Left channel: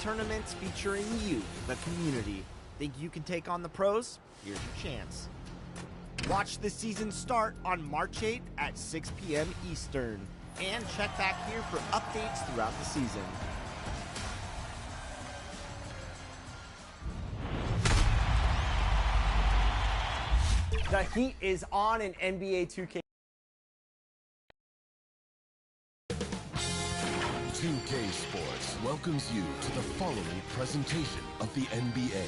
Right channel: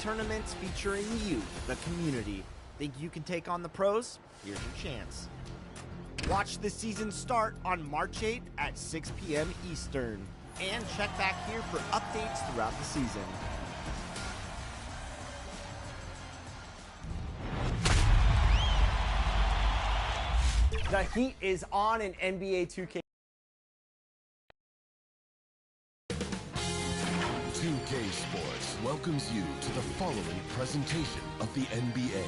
tournaments featuring you, the community. Think you can take on the pros? Here's your chance. Watch the season start on March 8th at 6 p.m. Eastern. And check back here for updates throughout the season. The heat is on in NBA 2K. 2K Sports welcomes you to the following presentation of the NBA.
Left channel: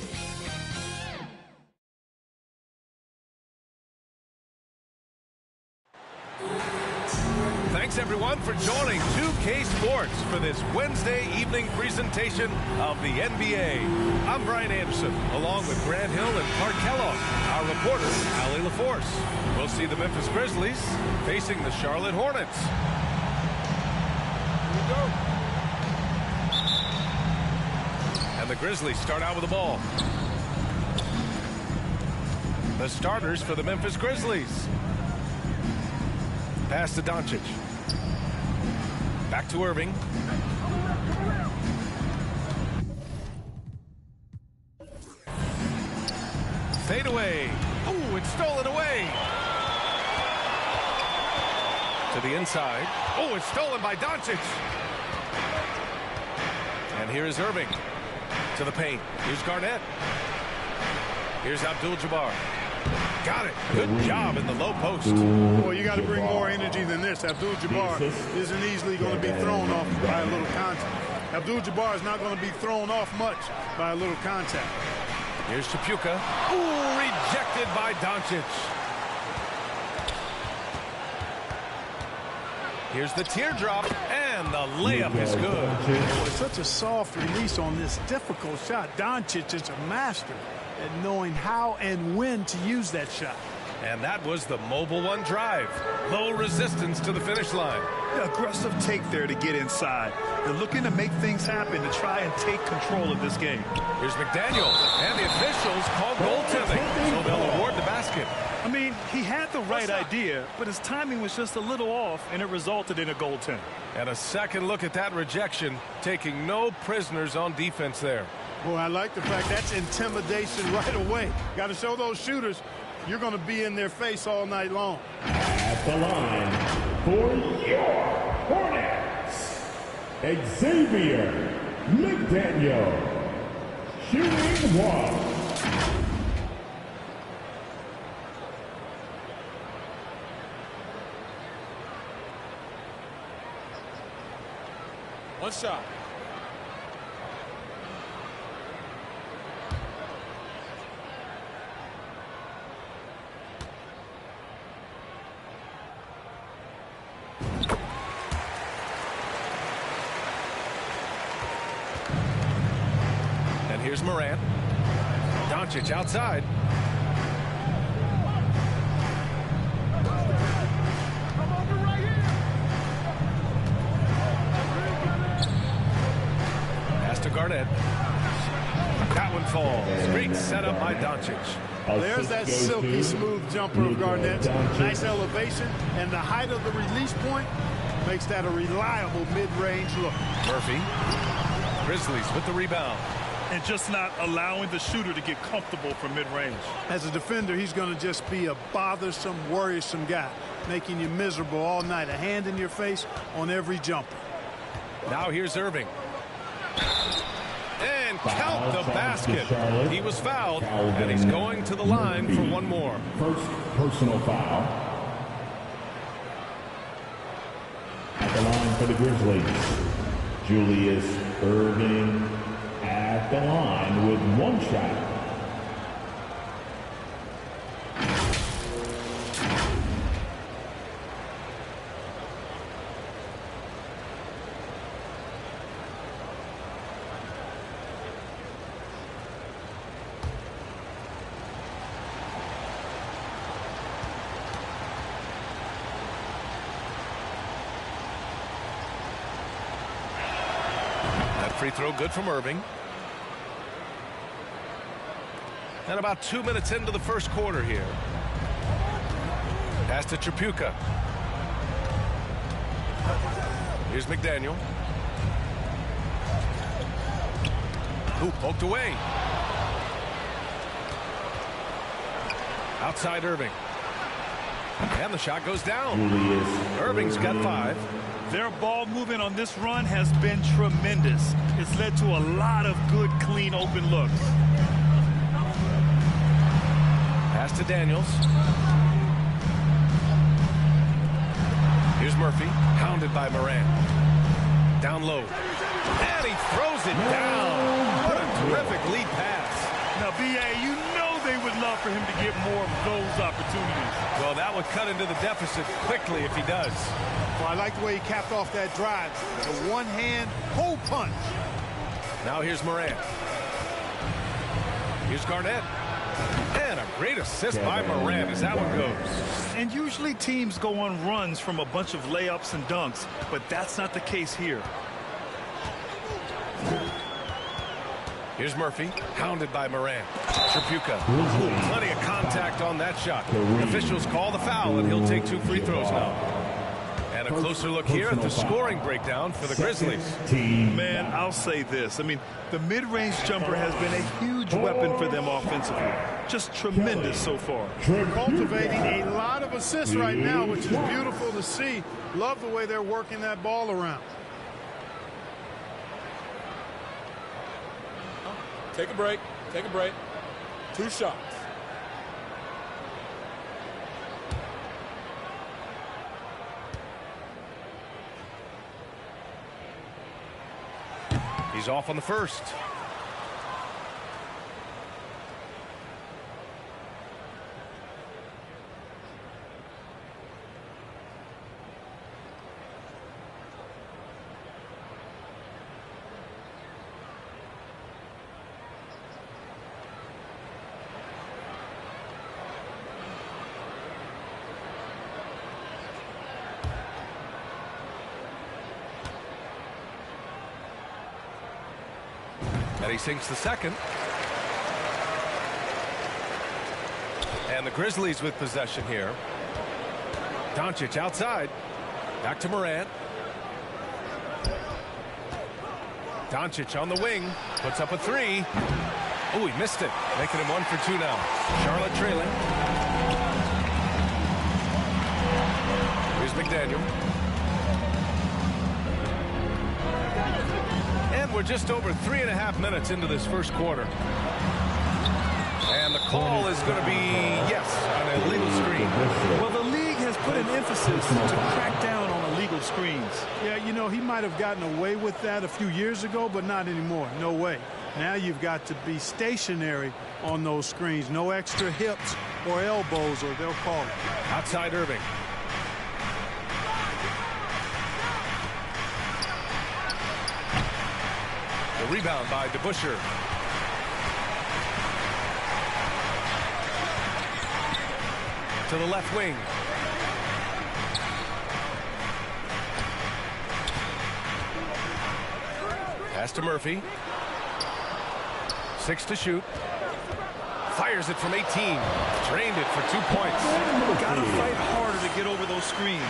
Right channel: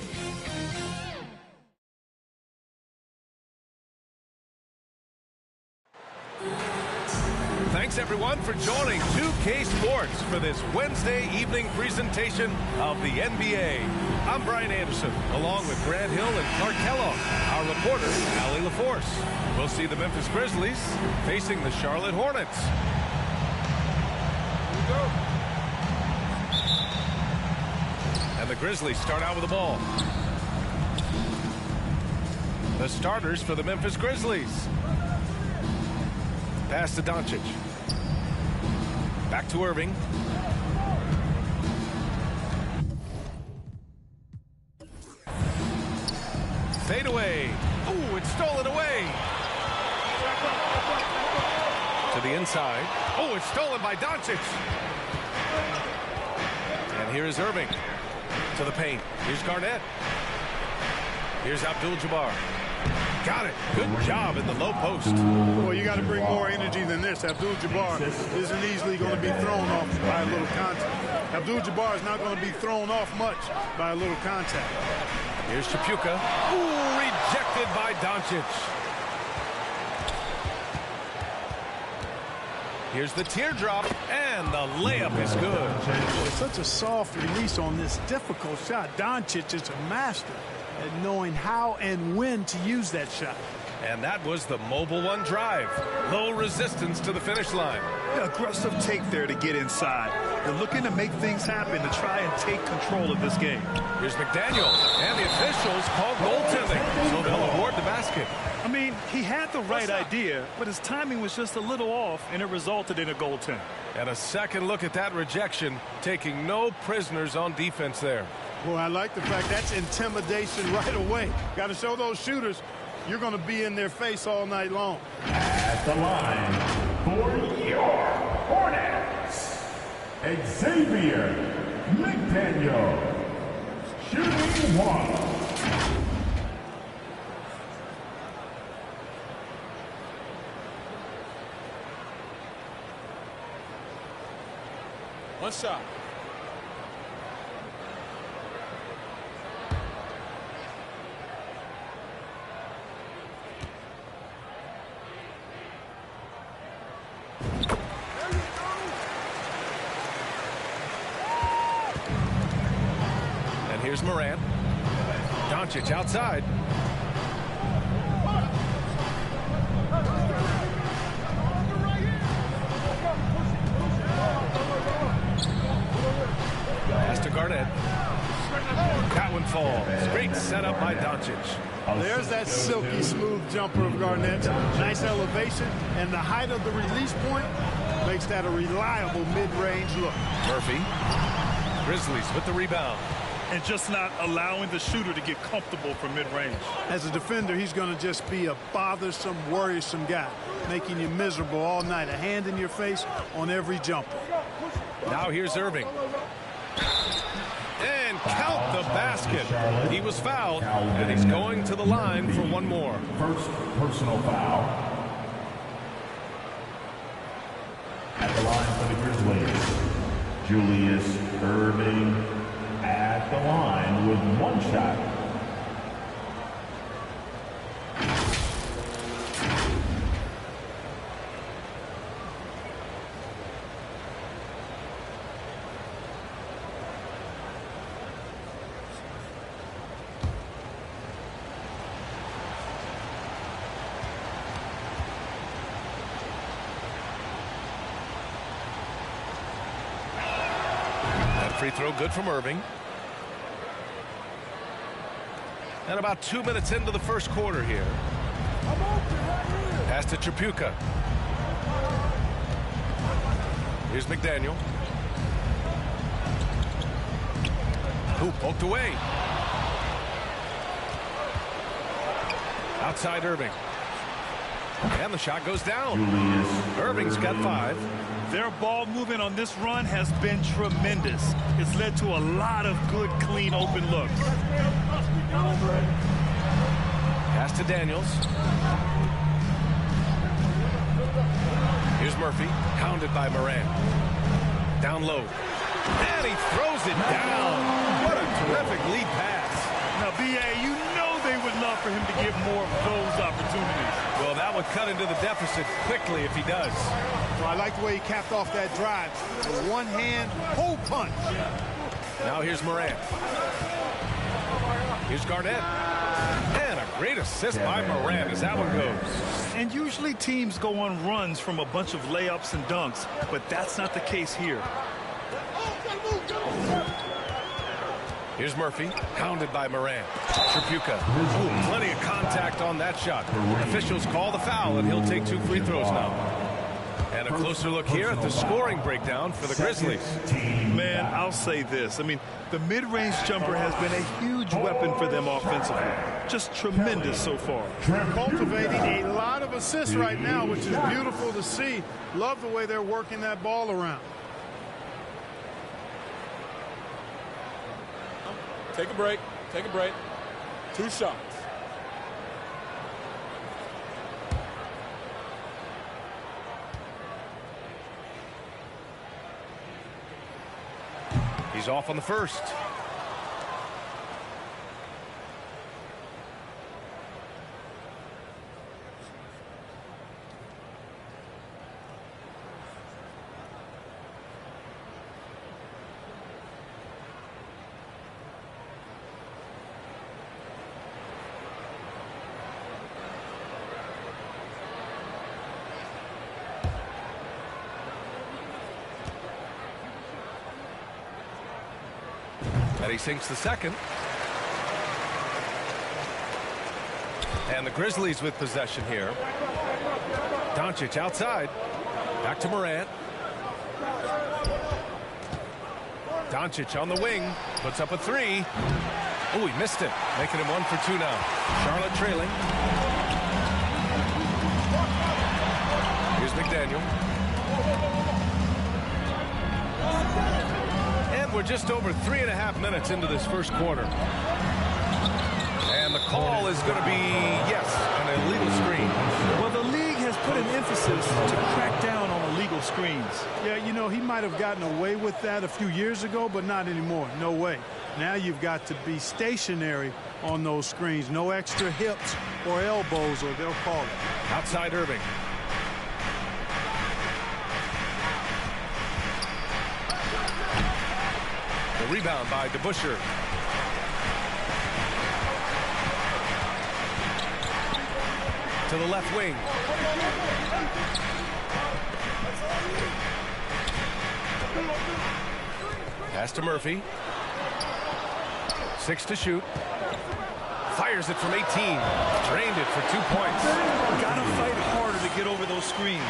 Thanks everyone for joining 2K Sports for this Wednesday evening presentation of the NBA. I'm Brian Anderson, along with Grant Hill and Clark Kellogg. Our reporter, Allie LaForce. We'll see the Memphis Grizzlies facing the Charlotte Hornets. Here we go. And the Grizzlies start out with the ball. The starters for the Memphis Grizzlies. Pass to Doncic. Back to Irving. Fade away. Ooh, it's stolen away. To the inside. Oh, it's stolen by Doncic. And here is Irving. To the paint. Here's Garnett. Here's Abdul-Jabbar. Got it. Good job in the low post. Well, you got to bring more energy than this. Abdul-Jabbar isn't easily going to be thrown off by a little contact. Abdul-Jabbar is not going to be thrown off much by a little contact. Here's Chapuka. Ooh, rejected by Doncic. Here's the teardrop, and the layup is good. Boy, such a soft release on this difficult shot. Doncic is a master at knowing how and when to use that shot. And that was the Mobile One drive. Low resistance to the finish line. Aggressive take there to get inside. They're looking to make things happen to try and take control of this game. Here's McDaniel, and the officials call goaltending, so they'll award the basket. I mean, he had the right idea, but his timing was just a little off, and it resulted in a goaltend. And a second look at that rejection, taking no prisoners on defense there. Boy, I like the fact that's intimidation right away. Got to show those shooters you're going to be in their face all night long. At the line for your Hornets, Xavier McDaniel, shooting one. One shot. And here's Morant. Doncic outside. Pass to Garnett. That one falls. Great setup by Doncic. There's that silky smooth jumper of Garnett. Nice elevation, and the height of the release point makes that a reliable mid-range look. Murphy. Grizzlies with the rebound. And just not allowing the shooter to get comfortable from mid-range. As a defender, he's going to just be a bothersome, worrisome guy, making you miserable all night. A hand in your face on every jumper. Now here's Irving. And count the basket. He was fouled, and he's going to the line for one more. First personal foul. At the line for the Grizzlies, Julius Irving at the line with one shot. Free throw good from Irving. And about 2 minutes into the first quarter here. Pass to Chapuka. Here's McDaniel. Who poked away. Outside Irving. And the shot goes down. Julius Irving's got 5. Their ball movement on this run has been tremendous. It's led to a lot of good, clean, open looks. Pass to Daniels. Here's Murphy, hounded by Moran. Down low. And he throws it down. What a terrific lead pass. Now, B.A., you know they would love for him to get more of those opportunities. Well, that would cut into the deficit quickly if he does. Well, I like the way he capped off that drive. The one-hand hole punch. Now here's Moran. Here's Garnett. And a great assist by Moran as that one goes. And usually teams go on runs from a bunch of layups and dunks, but that's not the case here. Here's Murphy, hounded by Moran. Tripucka. Ooh, plenty of contact on that shot. Officials call the foul, and he'll take 2 free throws now. And a closer look here at the scoring breakdown for the Grizzlies. Man, I'll say this. I mean, the mid-range jumper has been a huge weapon for them offensively. Just tremendous so far. Cultivating a lot of assists right now, which is beautiful to see. Love the way they're working that ball around. Take a break. Take a break. 2 shots. He's off on the first. And he sinks the second. And the Grizzlies with possession here. Doncic outside. Back to Morant. Doncic on the wing. Puts up a 3. Oh, he missed it. Making him 1 for 2 now. Charlotte trailing. Here's McDaniel. And we're just over 3.5 minutes into this first quarter. And the call is going to be, yes, an illegal screen. Well, the league has put an emphasis to crack down on illegal screens. Yeah, you know, he might have gotten away with that a few years ago, but not anymore. No way. Now you've got to be stationary on those screens. No extra hips or elbows, or they'll call it. Outside Irving. The rebound by DeBusschere. To the left wing. Pass to Murphy. 6 to shoot. Fires it from 18. Drained it for 2 points. Gotta fight harder to get over those screens.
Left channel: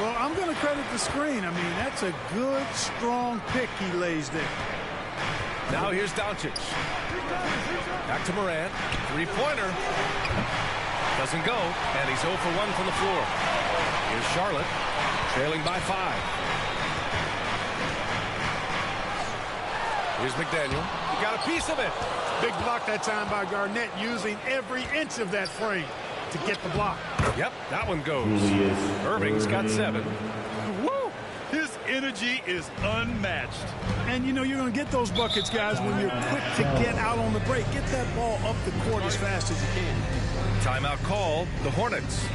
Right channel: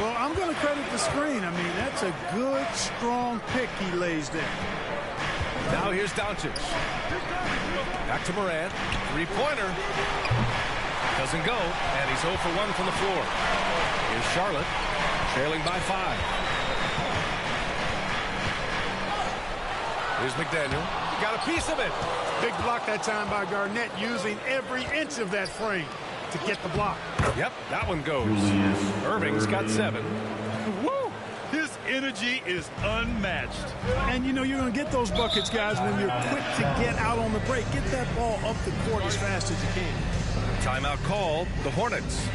Well, I'm going to credit the screen. I mean, that's a good, strong pick he lays there. Now here's Doncic. Back to Morant. 3-pointer. Doesn't go, and he's 0 for 1 from the floor. Here's Charlotte, trailing by 5. Here's McDaniel. He got a piece of it. Big block that time by Garnett, using every inch of that frame to get the block. Yep, that one goes. Julius Irving's got 7. Woo! His energy is unmatched. And, you know, you're going to get those buckets, guys, when you're quick to get out on the break. Get that ball up the court as fast as you can. Timeout called. The Hornets.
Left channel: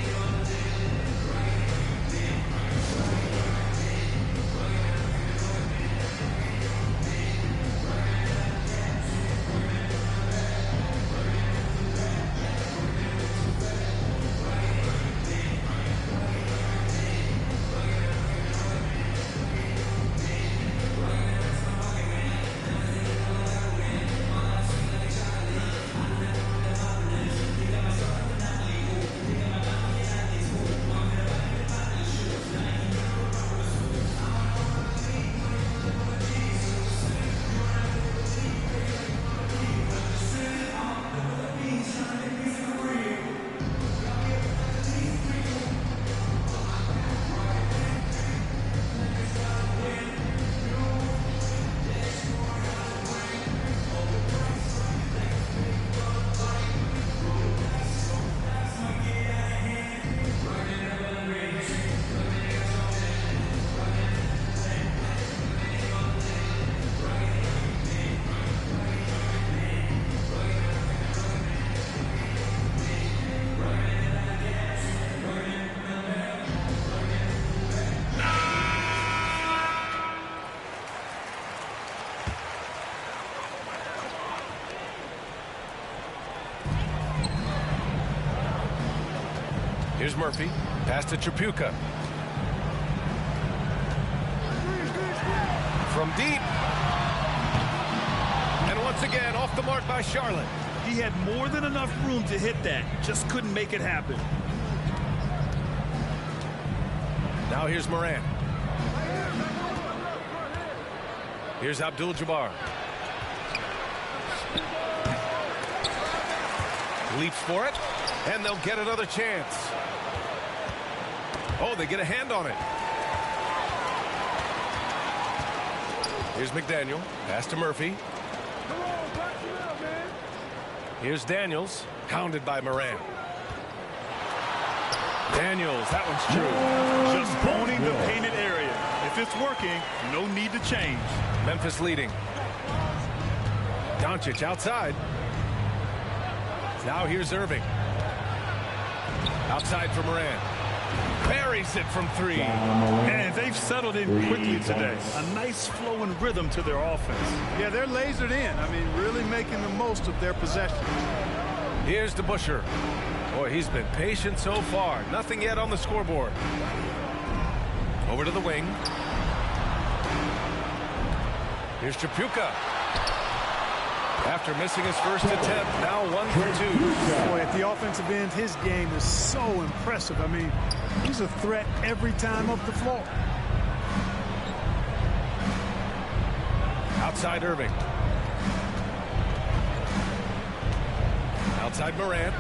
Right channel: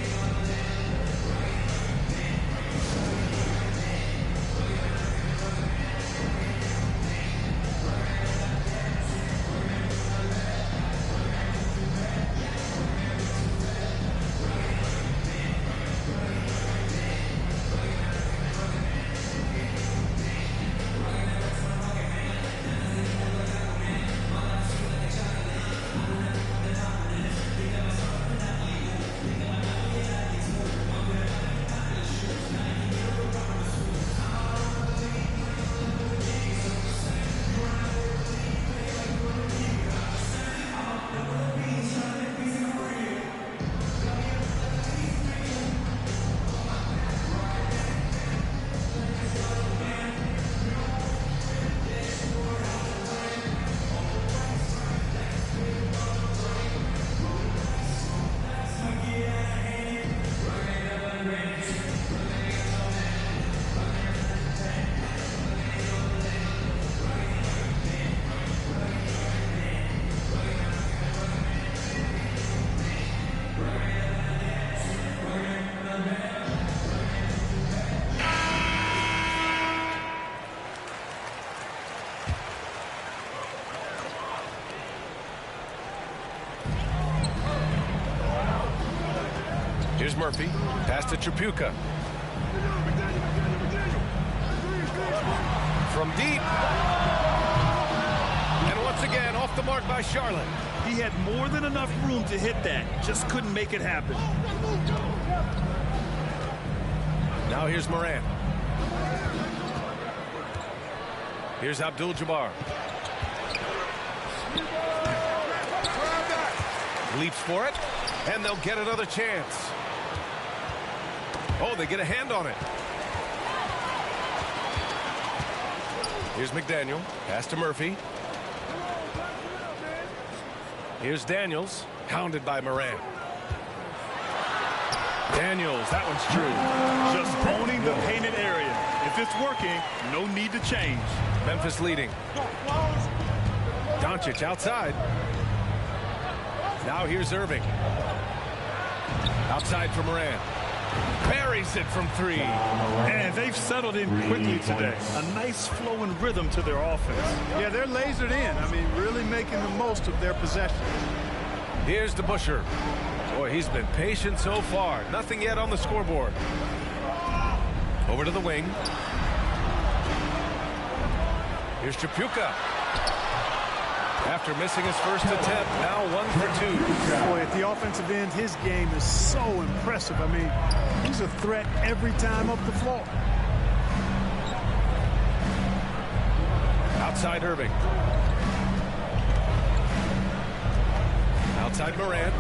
Here's Murphy. Pass to Tripucka. From deep. And once again, off the mark by Charlotte. He had more than enough room to hit that. Just couldn't make it happen. Now here's Morant. Here's Abdul-Jabbar. Leaps for it, and they'll get another chance. Oh, they get a hand on it. Here's McDaniel. Pass to Murphy. Here's Daniels. Hounded by Morant. Daniels, that one's true. Just owning the painted area. If it's working, no need to change. Memphis leading. Doncic outside. Now here's Irving. Outside for Morant. Buries it from three. And they've settled in quickly today. A nice flow and rhythm to their offense. Yeah, they're lasered in. I mean, really making the most of their possession. Here's DeBusschere. Boy, he's been patient so far. Nothing yet on the scoreboard. Over to the wing. Here's Tripucka. After missing his first attempt, now 1 for 2. Boy, at the offensive end, his game is so impressive. I mean, he's a threat every time up the floor. Outside Irving. Outside Morant.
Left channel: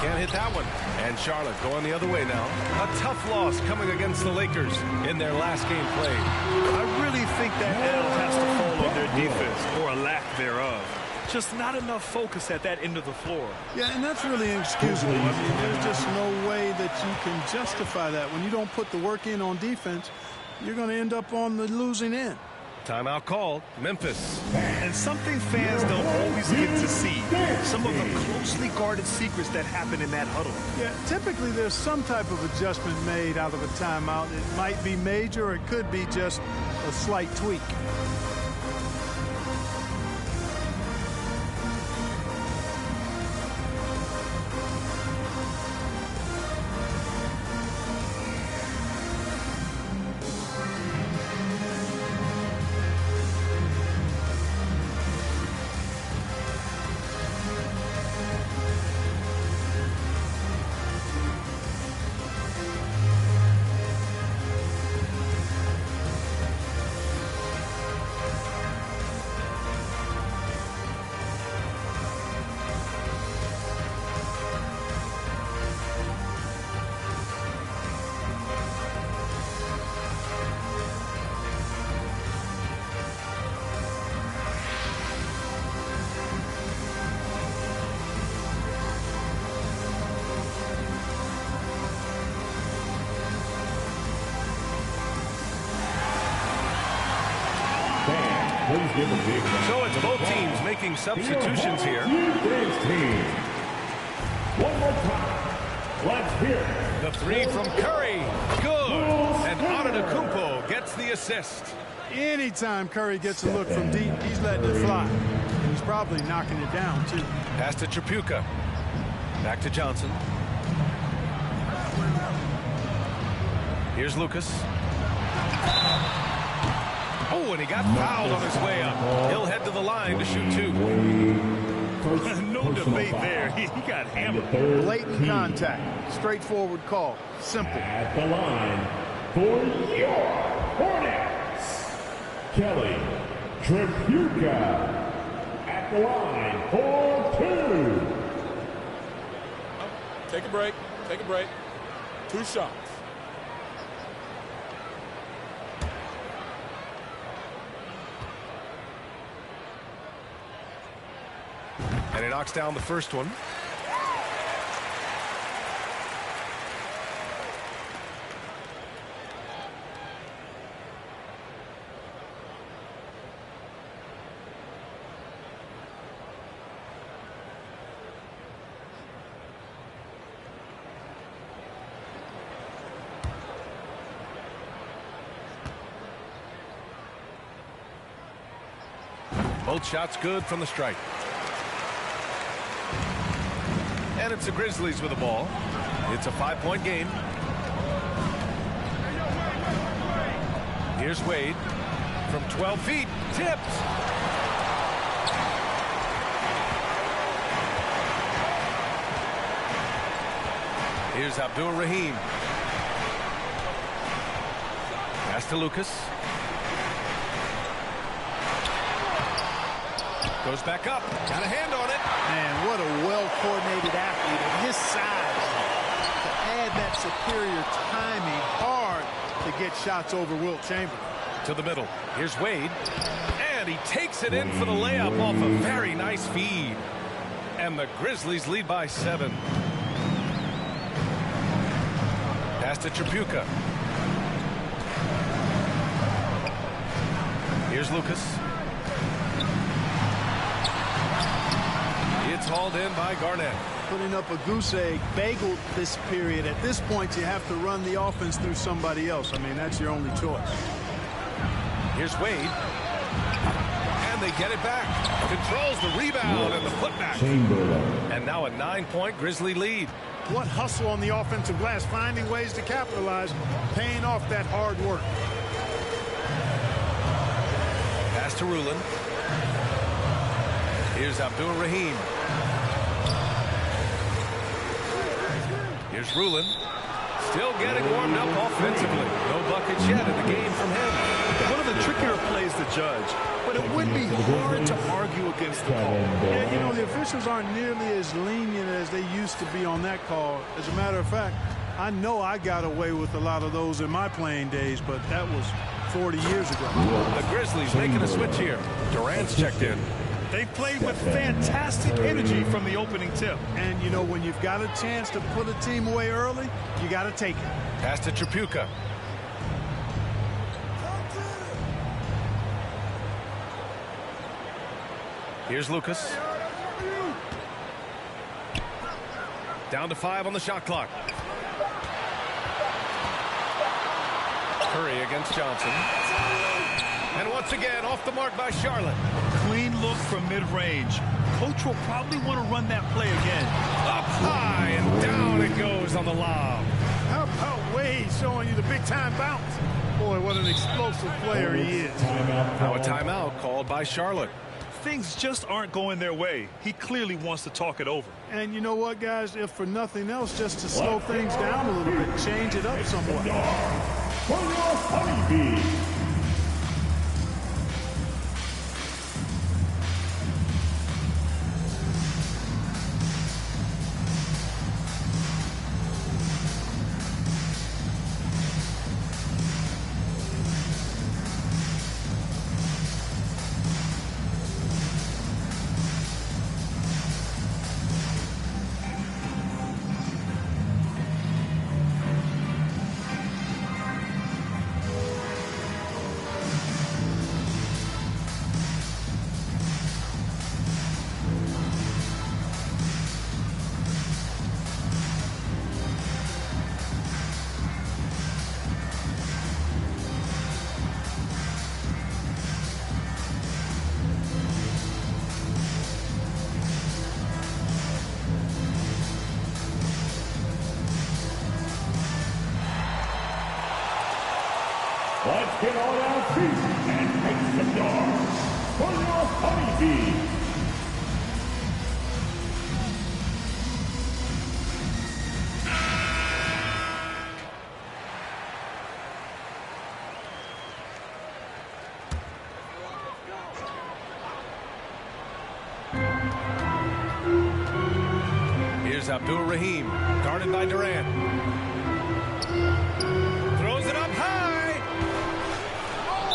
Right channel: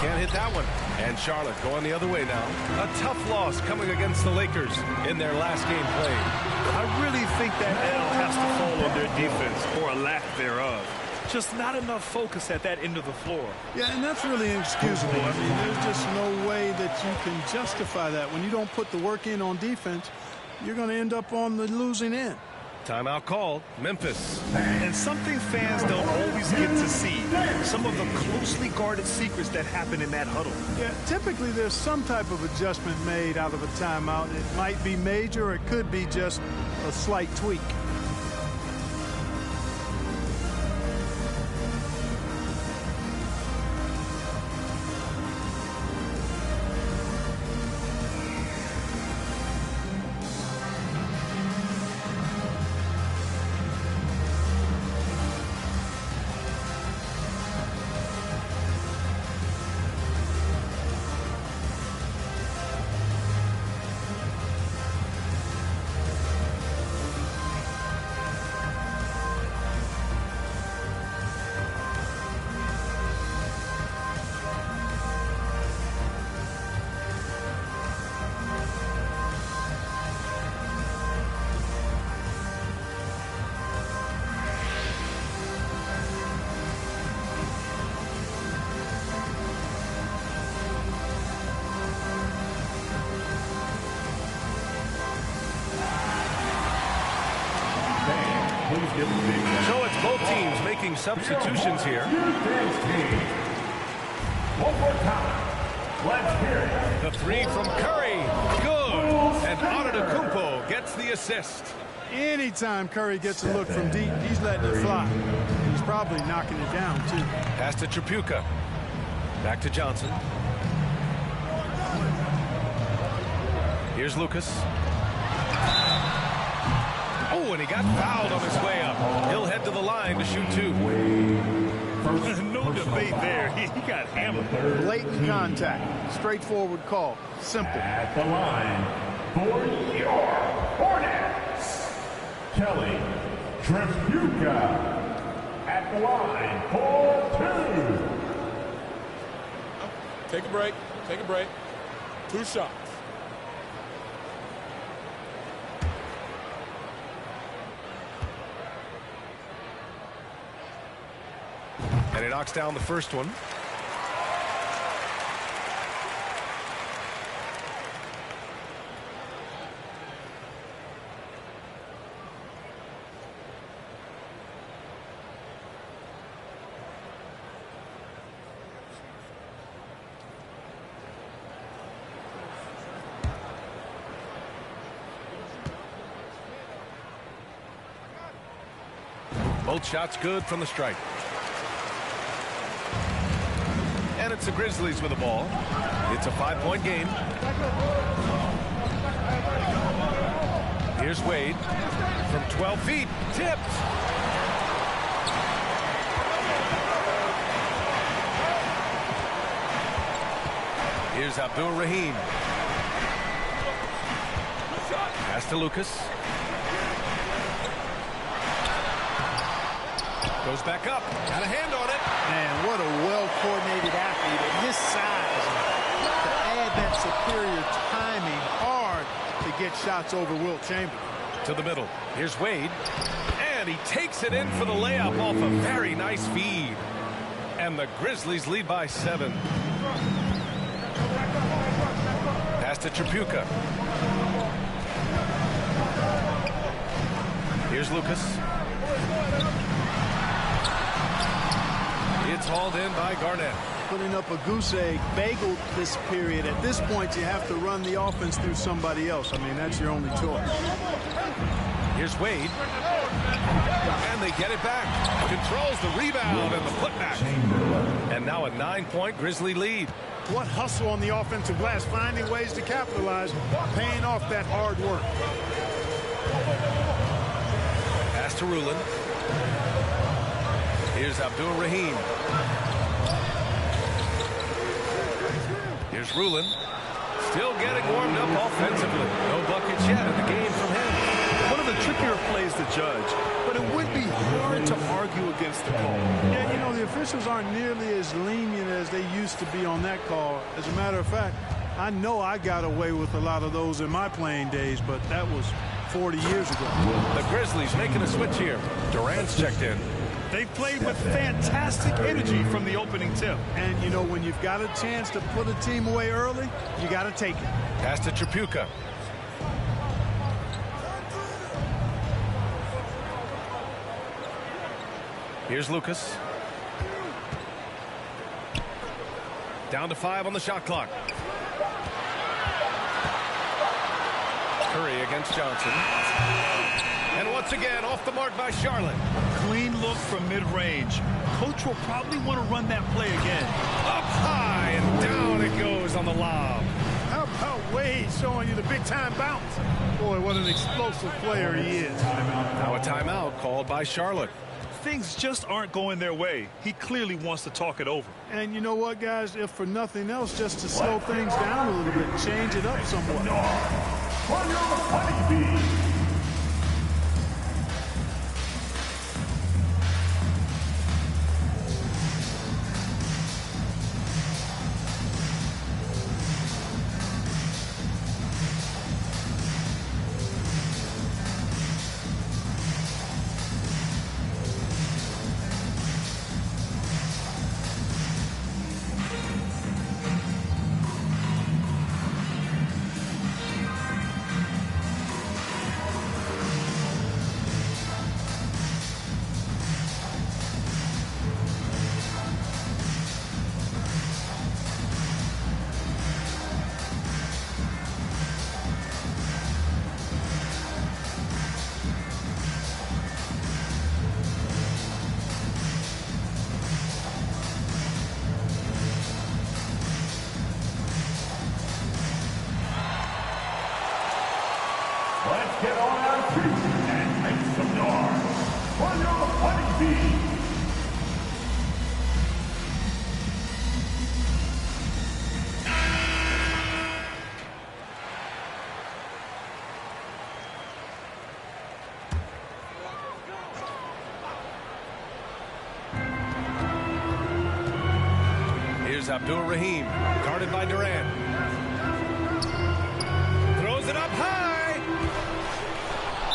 Can't hit that one. And Charlotte going the other way now. A tough loss coming against the Lakers in their last game played. I really think that L has to fall on their defense, or a lack thereof. Just not enough focus at that end of the floor. Yeah, and that's really inexcusable. I mean, there's just no way that you can justify that. When you don't put the work in on defense, you're going to end up on the losing end. Timeout called. Memphis. And something fans don't always get to see. Some of the closely guarded secrets that happen in that huddle. Yeah, typically there's some type of adjustment made out of a timeout. It might be major, or it could be just a slight tweak. So it's both teams making substitutions here. One more time. Let's hear it. The three from Curry. Good. And Antetokounmpo gets the assist. Anytime Curry gets a look from deep, he's letting it fly. And he's probably knocking it down, too. Pass to Tripucka. Back to Johnson. Here's Lucas. Oh, and he got fouled on his way up. He'll head to the line to shoot two. No debate there. He got hammered. Blatant contact. Straightforward call. Simple. At the line for your Hornets, Kelly Tripucka. At the line for two. Take a break. Take a break. 2 shots. And he knocks down the first one. Both shots good from the strike. And it's the Grizzlies with the ball. It's a 5-point game. Here's Wade from 12 feet. Tipped. Here's Abdul-Rahim. Pass to Lucas. Goes back up. Got a hand on it. Man, what a well-coordinated athlete at his size. To add that superior timing, hard to get shots over Wilt Chamberlain. To the middle. Here's Wade. And he takes it in for the layup off a very nice feed. And the Grizzlies lead by 7. Pass to Tripucka. Here's Lucas. It's hauled in by Garnett. Putting up a goose egg, bageled this period. At this point, you have to run the offense through somebody else. I mean, that's your only choice. Here's Wade. And they get it back. Controls the rebound and the putback. Chamberlain. And now a 9-point Grizzly lead. What hustle on the offensive glass, finding ways to capitalize, paying off that hard work. Pass to Rulin. Here's Abdul-Rahim. Here's Rulin. Still getting warmed up offensively. No buckets yet in the game from him. One of the trickier plays to judge, but it would be hard to argue against the call. Yeah, you know, the officials aren't nearly as lenient as they used to be on that call. As a matter of fact, I know I got away with a lot of those in my playing days, but that was 40 years ago. The Grizzlies making a switch here. Durant's checked in. They've played with fantastic energy from the opening tip. And, you know, when you've got a chance to put a team away early, you got to take it. Pass to Tripucka. Here's Lucas. Down to 5 on the shot clock. Curry against Johnson. And once again, off the mark by Charlotte. Clean look from mid-range. Coach will probably want to run that play again. Up high and down it goes on the lob. How about Wade showing you the big-time bounce? Boy, what an explosive player he is. Now a timeout called by Charlotte. Things just aren't going their way. He clearly wants to talk it over. And you know what, guys? If for nothing else, just to slow things down a little bit, change it up somewhat. For your honeybee. Let's get on our feet and make some noise for your honeybee. Here's Abdul-Rahim, guarded by Durant. Throws it up high.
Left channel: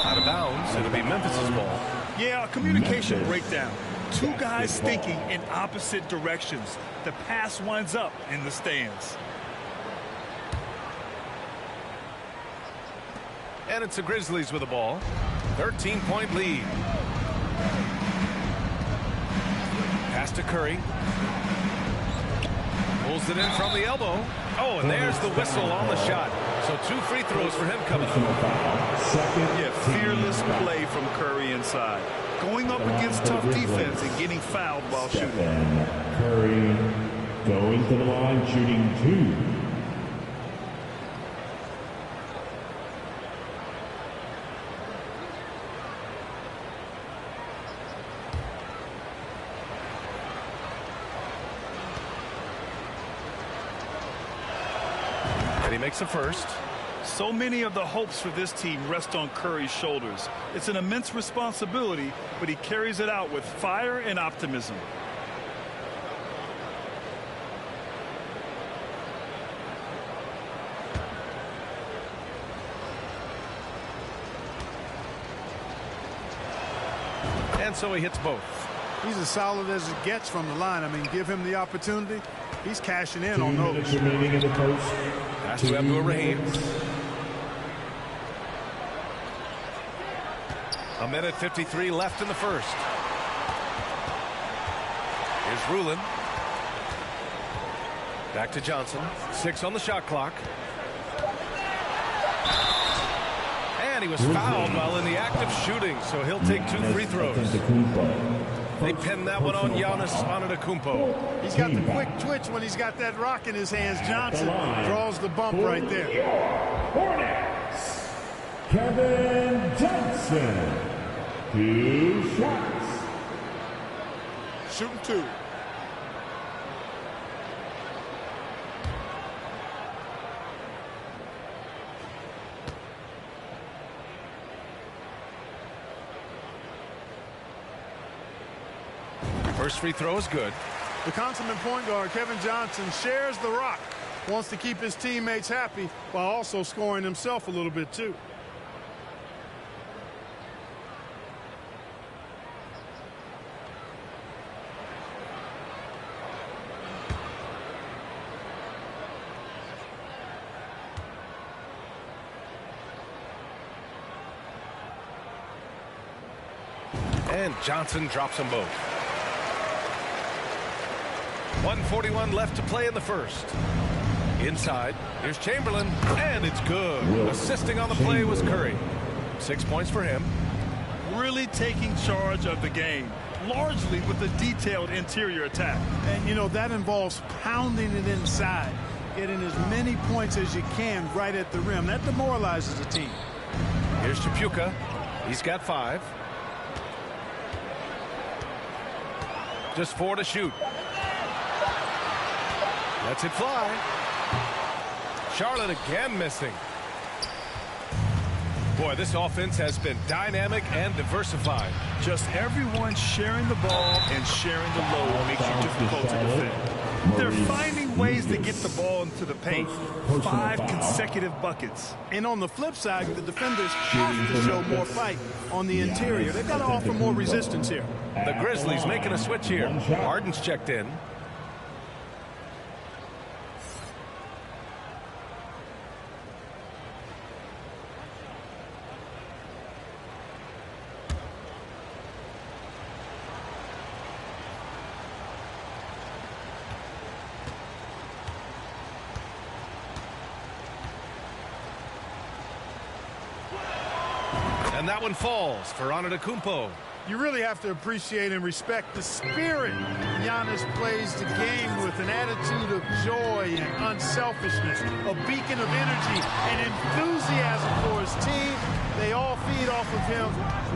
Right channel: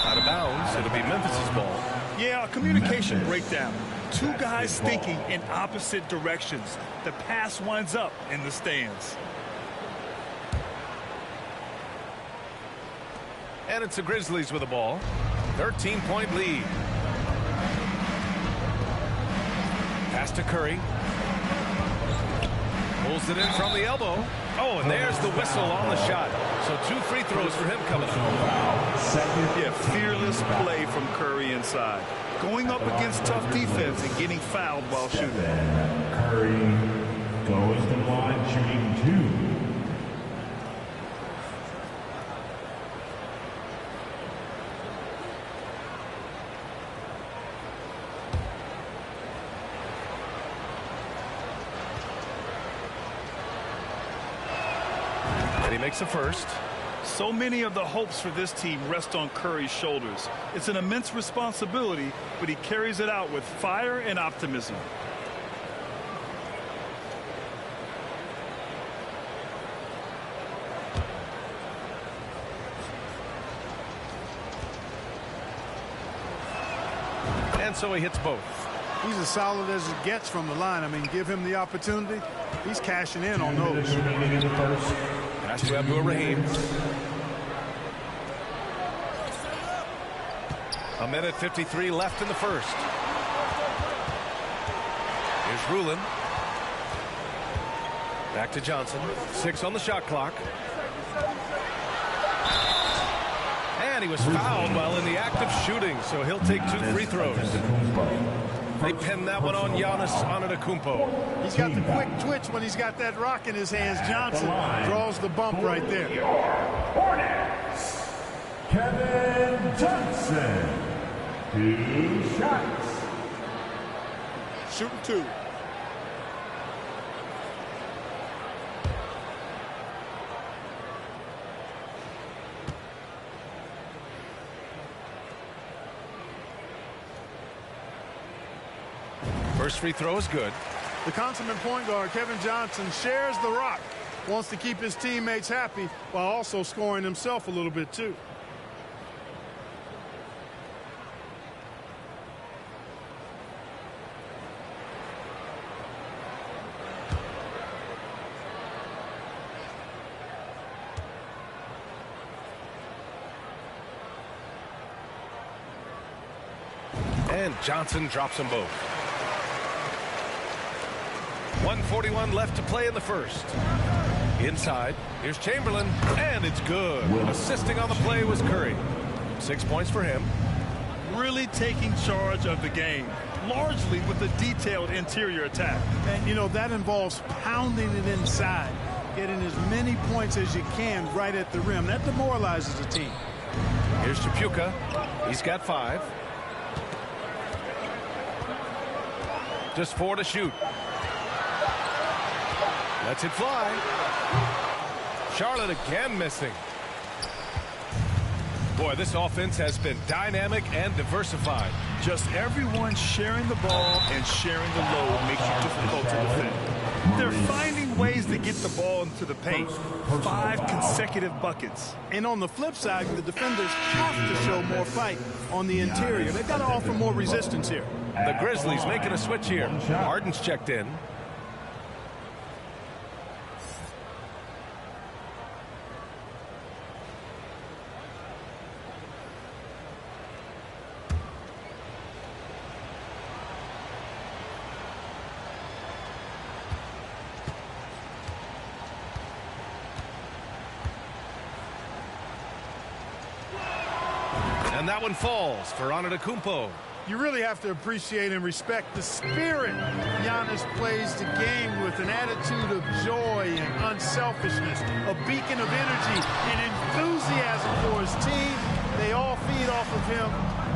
Out of bounds. It'll be Memphis's ball. Yeah, a communication breakdown. Two guys thinking in opposite directions. The pass winds up in the stands. And it's the Grizzlies with the ball. 13-point lead. Pass to Curry. Pulls it in from the elbow. Oh, and there's the whistle on the shot. So 2 free throws for him coming up. Yeah, fearless play from Curry inside. Going up against tough defense and getting fouled while shooting. Curry. Goes to the line shooting 2. And he makes the first. So many of the hopes for this team rest on Curry's shoulders. It's an immense responsibility, but he carries it out with fire and optimism. And so he hits both. He's as solid as it gets from the line. I mean, give him the opportunity. He's cashing in 2 on minutes those. remaining in the first. Pass to Abdur-Rahim. A minute 53 left in the first. Here's Rulin. Back to Johnson. 6 on the shot clock. And he was fouled while in the act of shooting, so he'll take 2 free throws. They pin that one on Giannis Antetokounmpo. He's got the quick twitch when he's got that rock in his hands. Johnson draws the bump right there. Hornets, Kevin Johnson. 2 shots. Shooting 2. First free throw is good. The consummate point guard, Kevin Johnson, shares the rock. Wants to keep his teammates happy while also scoring himself a little bit too. And Johnson drops them both. 1:41 left to play in the first. Inside, here's Chamberlain, and it's good. Assisting on the play was Curry. 6 points for him. Really taking charge of the game, largely with a detailed interior attack. And, you know, that involves pounding it inside, getting as many points as you can right at the rim. That demoralizes a team. Here's Chapuka. He's got 5. Just 4 to shoot. Lets it fly. Charlotte again missing. Boy, this offense has been dynamic and diversified. Just everyone sharing the ball and sharing the load makes you difficult to defend. They're finding ways to get the ball into the paint. 5 consecutive buckets. And on the flip side, the defenders have to show more fight on the interior. They've got to offer more resistance here. The Grizzlies making a switch here. Harden's checked in. And that one falls for Antetokounmpo. You really have to appreciate and respect the spirit Giannis plays the game with, an attitude of joy and unselfishness, a beacon of energy and enthusiasm for his team. They all feed off of him.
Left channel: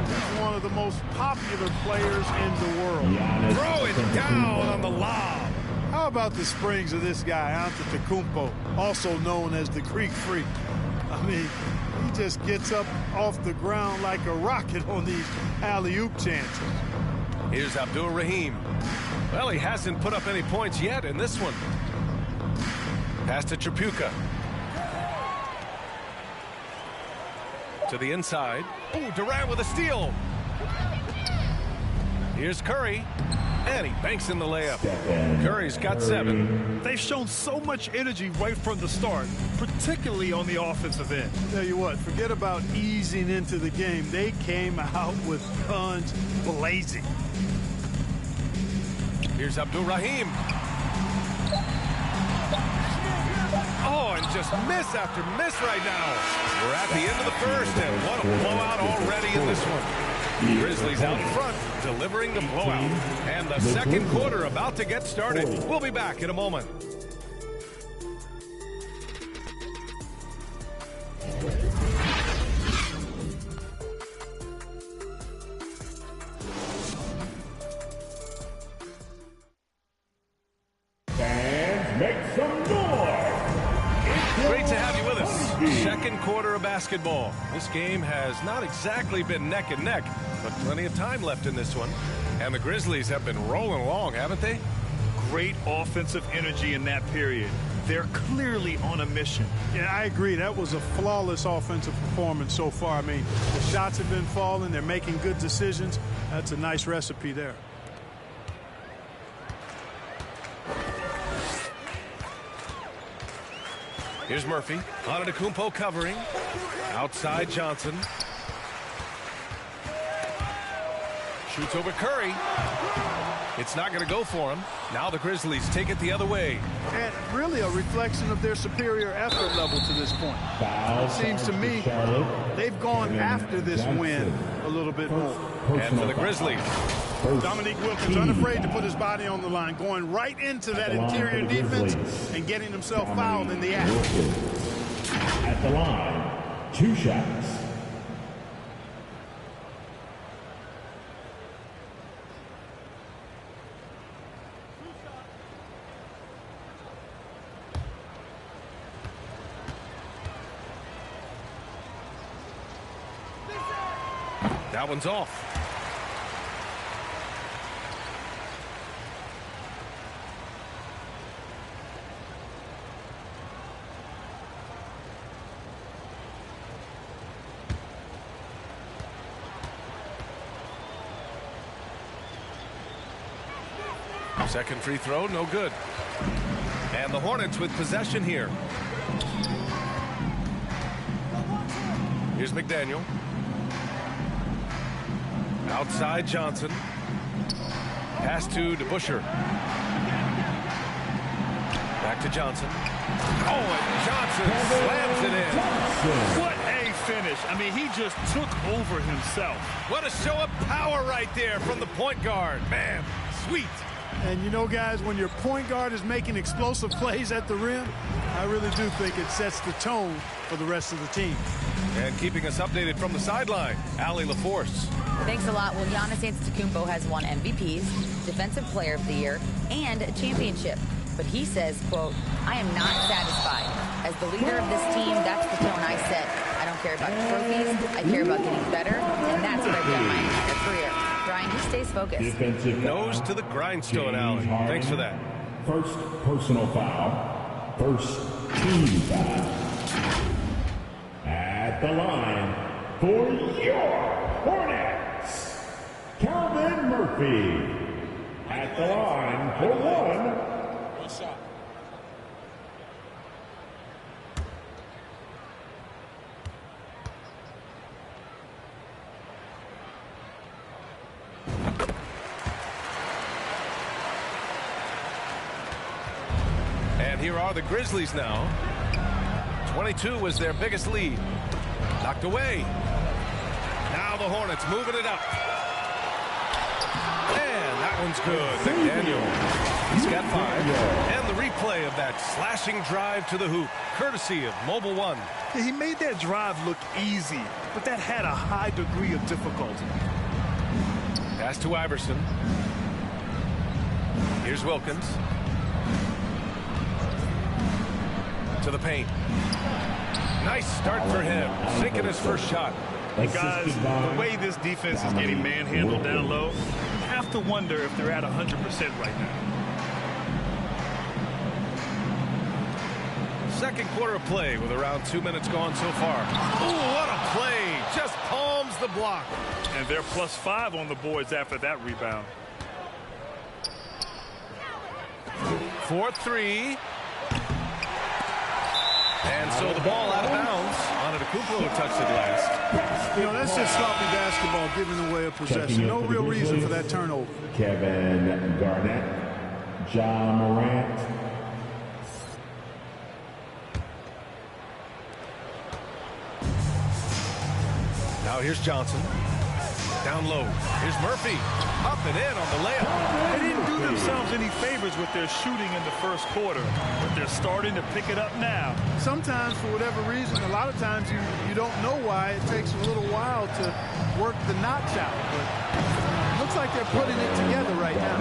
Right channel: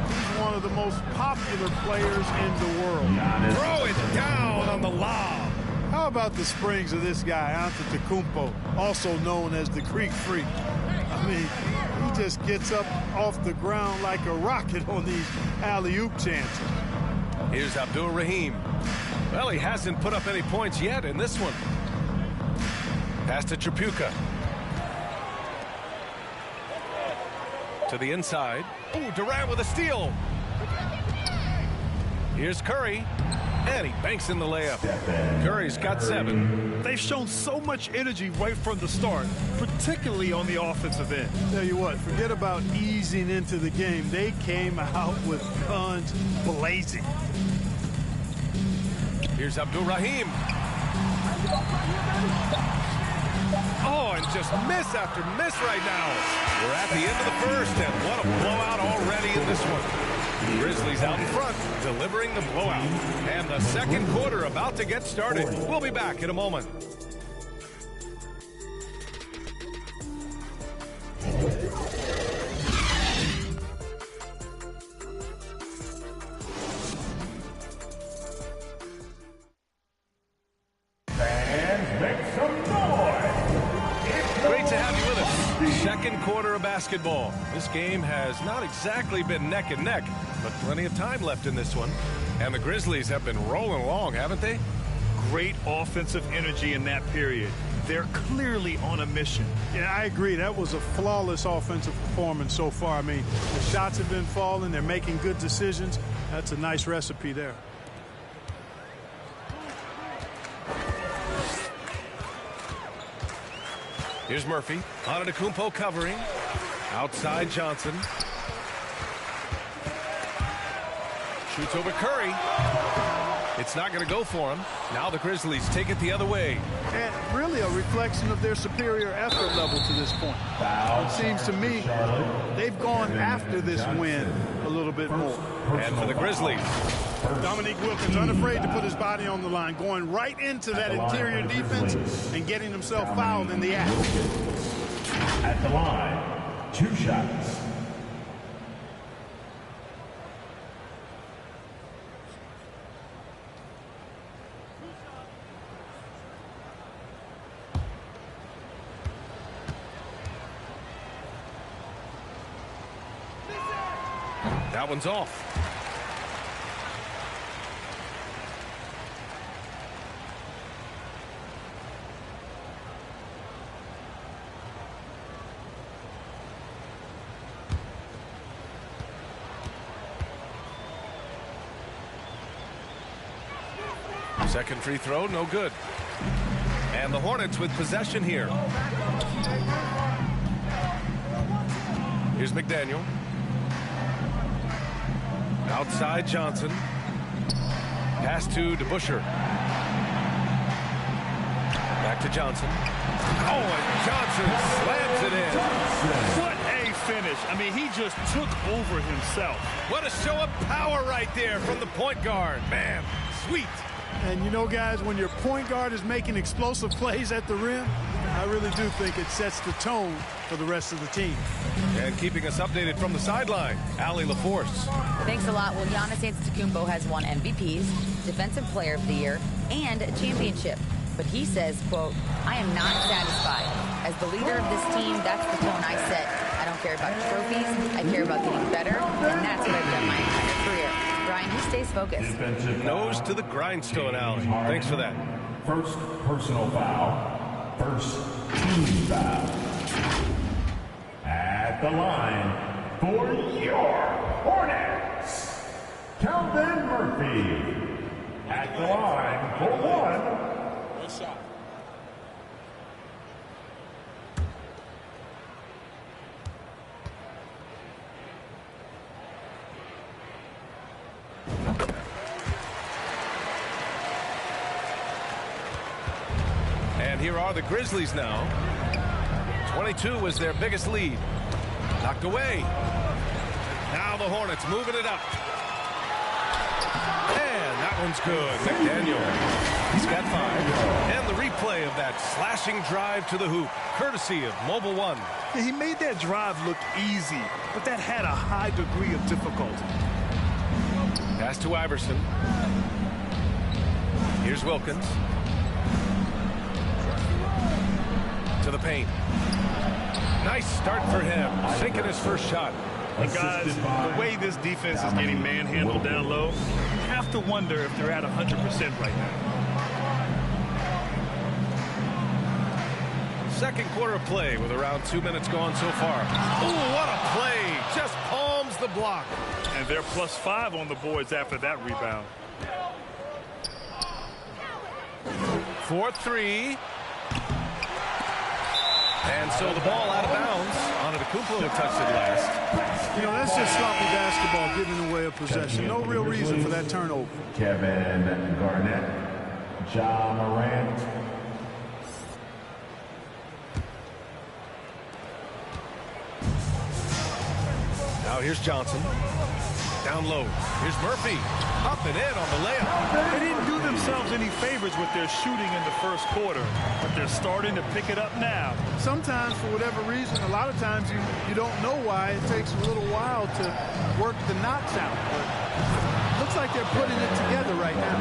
He's one of the most popular players in the world. Throw it down on the lob. How about the springs of this guy, Antetokounmpo, also known as the Greek Freak? I mean, he just gets up off the ground like a rocket on these alley-oop chances. Here's Abdur-Rahim. Well, he hasn't put up any points yet in this one. Pass to Chapuka. To the inside. Ooh, Durant with a steal. Here's Curry. And he banks in the layup. Curry's got 7. They've shown so much energy right from the start, particularly on the offensive end. Tell you what, forget about easing into the game. They came out with guns blazing. Here's Abdur-Rahim. Oh, and just miss after miss right now. We're at the end of the first, and what a blowout already in this one. Grizzlies out in front, delivering the blowout. And the second quarter about to get started. We'll be back in a moment. Fans, make some noise! Great to have you with us. Second quarter of basketball. This game has not exactly been neck and neck, but plenty of time left in this one. And the Grizzlies have been rolling along, haven't they? Great offensive energy in that period. They're clearly on a mission. Yeah, I agree. That was a flawless offensive performance so far. I mean, the shots have been falling. They're making good decisions. That's a nice recipe there. Here's Murphy. Antetokounmpo covering. Outside Johnson. Shoots over Curry. It's not going to go for him. Now the Grizzlies take it the other way. And really a reflection of their superior effort level to this point. It seems to me they've gone after this win a little bit more. And for the Grizzlies, Dominique Wilkins unafraid to put his body on the line, going right into that interior defense and getting himself fouled in the act. At the line, 2 shots. that one's off. Second free throw, no good. And the Hornets with possession here. Here's McDaniel. Outside Johnson. Pass to DeBusschere. Back to Johnson. Oh, and Johnson slams it in. What a finish. I mean, he just took over himself. What a show of power right there from the point guard. Man, sweet. And you know, guys, when your point guard is making explosive plays at the rim, I really do think it sets the tone for the rest of the team. And keeping us updated from the sideline, Allie LaForce. Thanks a lot. Well, Giannis Antetokounmpo has won MVPs, Defensive Player of the Year, and a championship. But he says, quote, I am not satisfied. As the leader of this team, that's the tone I set. I don't care about trophies. I care about getting better, and that's what I've done my entire career. Brian, he stays focused. Nose to the grindstone, Allie. Thanks for that. First personal foul. First team foul. At the line for your Hornets, Calvin Murphy. At the line for one shot. And here are the Grizzlies now. 22 was their biggest lead. Knocked away. Now the Hornets moving it up. And that one's good. McDaniel. He's got 5. And the replay of that slashing drive to the hoop, courtesy of Mobile One. Yeah, he made that drive look easy, but that had a high degree of difficulty. Pass to Iverson. Here's Wilkins. To the paint. Nice start for him. Sinking his first shot. And guys, the way this defense is getting manhandled down low, you have to wonder if they're at 100% right now. Second quarter of play with around 2 minutes gone so far. Oh, what a play. Just palms the block. And they're +5 on the boards after that rebound. 4-3. And so the ball out of bounds. Antetokounmpo touched it last. You know, that's just sloppy basketball, giving away a possession. No real reason for that turnover. Kevin Garnett, Ja Morant. Now here's Johnson. Down low. Here's Murphy. Up and in on the layup. They didn't do themselves any favors with their shooting in the first quarter, but they're starting to pick it up now. Sometimes, for whatever reason, a lot of times you don't know why. It takes a little while to work the knots out, but it looks like they're putting it together right now.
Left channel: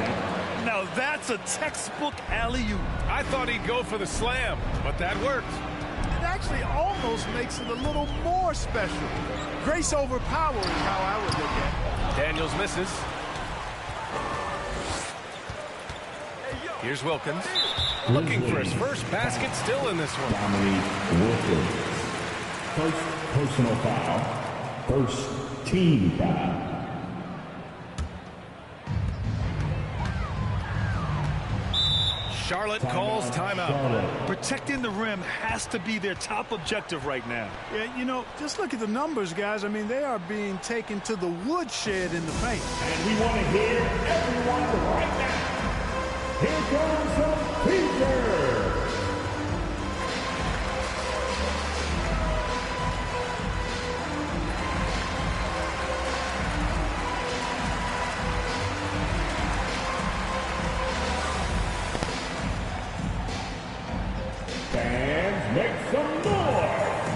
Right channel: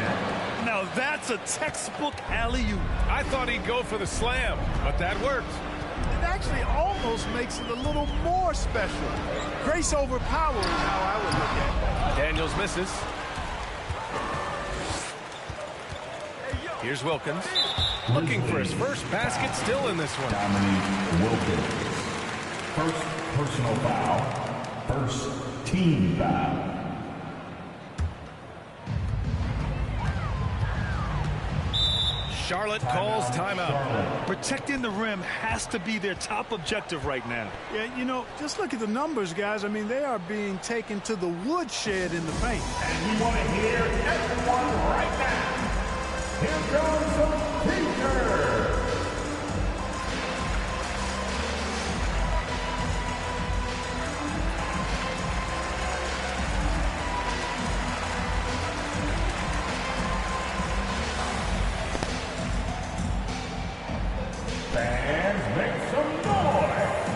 Now that's a textbook alley-oop. I thought he'd go for the slam, but that worked. It actually almost makes it a little more special. Grace over power is how I would look at it. Daniels misses. Here's Wilkins. Looking for his first basket, still in this one. Dominique Wilkins. First personal foul. First team foul. Charlotte calls timeout. Protecting the rim has to be their top objective right now. Yeah, you know, just look at the numbers, guys. I mean, they are being taken to the woodshed in the paint. And we want to hear everyone right now. Here comes some feature. Fans, make some noise.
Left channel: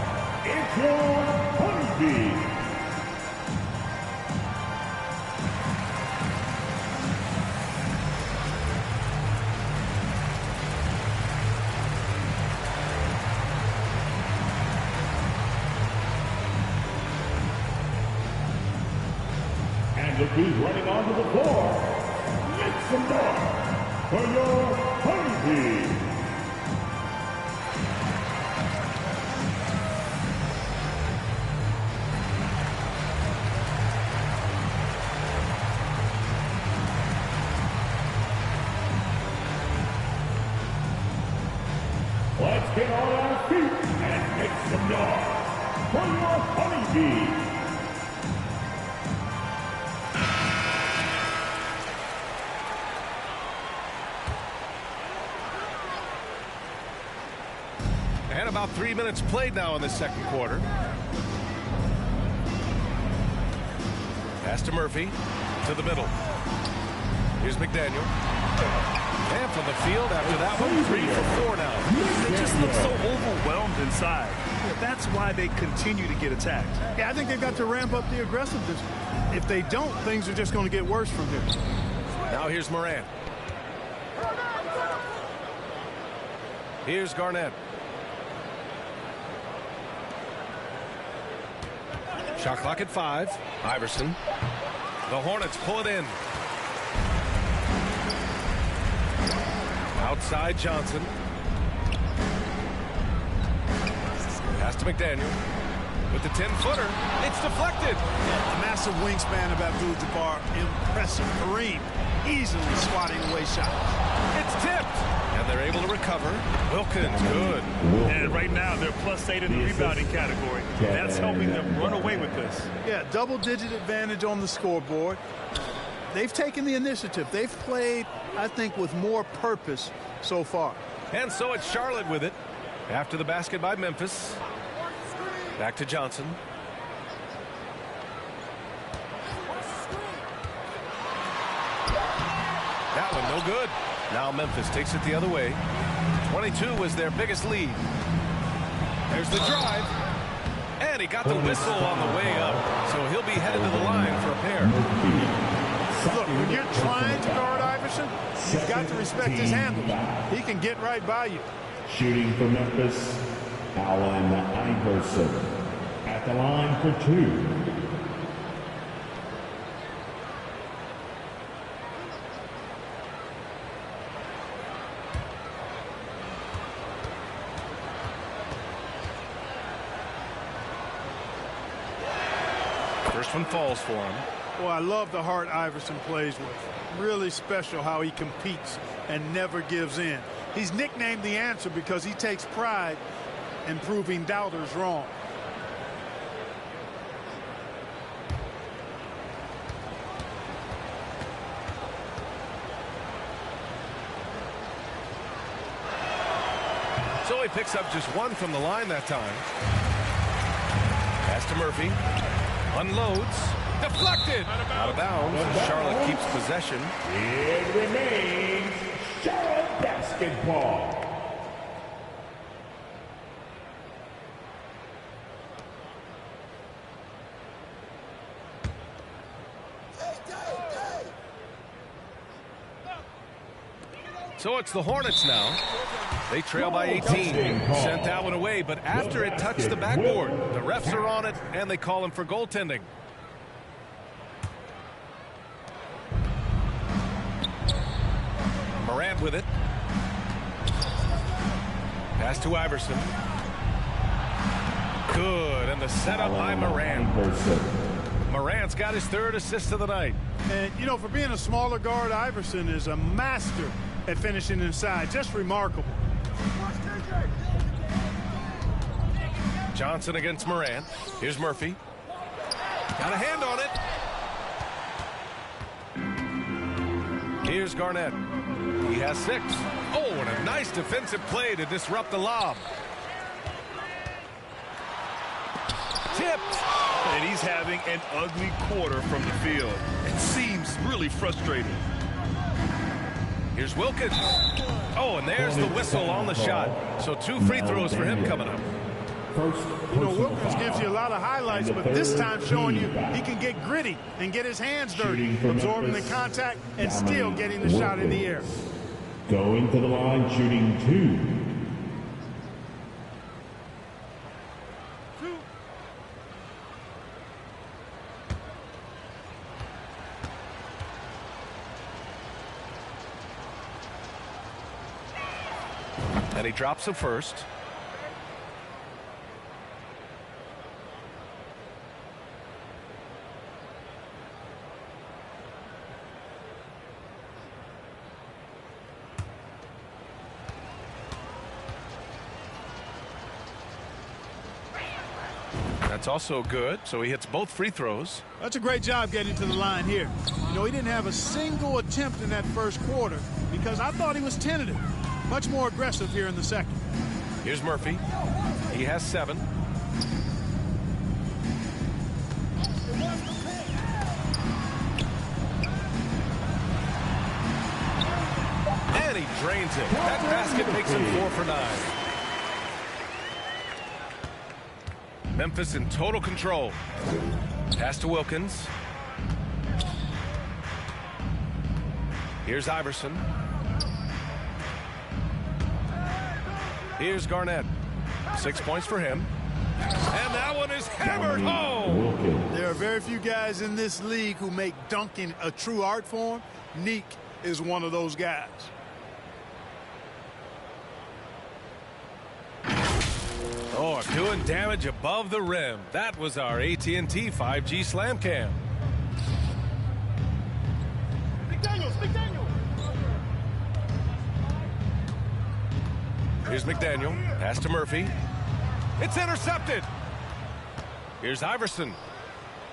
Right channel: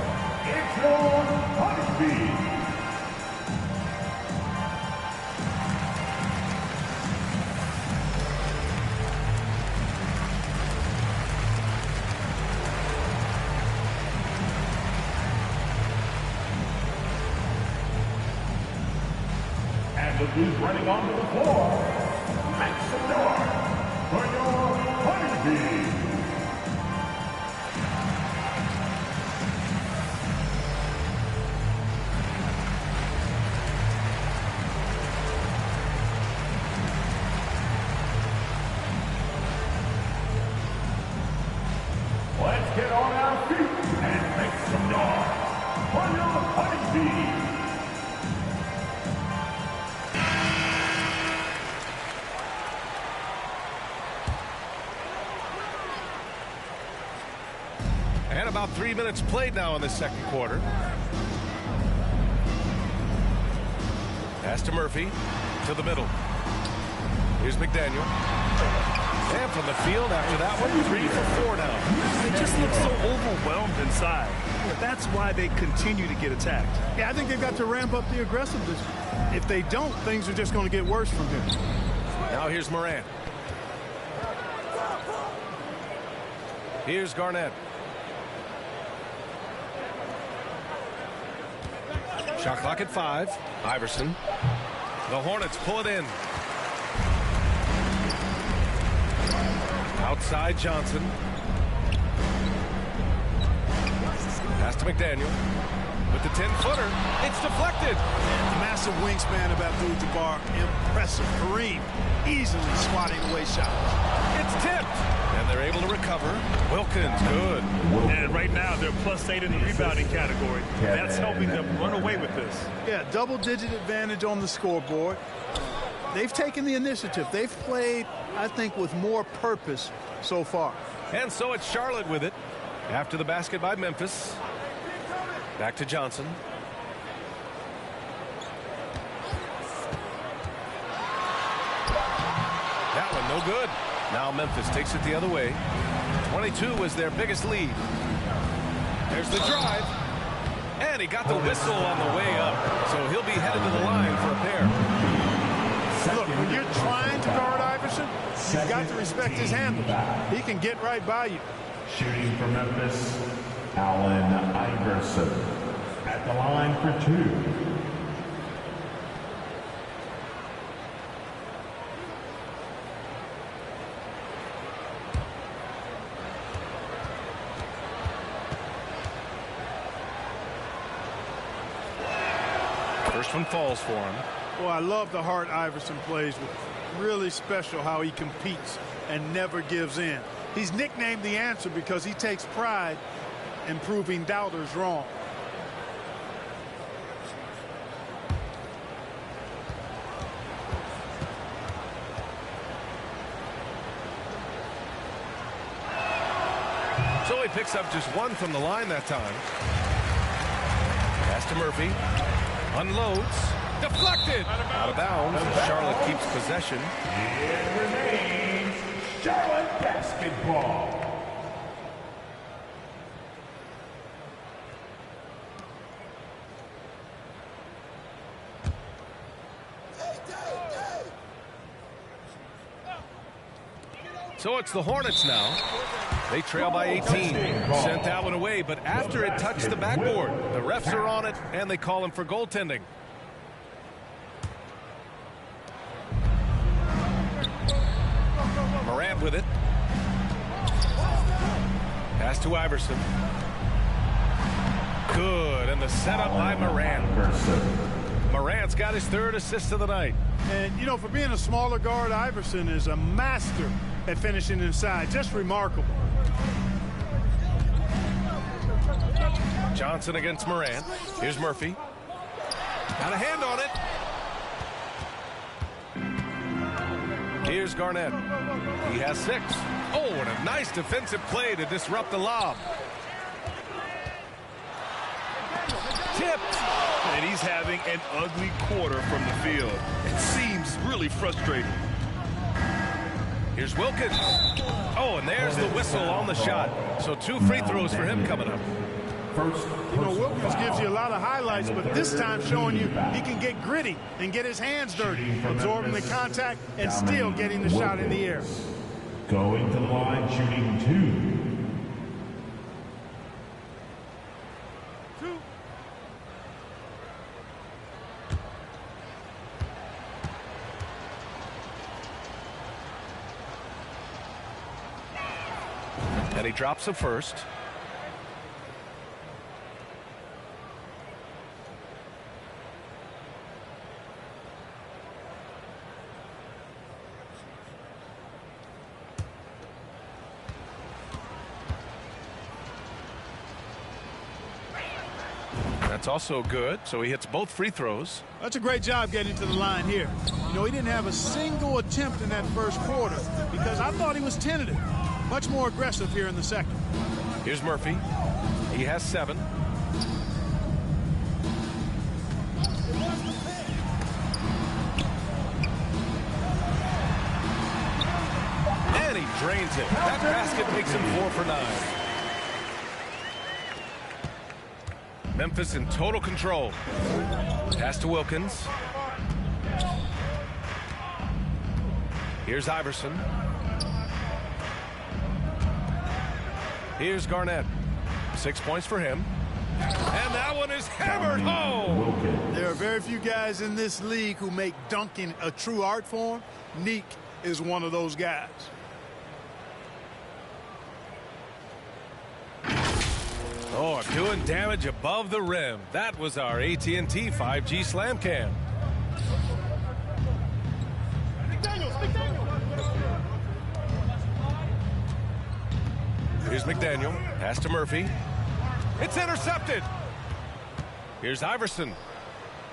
It's your Honeybee. And look who's running onto the floor. Make some noise for your Honeybee. Let's get on our feet and make some noise for your Honeybee. And about 3 minutes played now in the second quarter. Pass to Murphy. To the middle. Here's McDaniel. And from the field after that one, 3 for 4 now. They just look so overwhelmed inside. That's why they continue to get attacked. Yeah, I think they've got to ramp up the aggressiveness. If they don't, things are just going to get worse from here. Now here's Morant. Here's Garnett. Shot clock at 5. Iverson. The Hornets pull it in. Outside Johnson. Pass to McDaniel. With the 10-footer. It's deflected. The massive wingspan of Abdul-Jabbar, impressive. Kareem easily swatting away shots. It's tipped. And they're able to recover. Wilkins, good. And right now, they're +8 in the rebounding category. That's helping them run away with this. Yeah, double-digit advantage on the scoreboard. They've taken the initiative. They've played, I think, with more purpose so far. And so it's Charlotte with it. After the basket by Memphis. Back to Johnson. That one no good. Now Memphis takes it the other way. 22 was their biggest lead. There's the drive. And he got the whistle on the way up. So he'll be headed to the line for a pair. Look, when you're trying to guard Iverson, you've got to respect his handles. He can get right by you. Shooting for Memphis, Allen Iverson. At the line for 2. First one falls for him. Boy, I love the heart Iverson plays with. Really special how he competes and never gives in. He's nicknamed the answer because he takes pride in proving doubters wrong. So he picks up just 1 from the line that time. Pass to Murphy. Unloads. Deflected. Out of bounds. Charlotte keeps possession. It remains Charlotte basketball. So it's the Hornets now. They trail by 18. Sent that one away, but after it touched the backboard, the refs are on it, and they call him for goaltending. Morant with it. Pass to Iverson. Good, and the setup by Morant. Morant's got his 3rd assist of the night. And, you know, for being a smaller guard, Iverson is a master at finishing inside. Just remarkable. Johnson against Morant. Here's Murphy. Got a hand on it. Here's Garnett. He has 6. Oh, and a nice defensive play to disrupt the lob. Tipped. And he's having an ugly quarter from the field. It seems really frustrating. Here's Wilkins. Oh, and there's the whistle on the shot. So 2 free throws for him coming up. You know, Wilkins gives you a lot of highlights, but this time showing you he can get gritty and get his hands dirty, absorbing the contact and still getting the shot in the air. Going to the line, shooting 2. And he drops the first. That's also good, so he hits both free throws. That's a great job getting to the line here. You know, he didn't have a single attempt in that first quarter because I thought he was tentative. Much more aggressive here in the second. Here's Murphy. He has 7. And he drains it. That basket makes him 4 for 9. Memphis in total control. Pass to Wilkins. Here's Iverson. Here's Garnett. 6 points for him. And that one is hammered home. There are very few guys in this league who make dunking a true art form. Neek is one of those guys. Oh, doing damage above the rim. That was our AT&T 5G Slam Cam. Here's McDaniel. Pass to Murphy. It's intercepted. Here's Iverson.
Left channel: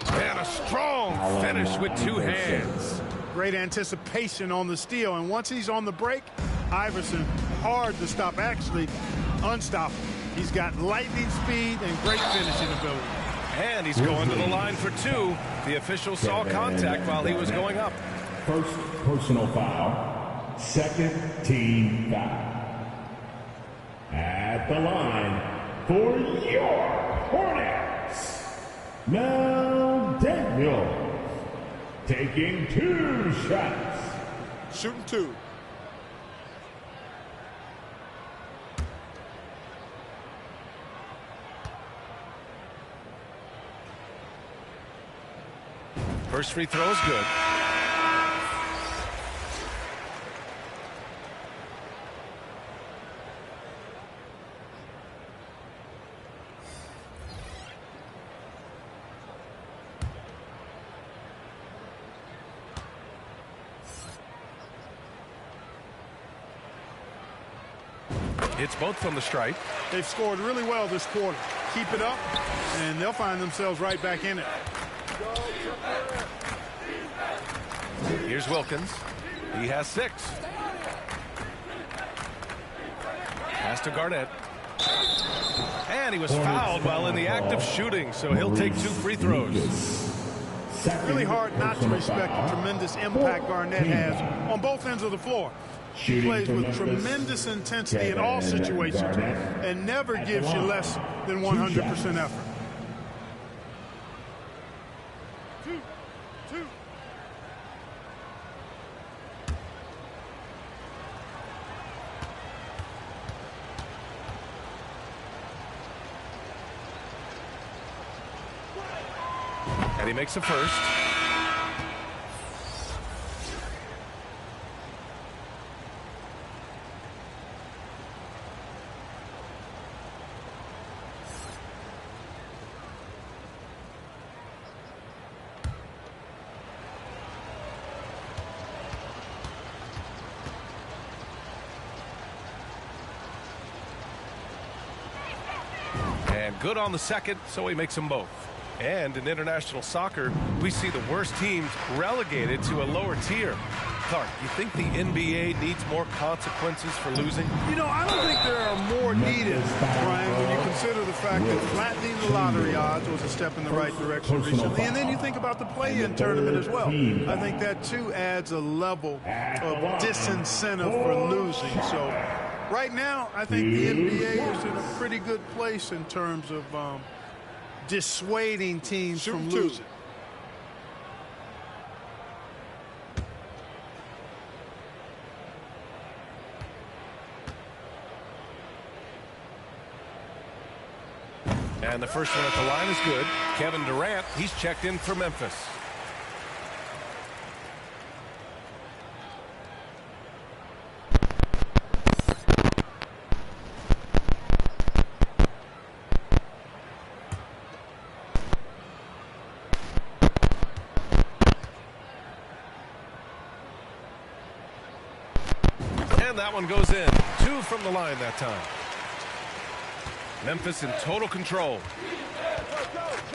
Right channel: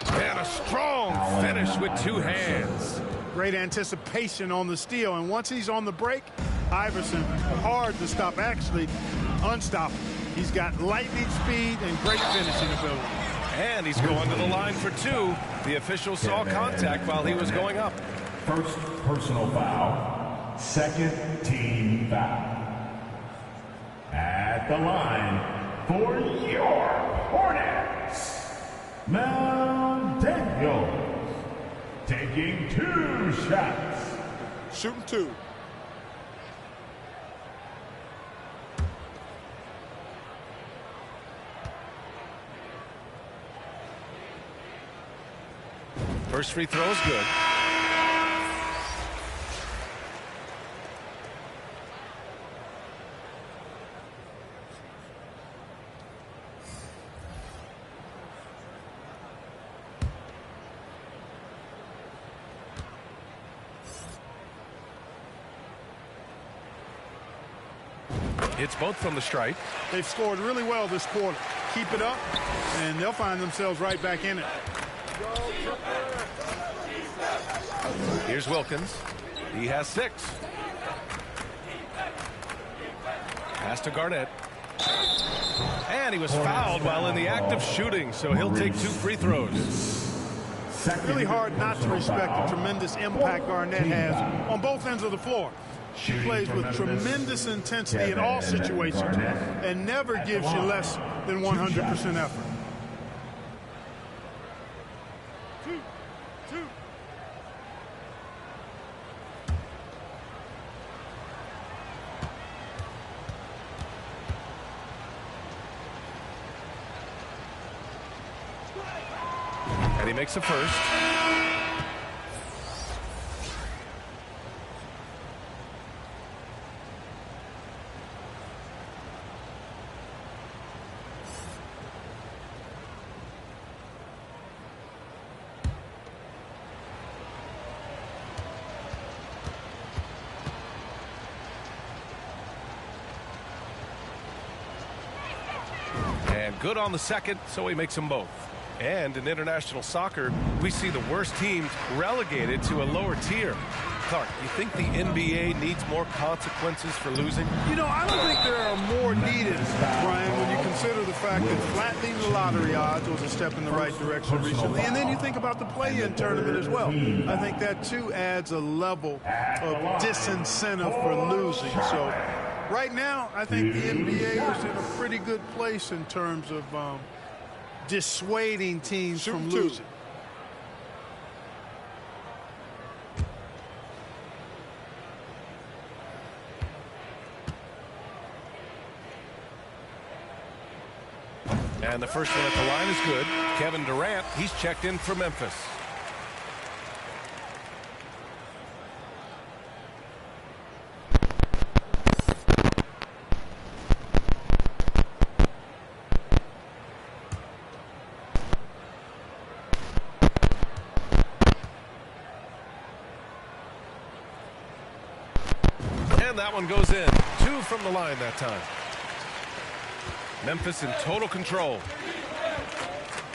And a strong finish with 2 hands. Great anticipation on the steal. And once he's on the break, Iverson, hard to stop, actually unstoppable. He's got lightning speed and great finishing ability. And he's going to the line for 2. The official saw contact while he was going up. First personal foul. Second team foul. At the line for your Hornets, Mel Daniels. Taking 2 shots. Shooting 2. First free throw is good. Hits both from the stripe. They've scored really well this quarter. Keep it up, and they'll find themselves right back in it. Here's Wilkins. He has 6. Pass to Garnett. And he was fouled while in the act of shooting, so he'll take 2 free throws. Really hard not to respect the tremendous impact Garnett has on both ends of the floor. He plays with tremendous intensity in all situations and never gives you less than 100% effort. 2-2. And he makes the first. And good on the second, so he makes them both. And in international soccer, we see the worst teams relegated to a lower tier. Clark, you think the NBA needs more consequences for losing? You know, I don't think there are more needed, Brian, when you consider the fact that flattening the lottery odds was a step in the right direction recently. And then you think about the play-in tournament as well. I think that, too, adds a level of disincentive for losing. So right now, I think the NBA is in a pretty good place in terms of dissuading teams from losing. And the first one at the line is good. Kevin Durant, he's checked in for Memphis. And that one goes in. 2 from the line that time. Memphis in total control.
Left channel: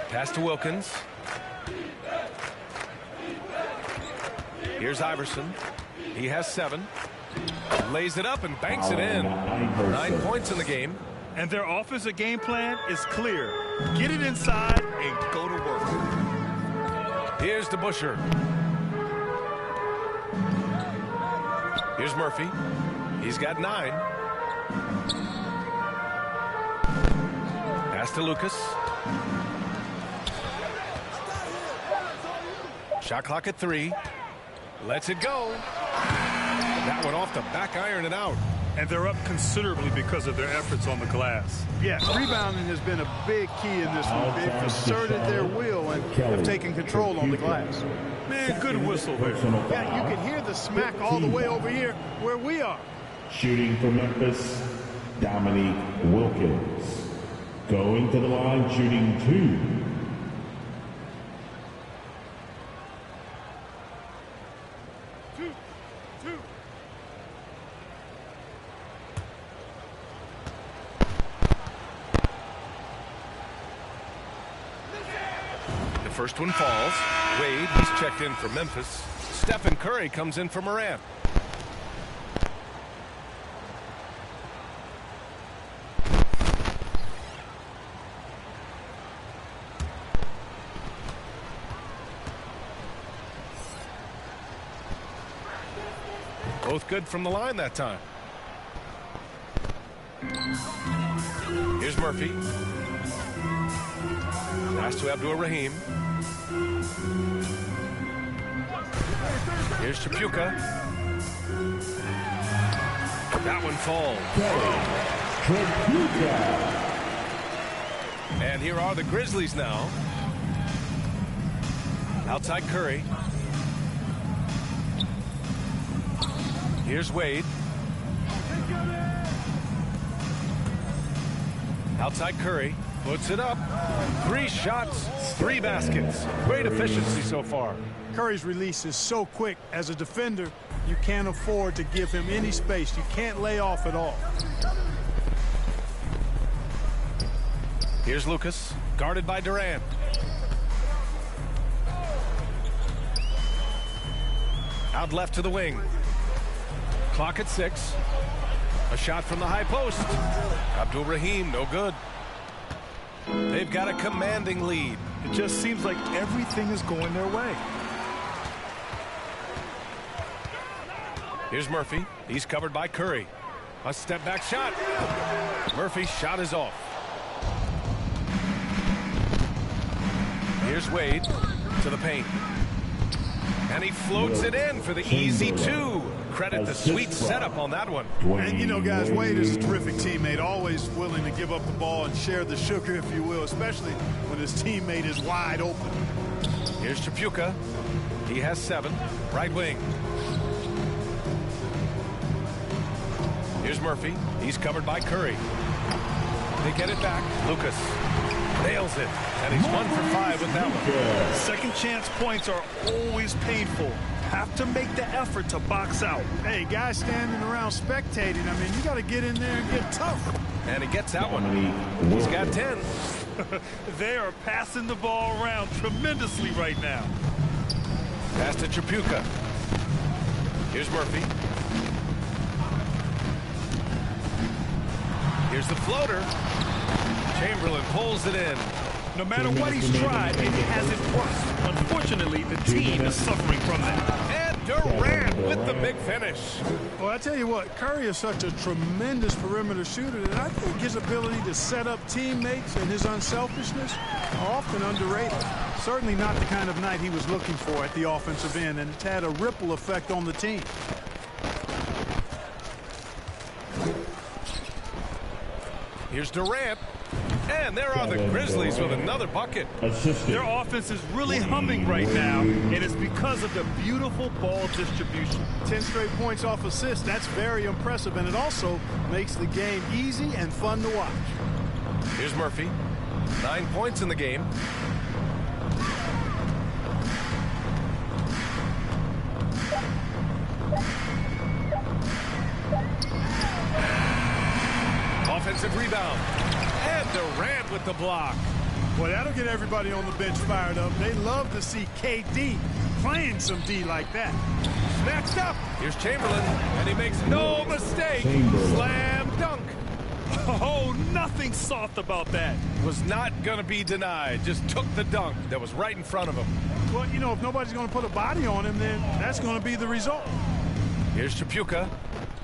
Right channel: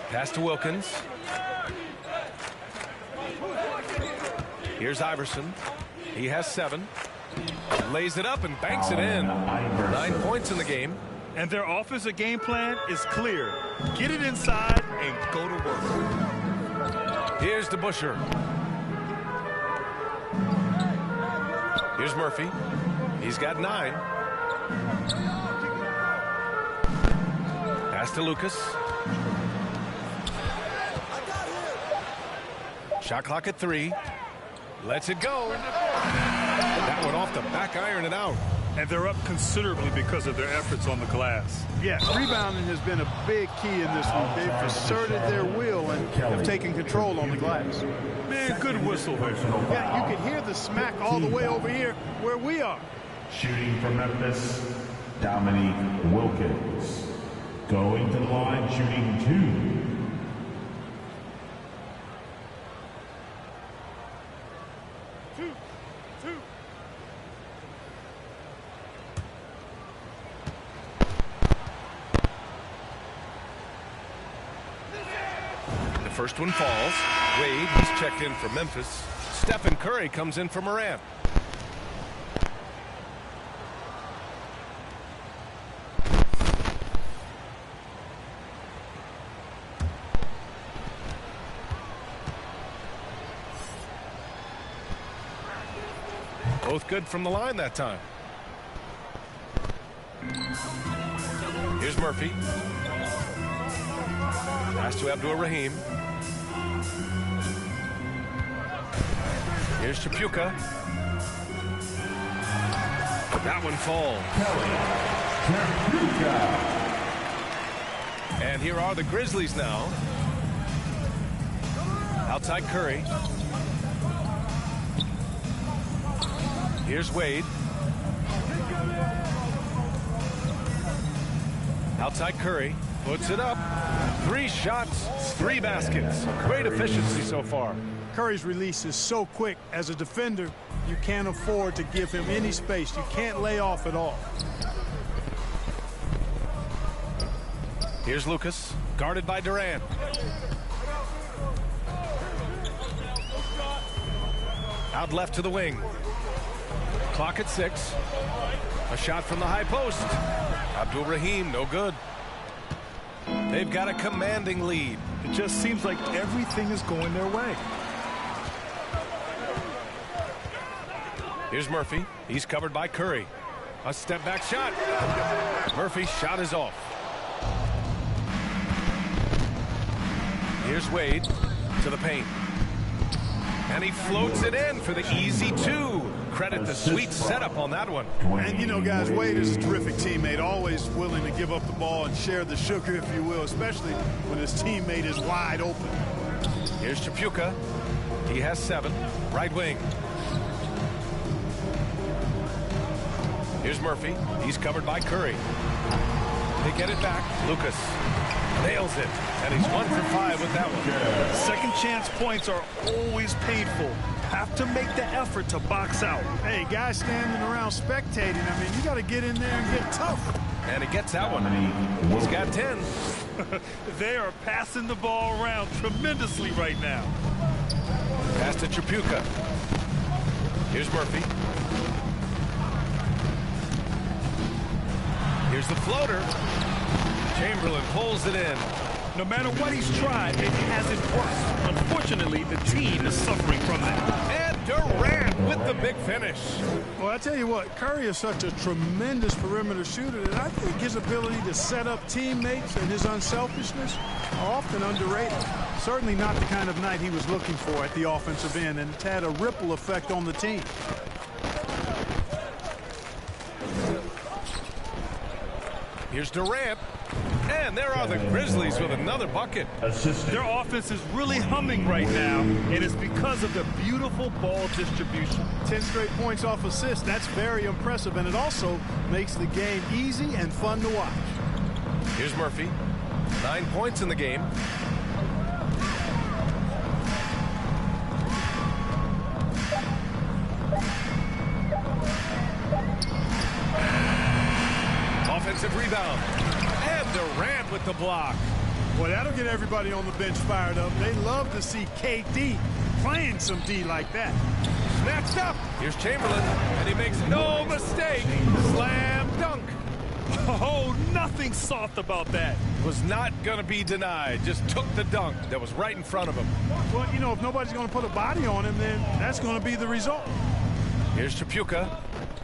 Pass to Wilkins. Here's Iverson. He has 7. Lays it up and banks it in. 9 points in the game. And their offensive game plan is clear. Get it inside and go to work. Here's DeBusschere. Here's Murphy. He's got 9. Pass to Lucas. Shot clock at 3. Lets it go. That one off the back iron and out. And they're up considerably because of their efforts on the glass. Yes, rebounding has been a big key in this one. They've asserted their will and have taken control on the glass. Man, good whistle there. Yeah, you can hear the smack all the way over here where we are. Shooting for Memphis, Dominique Wilkins. Going to the line, shooting 2. 2. The first one falls. Wade, he's checked in for Memphis. Stephen Curry comes in for Morant. Both good from the line that time. Here's Murphy. Pass to Abdur-Rahim. Here's Chapuka. That one falls. Chapuka. And here are the Grizzlies now. Outside Curry. Here's Wade. Outside Curry. Puts it up. 3 shots, 3 baskets. Great efficiency so far. Curry's release is so quick. As a defender, you can't afford to give him any space. You can't lay off at all. Here's Lucas, guarded by Durant. Out left to the wing. Clock at 6. A shot from the high post. Abdur-Rahim, no good. They've got a commanding lead. It just seems like everything is going their way. Here's Murphy. He's covered by Curry. A step back shot. Murphy's shot is off. Here's Wade to the paint. And he floats it in for the easy two. Credit the sweet setup on that one. And, you know, guys, Wade is a terrific teammate, always willing to give up the ball and share the sugar, if you will, especially when his teammate is wide open. Here's Tripucka. He has 7. Right wing. Here's Murphy. He's covered by Curry. They get it back. Lucas nails it. And he's 1 for 5 with that one. Second chance points are always painful. Have to make the effort to box out. Hey, guys standing around spectating, I mean, you got to get in there and get tough. And he gets that one. He's got 10. They are passing the ball around tremendously right now. Pass to Tripucka. Here's Murphy. Here's the floater. Chamberlain pulls it in. No matter what he's tried, it hasn't worked. Unfortunately, the team is suffering from that. And Durant with the big finish. Well, I tell you what, Curry is such a tremendous perimeter shooter that I think his ability to set up teammates and his unselfishness are often underrated. Certainly not the kind of night he was looking for at the offensive end, and it's had a ripple effect on the team. Here's Durant. And there are the Grizzlies with another bucket. Their offense is really humming right now, and it's because of the beautiful ball distribution. 10 straight points off assists. That's very impressive, and it also makes the game easy and fun to watch. Here's Murphy. 9 points in the game. Offensive rebound. And Durant with the block. Boy, that'll get everybody on the bench fired up. They love to see KD playing some D like that. Snatched up. Here's Chamberlain, and he makes no mistake. Slam dunk. Oh, nothing soft about that. Was not going to be denied. Just took the dunk that was right in front of him. Well, you know, if nobody's going to put a body on him, then that's going to be the result. Here's Tripucka.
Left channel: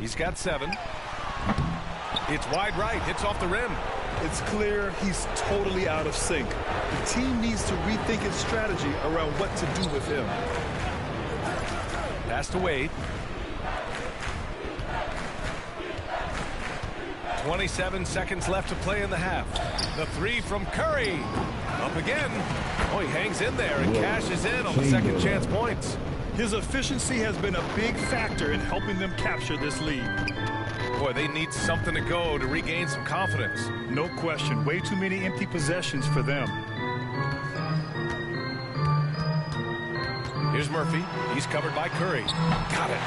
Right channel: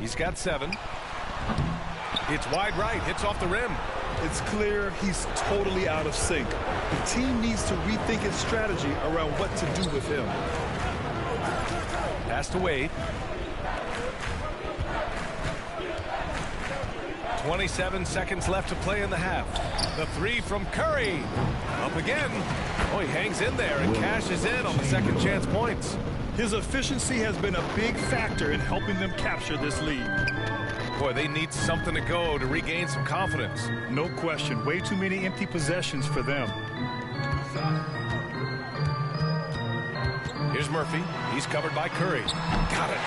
He's got 7. It's wide right. Hits off the rim. It's clear he's totally out of sync. The team needs to rethink its strategy around what to do with him. Pass to Wade. 27 seconds left to play in the half. The 3 from Curry. Up again. Oh, he hangs in there and cashes in on the second chance points. His efficiency has been a big factor in helping them capture this lead. Boy, they need something to go to regain some confidence. No question. Way too many empty possessions for them. Here's Murphy. He's covered by Curry. Got it.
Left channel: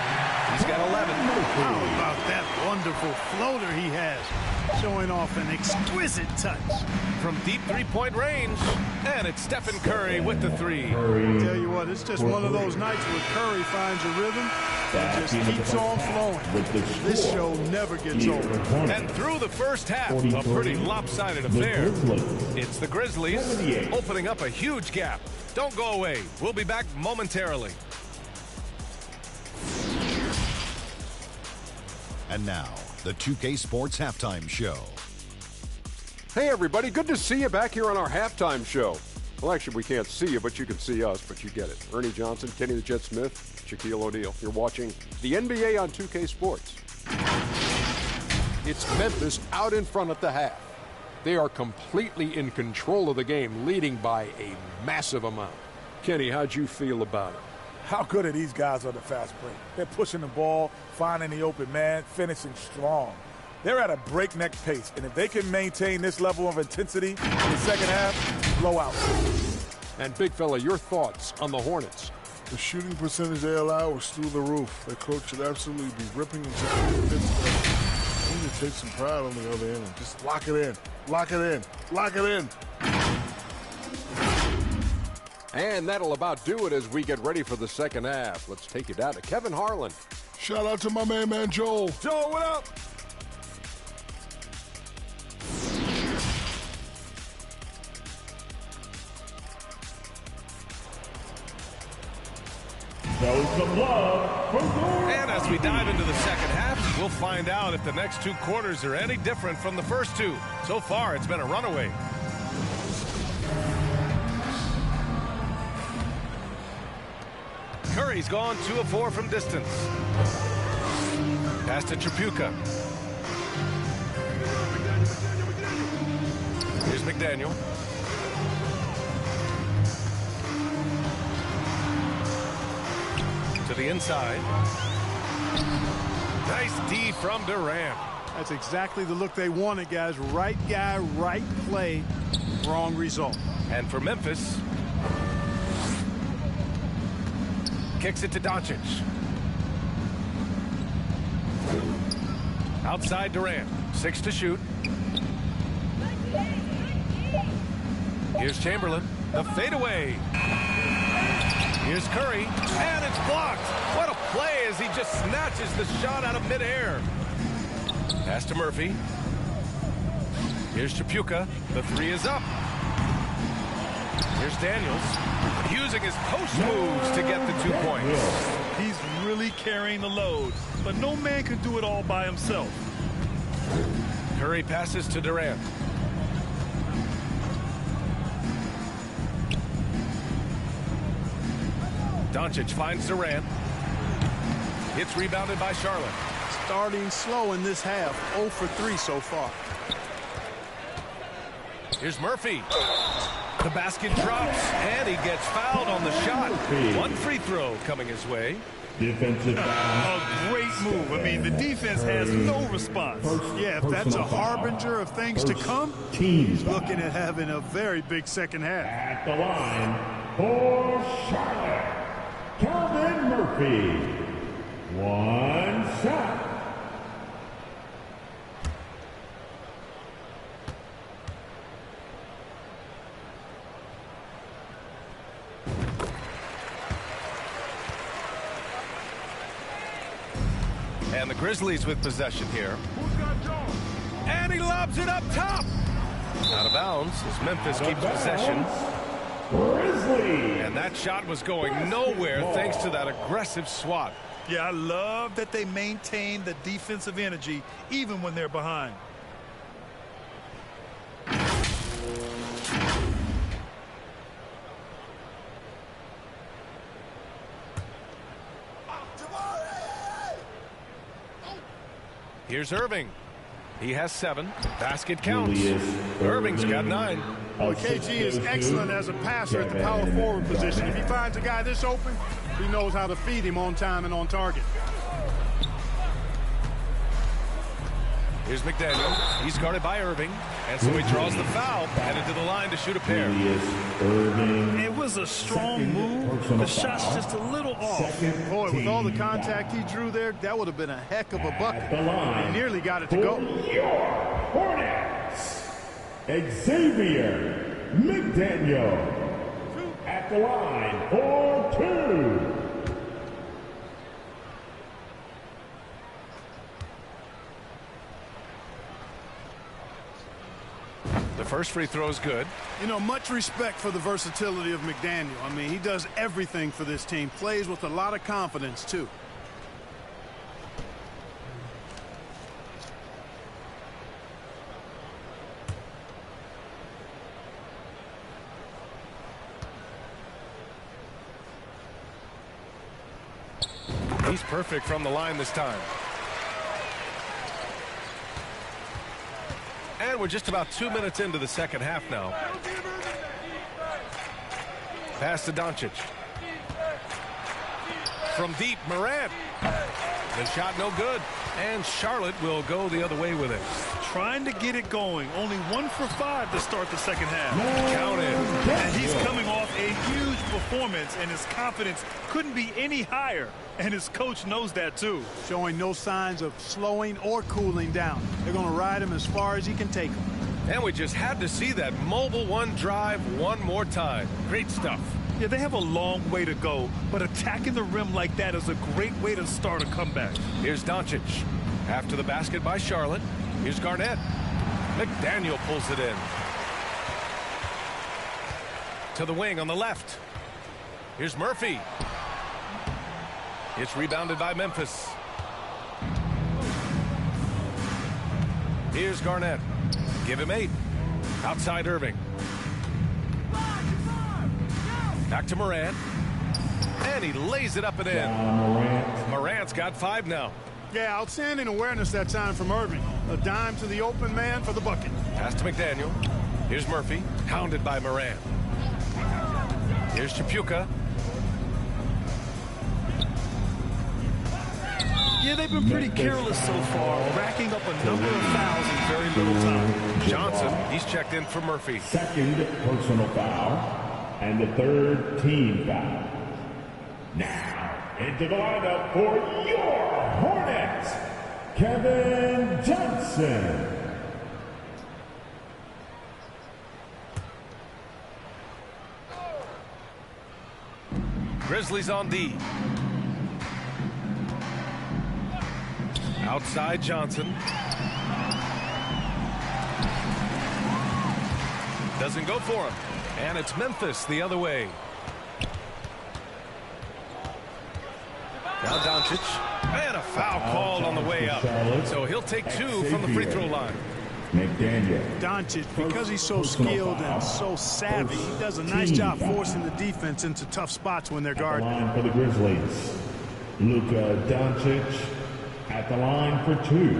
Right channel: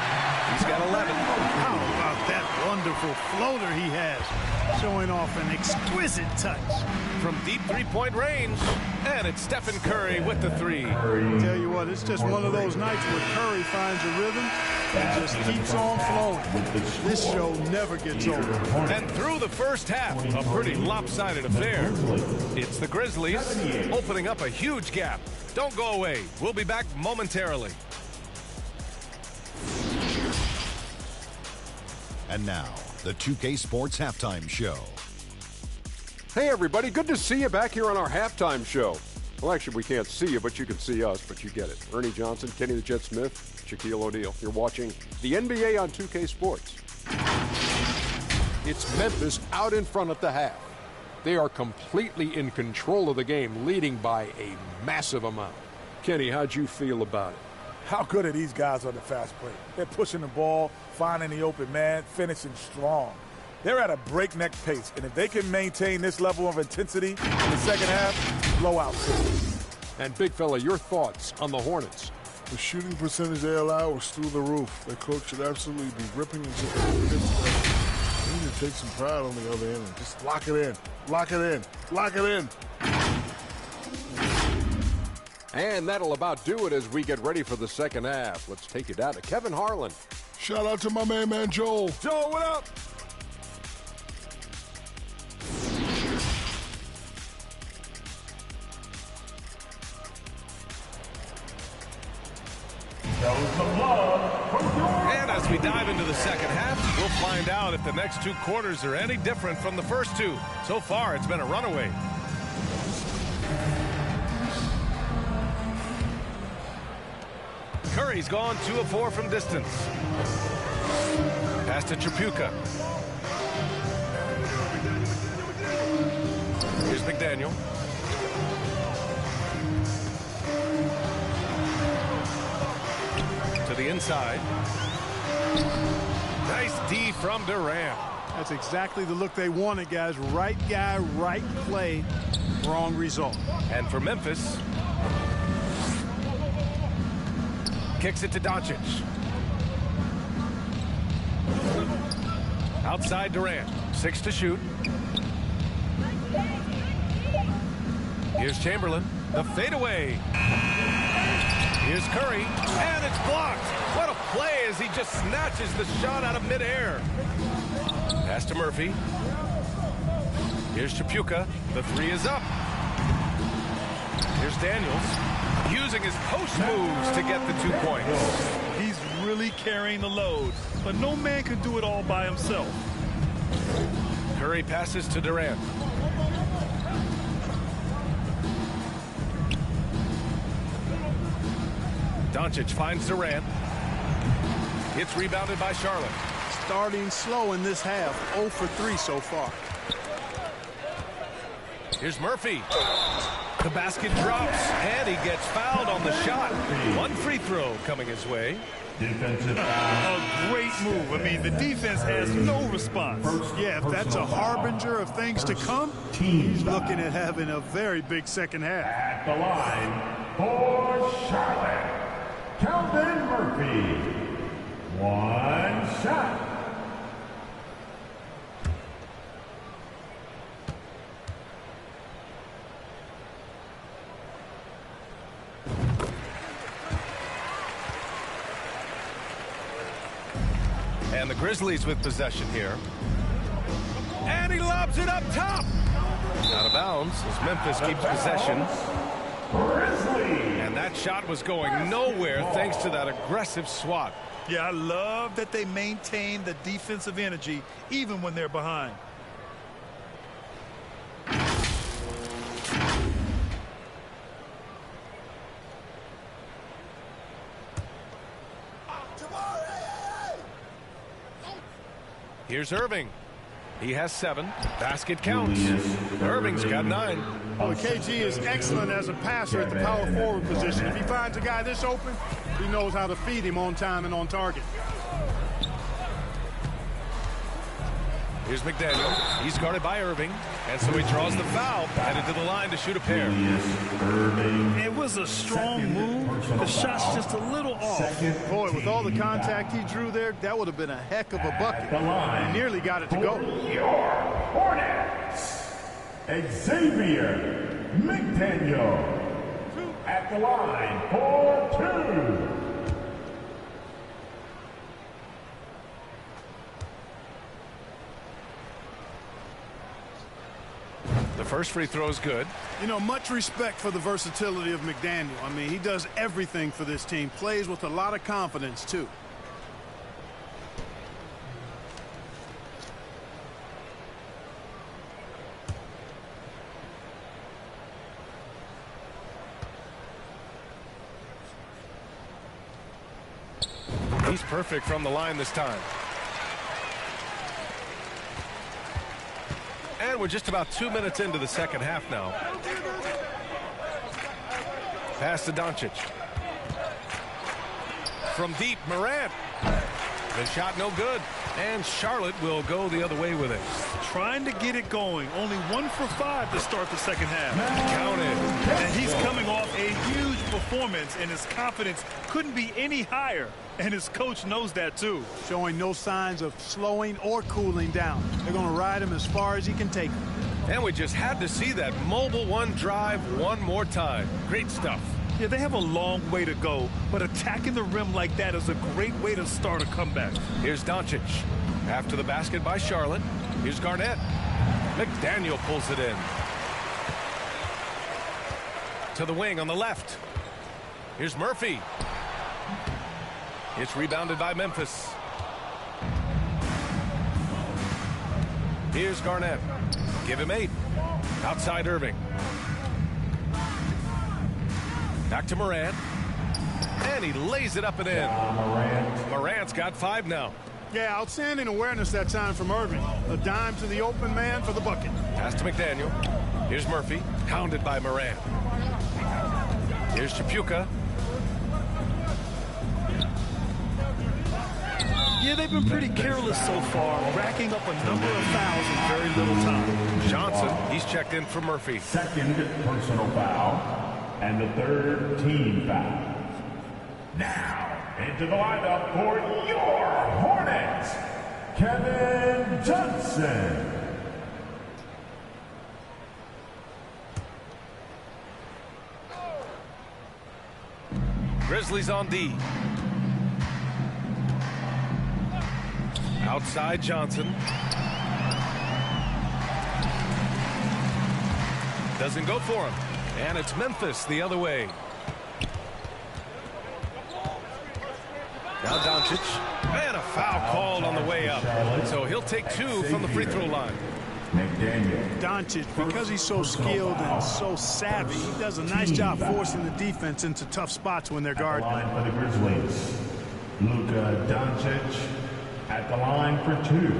He's got 11. How about that wonderful floater he has, showing off an exquisite touch. From deep three-point range, and it's Stephen Curry with the 3. I tell you what, it's just one of those nights where Curry finds a rhythm and just keeps on flowing. This show never gets old. And through the first half, a pretty lopsided affair. It's the Grizzlies opening up a huge gap. Don't go away. We'll be back momentarily. And now, the 2K Sports Halftime Show. Hey, everybody. Good to see you back here on our halftime show. Well, actually, we can't see you, but you can see us, but you get it. Ernie Johnson, Kenny the Jet Smith, Shaquille O'Neal. You're watching the NBA on 2K Sports. It's Memphis out in front at the half. They are completely in control of the game, leading by a massive amount. Kenny, how'd you feel about it? How good are these guys on the fast break? They're pushing the ball, finding the open man, finishing strong. They're at a breakneck pace, and if they can maintain this level of intensity in the second half, blowout. And Big Fella, your thoughts on the Hornets? The shooting percentage they allow was through the roof. Their coach should absolutely be ripping into the defense. They need to take some pride on the other end and just lock it in. Lock it in. Lock it in. And that'll about do it as we get ready for the second half. Let's take you down to Kevin Harlan. Shout out to my man Joel. Joel, what up? Show some love for your... And as we dive into the second half, we'll find out if the next 2 quarters are any different from the first 2. So far, it's been a runaway. Curry's gone 2 of 4 from distance. Pass to Tripucka. Here's McDaniel. To the inside. Nice D from Durant. That's exactly the look they wanted, guys. Right guy, right play, wrong result. And for Memphis, kicks it to Doncic. Outside Durant, 6 to shoot. Here's Chamberlain, the fadeaway. Here's Curry, and it's blocked. What a play as he just snatches the shot out of midair. Pass to Murphy. Here's Tripucka. The 3 is up. Here's Daniels, using his post moves to get the 2 points. He's really carrying the load, but no man can do it all by himself. Curry passes to Durant. Doncic finds Durant. It's rebounded by Charlotte. Starting slow in this half, 0 for 3 so far. Here's Murphy. The basket drops, and he gets fouled on the shot. 1 free throw coming his way. Defensive A great move. I mean, the defense has no response. Yeah, if that's a harbinger of things to come, he's looking at having a very big second half. At the line for Charlotte, Calvin Murphy. 1 shot. And the Grizzlies with possession here. And he lobs it up top. Out of bounds as Memphis keeps possession. Grizzlies. And that shot was going nowhere thanks to that aggressive swat. Yeah, I love that they maintain the defensive energy even when they're behind. Here's Irving. He has 7. Basket counts. Irving's got 9. Well, KG is excellent as a passer at the power forward position. If he finds a guy this open, he knows how to feed him on time and on target. Here's McDaniel. He's guarded by Irving. And so he draws the foul, headed to the line to shoot a pair. It was a strong move. The shot's just a little off. Boy, with all the contact he drew there, that would have been a heck of a bucket. He nearly got it to go. Your Hornets, Xavier McDaniel. At the line for 2. The first free throw is good. You know, much respect for the versatility of McDaniel. I mean, he does everything for this team. Plays with a lot of confidence, too. He's perfect from the line this time. And we're just about 2 minutes into the second half now. Pass to Doncic. From deep, Morant. The shot no good. And Charlotte will go the other way with it. Trying to get it going. Only 1 for 5 to start the second half. Counted. And he's coming off a huge performance, and his confidence couldn't be any higher. And his coach knows that, too. Showing no signs of slowing or cooling down. They're going to ride him as far as he can take him. And we just had to see that mobile 1 drive one more time. Great stuff. Yeah, they have a long way to go, but attacking the rim like that is a great way to start a comeback. Here's Doncic. After the basket by Charlotte, here's Garnett. McDaniel pulls it in. To the wing on the left. Here's Murphy. It's rebounded by Memphis. Here's Garnett. Give him 8. Outside Irving. Back to Morant. And he lays it up and in. Morant's got 5 now. Yeah, outstanding awareness that time from Irving. A dime to the open man for the bucket. Pass to McDaniel. Here's Murphy, hounded by Morant. Here's Chapuka. Yeah, they've been pretty careless so far, racking up a number of fouls in very little time. Johnson, he's checked in for Murphy. Second personal foul, and the third team foul. Now, into the lineup for your Hornets, Kevin Johnson. Grizzlies on D. Outside Johnson. Doesn't go for him. And it's Memphis the other way. Now Doncic. And a foul called on the way up. So he'll take 2 from the free throw line. McDaniel. Doncic, because he's so skilled and so savvy, he does a nice job forcing the defense into tough spots when they're guarding. Line for the Grizzlies. Luka Doncic at the line for 2.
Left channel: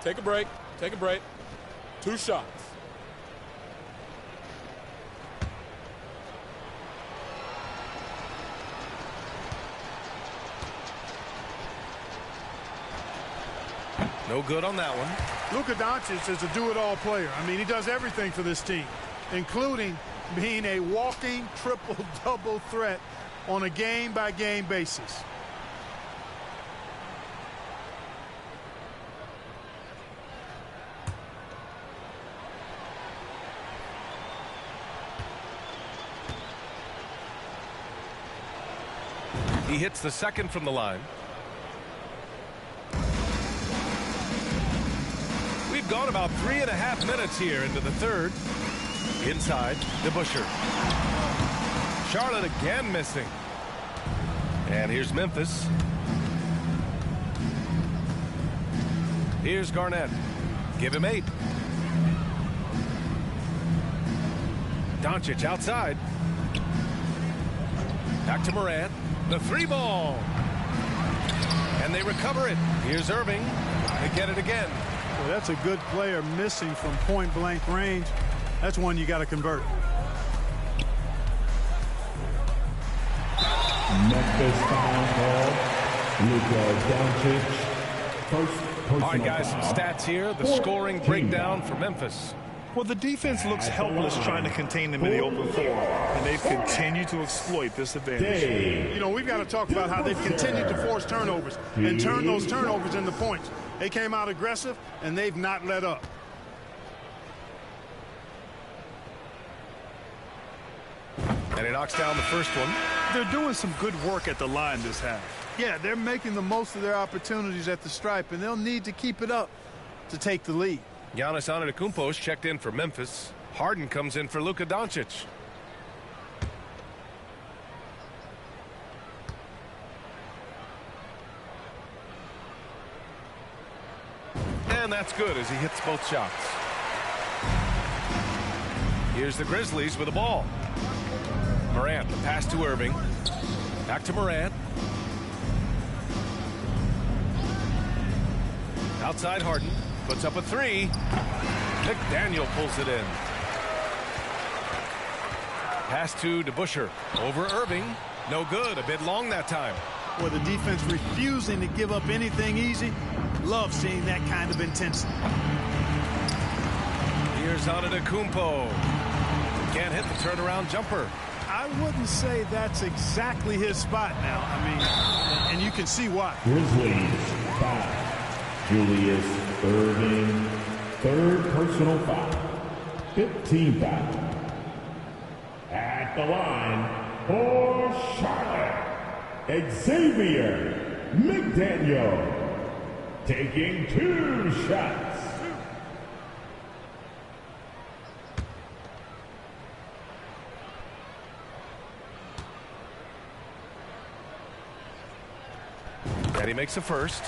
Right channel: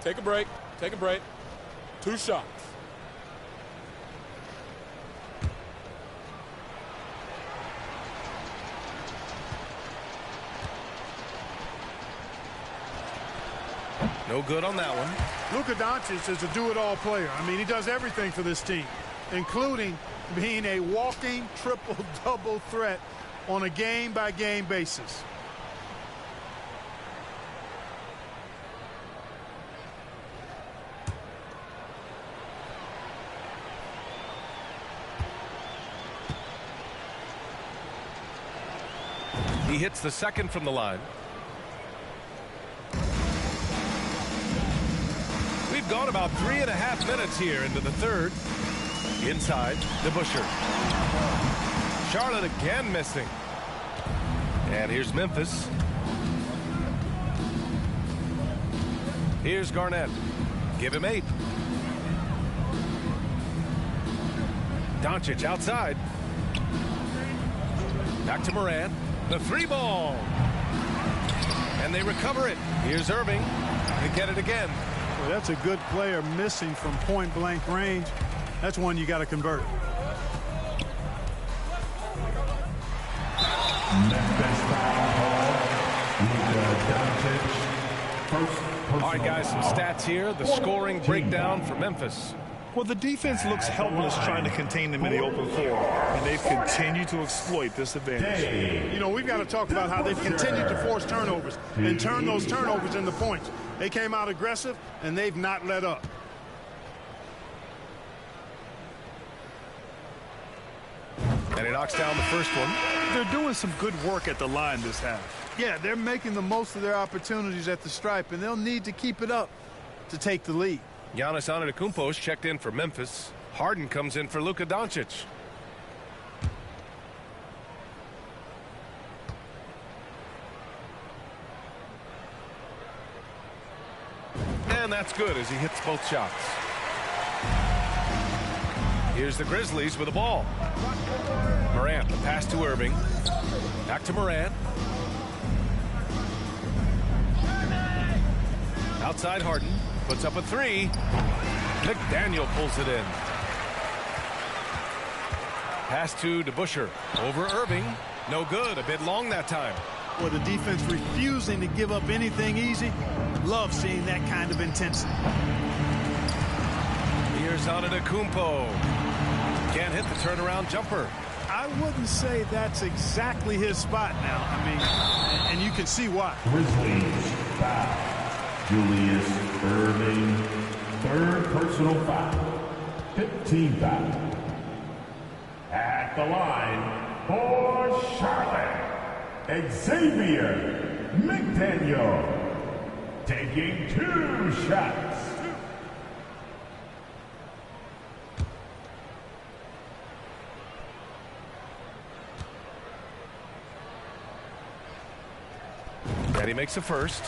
Take a break. Take a break. 2 shots. No good on that one. Luka Doncic is a do-it-all player. I mean, he does everything for this team, including being a walking triple-double threat on a game-by-game basis. He hits the second from the line. We've gone about 3.5 minutes here into the third. Inside, DeBusschere. Charlotte again missing. And here's Memphis. Here's Garnett. Give him 8. Doncic outside. Back to Morant. The 3-ball. And they recover it. Here's Irving. They get it again. Well, that's a good player missing from point-blank range. That's one you got to convert. Memphis foul call. Luka Doncic. First personal All right, guys, some stats here. The scoring breakdown for Memphis. Well, the defense looks helpless trying to contain them in the open floor, and they've continued to exploit this advantage. You know, we've got to talk about how they've continued to force turnovers and turn those turnovers into points. They came out aggressive, and they've not let up. And he knocks down the first one. They're doing some good work at the line this half. Yeah, they're making the most of their opportunities at the stripe, and they'll need to keep it up to take the lead. Giannis Antetokounmpo's checked in for Memphis. Harden comes in for Luka Doncic. And that's good as he hits both shots. Here's the Grizzlies with the ball. Morant, the pass to Irving. Back to Morant. Outside Harden. Puts up a 3. McDaniel pulls it in. Pass to DeBusschere. Over Irving. No good. A bit long that time. Well, the defense refusing to give up anything easy. Love seeing that kind of intensity. Here's Antetokounmpo. Can't hit the turnaround jumper. I wouldn't say that's exactly his spot now. I mean, and you can see why. Grizzlies foul. Julius Irving, third personal foul. 15 foul. At the line for Charlotte, Xavier McDaniel. Taking 2 shots. And he makes a first.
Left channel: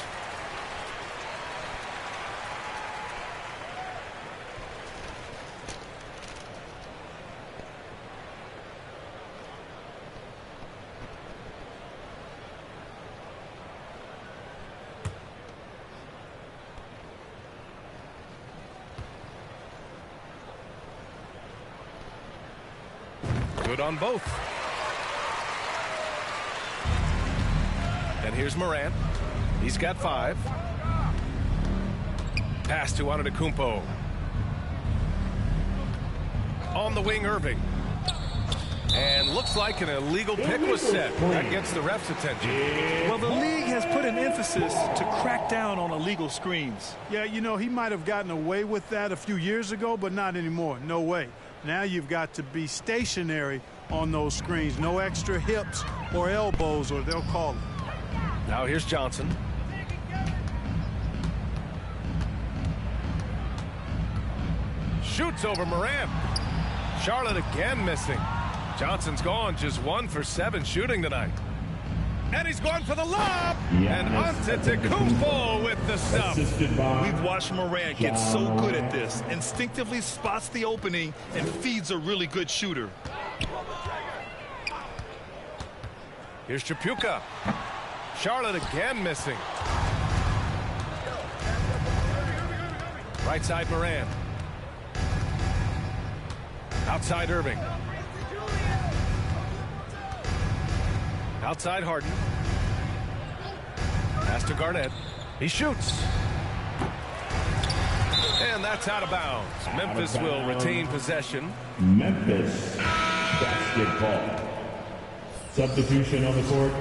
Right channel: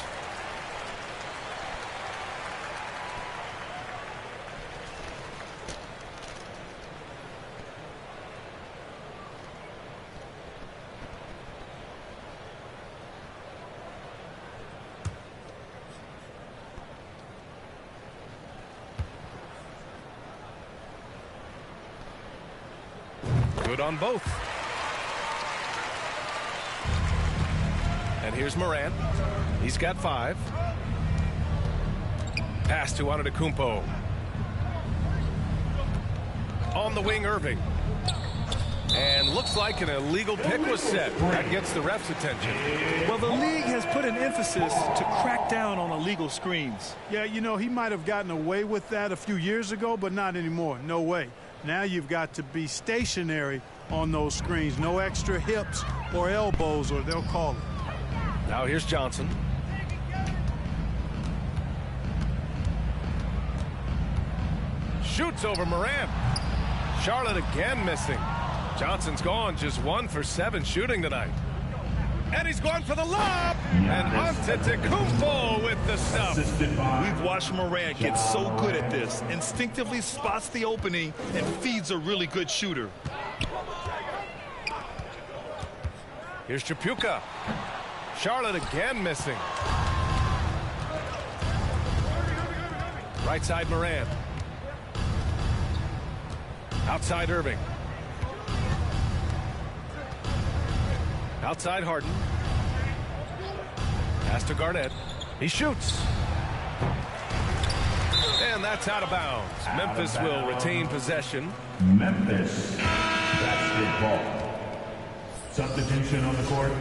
Good on both. And here's Morant. He's got 5. Pass to Antetokounmpo. On the wing, Irving. And looks like an illegal pick was set. That gets the ref's attention. Well, the league has put an emphasis to crack down on illegal screens. Yeah, you know, he might have gotten away with that a few years ago, but not anymore. No way. Now you've got to be stationary on those screens. No extra hips or elbows, or they'll call it. Now here's Johnson. Shoots over Morant. Charlotte again missing. Johnson's gone just 1 for 7 shooting tonight. And he's going for the lob. And Antetokounmpo with the stuff. We've watched Morant get so good at this. Instinctively spots the opening and feeds a really good shooter. Here's Chapuka. Charlotte again missing. Right side Morant. Outside Irving. Outside Harden. Pass to Garnett. He shoots. And that's out of bounds. Memphis will retain possession. Memphis basketball. Substitution on the court.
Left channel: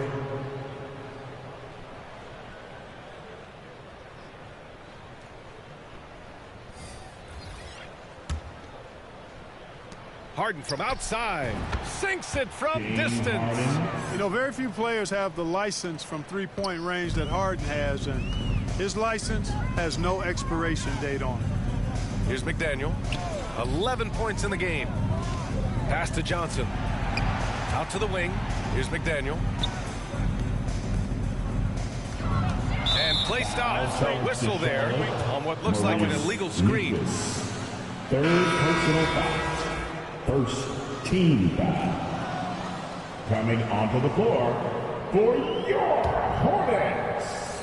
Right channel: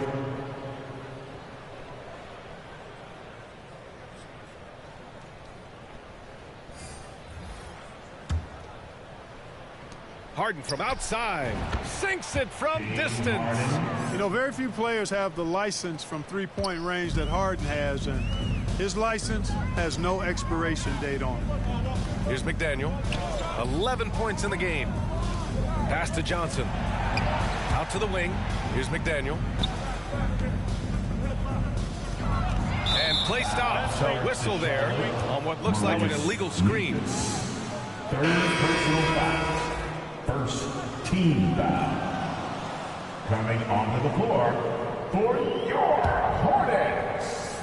Harden from outside. Sinks it from distance. You know, very few players have the license from three-point range that Harden has, and his license has no expiration date on it. Here's McDaniel. 11 points in the game. Pass to Johnson. Out to the wing. Here's McDaniel. And play stops. A whistle there on what looks like an illegal screen. Third personal foul. First team foul. Coming onto the floor for your Hornets.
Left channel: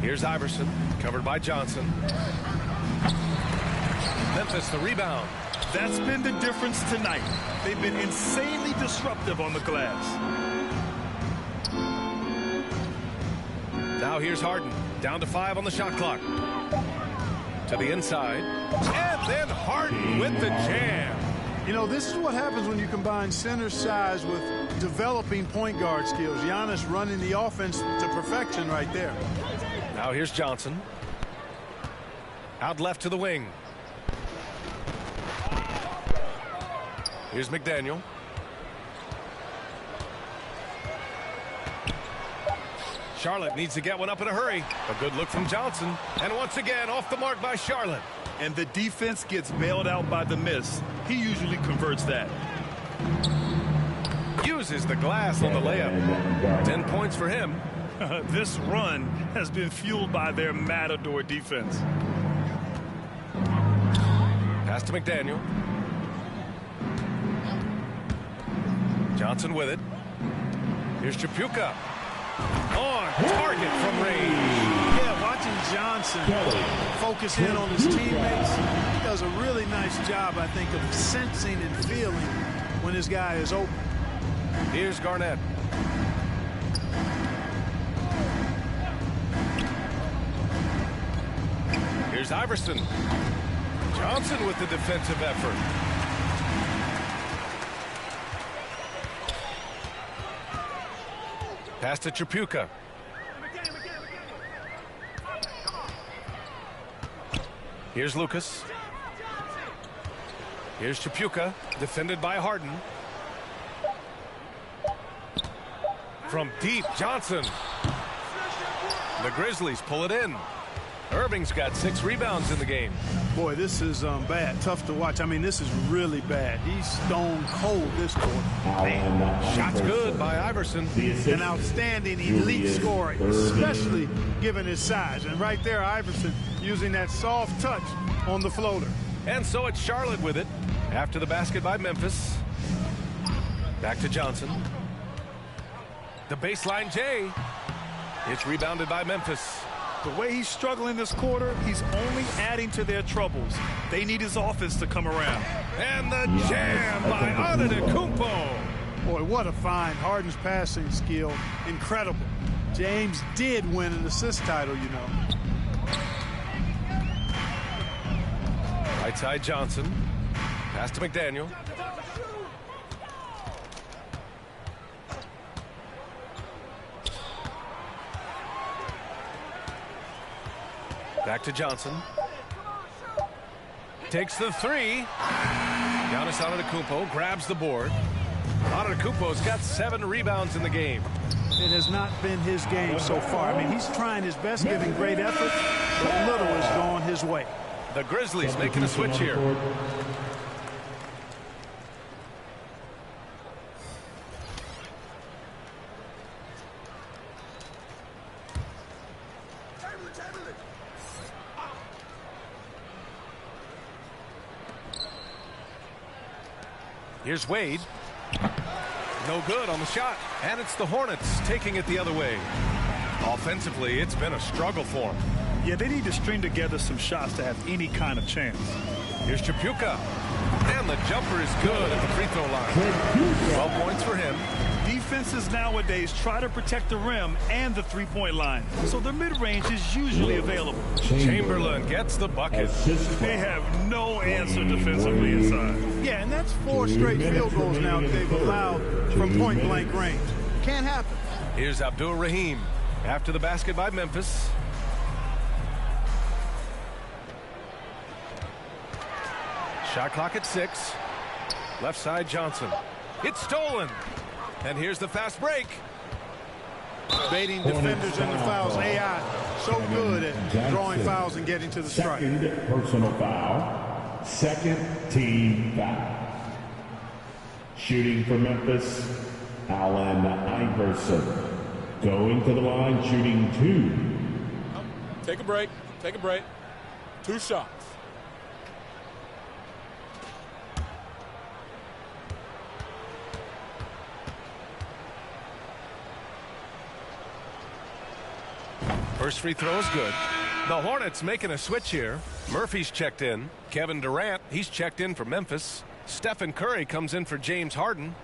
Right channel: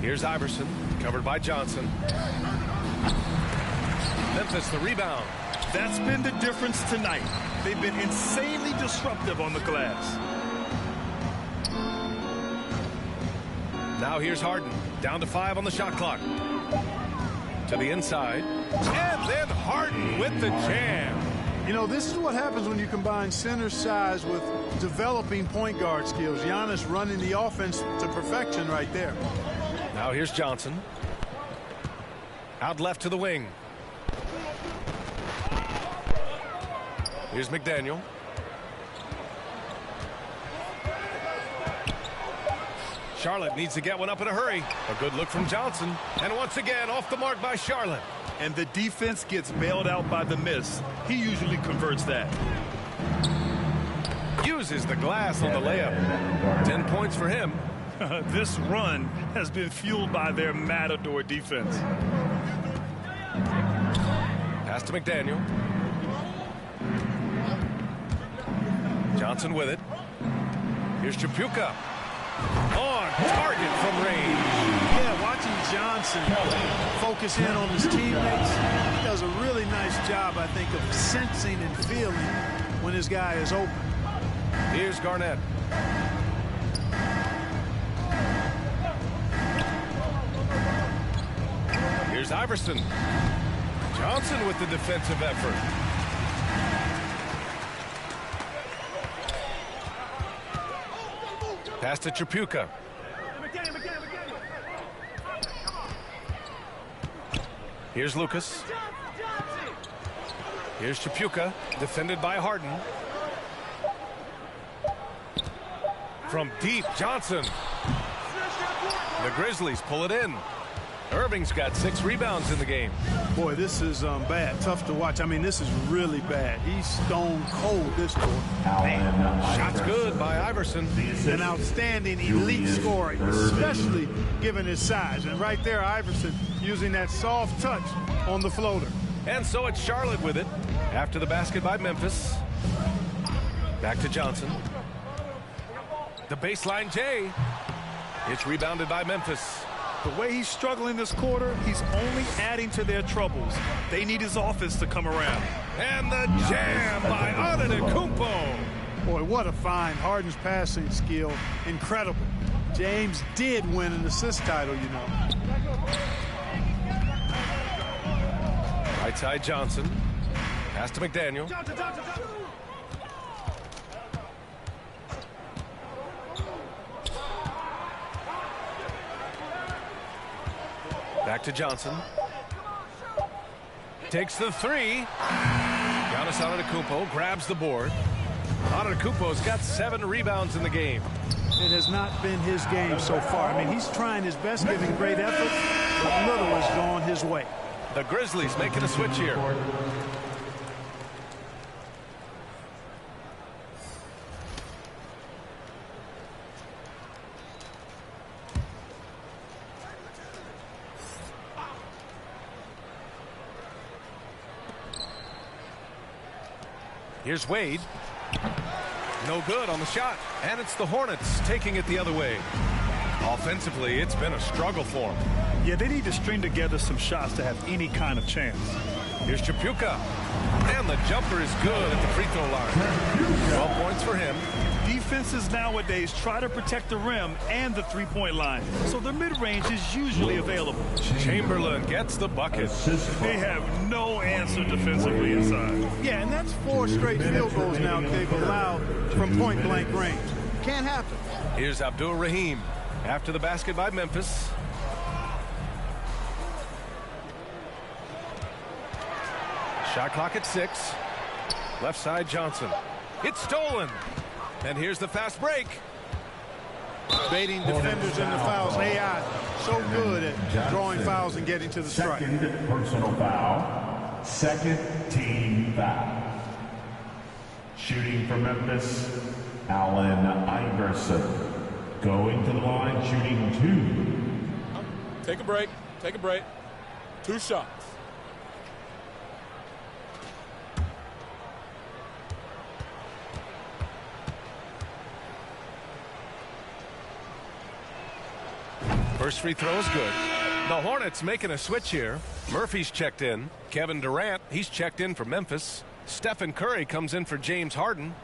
Here's Iverson, covered by Johnson. Memphis the rebound. That's been the difference tonight. They've been insanely disruptive on the glass. Now here's Harden, down to 5 on the shot clock. To the inside, and then Harden with the jam. You know, this is what happens when you combine center size with developing point guard skills. Giannis running the offense to perfection right there. Now here's Johnson. Out left to the wing. Here's McDaniel. Charlotte needs to get one up in a hurry. A good look from Johnson. And once again, off the mark by Charlotte. And the defense gets bailed out by the miss. He usually converts that. Uses the glass on the layup. 10 points for him. This run has been fueled by their matador defense. Pass to McDaniel. Johnson with it. Here's Chapuka. On target from range. Yeah, watching Johnson focus in on his teammates, he does a really nice job, I think, of sensing and feeling when his guy is open. Here's Garnett. Here's Iverson. Johnson with the defensive effort. Pass to Chapuka. Here's Lucas. Here's Chapuka, defended by Harden. From deep, Johnson. The Grizzlies pull it in. Irving's got 6 rebounds in the game. Boy, this is bad. Tough to watch. I mean, this is really bad. He's stone cold this quarter. Shots good by Iverson. An outstanding elite scorer, especially given his size. And right there, Iverson using that soft touch on the floater. And so it's Charlotte with it after the basket by Memphis. Back to Johnson. The baseline J. It's rebounded by Memphis. The way he's struggling this quarter, he's only adding to their troubles. They need his offense to come around. And the jam by Antetokounmpo. Boy, what a find. Harden's passing skill, incredible. James did win an assist title, you know. Right side Johnson. Pass to McDaniel. Back to Johnson. Takes the 3. Giannis Antetokounmpo grabs the board. Antetokounmpo's got 7 rebounds in the game. It has not been his game so far. I mean, he's trying his best, giving great effort, but little has gone his way. The Grizzlies making a switch here. Here's Wade. No good on the shot. And it's the Hornets taking it the other way. Offensively, it's been a struggle for them. Yeah, they need to string together some shots to have any kind of chance. Here's Chapuka. And the jumper is good at the free throw line. 12 points for him. Defenses nowadays try to protect the rim and the three-point line, so their mid-range is usually available. Chamberlain gets the bucket. They have no answer defensively inside. Yeah, and that's 4 straight field goals now that they've allowed from point-blank range. Can't happen. Here's Abdul Rahim after the basket by Memphis. Shot clock at 6. Left side Johnson. It's stolen. And here's the fast break. Baiting defenders in the fouls. AI so good at drawing fouls and getting to the strike. Second personal foul. Second team foul. Shooting for Memphis, Allen Iverson. Going to the line, shooting 2. Take a break. Take a break. 2 shots. First free throw is good. The Hornets making a switch here. Murphy's checked in. Kevin Durant, he's checked in for Memphis. Stephen Curry comes in for James Harden.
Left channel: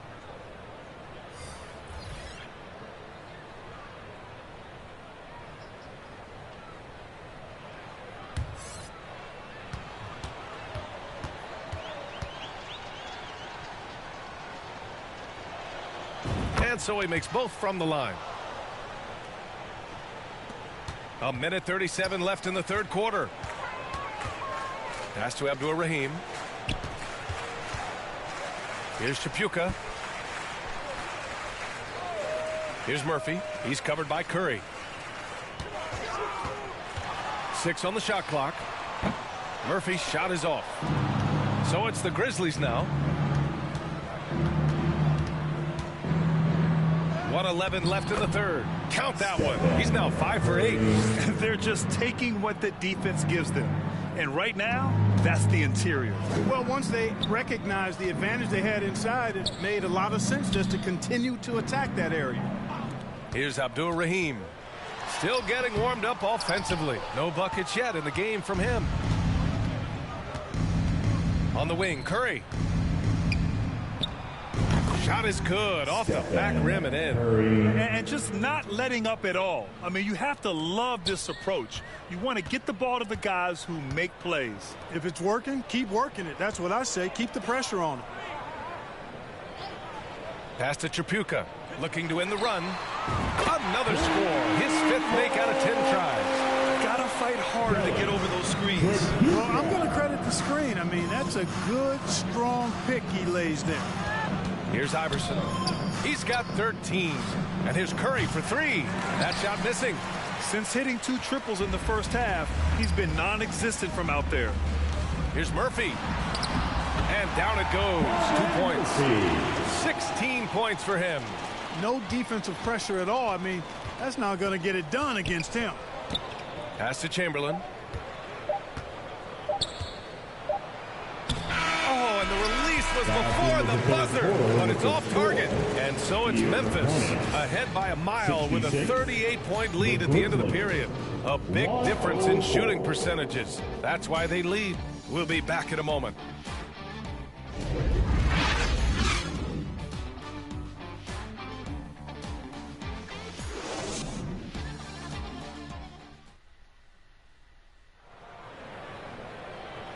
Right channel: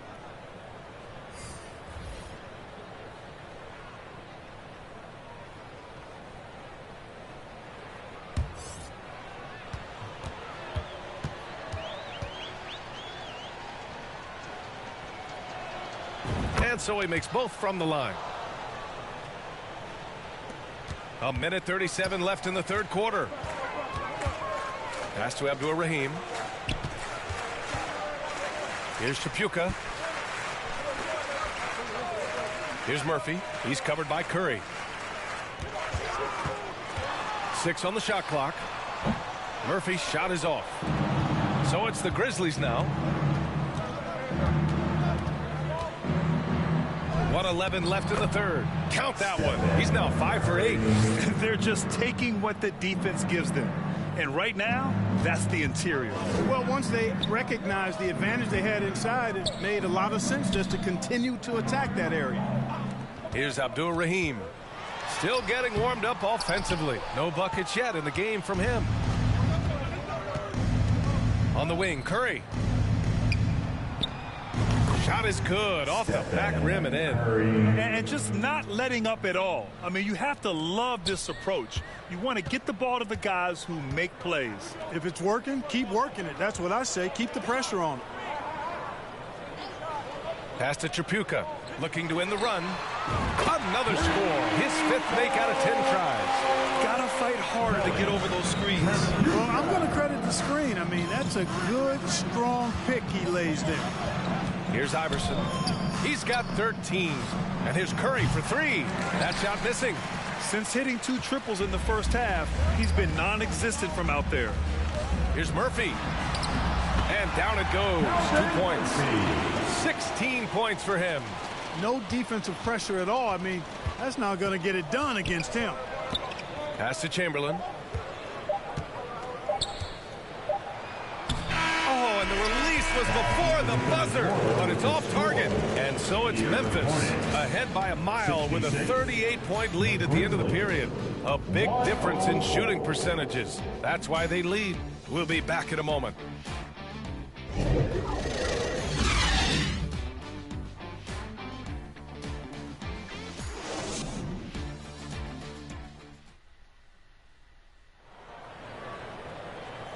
And so he makes both from the line. 1:37 left in the third quarter. Pass to Abdul Rahim. Here's Chapuka. Here's Murphy. He's covered by Curry. 6 on the shot clock. Murphy's shot is off. So it's the Grizzlies now. 1:11 left in the third. Count that one. He's now 5 for 8. They're just taking what the defense gives them. And right now, that's the interior. Well, once they recognized the advantage they had inside, it made a lot of sense just to continue to attack that area. Here's Abdul Rahim. Still getting warmed up offensively. No buckets yet in the game from him. On the wing, Curry. Shot is good off the back rim and in. And just not letting up at all. I mean, you have to love this approach. You want to get the ball to the guys who make plays. If it's working, keep working it. That's what I say. Keep the pressure on it. Pass to Chapuka. Looking to win the run. Another score. His 5th make out of 10 tries. Gotta fight harder to get over those screens. Well, I'm going to credit the screen. I mean, that's a good, strong pick he lays there. Here's Iverson. He's got 13. And here's Curry for 3. That shot missing. Since hitting 2 triples in the first half, he's been non-existent from out there. Here's Murphy. And down it goes. 2 points. 16 points for him. No defensive pressure at all. I mean, that's not going to get it done against him. Pass to Chamberlain. Oh, and the release was before the buzzer, but it's off target. And so it's Memphis ahead by a mile with a 38-point lead at the end of the period. A big difference in shooting percentages. That's why they lead. We'll be back in a moment.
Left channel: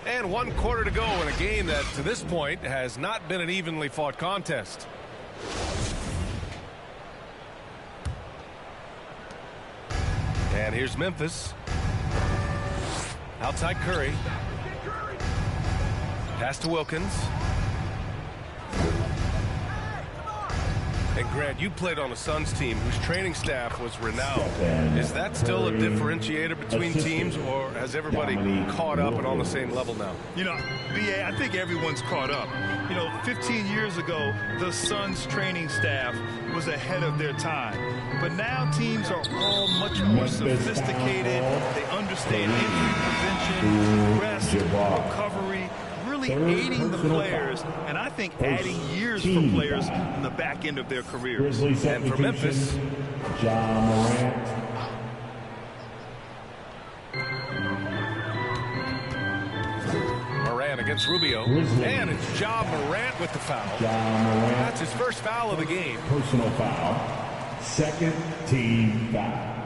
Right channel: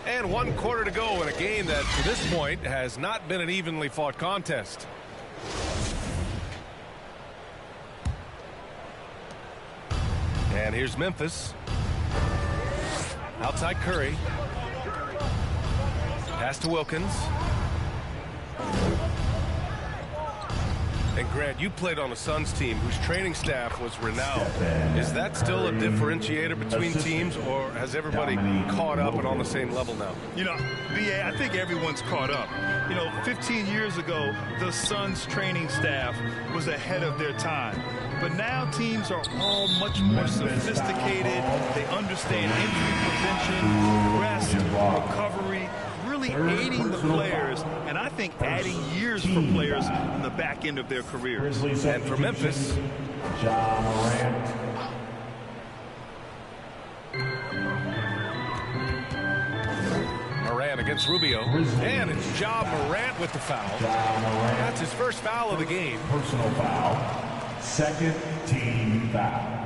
And 1 quarter to go in a game that, to this point, has not been an evenly fought contest. And here's Memphis. Outside Curry. Pass to Wilkins. And Grant, you played on a Suns team whose training staff was renowned. Is that still a differentiator between teams, or has everybody caught up and on the same level now? You know, B.A., I think everyone's caught up. You know, 15 years ago, the Suns training staff was ahead of their time. But now teams are all much more sophisticated. They understand injury prevention, rest, recovery, really aiding the players, and I think adding years for players in the back end of their careers. And for Memphis, Ja Morant. Morant against Rubio. And it's Ja Morant with the foul. Ja Morant. That's his first foul of the game. Personal foul. Second team foul.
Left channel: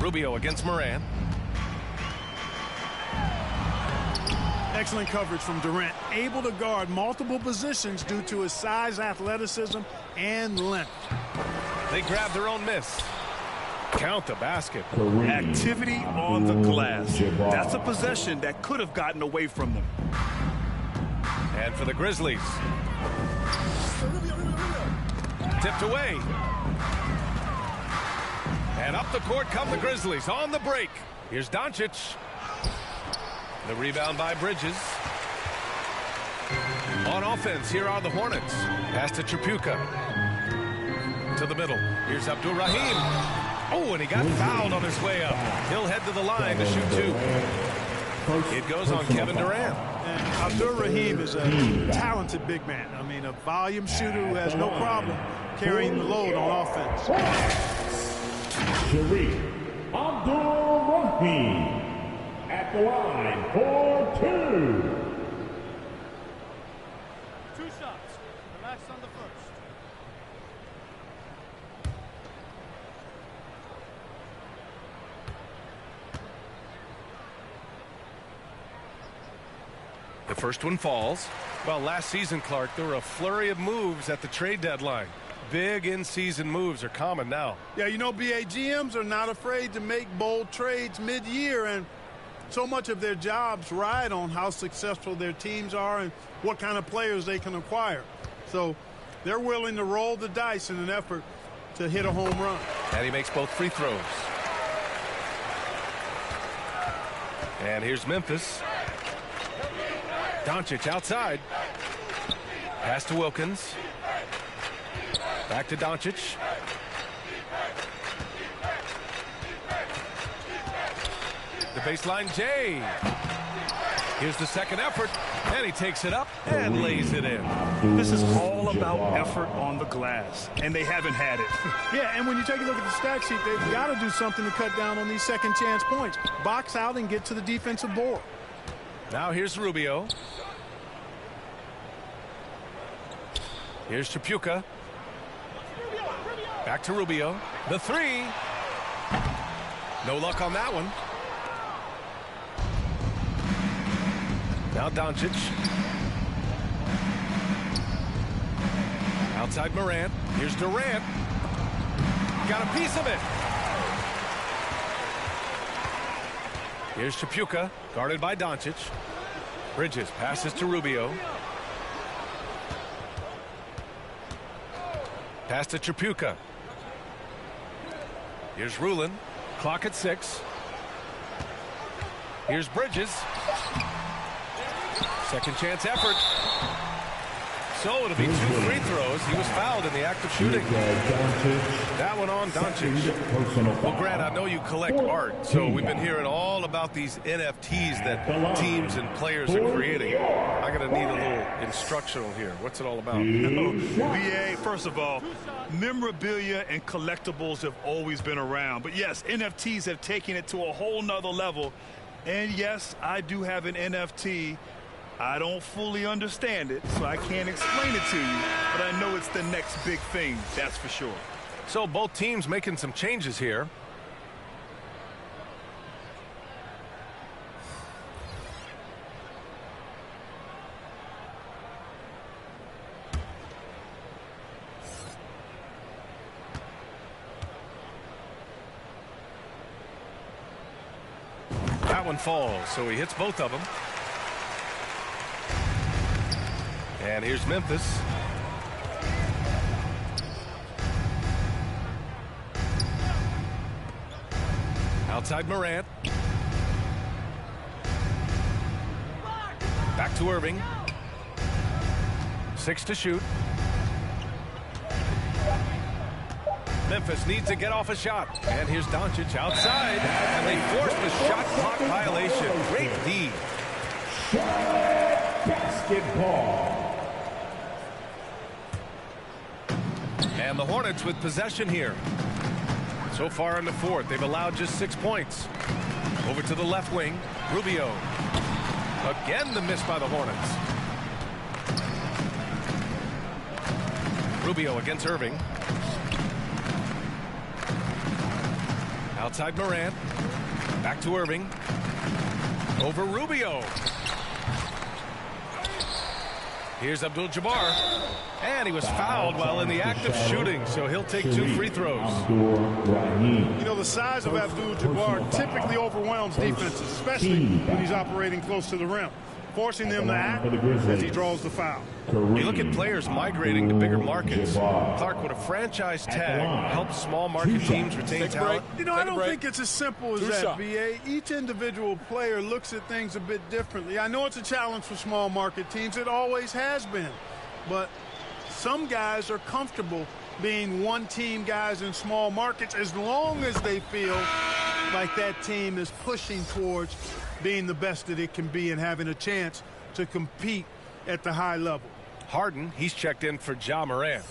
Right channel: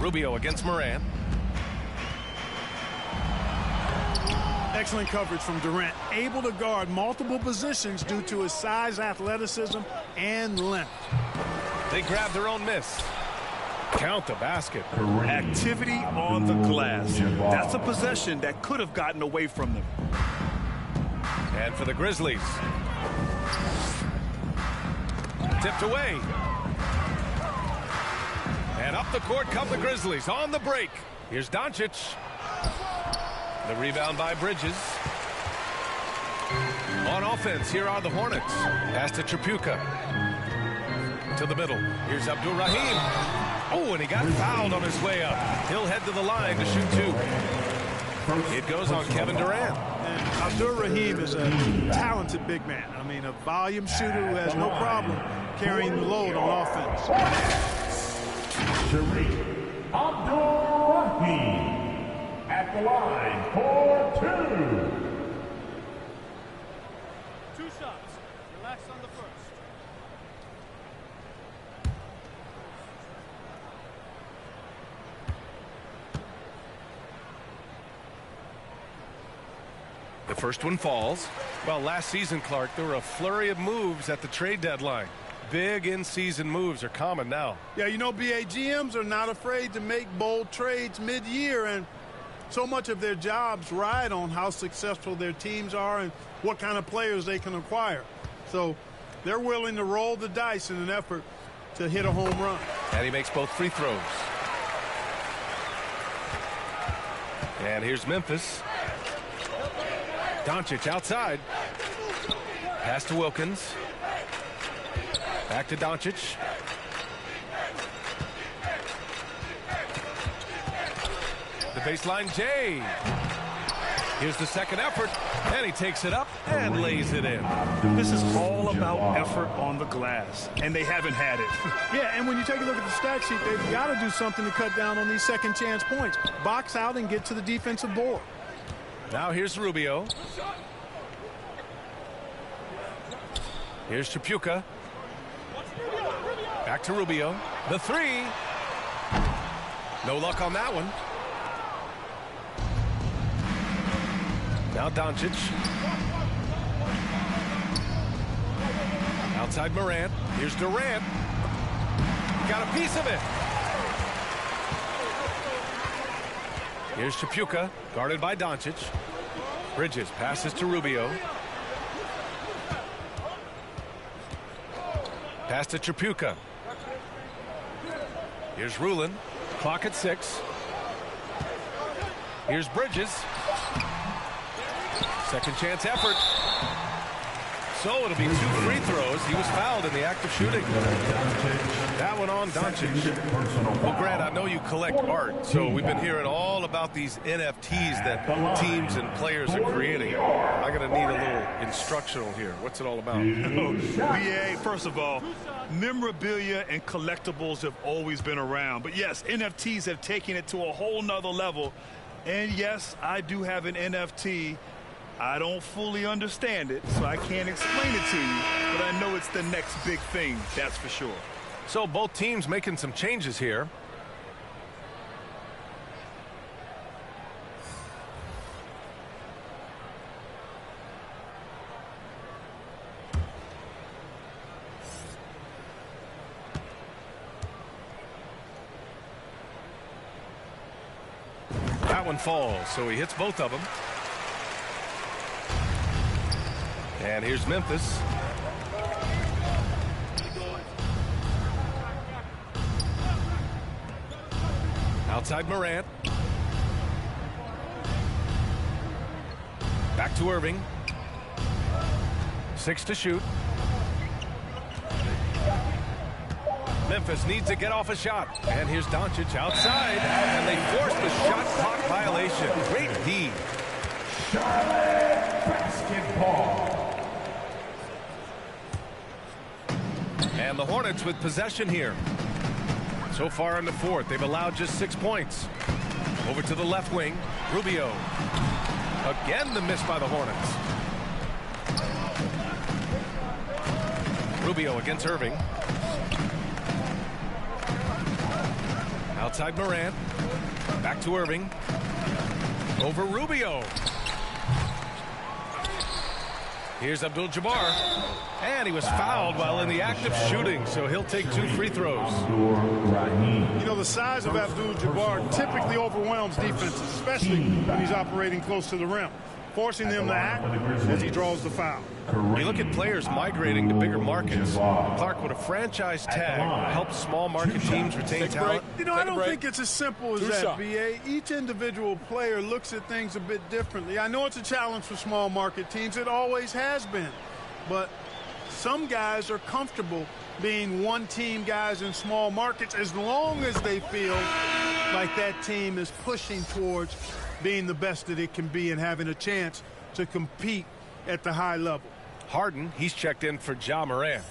Rubio against Morant. Excellent coverage from Durant, able to guard multiple positions due to his size, athleticism, and length. They grab their own miss. Count the basket. Activity on the glass. That's a possession that could have gotten away from them. And for the Grizzlies. Tipped away. And up the court come the Grizzlies on the break. Here's Doncic. The rebound by Bridges. On offense, here are the Hornets. Pass to Tripucka. To the middle. Here's Abdul Rahim. Oh, and he got fouled on his way up. He'll head to the line to shoot 2. It goes on Kevin Durant. And Abdul Rahim is a talented big man. I mean, a volume shooter who has no problem carrying the load on offense. Shareef Abdul-Rahim at the line for 2. 2 shots. Relax on the first. The first one falls. Well, last season, Clark, there were a flurry of moves at the trade deadline. Big in-season moves are common now. Yeah, you know, BA, GMs are not afraid to make bold trades mid-year, and so much of their jobs ride on how successful their teams are and what kind of players they can acquire. So they're willing to roll the dice in an effort to hit a home run. And he makes both free throws. And here's Memphis. Doncic outside. Pass to Wilkins. Back to Doncic. The baseline J. Here's the second effort, and he takes it up and lays it in. This is all about effort on the glass, and they haven't had it. Yeah, and when you take a look at the stat sheet, they've got to do something to cut down on these second chance points. Box out and get to the defensive board. Now here's Rubio. Here's Tripucka. Back to Rubio. The 3. No luck on that one. Now Doncic. Outside Morant. Here's Durant. Got a piece of it. Here's Chapuka, guarded by Doncic. Bridges passes to Rubio. Pass to Chapuka. Here's Rulin. Clock at 6. Here's Bridges. Second chance effort. So it'll be 2 free throws. He was fouled in the act of shooting. That one on Doncic. Well, Grant, I know you collect art, so we've been hearing all about these NFTs that teams and players are creating. I'm going to need a little instructional here. What's it all about? BA, first of all, memorabilia and collectibles have always been around. But yes, NFTs have taken it to a whole nother level. And yes, I do have an NFT. I don't fully understand it, so I can't explain it to you, but I know it's the next big thing, that's for sure. So both teams making some changes here. That one falls, so he hits both of them. And here's Memphis. Outside Morant. Back to Irving. 6 to shoot. Memphis needs to get off a shot. And here's Doncic outside. And they force the shot clock violation. Great D. Charlotte basketball. And the Hornets with possession here. So far in the fourth, they've allowed just 6 points. Over to the left wing, Rubio. Again, the miss by the Hornets. Rubio against Irving. Outside Morant. Back to Irving. Over Rubio. Here's Abdul-Jabbar. And he was fouled while in the act of shooting, so he'll take 2 free throws. You know, the size of Abdul-Jabbar typically overwhelms defenses, especially when he's operating close to the rim, forcing them to act as he draws the foul. You look at players migrating to bigger markets. Clark, would a franchise tag help small market teams retain talent? You know, I don't think it's as simple as that, BA. Each individual player looks at things a bit differently. I know it's a challenge for small market teams. It always has been. But some guys are comfortable being one-team guys in small markets as long as they feel like that team is pushing towards being the best that it can be and having a chance to compete at the high level. Harden, he's checked in for Ja Morant.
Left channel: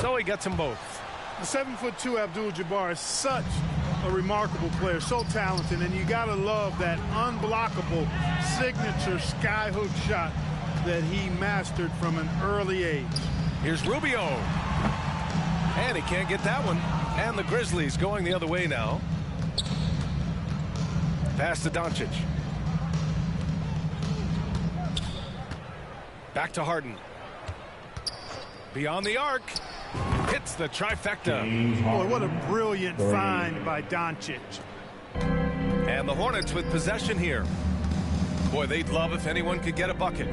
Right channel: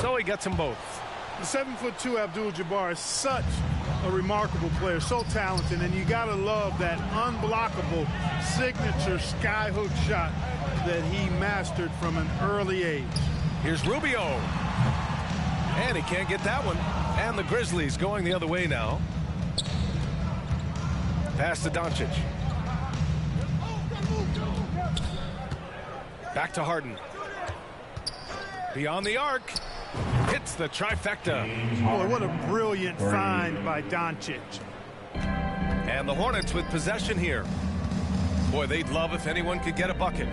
So he gets them both. The 7'2" Abdul-Jabbar is such a remarkable player, so talented, and you gotta love that unblockable signature skyhook shot that he mastered from an early age. Here's Rubio. And he can't get that one. And the Grizzlies going the other way now. Pass to Doncic. Back to Harden. Beyond the arc. Hits the trifecta. Boy, what a brilliant find by Doncic. And the Hornets with possession here. Boy, they'd love if anyone could get a bucket.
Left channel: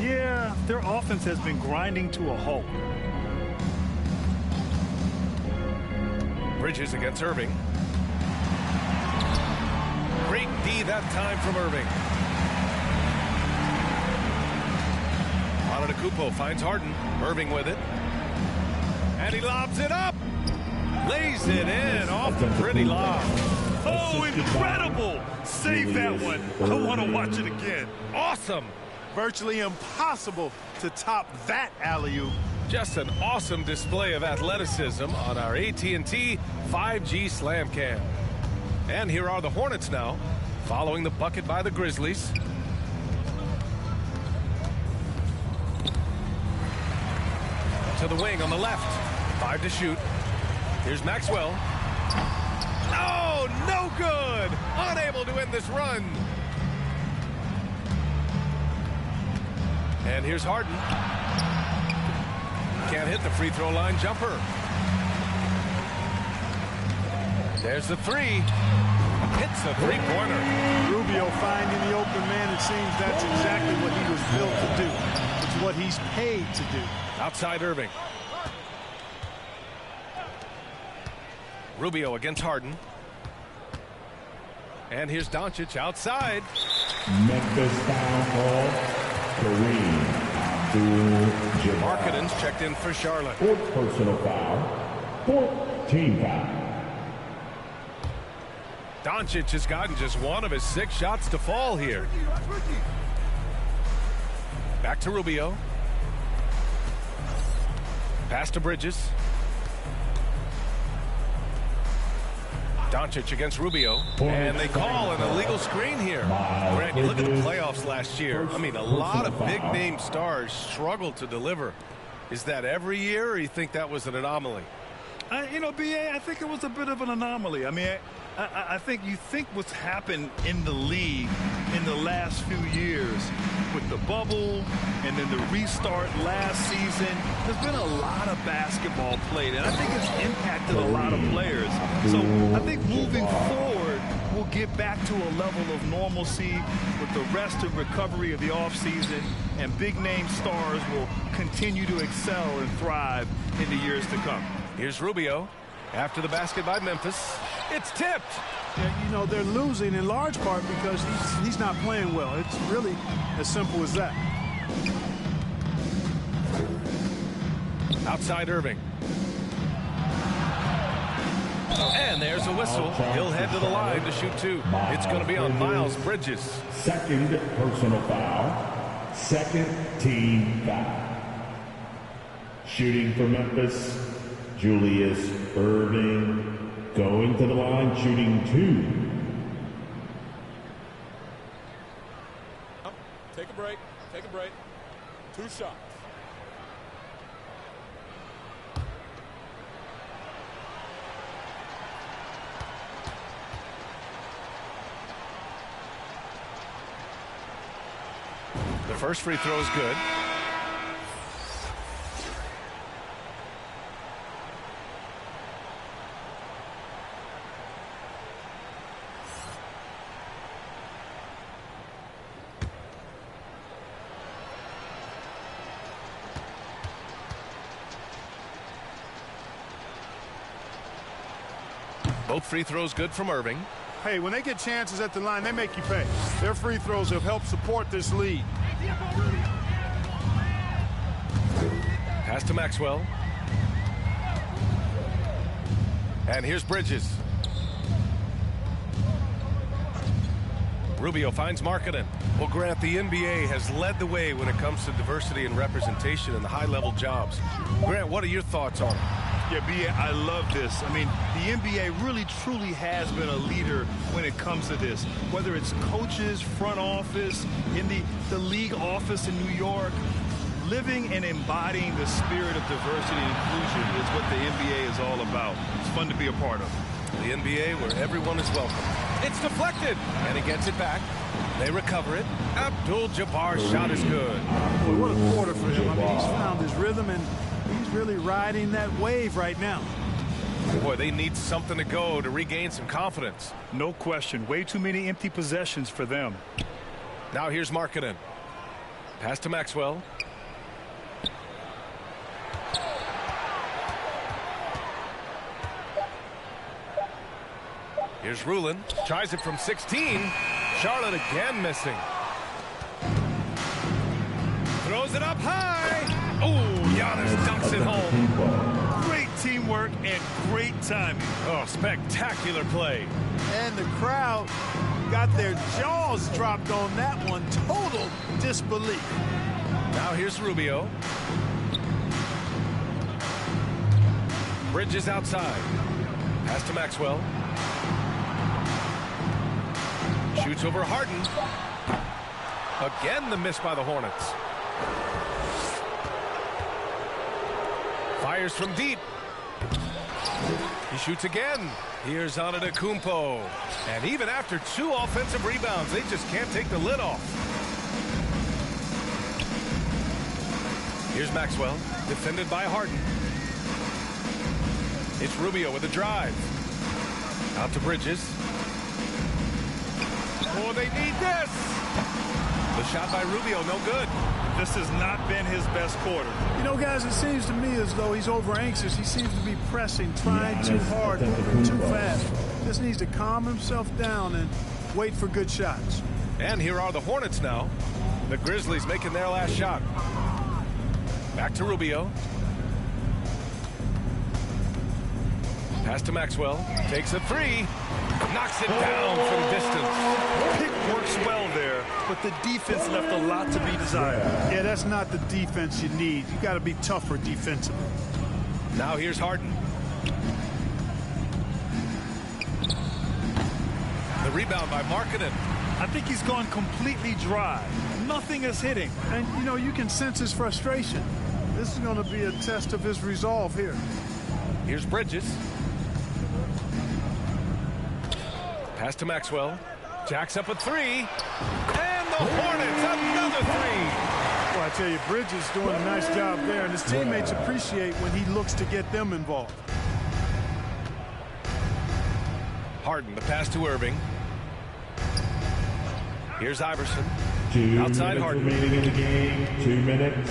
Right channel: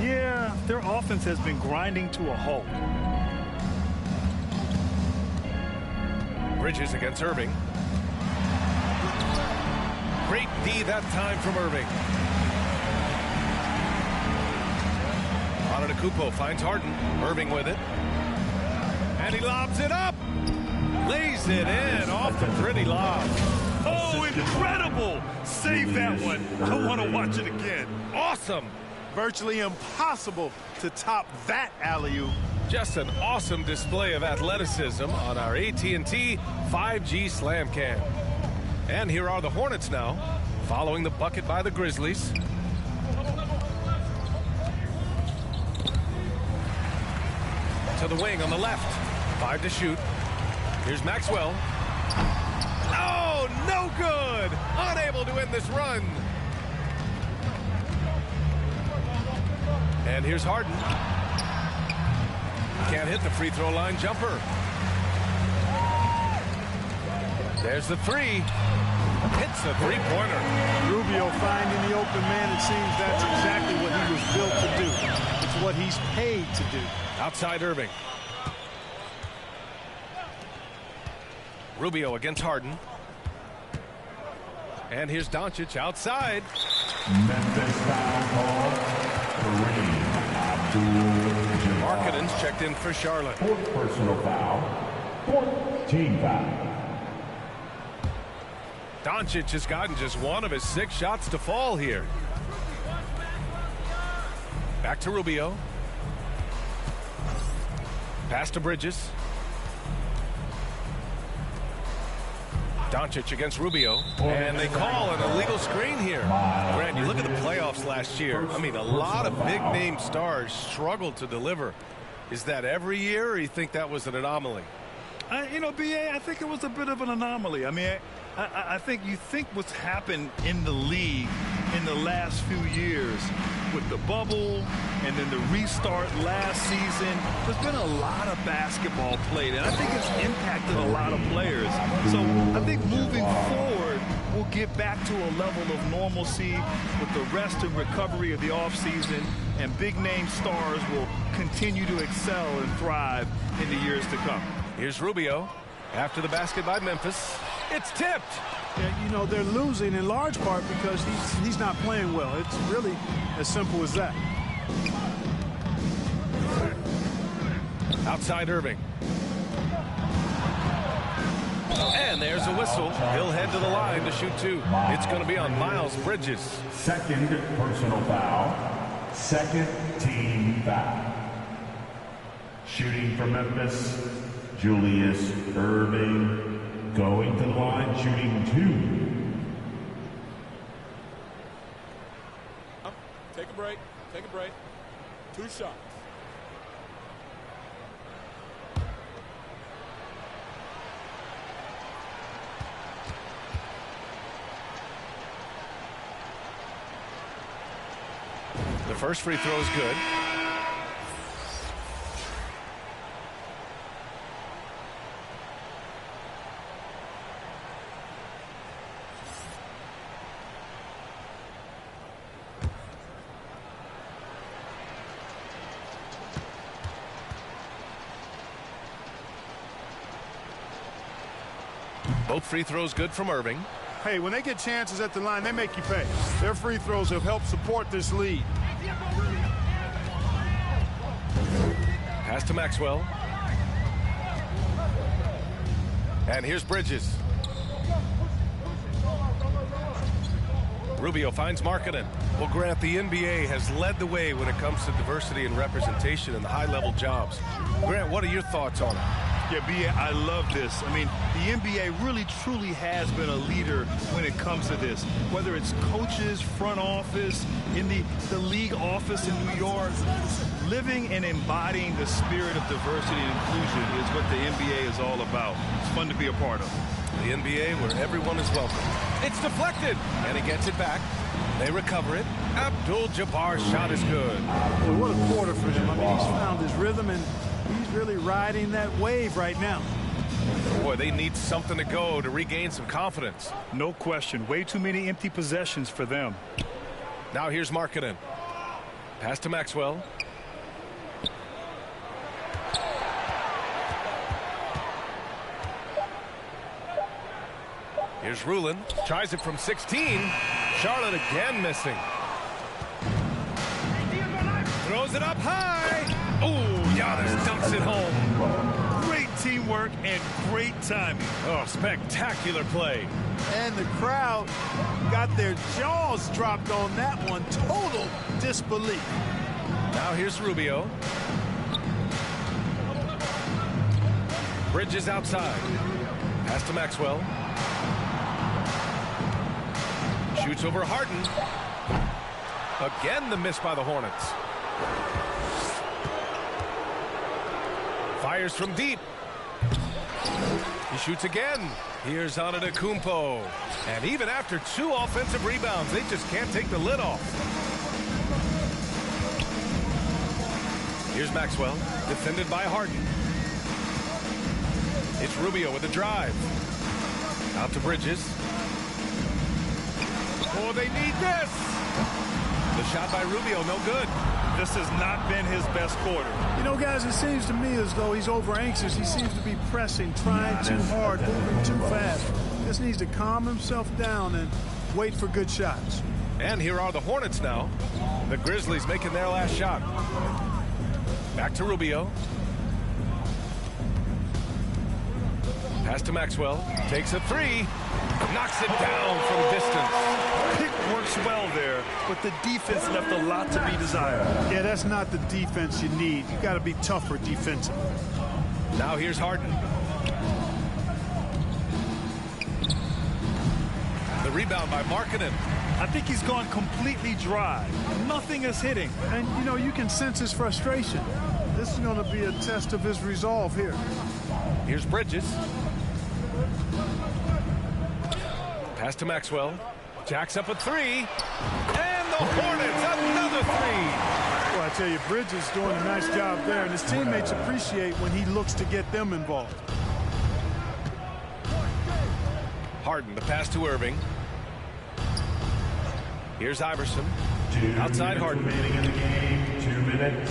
Yeah, their offense has been grinding to a halt. Bridges against Irving. Great D that time from Irving. Antetokounmpo finds Harden. Irving with it. And he lobs it up. Lays it in off the pretty lob. Oh, incredible! Save that one. I want to watch it again. Awesome. Virtually impossible to top that alley-oop. Just an awesome display of athleticism on our AT&T 5G Slam Cam. And here are the Hornets now, following the bucket by the Grizzlies. To the wing on the left. 5 to shoot. Here's Maxwell. Oh, no good! Unable to end this run. And here's Harden. Can't hit the free throw line jumper. There's the three. Hits the three-pointer. Rubio finding the open man. It seems that's exactly what he was built to do. It's what he's paid to do. Outside Irving. Rubio against Harden. And here's Doncic outside. Memphis foul call. Kareem Abdul-Jabbar. Markkanen's checked in for Charlotte. Fourth personal foul. Fourth team foul. Doncic has gotten just one of his 6 shots to fall here. Back to Rubio. Pass to Bridges. Doncic against Rubio. And they call an illegal screen here. Grant, you look at the playoffs last year. I mean, a lot of big-name stars struggled to deliver. Is that every year, or you think that was an anomaly? You know, B.A., I think it was a bit of an anomaly. I mean, I think you think what's happened in the league in the last few years with the bubble and then the restart last season, there's been a lot of basketball played, and I think it's impacted a lot of players. So I think moving forward, we'll get back to a level of normalcy with the rest and recovery of the offseason, and big-name stars will continue to excel and thrive in the years to come. Here's Rubio. After the basket by Memphis, it's tipped. Yeah, you know, they're losing in large part because he's not playing well. It's really as simple as that. Outside Irving. And there's a whistle. He'll head to the line to shoot 2. It's going to be on Miles Bridges. Second personal foul. Second team foul. Shooting for Memphis, Julius Irving. Going to the line, shooting 2. Take a break. Take a break. 2 shots. The first free throw is good. Both free throws good from Irving. Hey, when they get chances at the line, they make you pay. Their free throws have helped support this lead. Pass to Maxwell. And here's Bridges. Rubio finds Markkanen. Well, Grant, the NBA has led the way when it comes to diversity and representation in the high-level jobs. Grant, what are your thoughts on it? Yeah, B.A., I love this. I mean, the NBA really, truly has been a leader when it comes to this. Whether it's coaches, front office, in the league office in New York, living and embodying the spirit of diversity and inclusion is what the NBA is all about. It's fun to be a part of. The NBA where everyone is welcome. It's deflected, and he gets it back. They recover it. Abdul-Jabbar's shot is good. Boy, what a quarter for him. I mean, he's found his rhythm, and he's really riding that wave right now. Boy, they need something to go to regain some confidence. No question. Way too many empty possessions for them. Now here's Markkanen. Pass to Maxwell. Here's Rulin. Tries it from 16. Charlotte again missing. Throws it up high. Oh, Giannis dunks it home. Great teamwork and great timing. Oh, spectacular play. And the crowd got their jaws dropped on that one. Total disbelief. Now here's Rubio. Bridges outside. Pass to Maxwell. Shoots over Harden. Again, the miss by the Hornets. Fires from deep. He shoots again. Here's Antetokounmpo. And even after 2 offensive rebounds, they just can't take the lid off. Here's Maxwell, defended by Harden. It's Rubio with a drive. Out to Bridges. Oh, they need this. The shot by Rubio, no good. This has not been his best quarter. You know, guys, it seems to me as though he's over anxious. He seems to be pressing, trying too hard, moving too fast. Just needs to calm himself down and wait for good shots. And here are the Hornets now. The Grizzlies making their last shot. Back to Rubio. Pass to Maxwell. Takes a three. Knocks it down from distance. Pick works well there, but the defense left a lot to be desired. Yeah, that's not the defense you need. You got to be tougher defensively. Now here's Harden. The rebound by Markkanen. I think he's gone completely dry. Nothing is hitting. And, you know, you can sense his frustration. This is going to be a test of his resolve here. Here's Bridges. Pass to Maxwell. Jacks up a three. And the Hornets, another three. Well, I tell you, Bridges doing a nice job there, and his teammates appreciate when he looks to get them involved. Harden, the pass to Irving. Here's Iverson. Outside Harden. Remaining in the game. 2 minutes.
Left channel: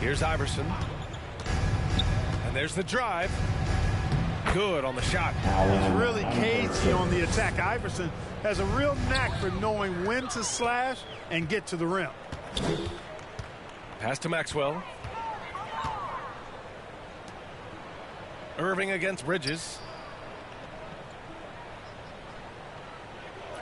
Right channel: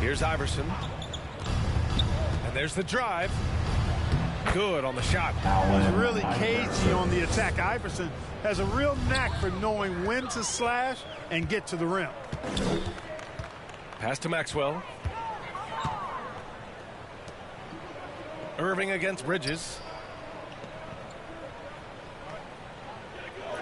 Here's Iverson. And there's the drive. Good on the shot. He's really cagey on the attack. Iverson has a real knack for knowing when to slash and get to the rim. Pass to Maxwell. Irving against Bridges.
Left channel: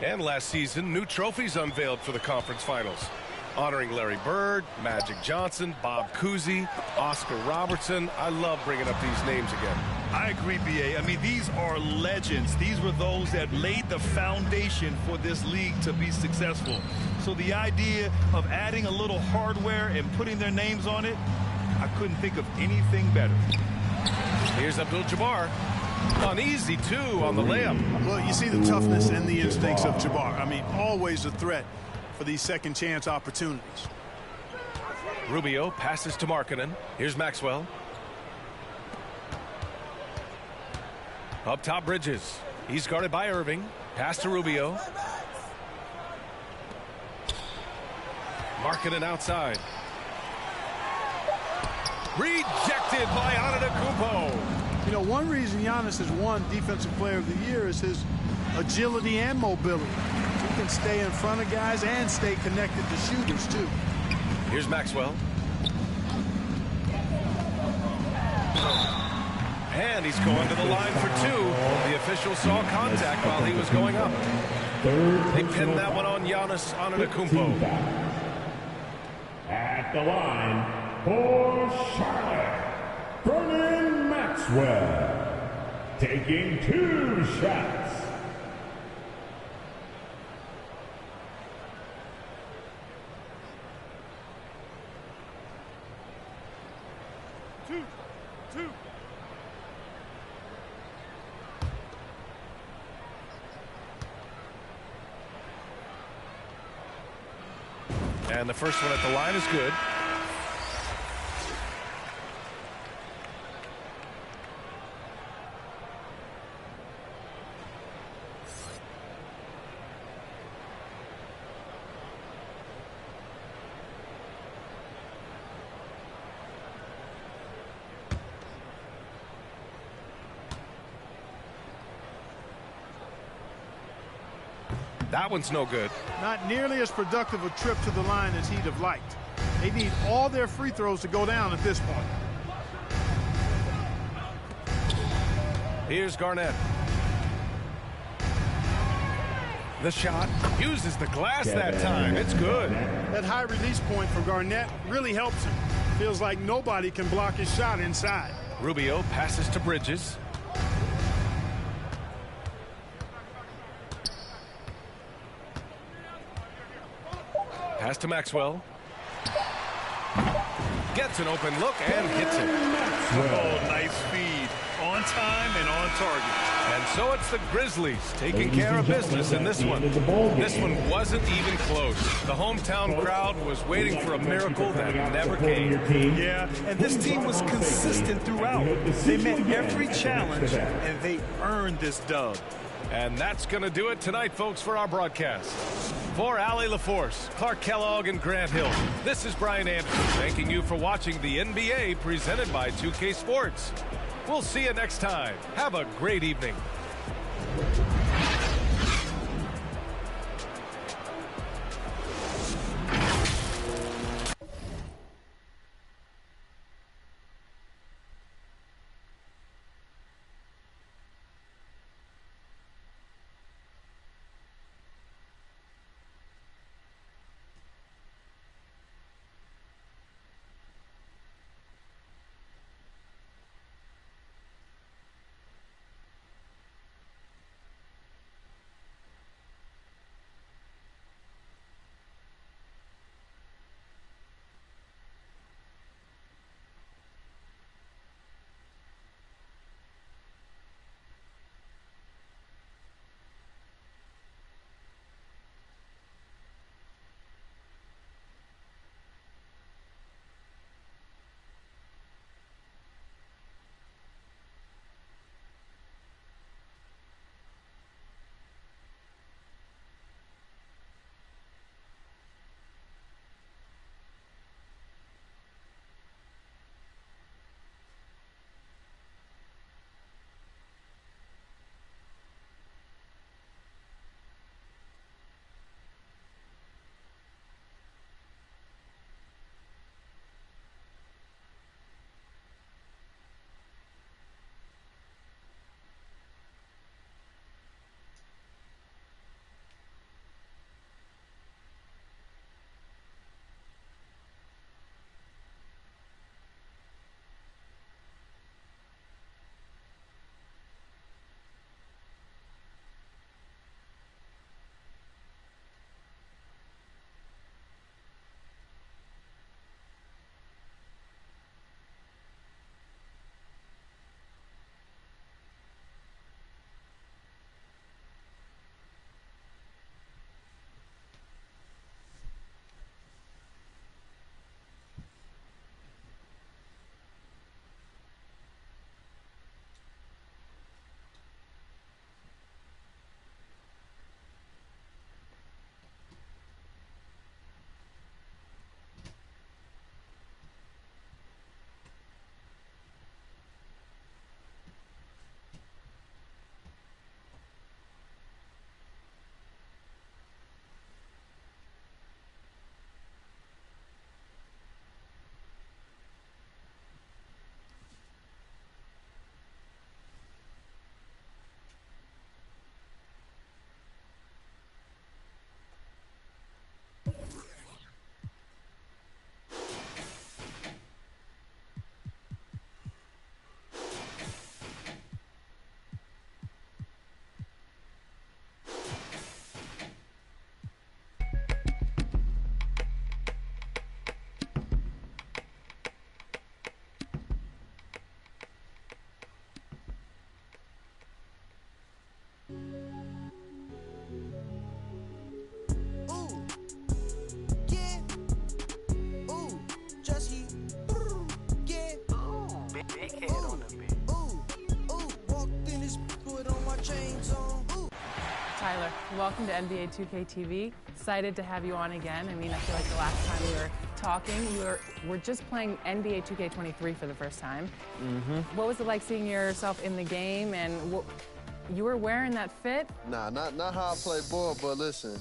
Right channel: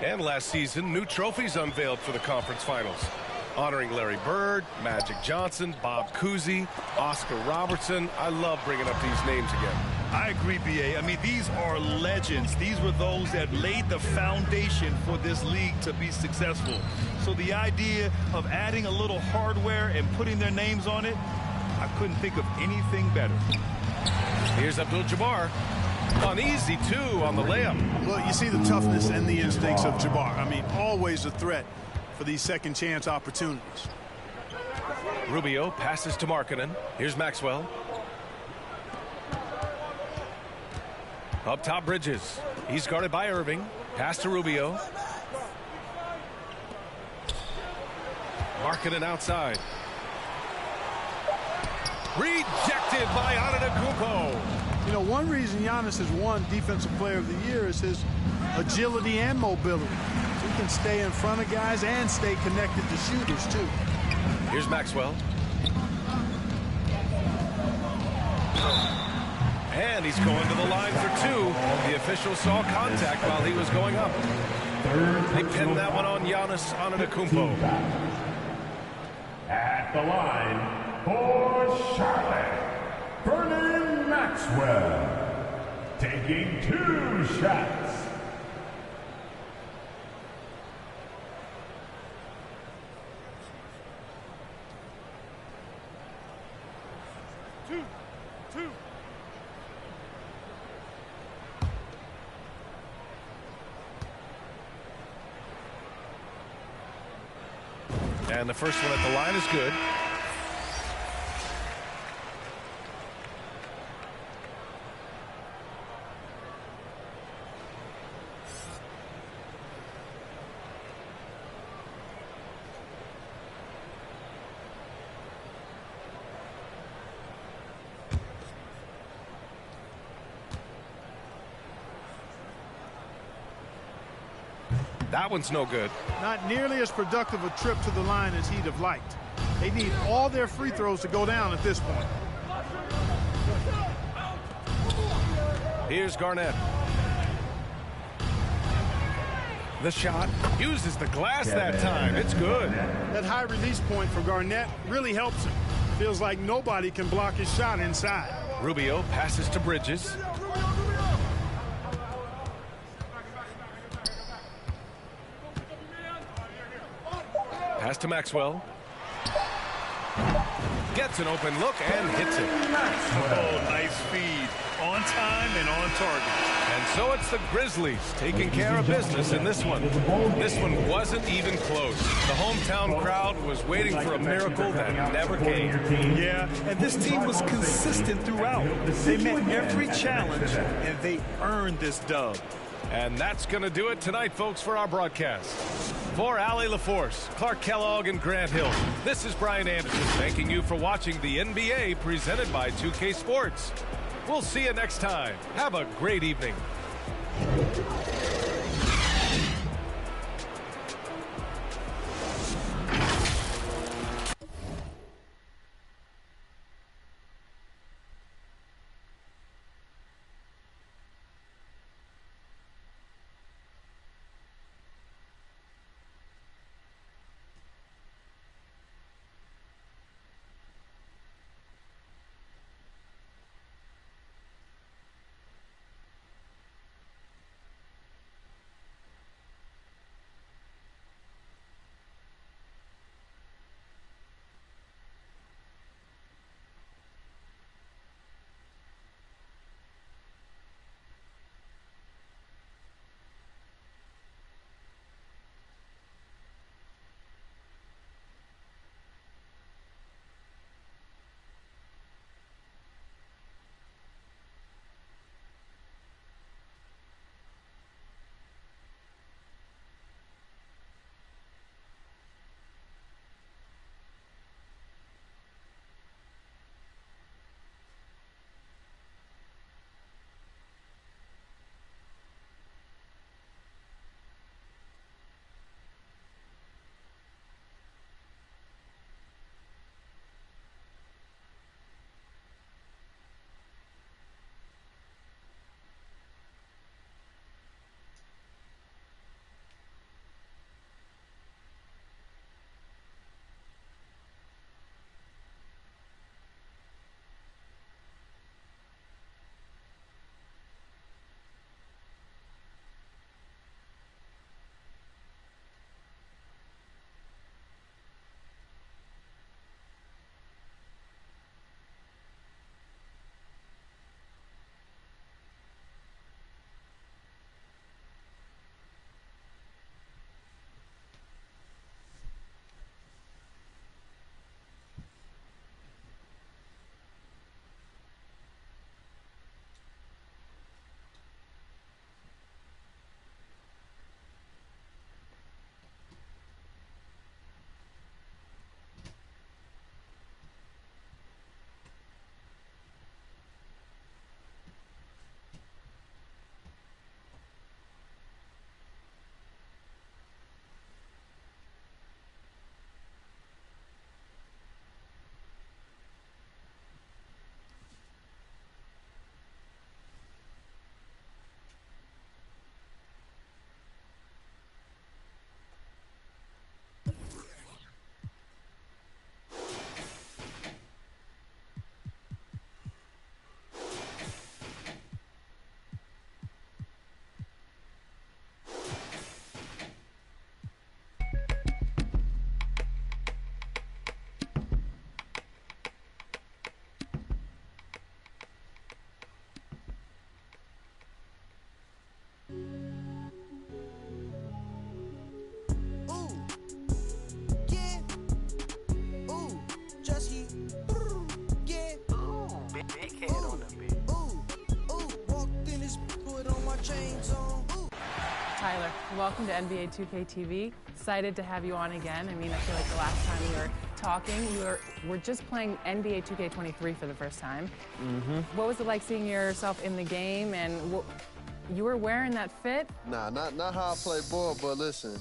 And last season, new trophies unveiled for the conference finals, honoring Larry Bird, Magic Johnson, Bob Cousy, Oscar Robertson. I love bringing up these names again. I agree, B.A. I mean, these are legends. These were those that laid the foundation for this league to be successful. So the idea of adding a little hardware and putting their names on it, I couldn't think of anything better. Here's Abdul-Jabbar. On easy two on the layup. Well, you see the toughness and the instincts of Jabbar. I mean, always a threat for these second chance opportunities. Rubio passes to Markkanen. Here's Maxwell. Up top, Bridges. He's guarded by Irving. Pass to Rubio. Markkanen outside. Rejected by Antetokounmpo. You know, one reason Giannis has won Defensive Player of the Year is his agility and mobility. He can stay in front of guys and stay connected to shooters, too. Here's Maxwell. And he's going to the line for two. The official saw contact while he was going up. They pinned that one on Giannis Antetokounmpo. At the line for Charlotte, Vernon Maxwell, taking 2 shots. Two. And the first one at the line is good. That one's no good. Not nearly as productive a trip to the line as he'd have liked. They need all their free throws to go down at this point. Here's Garnett. The shot uses the glass that time. It's good. That high release point for Garnett really helps him. Feels like nobody can block his shot inside. Rubio passes to Bridges. Pass to Maxwell. gets an open look and hits it. Oh, nice feed. On time and on target. And so it's the Grizzlies taking care of business in this one. This one wasn't even close. The hometown crowd was waiting for a miracle that never came. Yeah, and this team was consistent throughout. They met every challenge, and they earned this dub. And that's going to do it tonight, folks, for our broadcast. For Allie LaForce, Clark Kellogg, and Grant Hill, this is Brian Anderson thanking you for watching the NBA presented by 2K Sports. We'll see you next time. Have a great evening. Tyler, welcome to NBA 2K TV. Excited to have you on again. I mean, I feel like the last time we were talking, we're just playing NBA 2K23 for the first time. What was it like seeing yourself in the game, and you were wearing that fit? Nah, not how I play ball, but listen,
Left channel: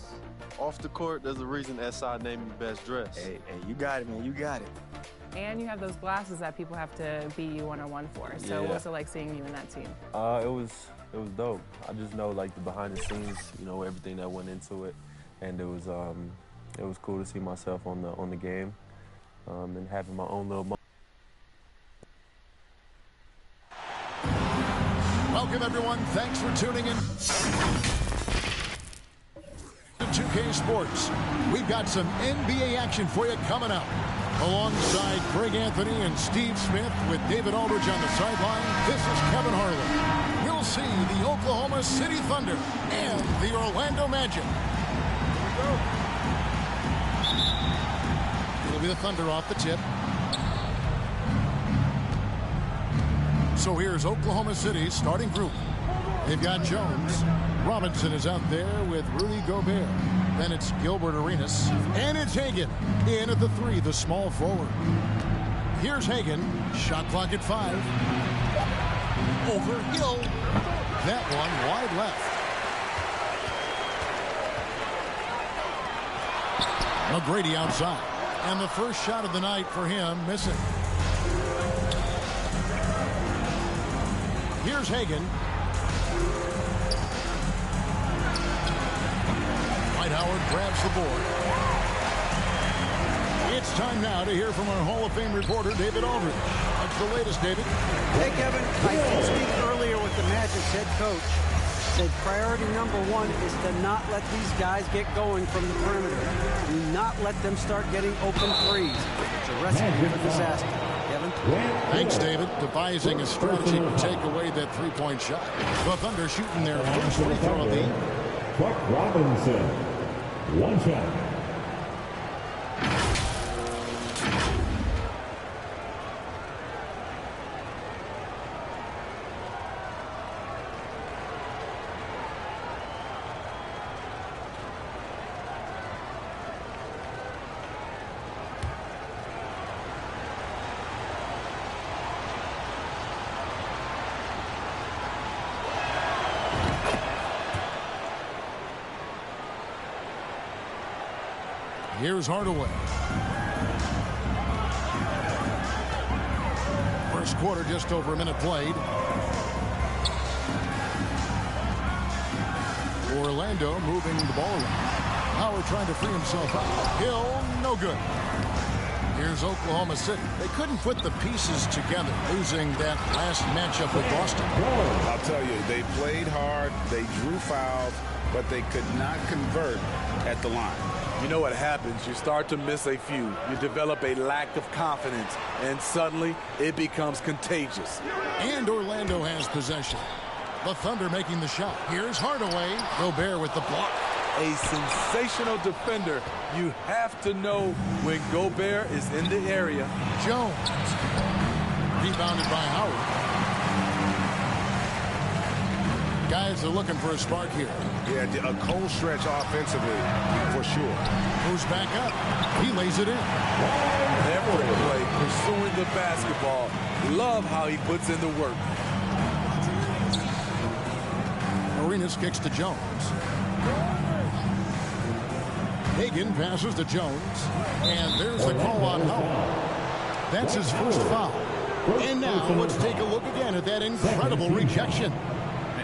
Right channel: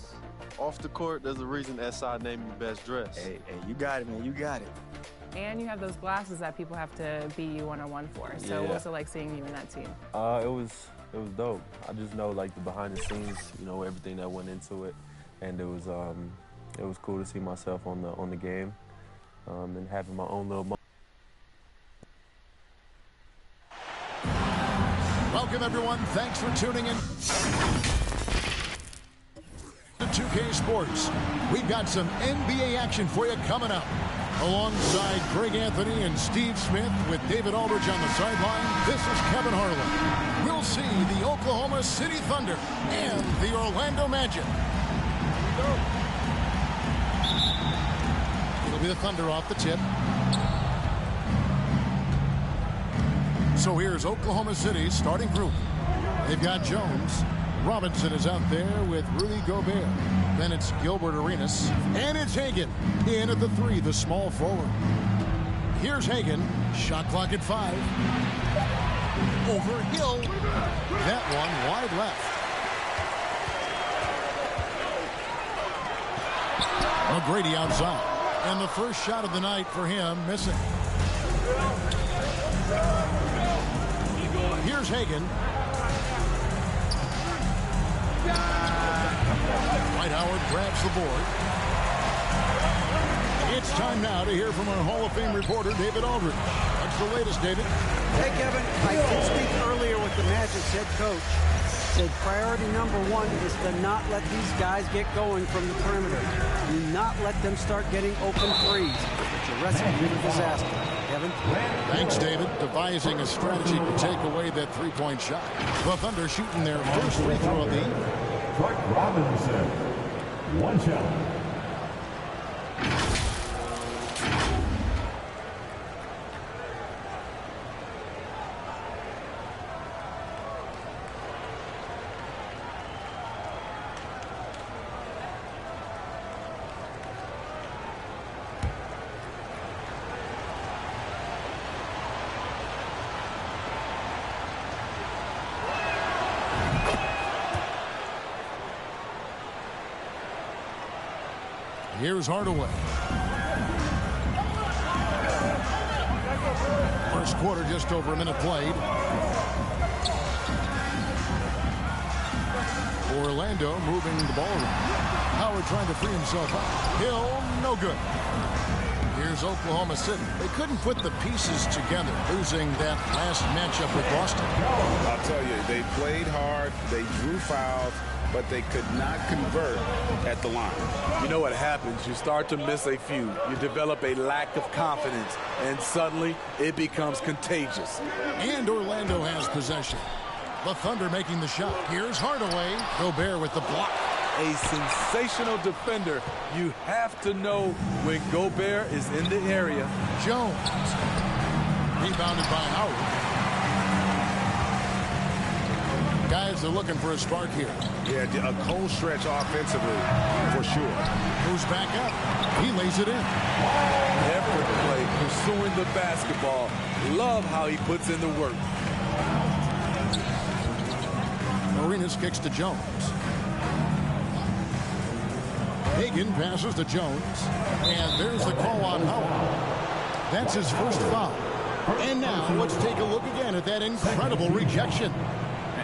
off the court, there's a reason SI named me best dressed. Hey, you got it, man, you got it. And you have those glasses that people have to beat you one-on-one for. So what was it like seeing you in that team? It was dope. I just know like the behind the scenes, you know, everything that went into it, and it was cool to see myself on the game, and having my own little. Welcome everyone. Thanks for tuning in to 2K Sports. We've got some NBA action for you coming up. Alongside Greg Anthony and Steve Smith with David Aldridge on the sideline, this is Kevin Harlan. We'll see the Oklahoma City Thunder and the Orlando Magic. Here we go. It'll be the Thunder off the tip. So here's Oklahoma City's starting group. They've got Jones. Robinson is out there with Rudy Gobert. Then it's Gilbert Arenas. And it's Hagan in at the 3, the small forward. Here's Hagan. Shot clock at 5. Over Hill. That one wide left. McGrady outside. And the first shot of the night for him missing. Here's Hagan. Dwight Howard grabs the board. It's time now to hear from our Hall of Fame reporter, David Aldridge. What's the latest, David? Hey, Kevin. I did speak earlier with the Magic's head coach. Said priority number 1 is to not let these guys get going from the perimeter. Do not let them start getting open threes. It's a recipe for disaster. Kevin? Thanks, David. Devising a strategy to take away that three-point shot. The Thunder shooting their first free throw of the evening. Clark Robinson. One shot. Here's Hardaway. First quarter, just over a minute played. Orlando moving the ball around. Howard trying to free himself out. Hill, no good. Here's Oklahoma City. They couldn't put the pieces together, losing that last matchup with Boston. I'll tell you, they played hard, they drew fouls, but they could not convert at the line. You know what happens? You start to miss a few. You develop a lack of confidence, and suddenly it becomes contagious. And Orlando has possession. The Thunder making the shot. Here's Hardaway. Gobert with the block. A sensational defender. You have to know when Gobert is in the area. Jones. Rebounded by Howard. Guys are looking for a spark here. Yeah, a cold stretch offensively, for sure. Moves back up. He lays it in. Effort play, pursuing the basketball. Love how he puts in the work. Arenas kicks to Jones. Hagan passes to Jones. And there's the call on Howard. That's his first foul. And now let's take a look again at that incredible rejection.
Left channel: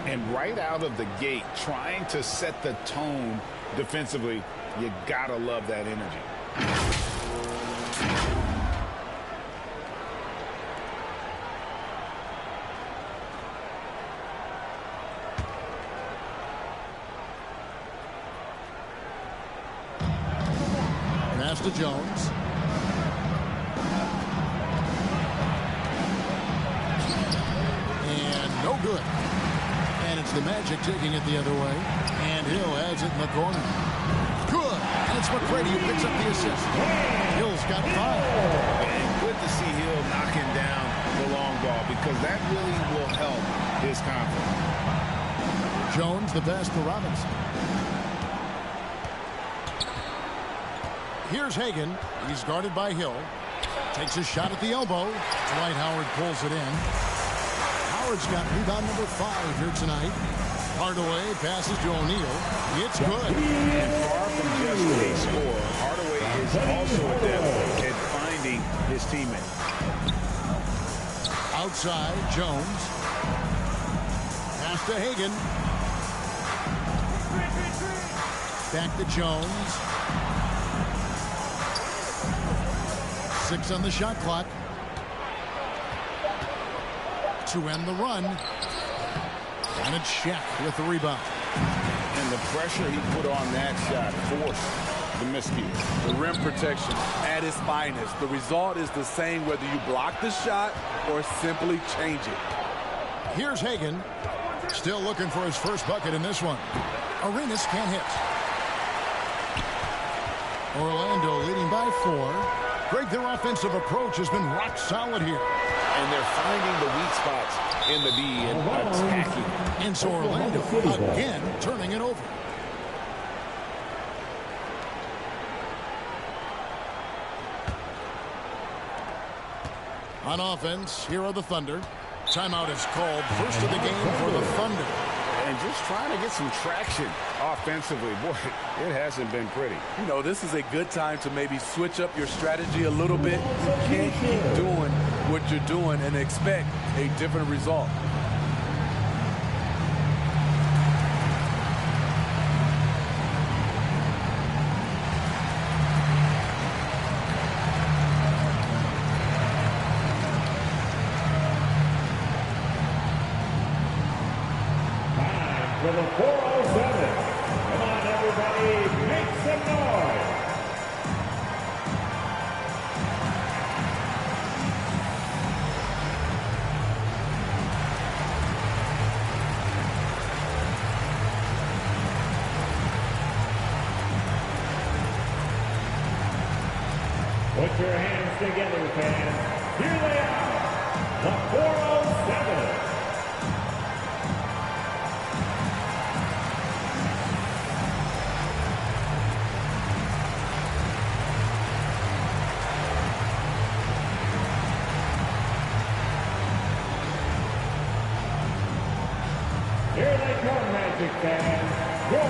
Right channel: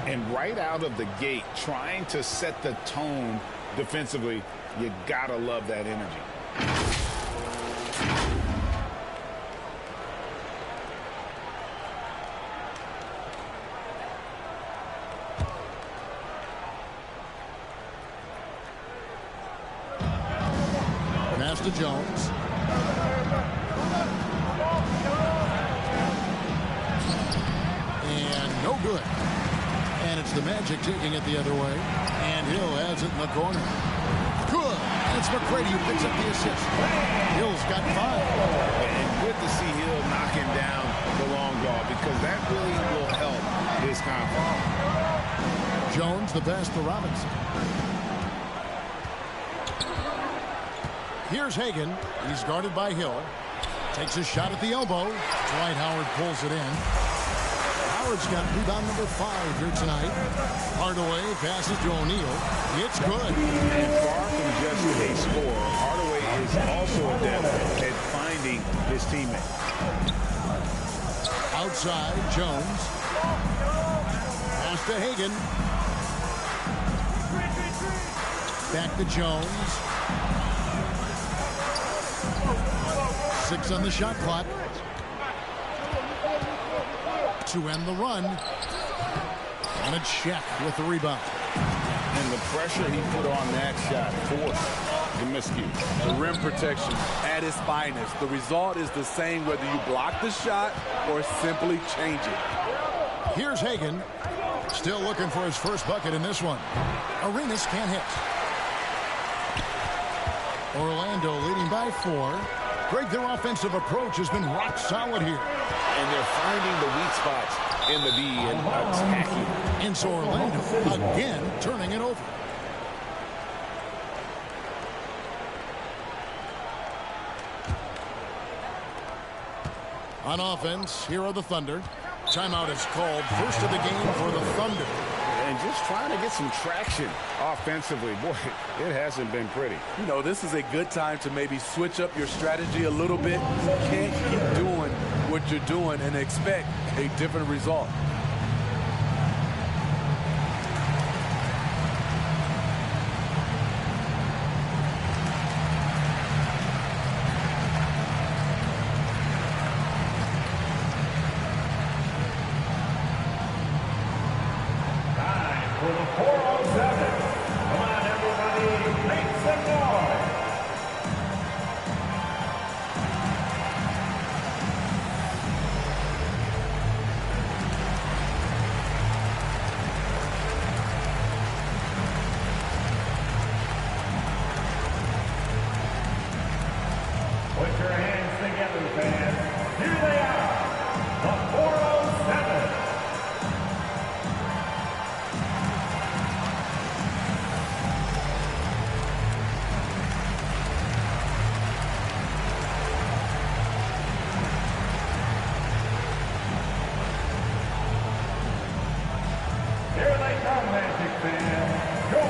And right out of the gate, trying to set the tone defensively, you gotta love that energy. Pass to Jones. And no good. And it's the Magic taking it the other way. And Hill has it in the corner. Good. And it's McGrady who picks up the assist. Hill's got 5. And good to see Hill knocking down the long ball because that really will help his confidence. Jones, the pass to Robinson. Here's Hagan. He's guarded by Hill. Takes a shot at the elbow. Dwight Howard pulls it in. Howard's got rebound number 5 here tonight. Hardaway passes to O'Neal. It's good. And far from just a scorer, Hardaway is also adept at finding his teammate. Outside, Jones. Pass to Hagan. Back to Jones. 6 on the shot clock. To end the run. And it's Shaq with the rebound. And the pressure he put on that shot forced the miscue. The rim protection at its finest. The result is the same whether you block the shot or simply change it. Here's Hagan, still looking for his first bucket in this one. Arenas can't hit. Orlando leading by 4. Greg, their offensive approach has been rock solid here. And they're finding the weak spots in the D and attacking. And so Orlando again turning it over. On offense, here are the Thunder. Timeout is called. First of the game for the Thunder. And just trying to get some traction offensively. Boy, it hasn't been pretty. You know, this is a good time to maybe switch up your strategy a little bit. You can't keep doing what you're doing and expect a different result. For the 407. Come on, everybody, make some noise. Put your hands together, fans. Here they are, the 407. Here they come, Magic fans. Your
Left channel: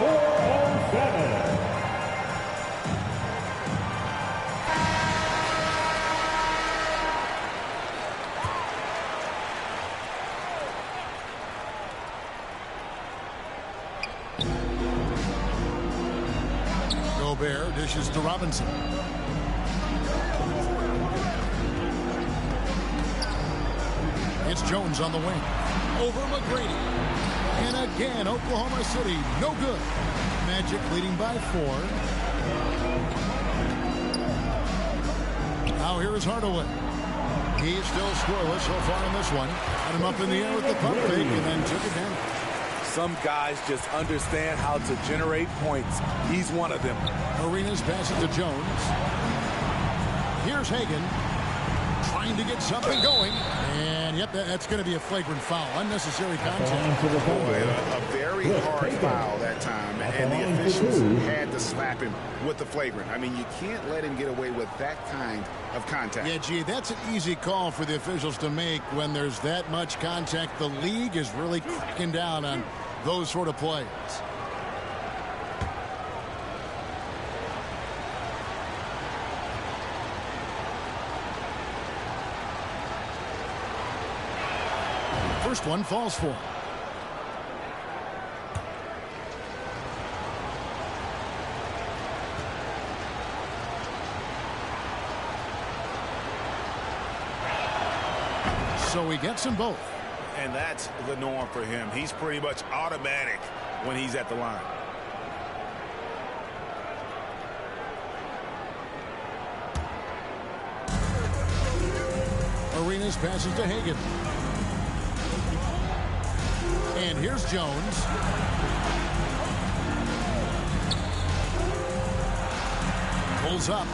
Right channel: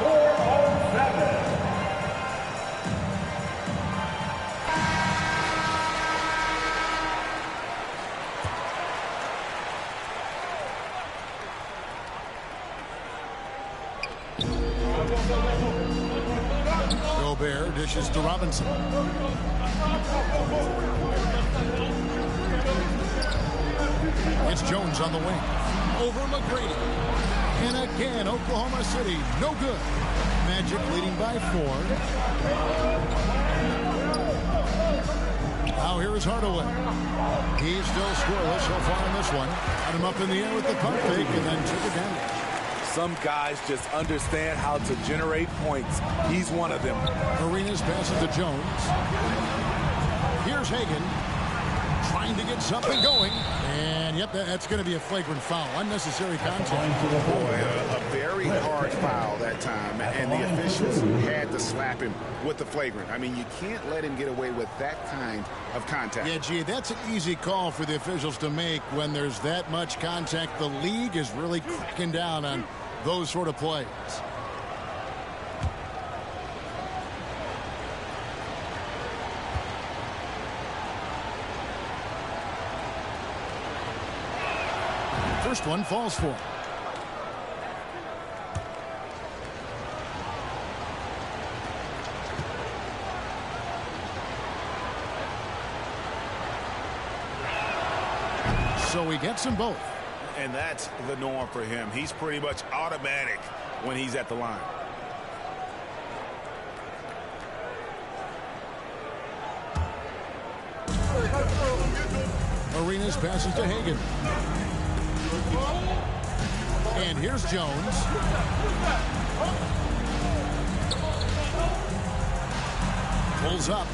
407. Gobert dishes to Robinson. It's Jones on the wing. Over McGrady. And again, Oklahoma City, no good. Magic leading by 4. Now here is Hardaway. He's still scoreless so far in this one. Got him up in the air with the pump fake and then took advantage. Some guys just understand how to generate points. He's one of them. Arenas passes to Jones. Here's Hagan. Trying to get something going. And, yep, that's going to be a flagrant foul. Unnecessary contact. Boy, a very hard foul that time. And the officials had to slap him with the flagrant. I mean, you can't let him get away with that kind of contact. Yeah, gee, that's an easy call for the officials to make when there's that much contact. The league is really cracking down on those sort of plays. First one falls for him. So he gets them both. And that's the norm for him. He's pretty much automatic when he's at the line. Arenas passes to Hagan. And here's Jones. Pulls up.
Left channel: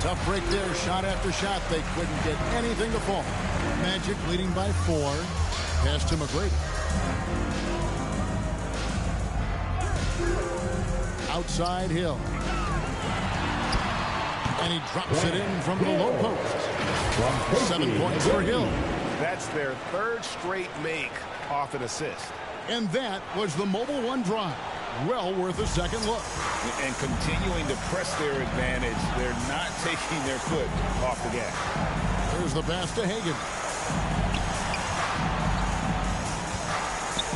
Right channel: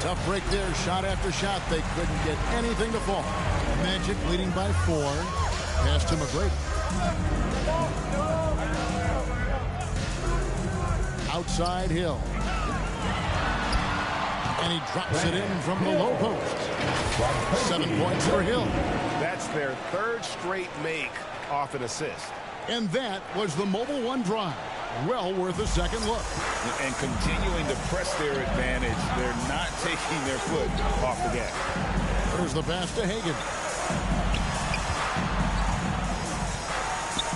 Tough break there. Shot after shot. They couldn't get anything to fall. Magic leading by 4. Pass to McGrady. Outside Hill. And he drops it in from the low post. 7 points for Hill. That's their third straight make off an assist. And that was the Mobile One drive. Well worth a second look. And continuing to press their advantage. They're not taking their foot off the gas. There's the pass to Hagan.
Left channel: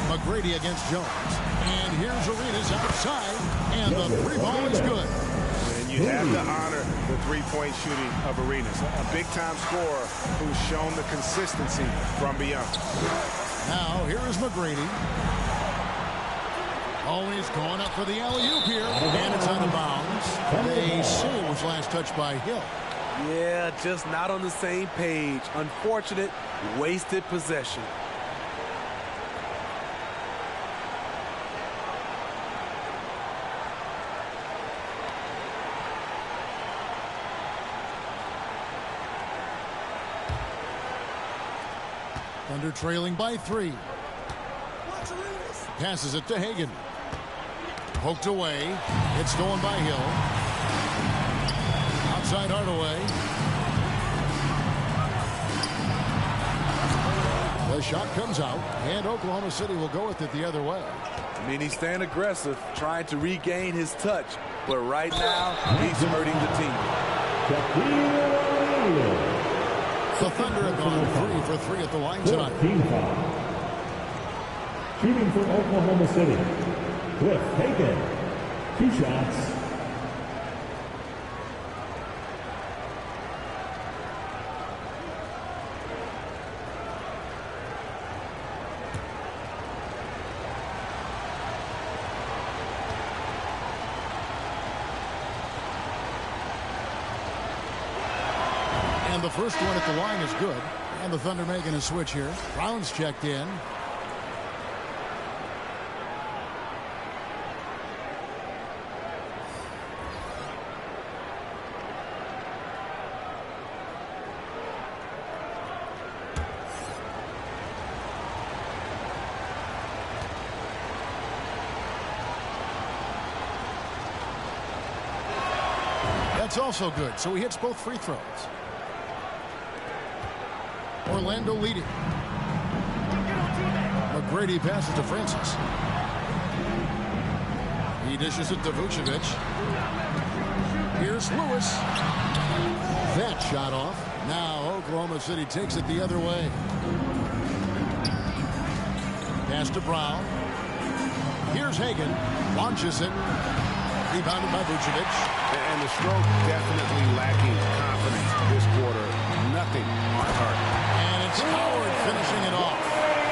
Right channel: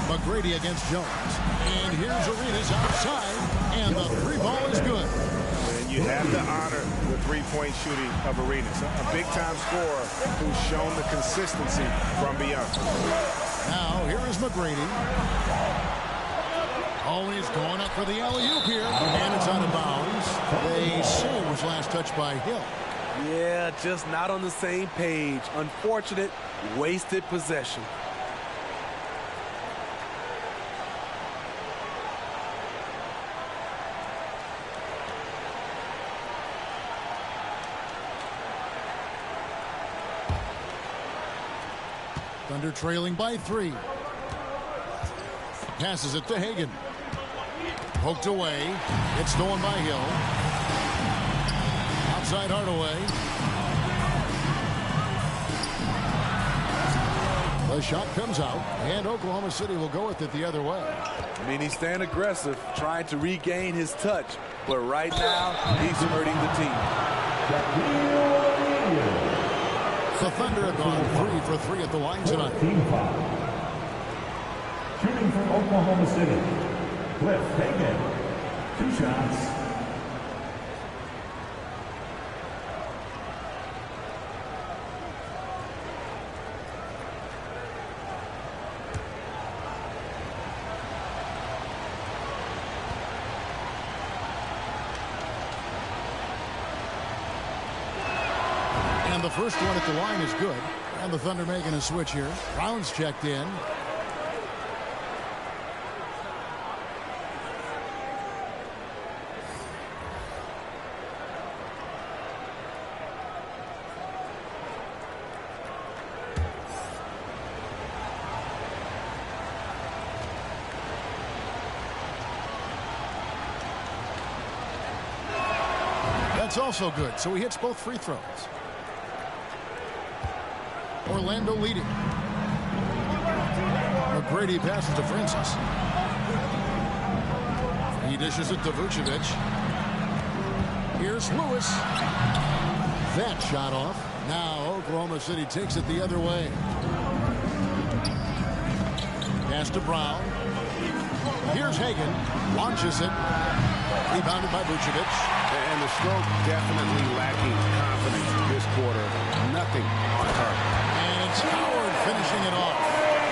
McGrady against Jones. And here's Arenas outside. And the 3 ball is good. And you have to honor the three-point shooting of Arenas. A big-time scorer who's shown the consistency from beyond. Now, here is McGrady. Oh, he's going up for the alley-oop here. And it's out of bounds. They say it was last touched by Hill. Yeah, just not on the same page. Unfortunate, wasted possession. Thunder trailing by 3. Passes it to Hagan. Poked away. It's stolen by Hill. Outside Hardaway. The shot comes out, and Oklahoma City will go with it the other way. I mean, he's staying aggressive, trying to regain his touch. But right now, he's hurting the team. The Thunder have gone 3 for 3 at the line tonight. Team foul. Shooting from Oklahoma City, Cliff Hagan. 2 shots. And the first one at the line is good. And the Thunder making a switch here. Brown's checked in. That's also good, so he hits both free throws. Orlando leading. McGrady passes to Francis. He dishes it to Vucevic. Here's Lewis. That shot off. Now Oklahoma City takes it the other way. Pass to Brown. Here's Hagan. Launches it. Rebounded by Vucevic. And the stroke definitely lacking confidence this quarter. Nothing on target. And it's Howard finishing it off.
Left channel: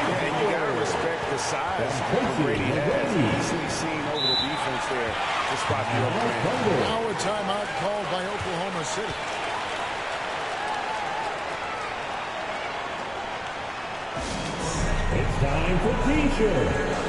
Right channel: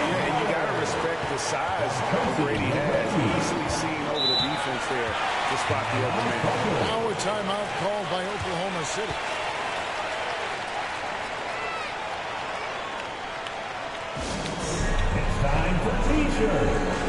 Yeah, and you got to respect the size Brady has. Easily seen over the defense there to spot the open man. Now a timeout called by Oklahoma City. It's time for T-shirts.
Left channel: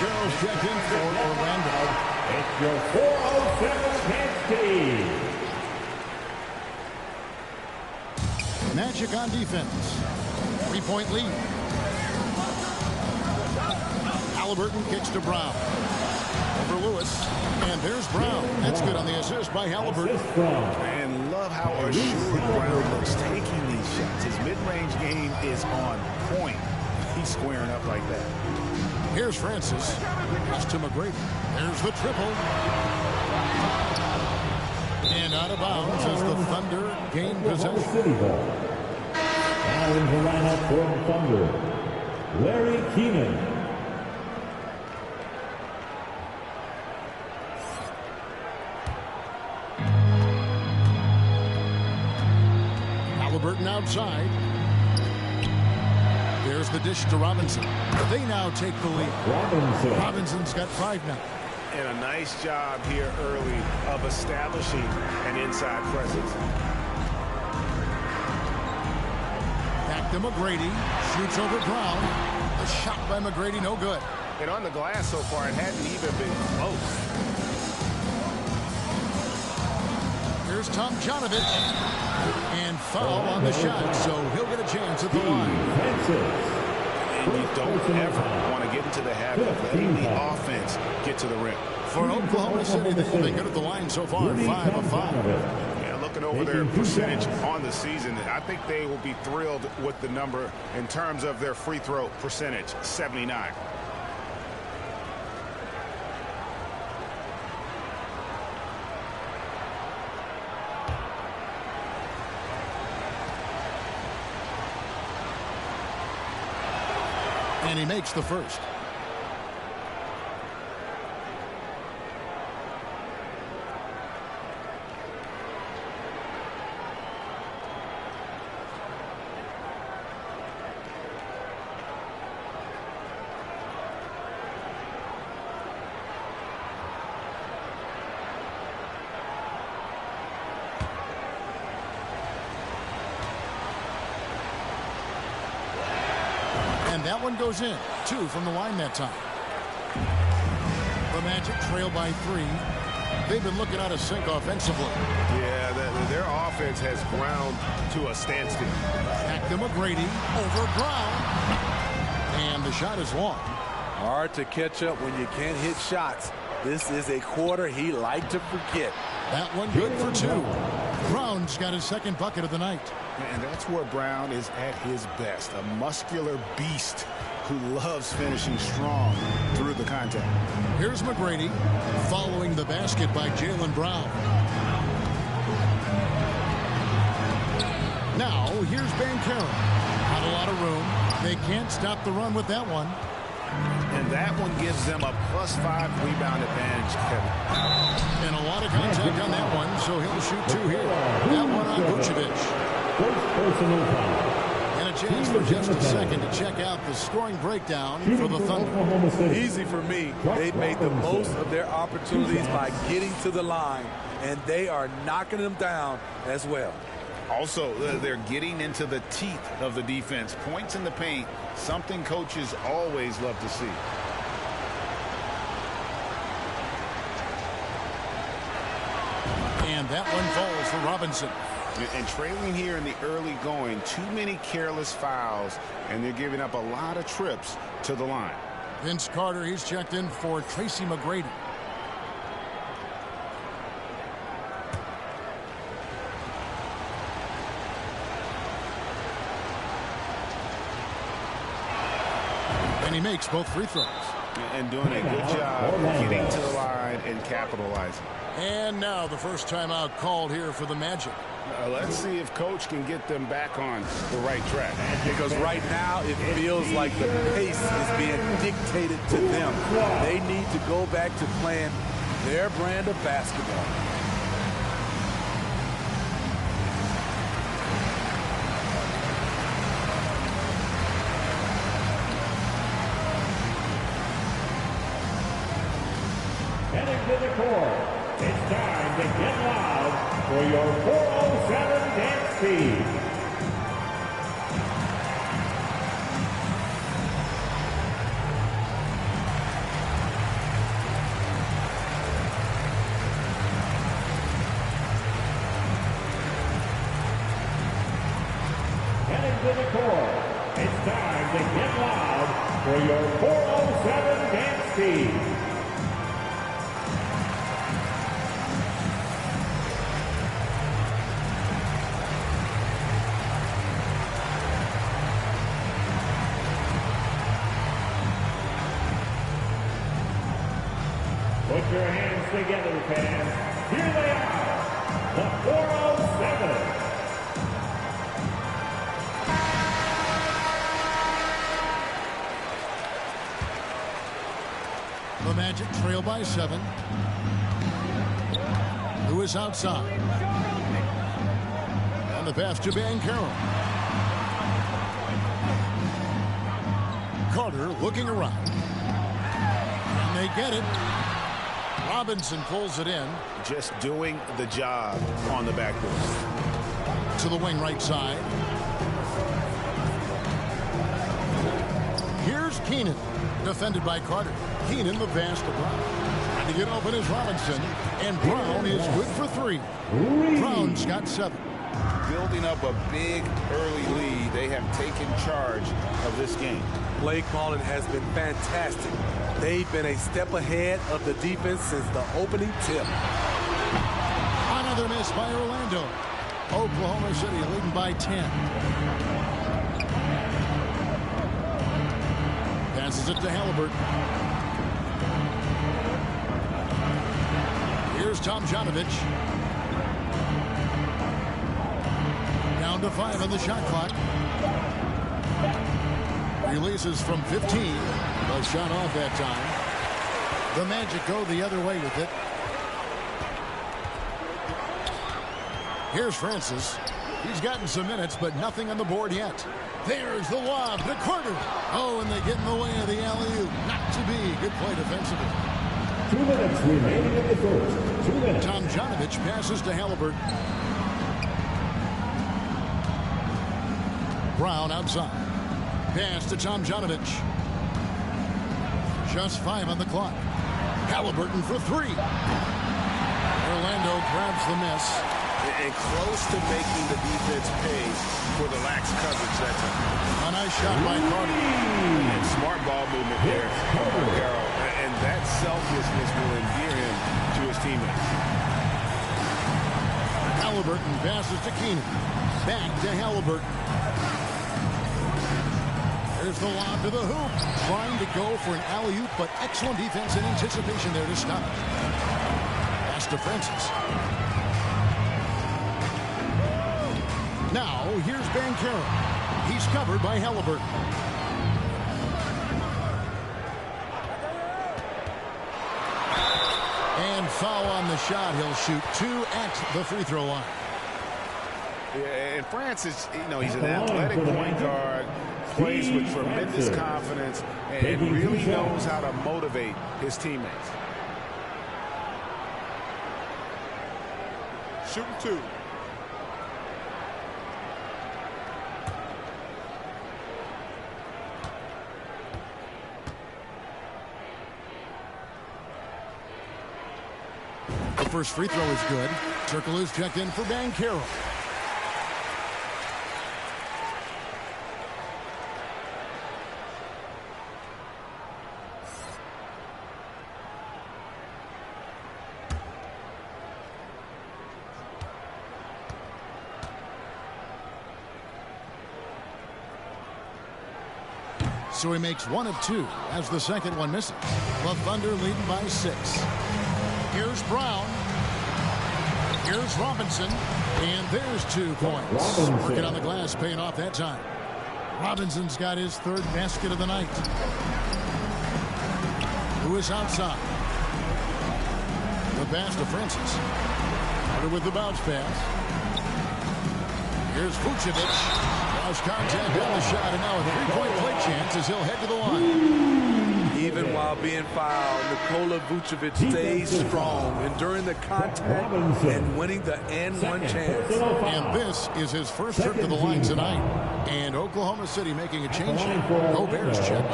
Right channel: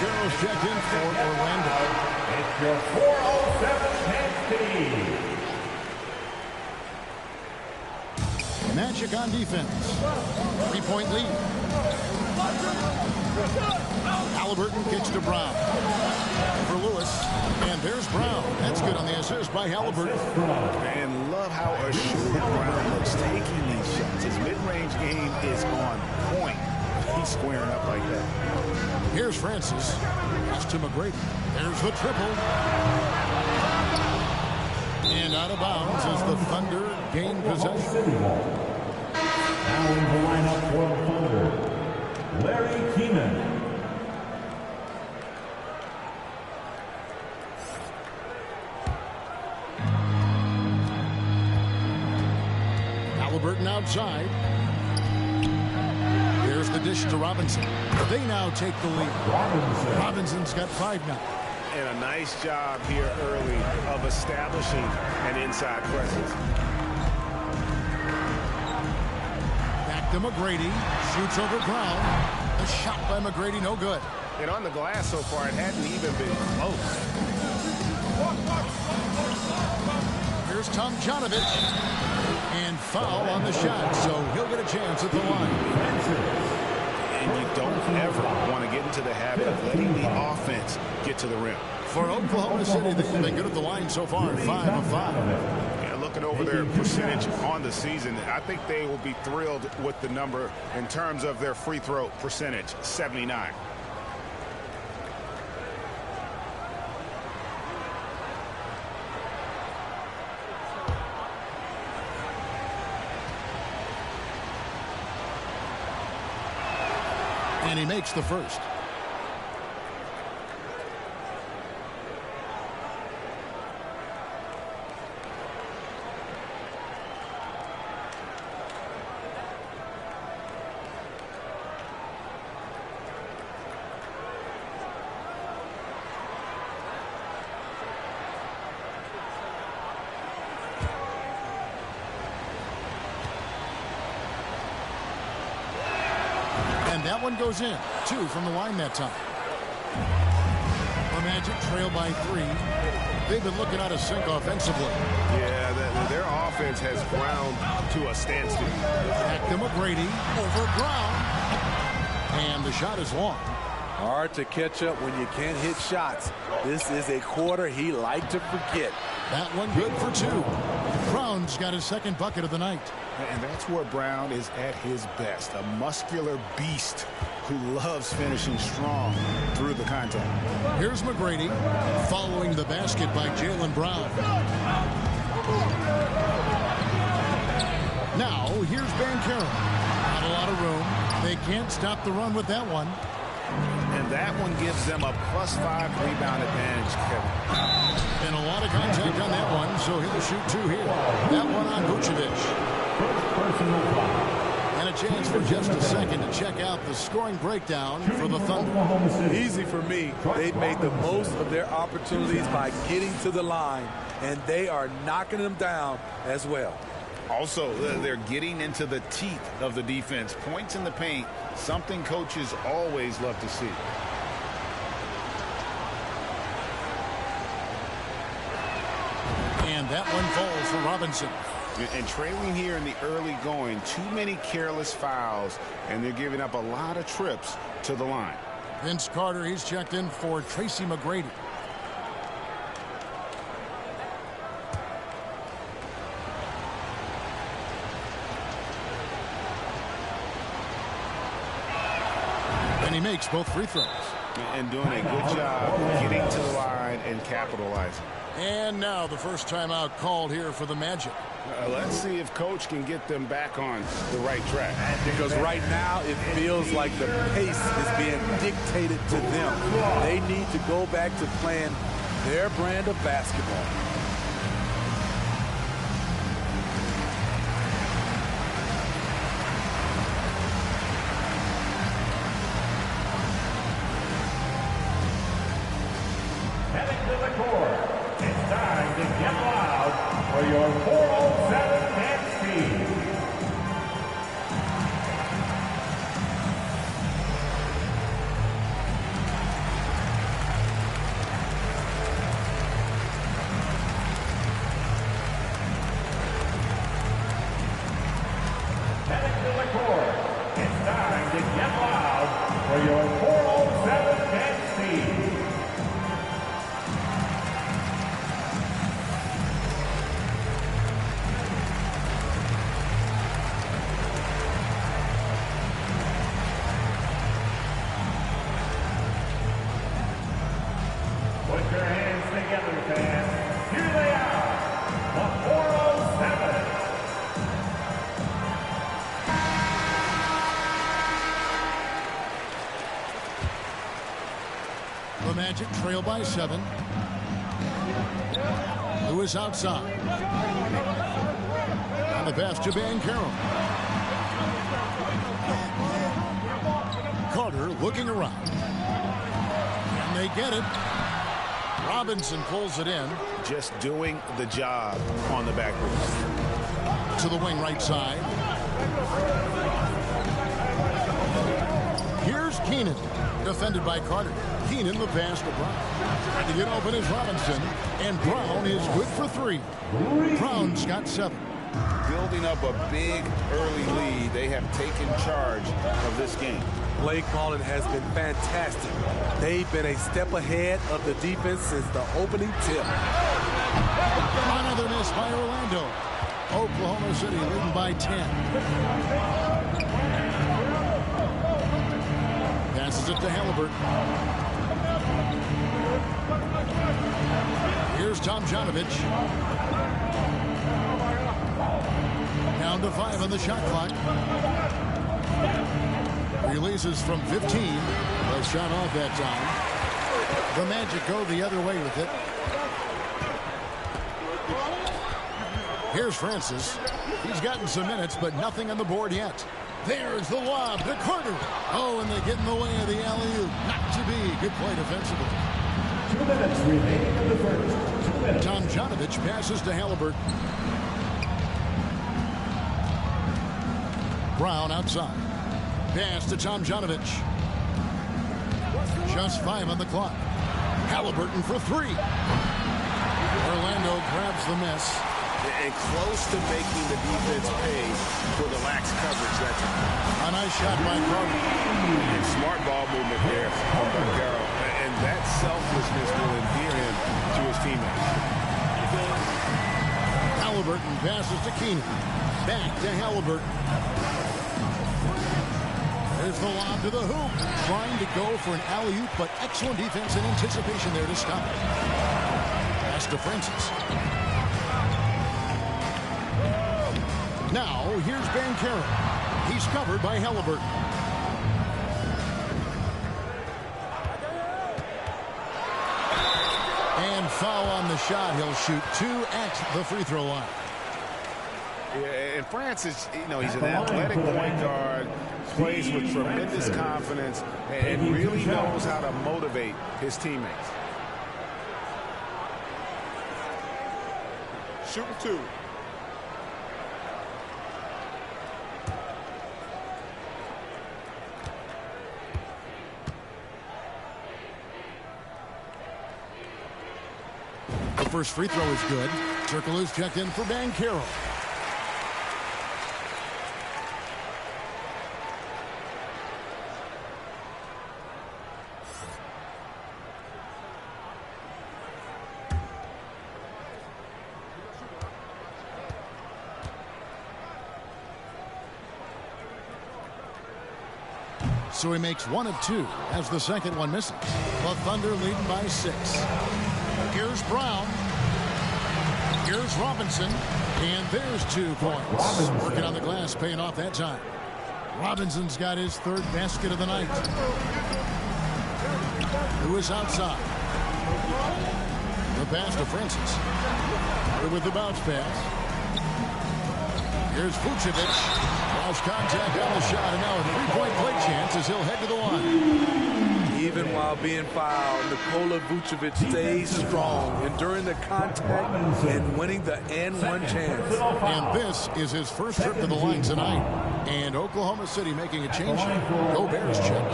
Girls checked in for Orlando. It's your 407 Nancy. Magic on defense. 3-point lead. Halliburton kicks to Brown. Over Lewis. And there's Brown. That's good on the assist by Halliburton. And love how assured Brown looks taking these shots. His mid-range game is on point. He's squaring up like that. Here's Francis. Pass to McGrady. There's the triple. And out of bounds as the Thunder gain possession. City ball. Now in the lineup for the Thunder, Larry Keenan. Halliburton outside. There's the dish to Robinson. They now take the lead. Robinson's got 5 now. And a nice job here early of establishing an inside presence. Back to McGrady. Shoots over Brown. The shot by McGrady, no good. And on the glass so far, it hadn't even been close. Here's Tomjanovich. And foul on the shot, so he'll get a chance at the line. And you don't ever want to get into the habit of letting the offense get to the rim. For Oklahoma City, they've been good at the line so far, 5 of 5. Yeah, looking over their percentage on the season, I think they will be thrilled with the number in terms of their free throw percentage, 79. And he makes the first. And that one goes in. 2 from the line that time. The Magic trail by 3. They've been looking out of sync offensively. Yeah, their offense has ground to a standstill. Back to McGrady. Over Brown. And the shot is long. Hard to catch up when you can't hit shots. This is a quarter he liked to forget. That one good for 2. Brown's got his second bucket of the night. And that's where Brown is at his best, a muscular beast who loves finishing strong through the contact. Here's McGrady following the basket by Jaylen Brown. Now here's Banchero. Not a lot of room. They can't stop the run with that one. And that one gives them a +5 rebound advantage, Kevin. And a lot of contact on that one, so he'll shoot 2 here. That one on Vucevic. First personal foul. And a chance for just a second to check out the scoring breakdown for the Thunder. Easy for me. They've made the most of their opportunities by getting to the line, and they are knocking them down as well. Also, they're getting into the teeth of the defense. Points in the paint, something coaches always love to see. And that one falls for Robinson. And trailing here in the early going, too many careless fouls, and they're giving up a lot of trips to the line. Vince Carter, he's checked in for Tracy McGrady. And he makes both free throws. And doing a good job getting to the line and capitalizing. And now the first timeout called here for the Magic. Let's see if Coach can get them back on the right track. Because right now it feels like the pace is being dictated to them. They need to go back to playing their brand of basketball. Heading to the court. It's time to get loud for your 407 dance speed. Heading to the court. It's time to get loud for your 407 dance speed. Put your hands together, fans. Here they are, the 407. The Magic trail by 7. Lewis outside. On the pass to Banchero. Carter looking around. And they get it. Robinson pulls it in. Just doing the job on the backboard. To the wing right side. Here's Keenan. Defended by Carter. Keenan the pass to Brown. Trying to get open is Robinson. And Brown is good for 3. Brown's got 7. Building up a big early lead. They have taken charge of this game. Play calling has been fantastic. They've been a step ahead of the defense since the opening tip. Another miss by Orlando. Oklahoma City leading by 10. Passes it to Halliburton. Here's Tomjanovich. Down to 5 on the shot clock. Releases from 15. The shot off that time. The Magic go the other way with it. Here's Francis. He's gotten some minutes, but nothing on the board yet. There's the lob to Carter. Oh, and they get in the way of the alley-oop. Not to be. Good play defensively. 2 minutes remaining of the first. 2 minutes. Tomjanovich passes to Halliburton. Brown outside. Pass to Tomjanovich. Just 5 on the clock. Halliburton for 3. Orlando grabs the miss. And close to making the defense pay for the lax coverage that time. A nice shot by Carter. And smart ball movement there from Banchero. And that selflessness will endear him to his teammates. Halliburton passes to Keenan. Back to Halliburton. There's the lob to the hoop. Trying to go for an alley-oop, but excellent defense and anticipation there to stop it. Pass to Francis. Now, here's Banchero. He's covered by Halliburton. And foul on the shot. He'll shoot 2 at the free throw line. Yeah, and Francis, he's an athletic point guard, plays with tremendous confidence, and really knows how to motivate his teammates. Shooting 2. The first free throw is good. Circle is checked in for Banchero. So he makes 1 of 2 as the second one misses. The Thunder leading by 6. Here's Brown. Here's Robinson. And there's 2 points. Robinson. Working on the glass, paying off that time. Robinson's got his 3rd basket of the night. Lewis outside. The pass to Francis. Carter with the bounce pass. Here's Vucevic. Lost contact on the shot, and now a 3-point play chance as he'll head to the line. Even while being fouled, Nikola Vucevic stays strong, enduring the contact and winning the and-one chance. And this is his first trip to the line tonight. And Oklahoma City making a change. Gobert's check.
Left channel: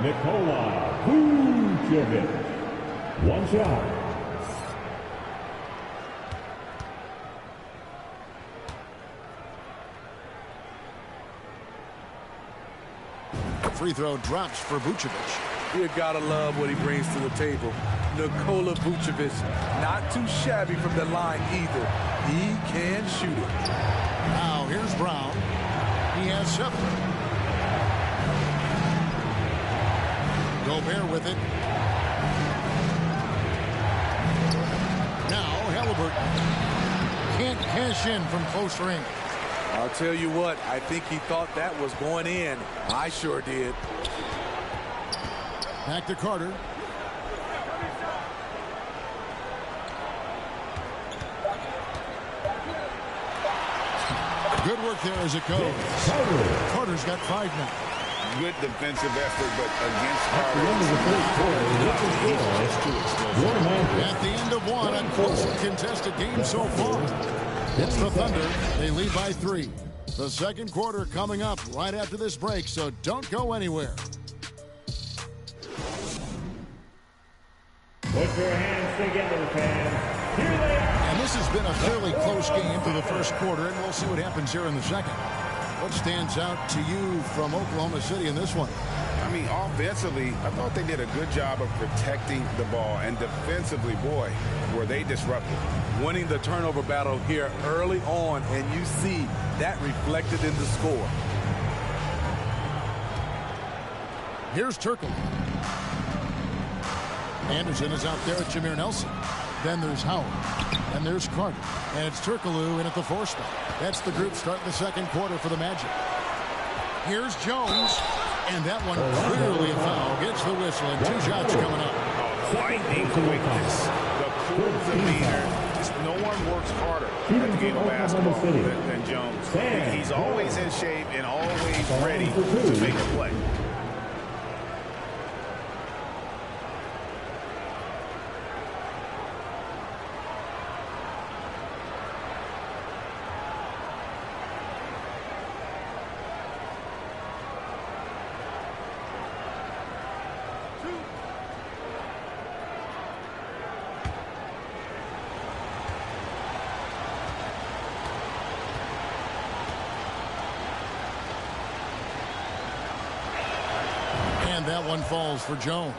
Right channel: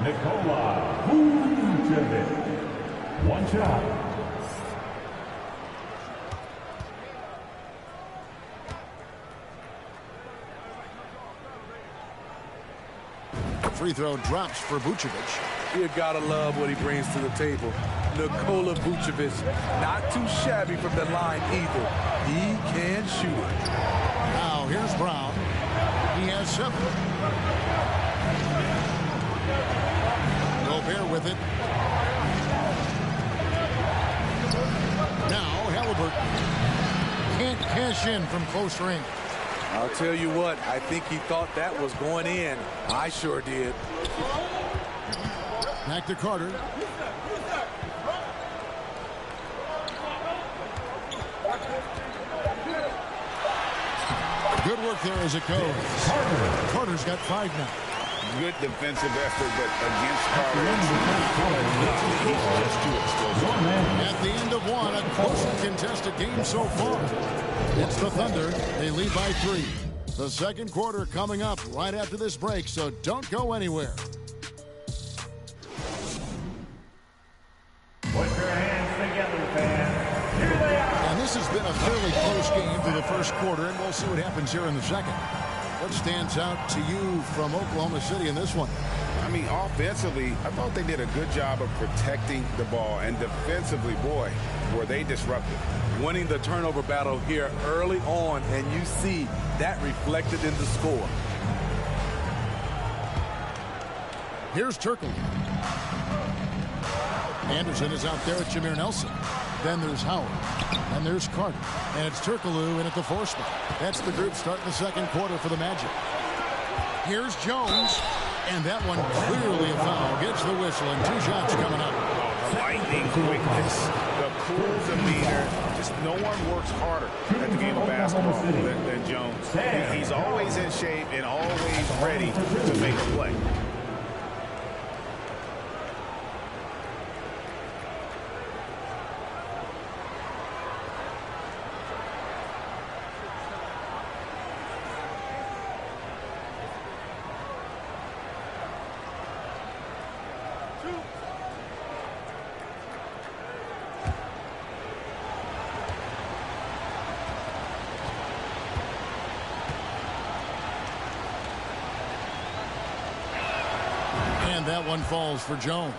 Nikola Vucevic. 1 shot. Free throw drops for Vucevic. You gotta love what he brings to the table. Nikola Vucevic, not too shabby from the line either. He can shoot it. Now here's Brown. He has 7. Gobert with it. Now Halliburton. Can't cash in from close range. I'll tell you what, I think he thought that was going in. I sure did. Back to Carter. Good work there as it goes. Carter's got 5 now. good defensive effort, but against Carter, he's just too explosive. At the end of one, a closely contested game so far. It's the Thunder. They lead by 3. The second quarter coming up right after this break, so don't go anywhere. Put your hands together, fans. Here they are. And this has been a fairly close game for the first quarter, and we'll see what happens here in the second. What stands out to you from Oklahoma City in this one? I mean, offensively, I thought they did a good job of protecting the ball. And defensively, boy, were they disruptive. Winning the turnover battle here early on, and you see that reflected in the score. Here's Turkle. Anderson is out there with Jameer Nelson. Then there's Howard. Then there's Carter. And it's Turkoglu in at the 4 spot. That's the group starting the second quarter for the Magic. Here's Jones. And that one clearly a foul. Gets the whistle, and 2 shots coming up. Oh, the lightning quickness, the cool demeanor. Just no one works harder at the game of basketball than Jones. He's always in shape and always ready to make a play. And that one falls for Jones.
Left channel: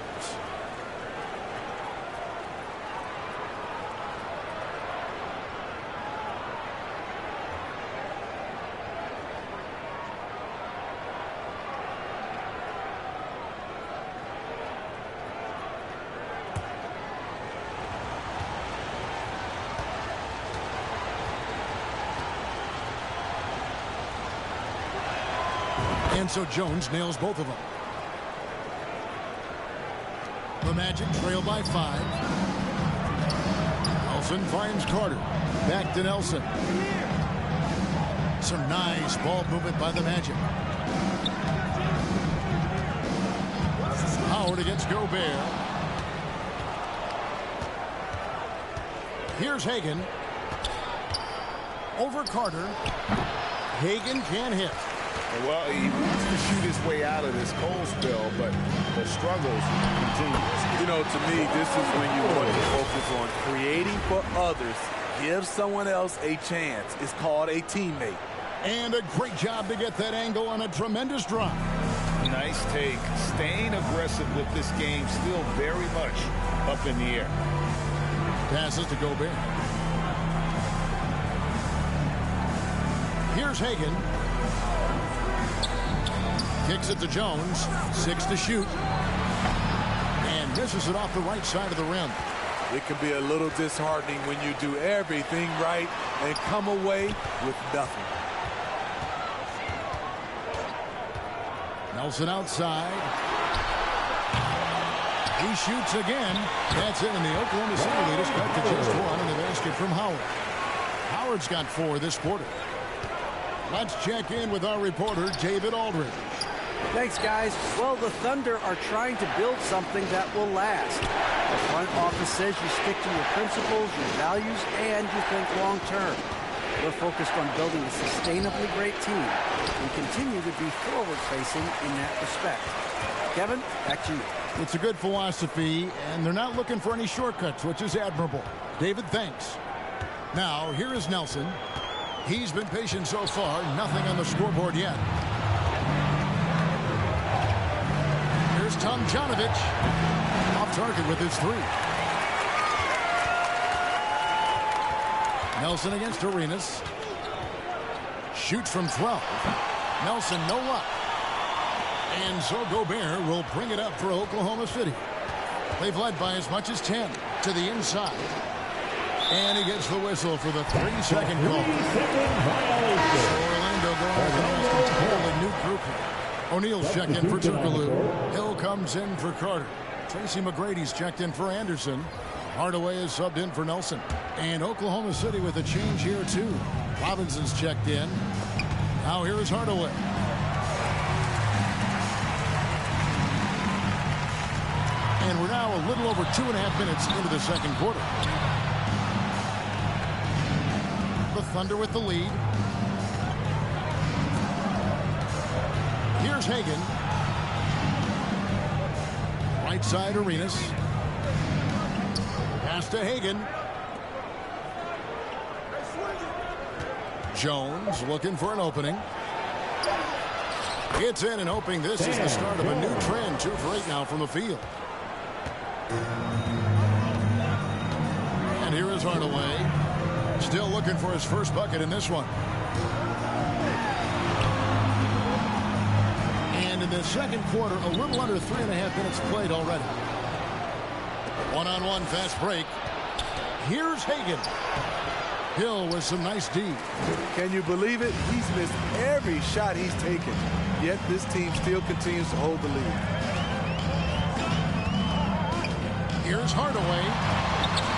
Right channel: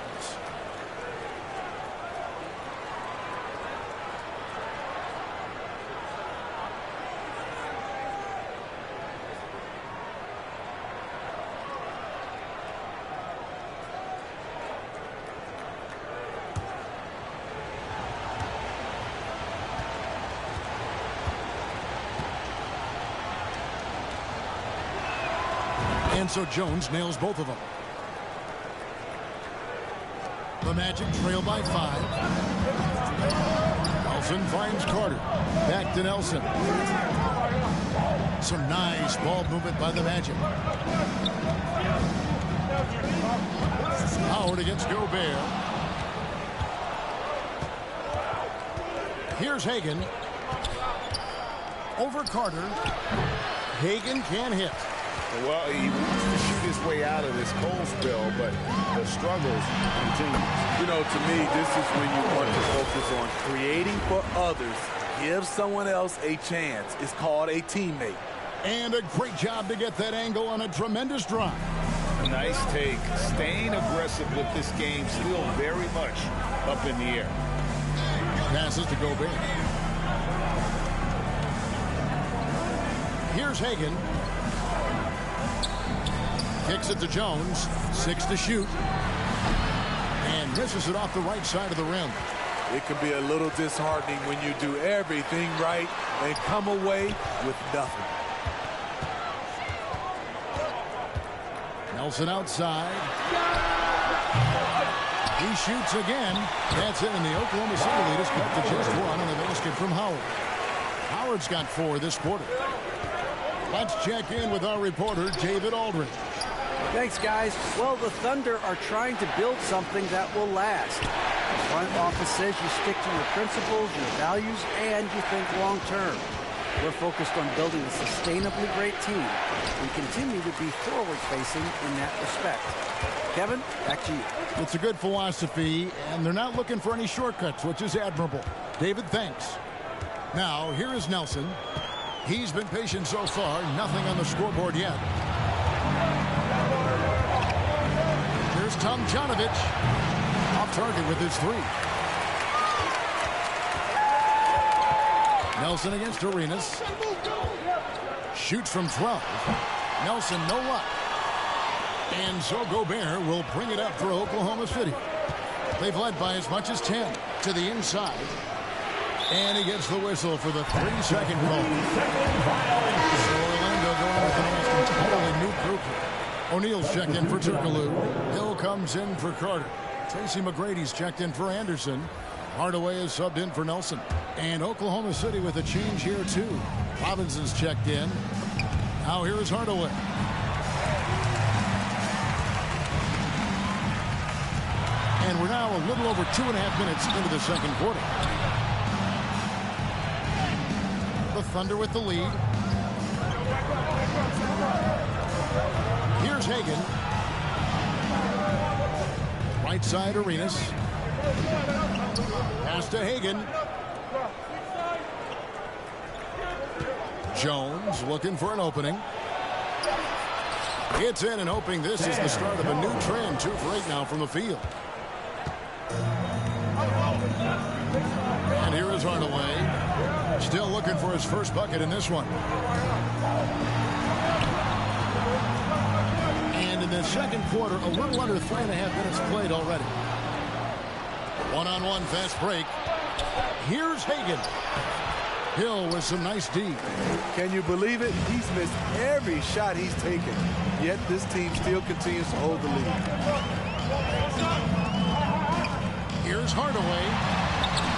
And so Jones nails both of them. The Magic trail by 5. Nelson finds Carter. Back to Nelson. Some nice ball movement by the Magic. Howard against Gobert. Here's Hagan. Over Carter. Hagan can't hit. Well, he wants to shoot his way out of this cold spell, but the struggles continue. You know, to me, this is when you want to focus on creating for others. Give someone else a chance. It's called a teammate. And a great job to get that angle on a tremendous drive. Nice take. Staying aggressive with this game, still very much up in the air. Passes to Gobert. Here's Hagan. Kicks it to Jones. 6 to shoot. And misses it off the right side of the rim. It can be a little disheartening when you do everything right and come away with nothing. Nelson outside. He shoots again. That's it, and the Oklahoma City lead is cut to just 1 on the basket from Howard. Howard's got 4 this quarter. Let's check in with our reporter, David Aldridge. Thanks, guys. Well, the Thunder are trying to build something that will last. The front office says you stick to your principles, your values, and you think long-term. We're focused on building a sustainably great team. We continue to be forward-facing in that respect. Kevin, back to you. It's a good philosophy, and they're not looking for any shortcuts, which is admirable. David, thanks. Now, here is Nelson. He's been patient so far. Nothing on the scoreboard yet. Here's Tomjanovich. Off target with his 3. Nelson against Arenas. Shoots from 12. Nelson, no luck. And so Gobert will bring it up for Oklahoma City. They've led by as much as 10 to the inside. And he gets the whistle for the 3-second call. So Orlando going with an almost entirely new group here. O'Neal's checked in for Turkoglu. Hill comes in for Carter. Tracy McGrady's checked in for Anderson. Hardaway is subbed in for Nelson. And Oklahoma City with a change here, too. Robinson's checked in. Now here is Hardaway. And we're now a little over 2.5 minutes into the second quarter. The Thunder with the lead. Here's Hagan. Right side, Arenas. Pass to Hagan. Jones looking for an opening. It's in and hoping this is the start of a new trend. 2 for 8 now from the field. And here is Hardaway. Still looking for his first bucket in this one. And in the second quarter, a little under 3.5 minutes played already. One-on-one fast break. Here's Hagan. Hill with some nice D. Can you believe it? He's missed every shot he's taken. Yet this team still continues to hold the lead. Here's Hardaway.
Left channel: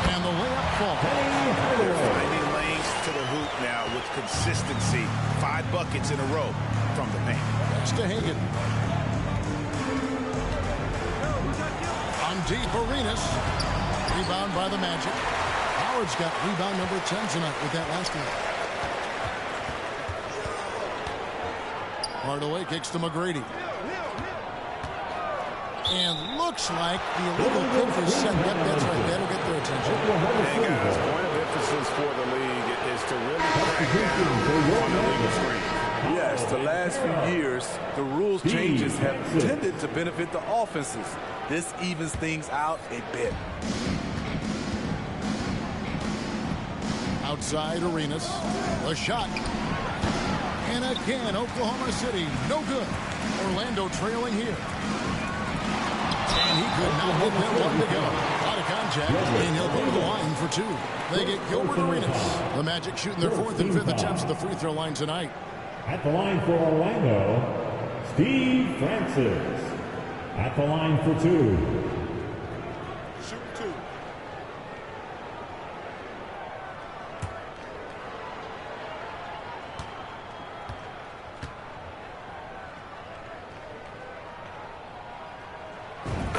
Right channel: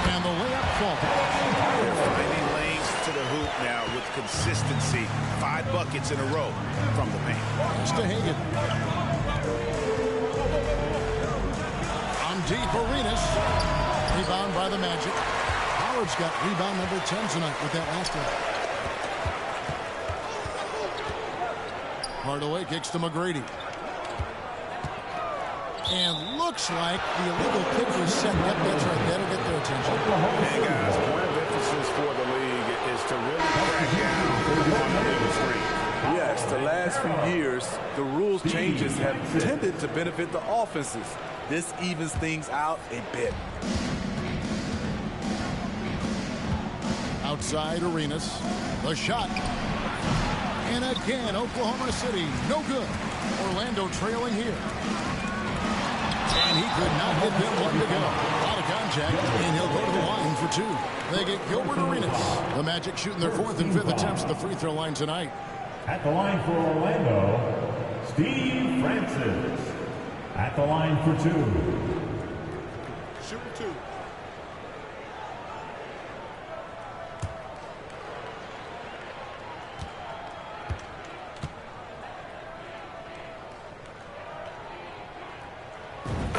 And the layup falls. They're finding lanes to the hoop now with consistency. 5 buckets in a row from the paint. Pass to Hagan. On deep, Arenas. Rebound by the Magic. Howard's got rebound number 10 tonight with that last one. Hardaway kicks to McGrady. And looks like the illegal pick was set. Yep, that's right. That'll get their attention. And guys, point of emphasis for the league is to really crack down on the legal screen. Yes, the last few years, the rules changes have tended to benefit the offenses. This evens things out a bit. Outside Arenas. The shot. And again, Oklahoma City, no good. Orlando trailing here. And he could not get that one to go. Out of contact, and he'll go to the line for 2. They get Gilbert Arenas. The Magic shooting their 4th and 5th attempts at the free throw line tonight. At the line for Orlando, Steve Francis. At the line for 2. Shooting 2.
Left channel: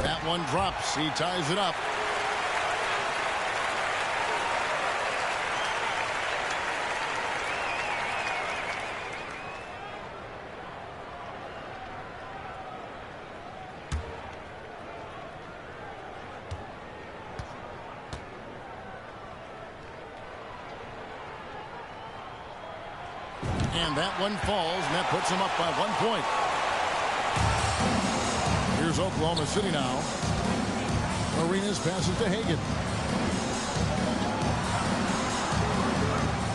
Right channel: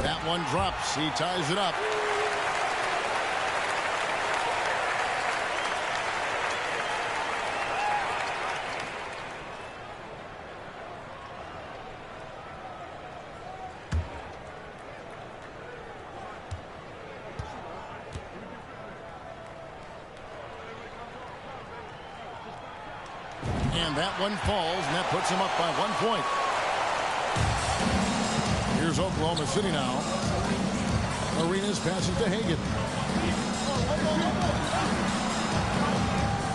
That one drops. He ties it up. And that one falls, and that puts him up by 1 point. Here's Oklahoma City now. Arenas passes to Hagan.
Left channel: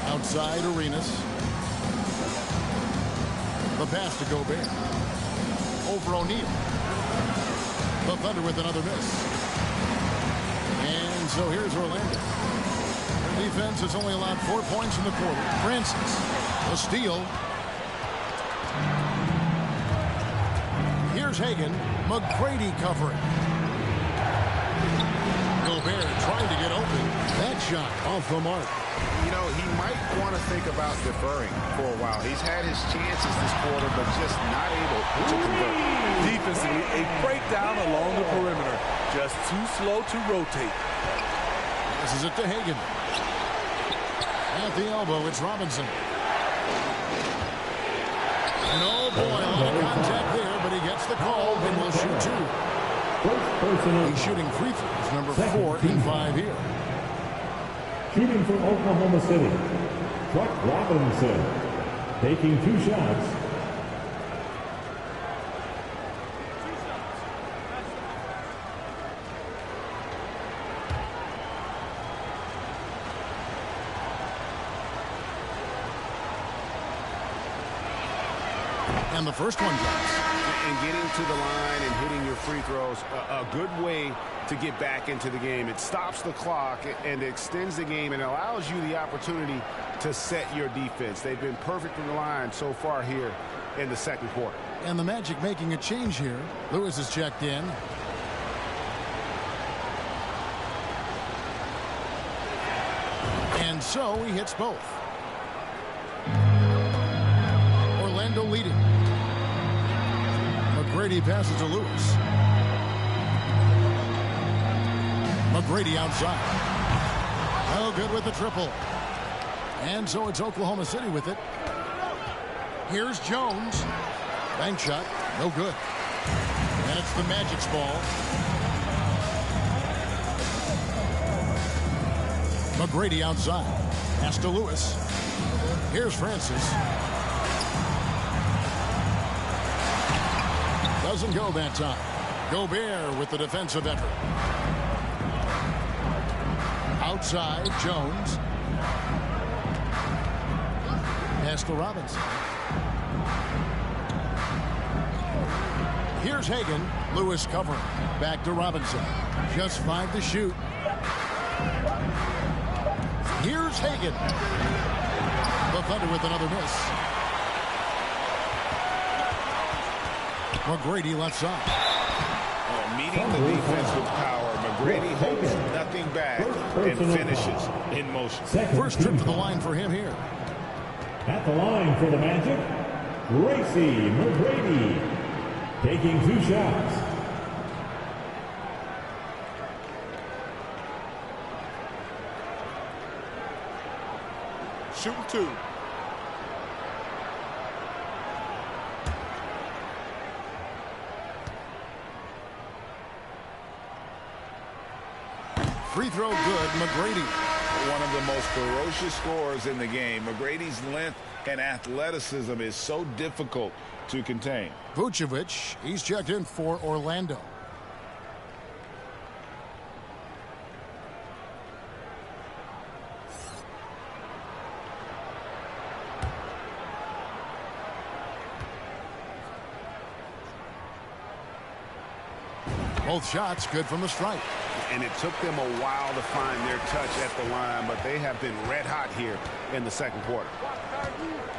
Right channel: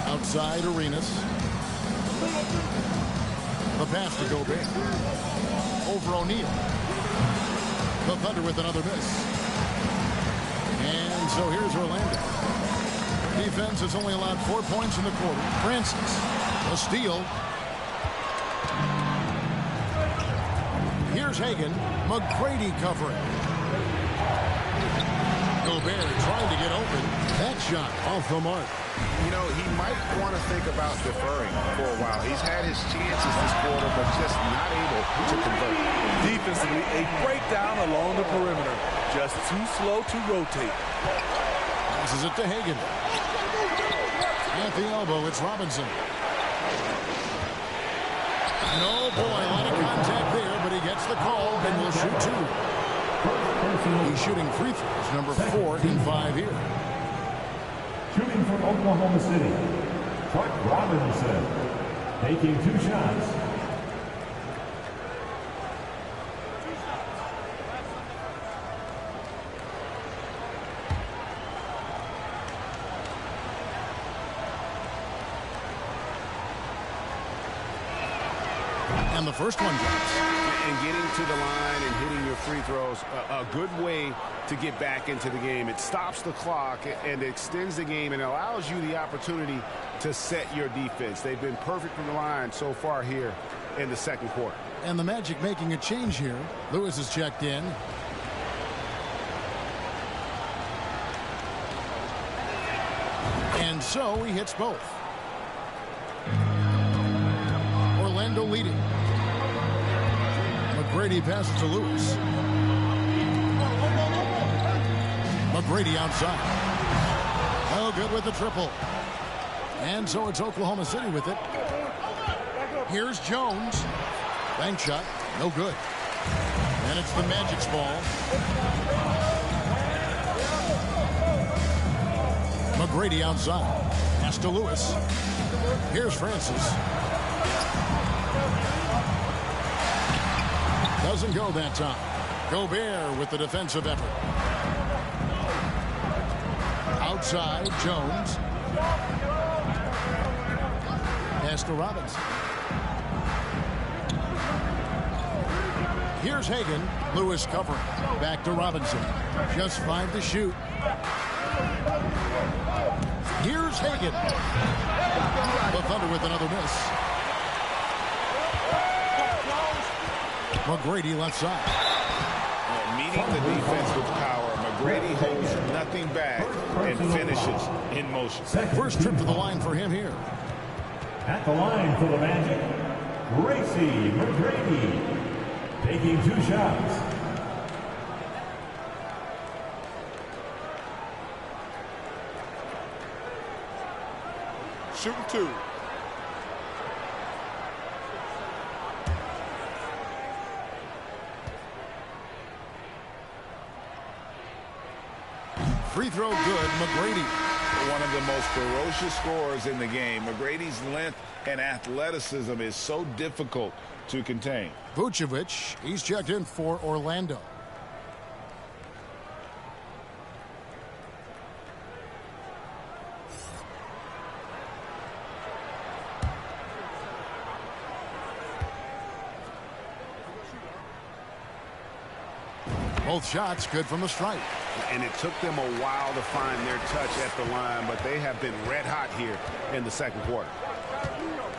Outside Arenas. The pass to Gobert. Over O'Neal. The Thunder with another miss. And so here's Orlando. Their defense has only allowed 4 points in the quarter. Francis. A steal. Here's Hagan. McGrady covering. Gobert trying to get open. That shot off the mark. You know, he might want to think about deferring for a while. He's had his chances this quarter, but just not able to convert. Defensively, a breakdown along the perimeter. Just too slow to rotate. Passes it to Hagan. At the elbow, it's Robinson. And oh boy, a lot of contact there, but he gets the call and will shoot 2. He's shooting free throws, number 4 and 5 here. Shooting from Oklahoma City, Chuck Robinson, taking 2 shots. And the first one drops. And getting to the line and hitting your free throws, a good way to get back into the game. It stops the clock and extends the game and allows you the opportunity to set your defense. They've been perfect from the line so far here in the second quarter. And the Magic making a change here. Lewis is checked in. And so he hits both. Orlando leading. McGrady passes to Lewis. McGrady outside. No good with the triple. And so it's Oklahoma City with it. Here's Jones. Bank shot. No good. And it's the Magic's ball. McGrady outside. Pass to Lewis. Here's Francis. Doesn't go that time. Gobert with the defensive effort. Outside, Jones. Pass to Robinson. Here's Hagan. Lewis covering. Back to Robinson. Just 5 to shoot. Here's Hagan. The Thunder with another miss. McGrady left side. Meeting the defense with power, McGrady holds nothing back and finishes in motion. First trip to the line for him here. At the line for the Magic, Tracy McGrady, taking 2 shots. Shooting 2. Free throw good, McGrady. One of the most ferocious scorers in the game. McGrady's length and athleticism is so difficult to contain. Vucevic, he's checked in for Orlando. Both shots good from the stripe. And it took them a while to find their touch at the line, but they have been red hot here in the second quarter.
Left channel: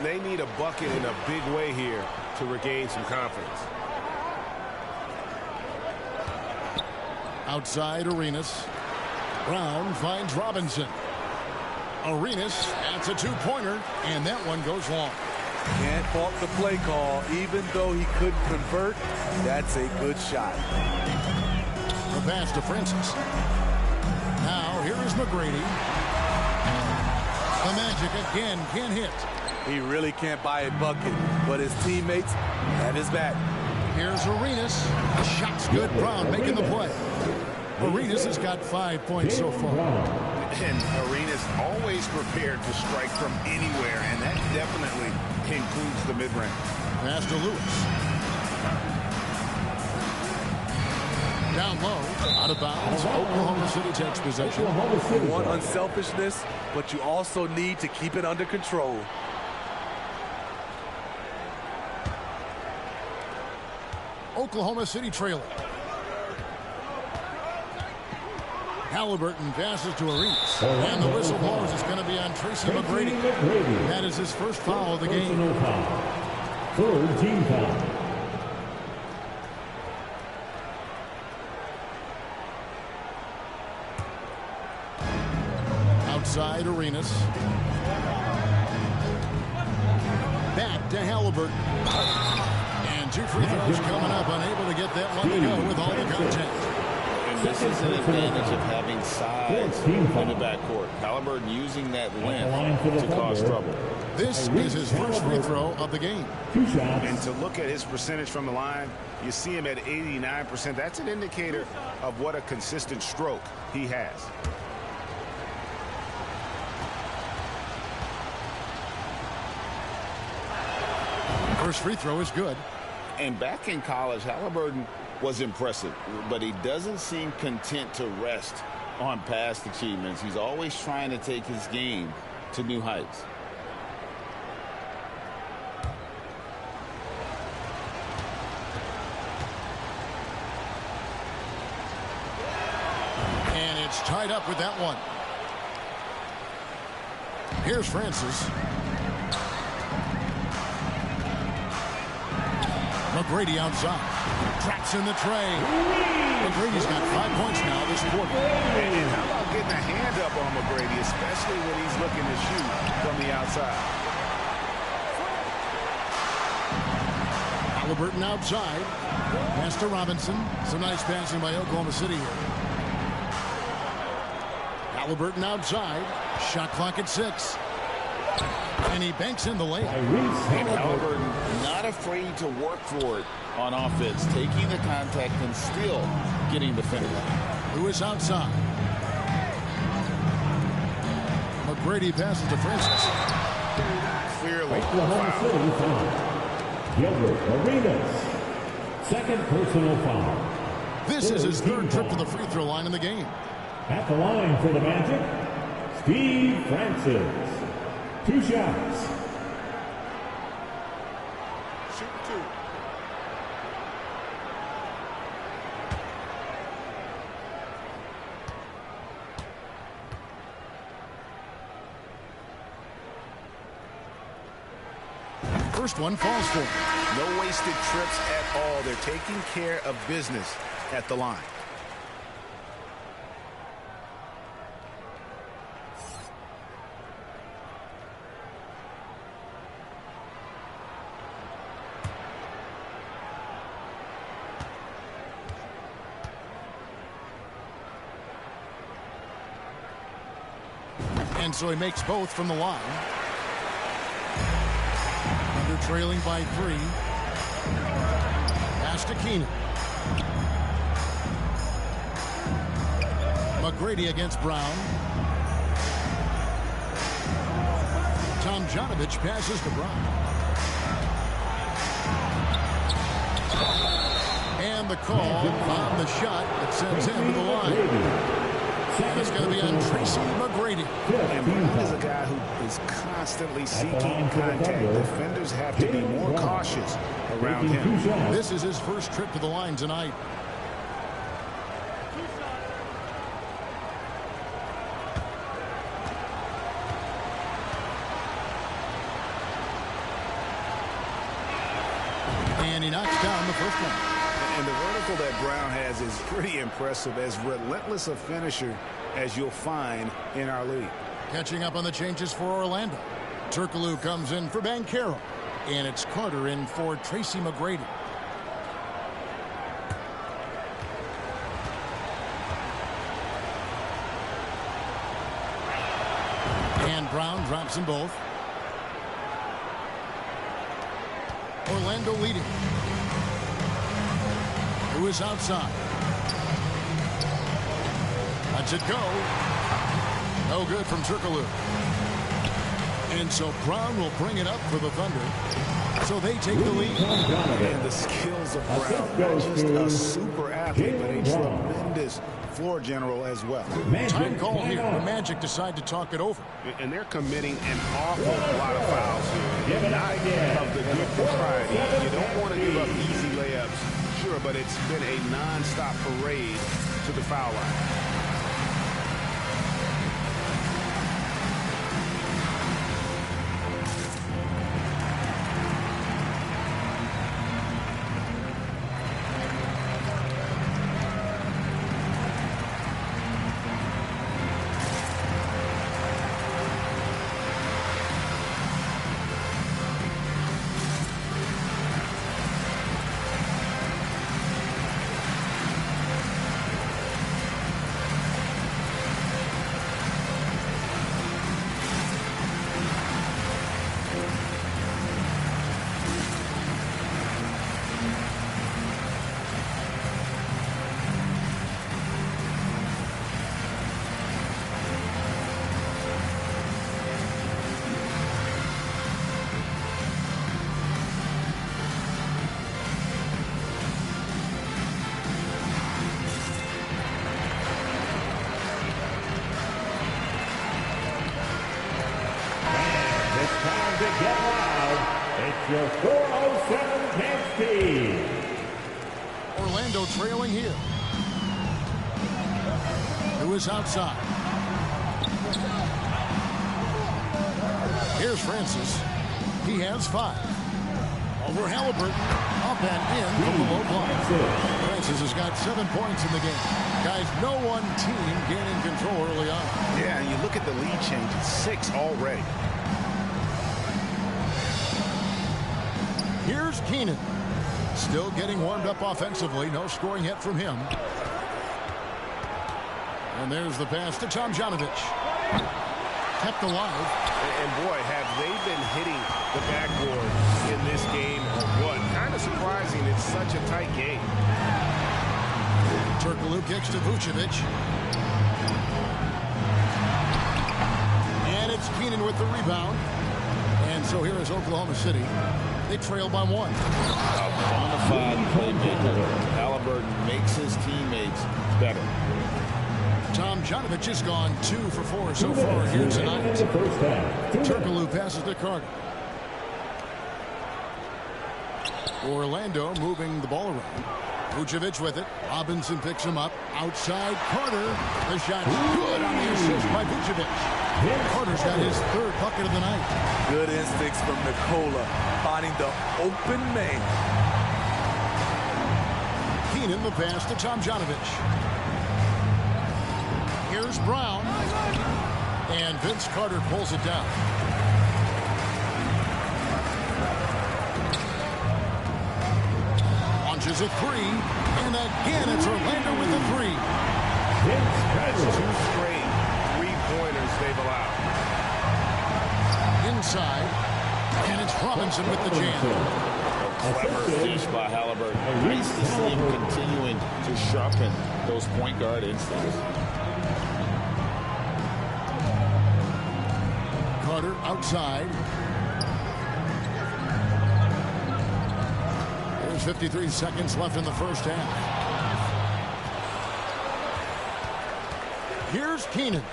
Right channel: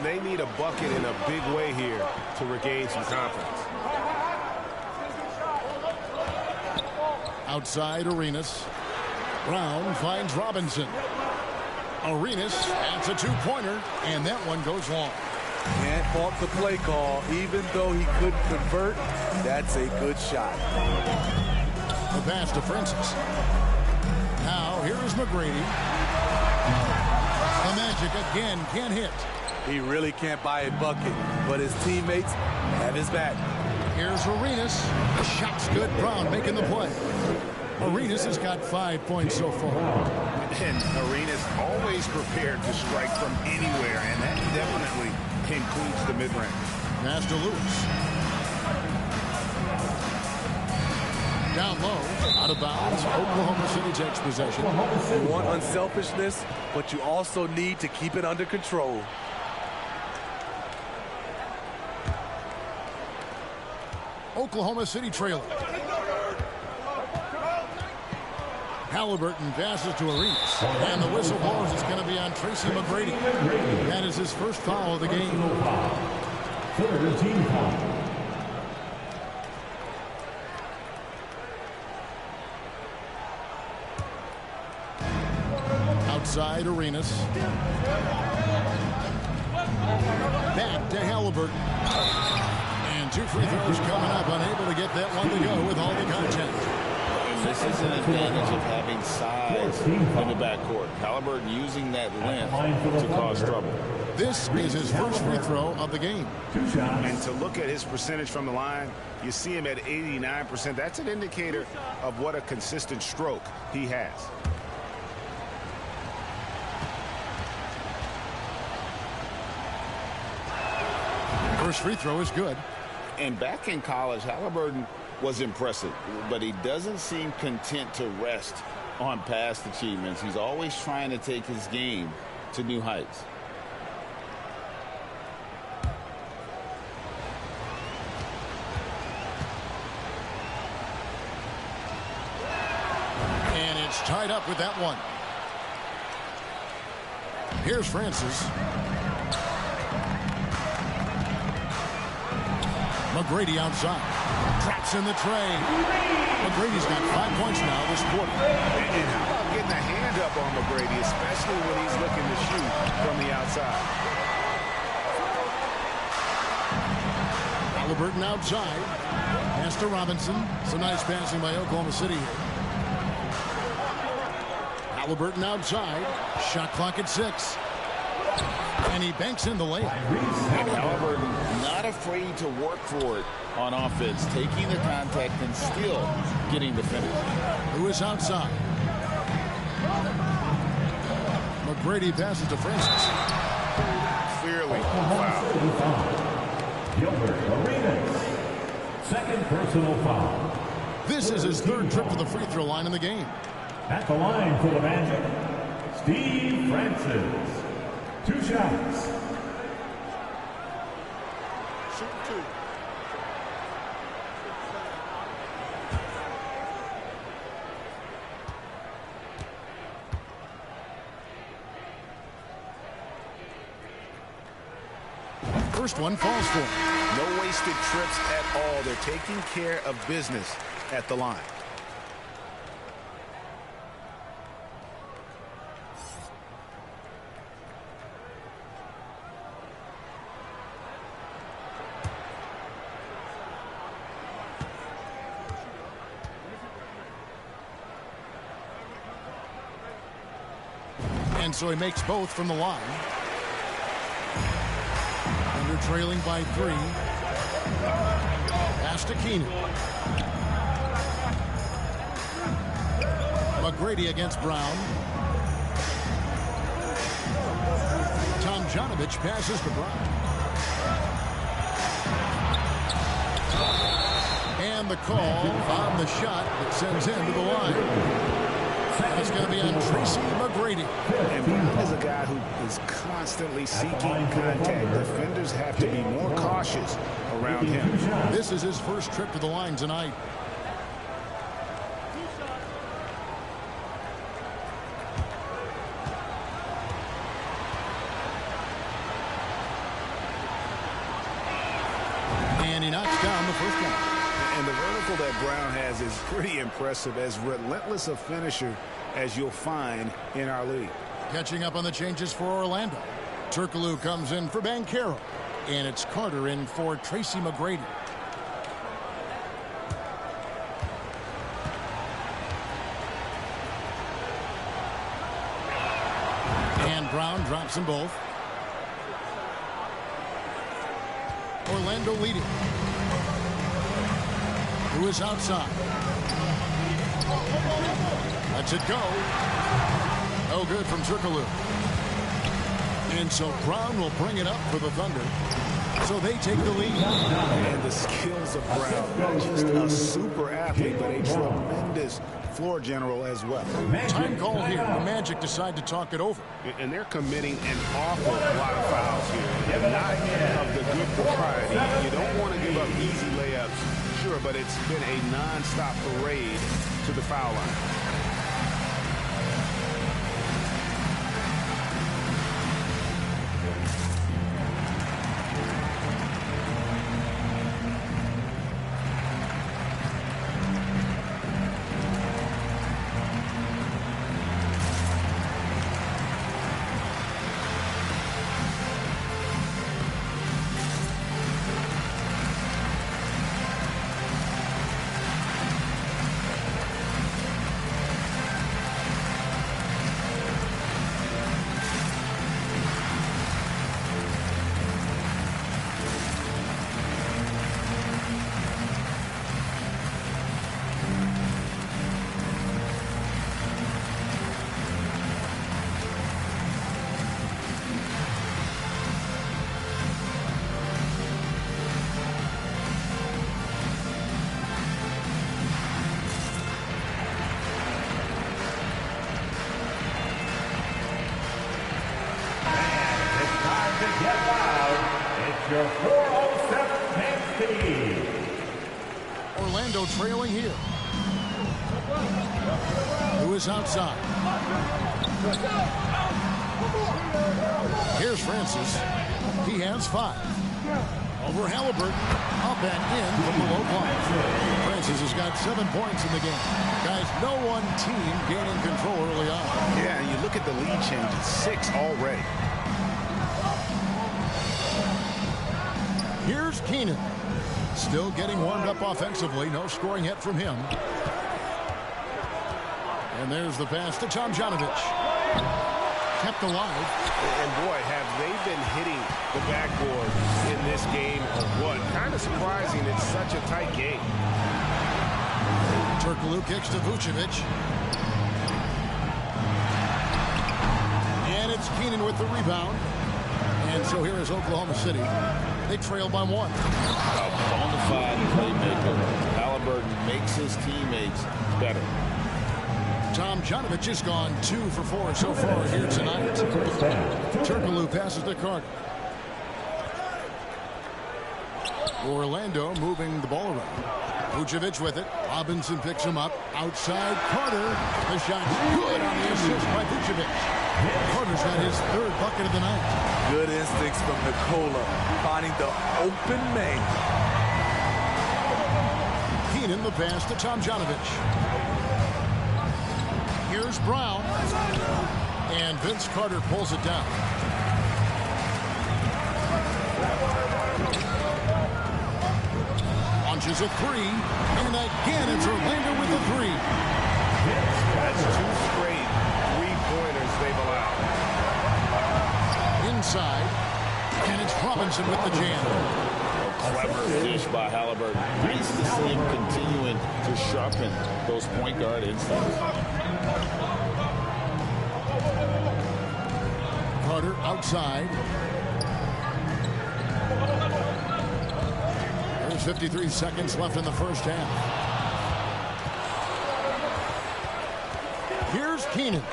They need a bucket in a big way here to regain some confidence. Outside, Arenas. Brown finds Robinson. Arenas adds a 2-pointer, and that one goes long. Can't fault the play call. Even though he couldn't convert, that's a good shot. The pass to Francis. Now, here is McGrady. The Magic again can't hit. He really can't buy a bucket, but his teammates have his back. Here's Arenas. The shot's good. Brown making the play. Arenas has got 5 points so far. And Arenas always prepared to strike from anywhere, and that definitely includes the mid-range. Pass to Lewis. Down low, out of bounds. Oklahoma City takes possession. You want unselfishness, but you also need to keep it under control. Oklahoma City trailing. Halliburton passes to Arenas. And the whistle blows. It's going to be on Tracy McGrady. That is his first foul of the game. Third team foul. Outside, Arenas. Back to Halliburton. And 2 free throws coming up. Unable to get that one to go with all the contact. And this is an advantage of having size in the backcourt. Halliburton using that length to cause trouble. This is his first free throw of the game. 2 shots. And to look at his percentage from the line, you see him at 89%. That's an indicator of what a consistent stroke he has. First free throw is good. And back in college, Halliburton was impressive, but he doesn't seem content to rest on past achievements. He's always trying to take his game to new heights. And it's tied up with that one. Here's Francis. McGrady outside. Traps in the tray. McGrady's got 5 points now this quarter. And how about getting a hand up on McGrady, especially when he's looking to shoot from the outside. Halliburton outside. Pass to Robinson. Some nice passing by Oklahoma City here. Halliburton outside. Shot clock at 6. And he banks in the layup. And Halliburton not afraid to work for it on offense, taking the contact and still getting the finish. Lewis outside. McGrady passes to Francis. Clearly a Oklahoma City foul. Gilbert Arenas. Second personal foul. This is his third trip to the free throw line in the game. At the line for the Magic, Steve Francis. 2 shots. Shoot 2. First one falls for him. No wasted trips at all. They're taking care of business at the line. And so he makes both from the line. Thunder trailing by 3. Pass to Keenan. McGrady against Brown. Tomjanovich passes to Brown. And the call on the shot that sends him to the line. And it's going to be on Tracy McGrady. And Brown is a guy who is constantly seeking contact. Defenders have to be more cautious around him. This is his first trip to the line tonight. And he knocks down the first one. And the vertical that Brown has is pretty impressive, as relentless a finisher as you'll find in our league. Catching up on the changes for Orlando. Turkoglu comes in for Banchero. And it's Carter in for Tracy McGrady. And Brown drops them both. Orlando leading. Who is outside? Lets it go. No good from Turkoglu. And so Brown will bring it up for the Thunder. So they take the lead. And the skills of Brown, not just a super athlete, but a tremendous floor general as well. Time call here. The Magic decide to talk it over. And they're committing an awful lot of fouls here. And not of the good propriety. You don't want to give up easy layups. Sure, but it's been a non-stop parade to the foul line. Get loud. It's your 407 10 speed. Orlando trailing here. Lewis outside. Here's Francis. He has 5. Over Halliburton. Up and in from the low block. Francis has got 7 points in the game. Guys, no one team gaining control early on. Yeah, and you look at the lead change. It's 6 already. Here's Keenan. Still getting warmed up offensively. No scoring yet from him. And there's the pass to Tomjanovich. Kept alive. And boy, have they been hitting the backboard in this game or what? Kind of surprising. It's such a tight game. Turkoglu kicks to Vucevic. And it's Keenan with the rebound. And so here is Oklahoma City. They trail by 1. A bona fide playmaker. Halliburton makes his teammates better. Tomjanovich has gone 2 for 4 so far here tonight. Turkoglu passes to Carter. Orlando moving the ball around. Vucevic with it. Robinson picks him up. Outside Carter. The shot's good on the assist by Vucevic. Carter's got his 3rd bucket of the night. Good instincts from Nikola, finding the open man. Keenan the pass to Tomjanovich. Here's Brown. And Vince Carter pulls it down. Launches a 3. And again, it's Orlando with the 3. That's 2 straight 3-pointers they've allowed. Inside. And it's Robinson with the jam. Clever dish by Halliburton. Nice to see him continuing to sharpen those point guard instincts. Carter outside. There's 53 seconds left in the first half. Here's Keenan.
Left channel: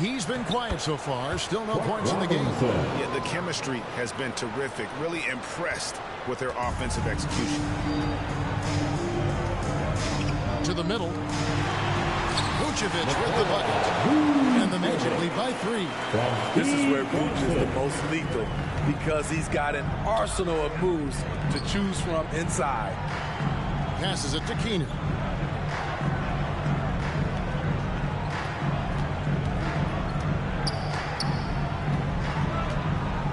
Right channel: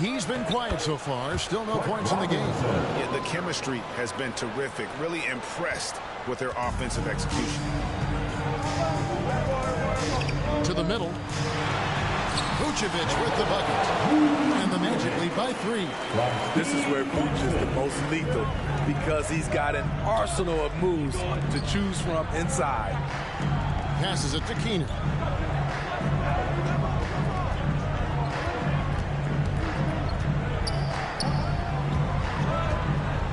He's been quiet so far. Still no points in the game. Yeah, the chemistry has been terrific. Really impressed with their offensive execution. To the middle. Vucevic with the bucket. And the Magic lead by 3. This is where Vuce is the most lethal because he's got an arsenal of moves to choose from inside. Passes it to Keenan.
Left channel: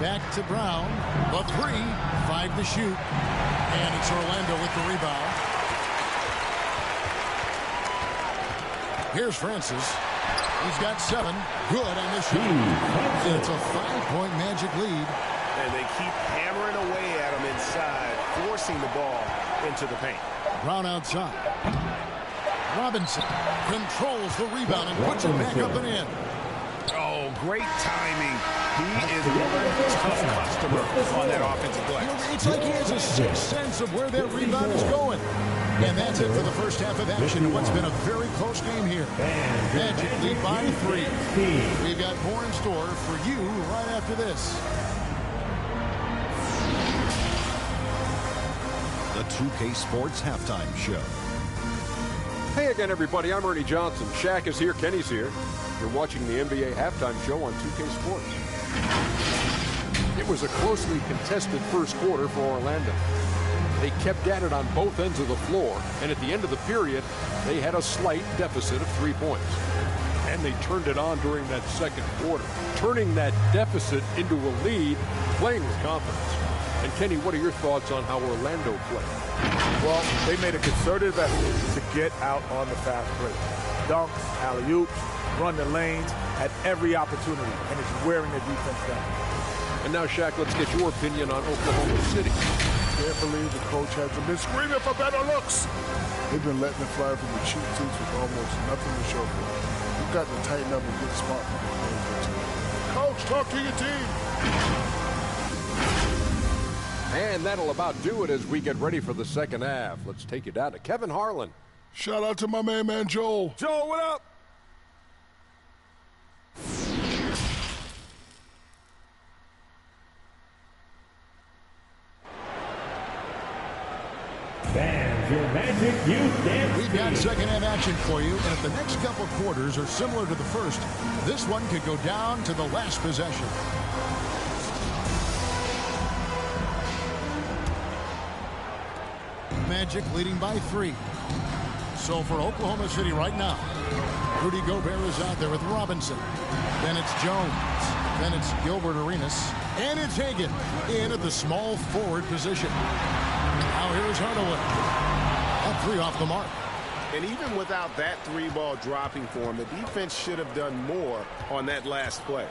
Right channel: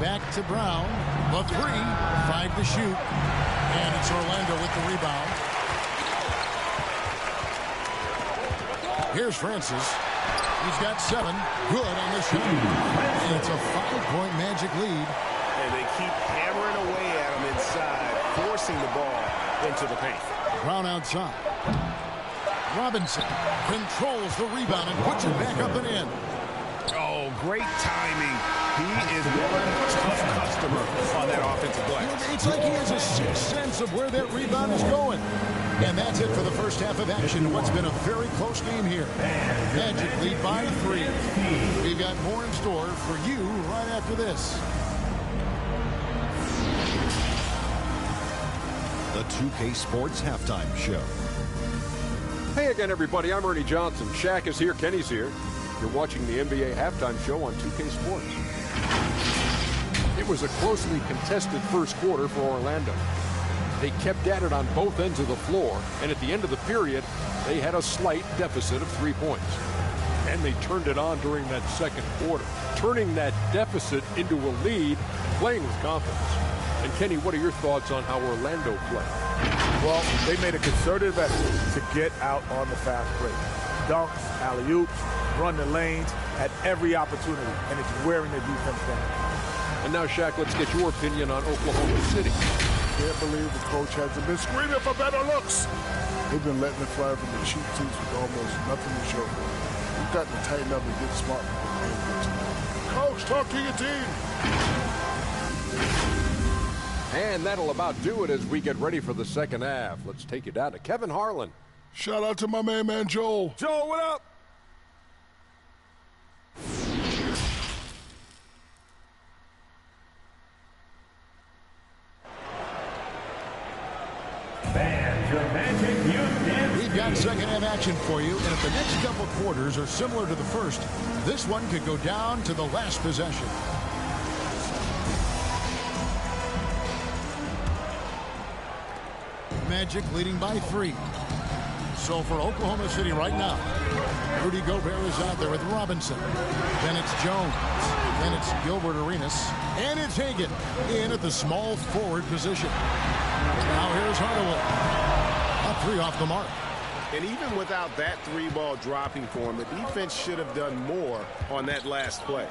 Back to Brown. The 3. 5 to shoot. And it's Orlando with the rebound. Here's Francis. He's got 7. Good on the shot. And it's a 5-point Magic lead. And they keep hammering away at him inside, forcing the ball into the paint. Brown outside. Robinson controls the rebound and puts it back up and in. Oh, great timing. He is one tough customer on that offensive glass. It's like he has a sixth sense of where that rebound is going. And that's it for the first half of action in what's been a very close game here. Magic lead by 3. We've got more in store for you right after this. The 2K Sports Halftime Show. Hey again, everybody. I'm Ernie Johnson. Shaq is here. Kenny's here. You're watching the NBA Halftime Show on 2K Sports. It was a closely contested first quarter for Orlando. They kept at it on both ends of the floor, and at the end of the period, they had a slight deficit of 3 points. And they turned it on during that second quarter, turning that deficit into a lead, playing with confidence. And Kenny, what are your thoughts on how Orlando played? Well, they made a concerted effort to get out on the fast break. Dunks, alley-oops, run the lanes at every opportunity, and it's wearing the defense down. And now, Shaq, let's get your opinion on Oklahoma City. Can't believe the coach hasn't been screaming for better looks. They've been letting it fly from the cheap seats with almost nothing to show for it. You've got to tighten up and get smart before the game gets away. Coach, talk to your team. And that'll about do it as we get ready for the second half. Let's take you down to Kevin Harlan. Shout out to my man Joel. Joel, what up? Fans, your Magic Youth Dance. We've got second half action for you, and if the next couple quarters are similar to the first, this one could go down to the last possession. Magic leading by 3. So for Oklahoma City right now, Rudy Gobert is out there with Robinson. Then it's Jones. Then it's Gilbert Arenas. And it's Hagan in at the small forward position. Now here's Hardaway. A 3 off the mark. And even without that 3-ball dropping for him, the defense should have done more on that last play.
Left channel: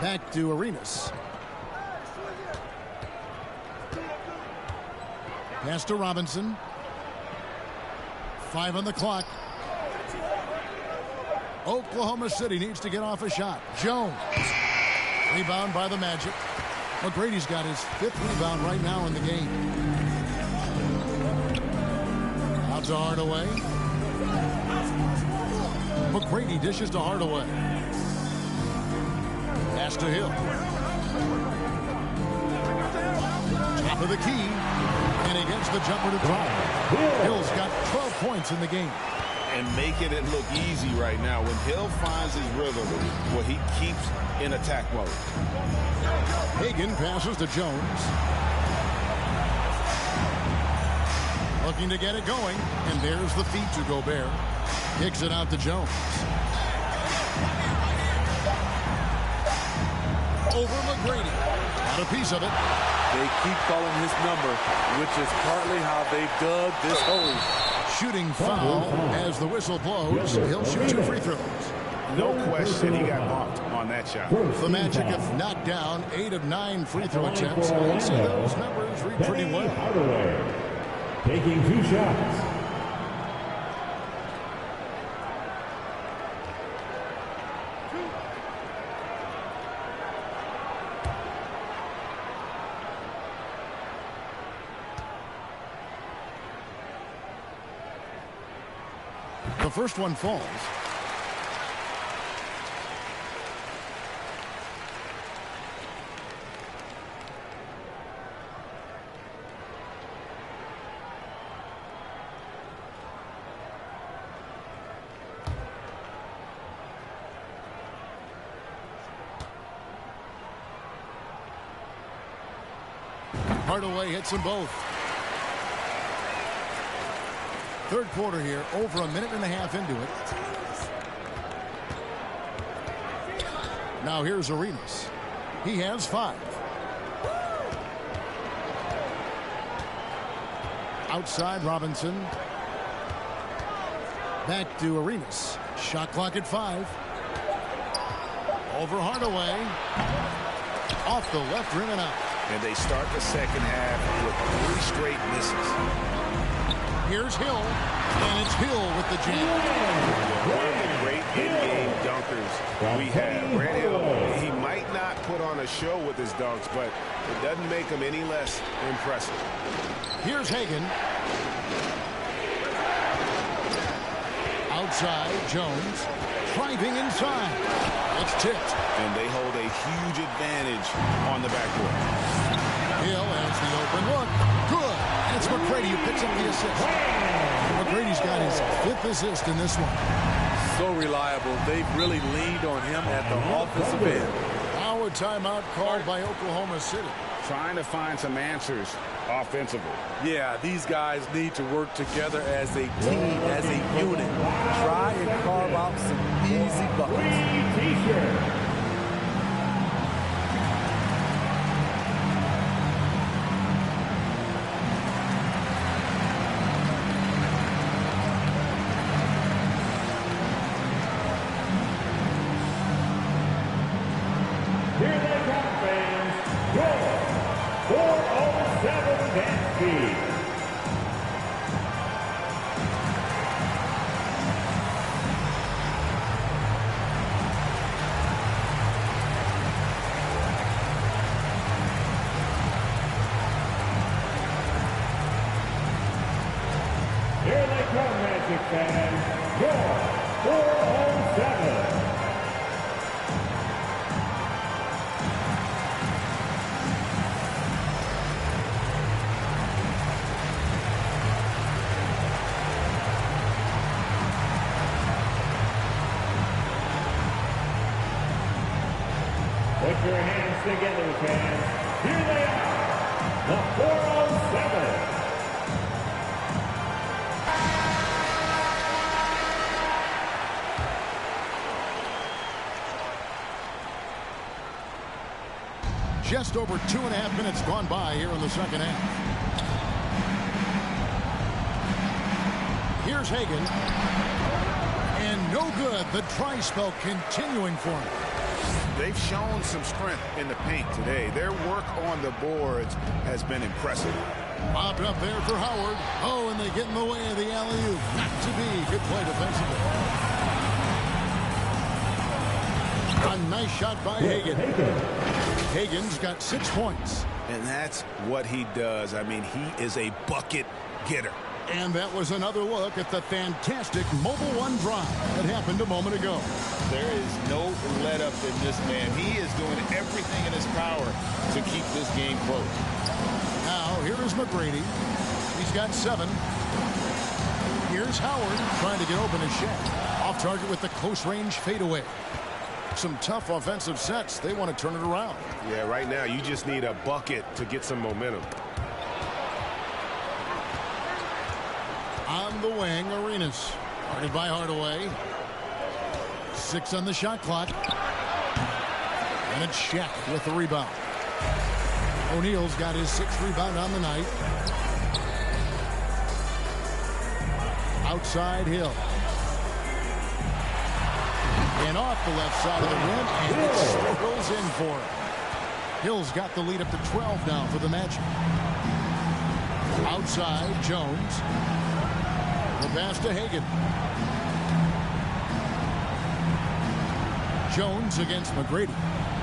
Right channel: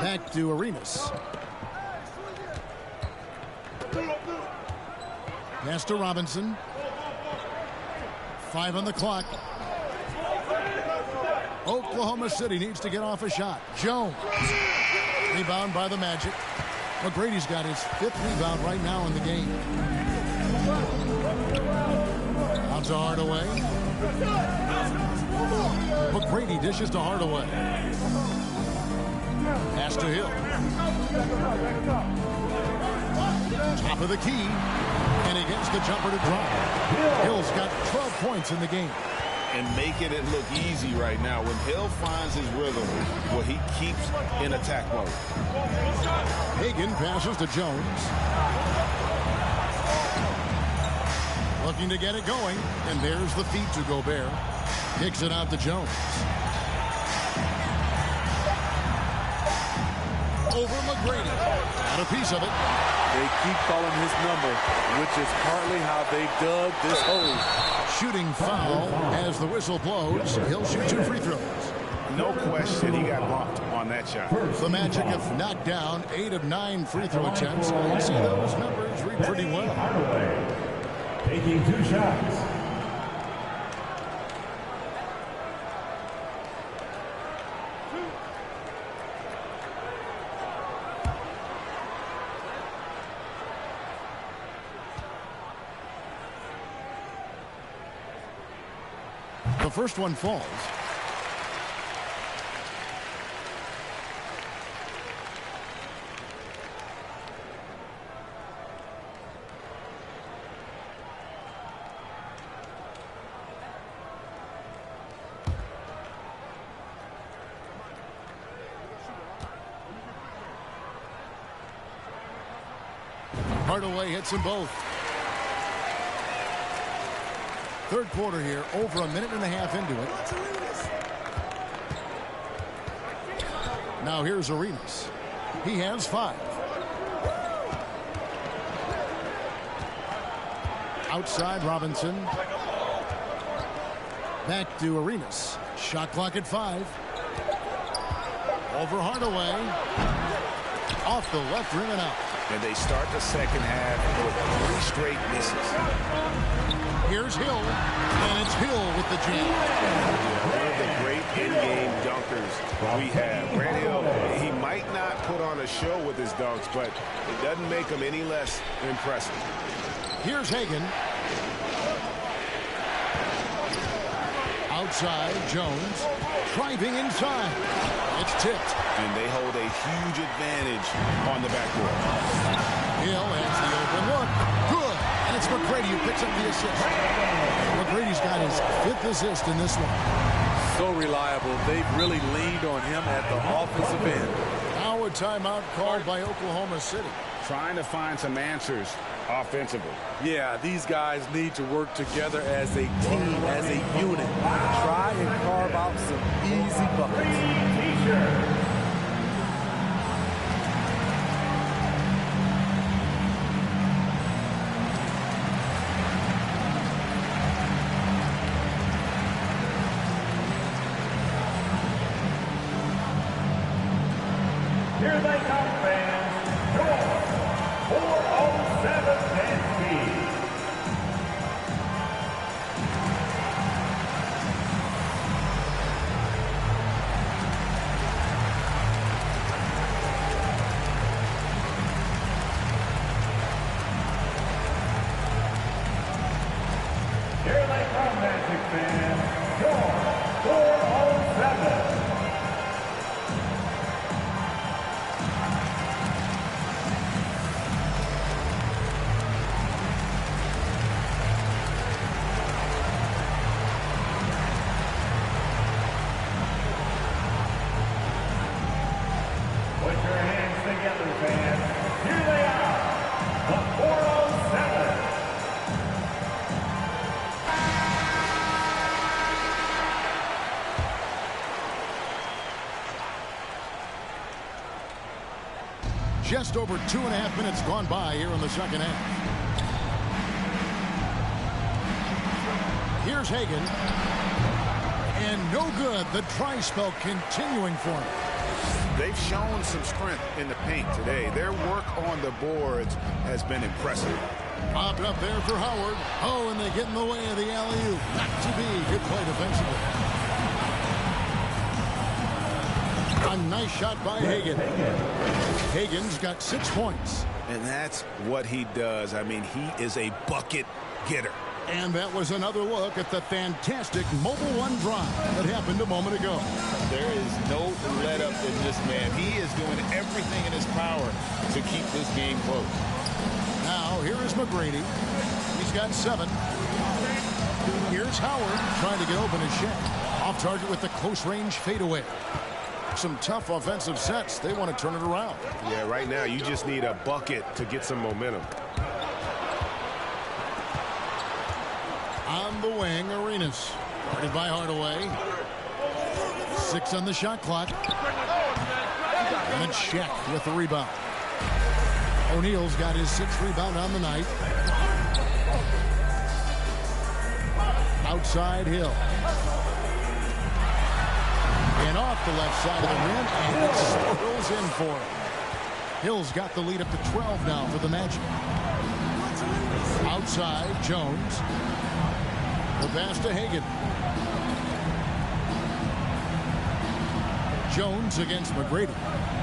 Back to Arenas. Pass to Robinson. 5 on the clock. Oklahoma City needs to get off a shot. Jones. Rebound by the Magic. McGrady's got his 5th rebound right now in the game. Out to Hardaway. McGrady dishes to Hardaway. Pass to Hill. Top of the key. And he gets the jumper to drop. Hill's got 12 points in the game. And making it look easy right now. When Hill finds his rhythm, well, he keeps in attack mode. Hagan passes to Jones. Looking to get it going. And there's the feed to Gobert. Kicks it out to Jones. Over McGrady. Got a piece of it. They keep calling his number, which is partly how they dug this hole. Shooting foul as the whistle blows. He'll shoot 2 free throws. No question he got bumped on that shot. The Magic have knocked down 8 of 9 free throw attempts. And you see those numbers read pretty well. Hardaway taking 2 shots. The first one falls. Hardaway hits them both. Third quarter here, over a minute and a half into it. Now here's Arenas. He has 5. Outside Robinson. Back to Arenas. Shot clock at 5. Over Hardaway. Off the left rim and out. And they start the second half with 3 straight misses. Here's Hill, and it's Hill with the jam. Yeah, one of the great in-game dunkers we have. Grant Hill, he might not put on a show with his dunks, but it doesn't make him any less impressive. Here's Hagan. Outside, Jones. Driving inside. It's tipped. And they hold a huge advantage on the backboard. Hill has the open look. Good. And it's McGrady who picks up the assist. McGrady's got his 5th assist in this one. So reliable. They've really leaned on him at the offensive end. Now a timeout called by Oklahoma City. Trying to find some answers offensively. Yeah, these guys need to work together as a team, as a unit. Try and carve out some easy buckets. Here they come, fans. Your 407 Dansky. Here they come, Magic fans. Your 407. Put your hands together, fans. Here they are, the 407. Just over 2.5 minutes gone by here in the second half. Here's Hagan. And no good. The dry spell continuing for him. They've shown some strength in the paint today. Their work on the boards has been impressive. Popped up there for Howard. Oh, and they get in the way of the alley-oop. Not to be. Good play defensively. A nice shot by Hagan. Hagan's got 6 points. And that's what he does. I mean, he is a bucket getter. And that was another look at the fantastic Mobile One drive that happened a moment ago. There is no let-up in this man. He is doing everything in his power to keep this game close. Now, here is McGrady. He's got 7. Here's Howard trying to get open as Shaq. Off target with the close-range fadeaway. Some tough offensive sets. They want to turn it around. Yeah, right now you just need a bucket to get some momentum. On the wing, Arenas. Guarded by Hardaway. 6 on the shot clock. And it's Shaq with the rebound. O'Neal's got his 6th rebound on the night. Outside Hill. And off the left side of the rim, and it swirls in for him. Hill's got the lead up to 12 now for the Magic. Outside, Jones. The pass to Hagan. Jones against McGrady.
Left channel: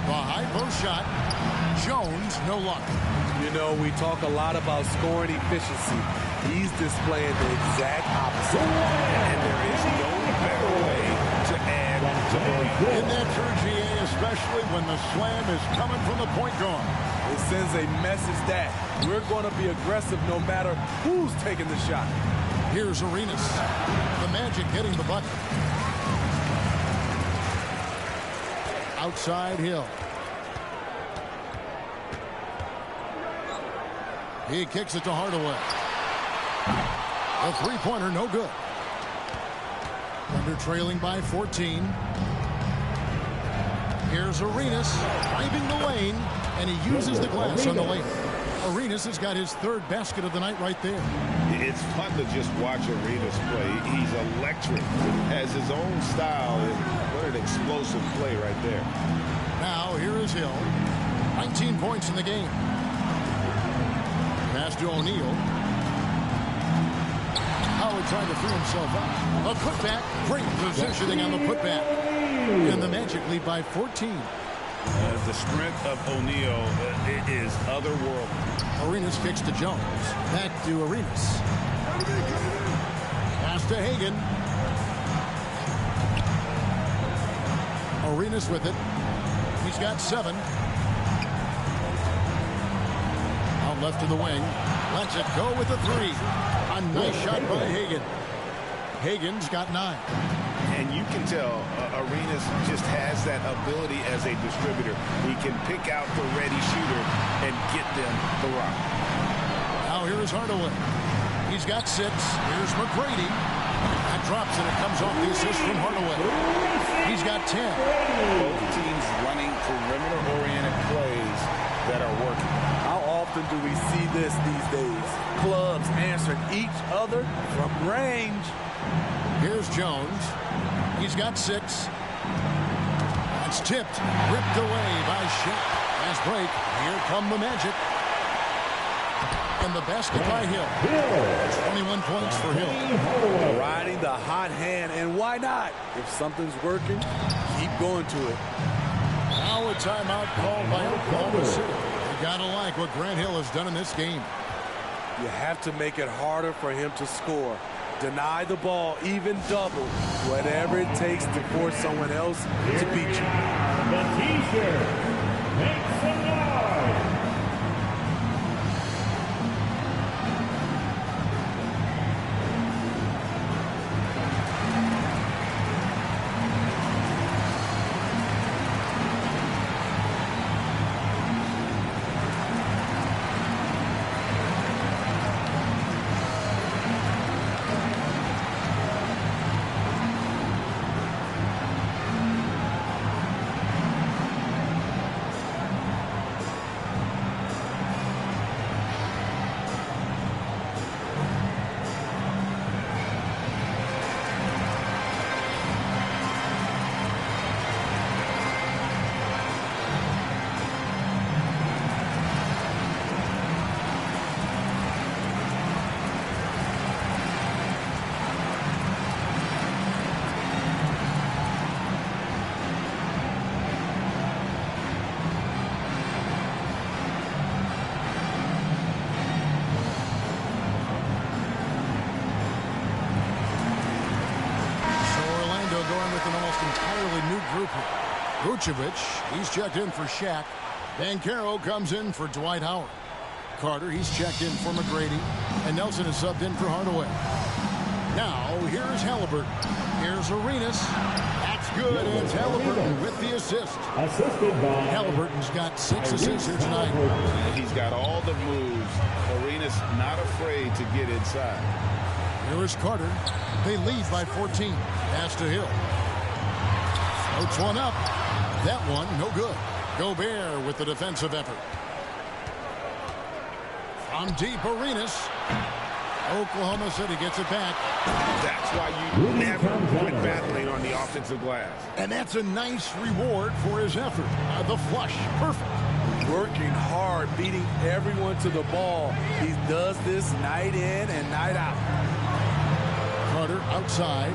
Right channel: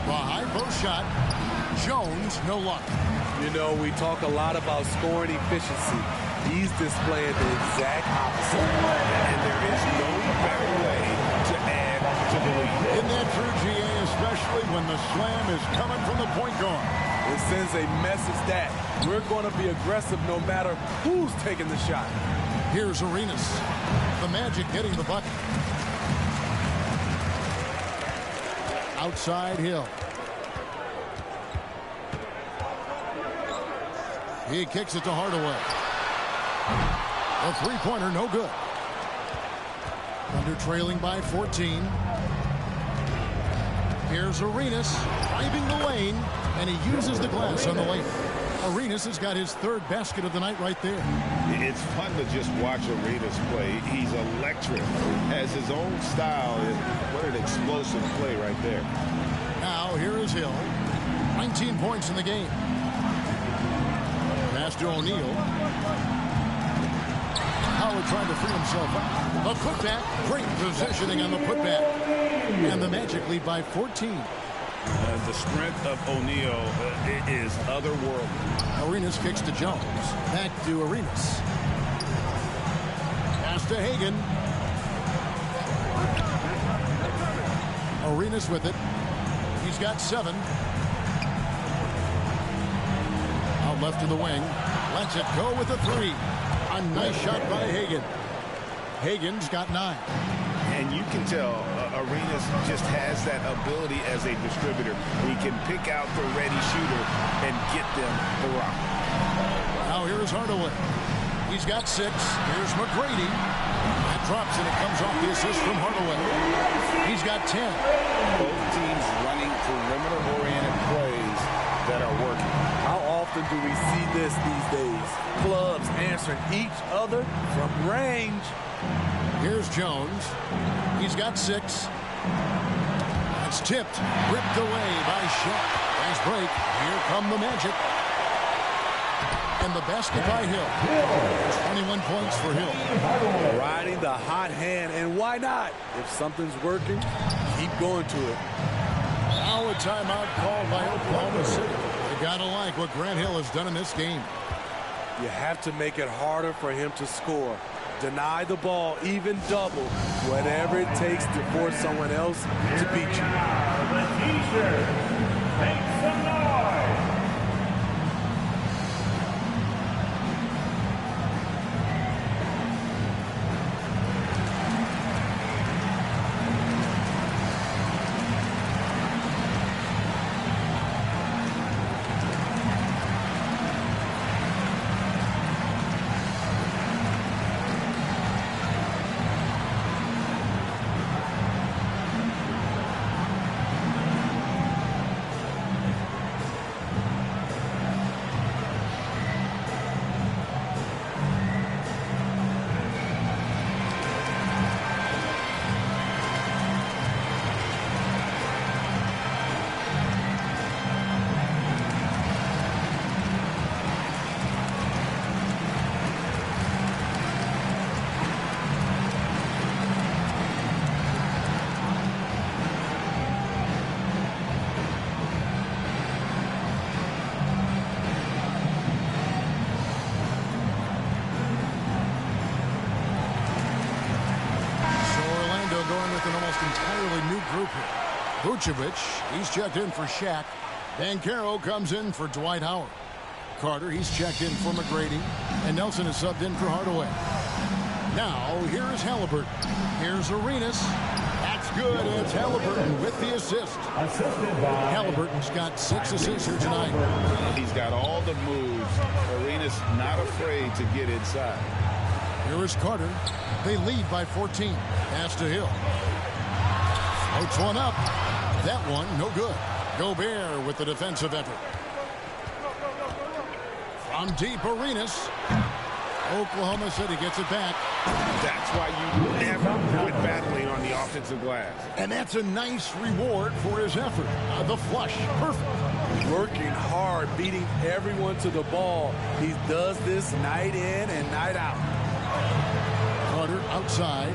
The high post shot. Jones, no luck. You know, we talk a lot about scoring efficiency. He's displaying the exact opposite. And there is no better way to add to the lead. Isn't that true, GA, especially when the slam is coming from the point guard? It sends a message that we're going to be aggressive no matter who's taking the shot. Here's Arenas. The Magic getting the bucket. Outside Hill. He kicks it to Hardaway. A three-pointer, no good. Thunder trailing by 14. Here's Arenas driving the lane, and he uses the glass on the lane. Arenas has got his 3rd basket of the night right there. It's fun to just watch Arenas play. He's electric, has his own style, and what an explosive play right there. Now here is Hill. 19 points in the game. Pass to O'Neal. Howard trying to free himself out. A putback. Great positioning on the putback. And the Magic lead by 14. The strength of O'Neal is otherworldly. Arenas kicks to Jones. Back to Arenas. Pass to Hagan. Arenas with it. He's got 7. Out left to the wing. Lets it go with a 3. A nice shot by Hagan. Hagan's got 9. And you can tell Arenas just has that ability as a distributor. He can pick out the ready shooter and get them the rock. Now here's Hardaway. He's got 6. Here's McGrady. That drops and it comes off the assist from Hardaway. He's got 10. Both teams running perimeter-oriented plays that are working. How often do we see this these days? Clubs answering each other from range. Here's Jones. He's got 6. That's tipped. Ripped away by Shaq. Fast break. Here come the Magic. And the basket by Hill. 21 points for Hill. Riding the hot hand, and why not? If something's working, keep going to it. Now a timeout called by Oklahoma City. You gotta like what Grant Hill has done in this game. You have to make it harder for him to score. Deny the ball, even double, whatever it takes to force someone else to beat you. The T-shirt, make some noise. They'll go in with an almost entirely new group here. Vucevic, he's checked in for Shaq. Banchero comes in for Dwight Howard. Carter, he's checked in for McGrady. And Nelson is subbed in for Hardaway. Now, here's Halliburton. Here's Arenas. That's good. It's Halliburton with the assist. Halliburton's got 6 assists here tonight. He's got all the moves. Arenas not afraid to get inside. Here is Carter. They lead by 14. Pass to Hill. Floats one up. That one, no good. Gobert with the defensive effort. From deep, Arenas. Oklahoma City gets it back. That's why you never quit battling on the offensive glass. And that's a nice reward for his effort. The flush, perfect. Working hard, beating everyone to the ball. He does this night in and night out. Carter outside.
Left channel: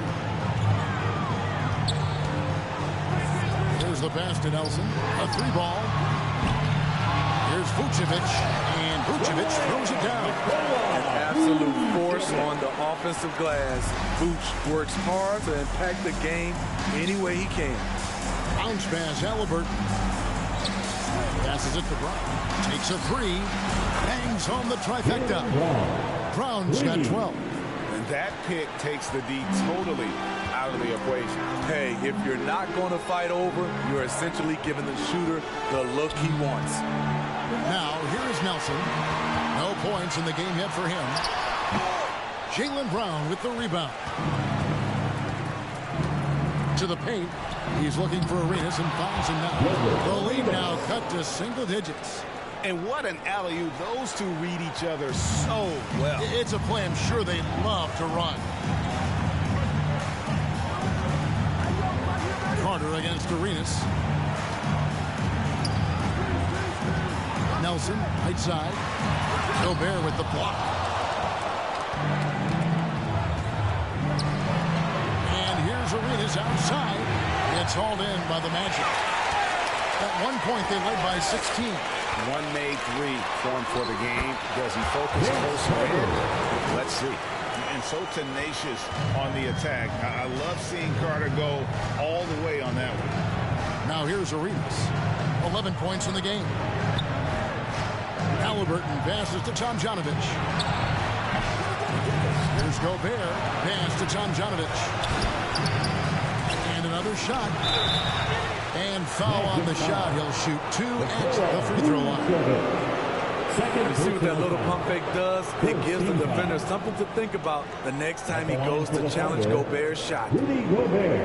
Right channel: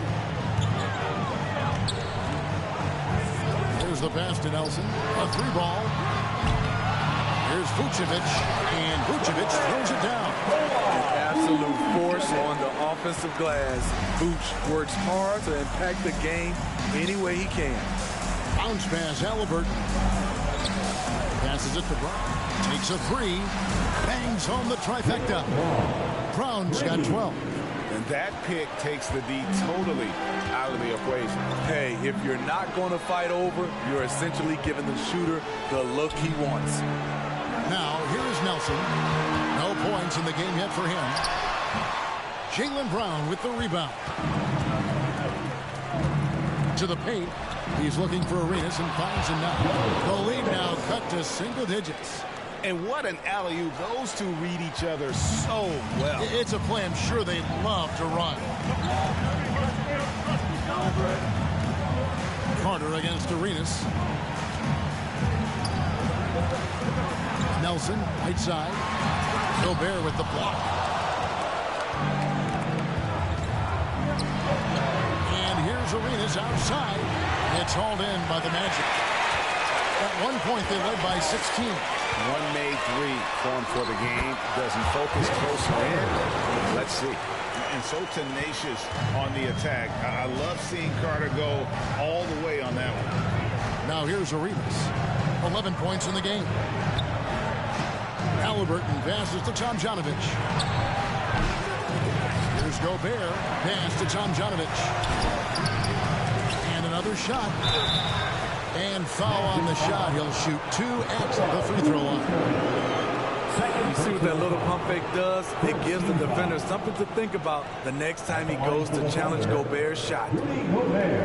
Here's the pass to Nelson. A 3-ball. Here's Vucevic, and Vucevic throws it down. An absolute force on the offensive glass. Vuce works hard to impact the game any way he can. Bounce pass, Halliburton. Passes it to Brown. Takes a 3. Bangs home the trifecta. Brown's got 12. And that pick takes the D totally out of the equation. Hey, if you're not going to fight over, you're essentially giving the shooter the look he wants. Now, here is Nelson. No points in the game yet for him. Jaylen Brown with the rebound. To the paint. He's looking for Arenas and finds him now. The lead now cut to single digits. And what an alley-oop. Those two read each other so well. It's a play I'm sure they love to run. Carter against Arenas. Nelson, right side. Gobert with the block. And here's Arenas outside. It's hauled in by the Magic. At one point, they led by 16. One made 3 formed for the game. Does he focus closer in? Let's see. And so tenacious on the attack. I love seeing Carter go all the way on that one. Now here's Arenas. 11 points in the game. Halliburton passes to Tomjanovich. Here's Gobert. Pass to Tomjanovich. And another shot. And foul on the shot. He'll shoot 2 at the free throw line. You see what that little pump fake does? It gives the defender something to think about the next time he goes to challenge Gobert's shot.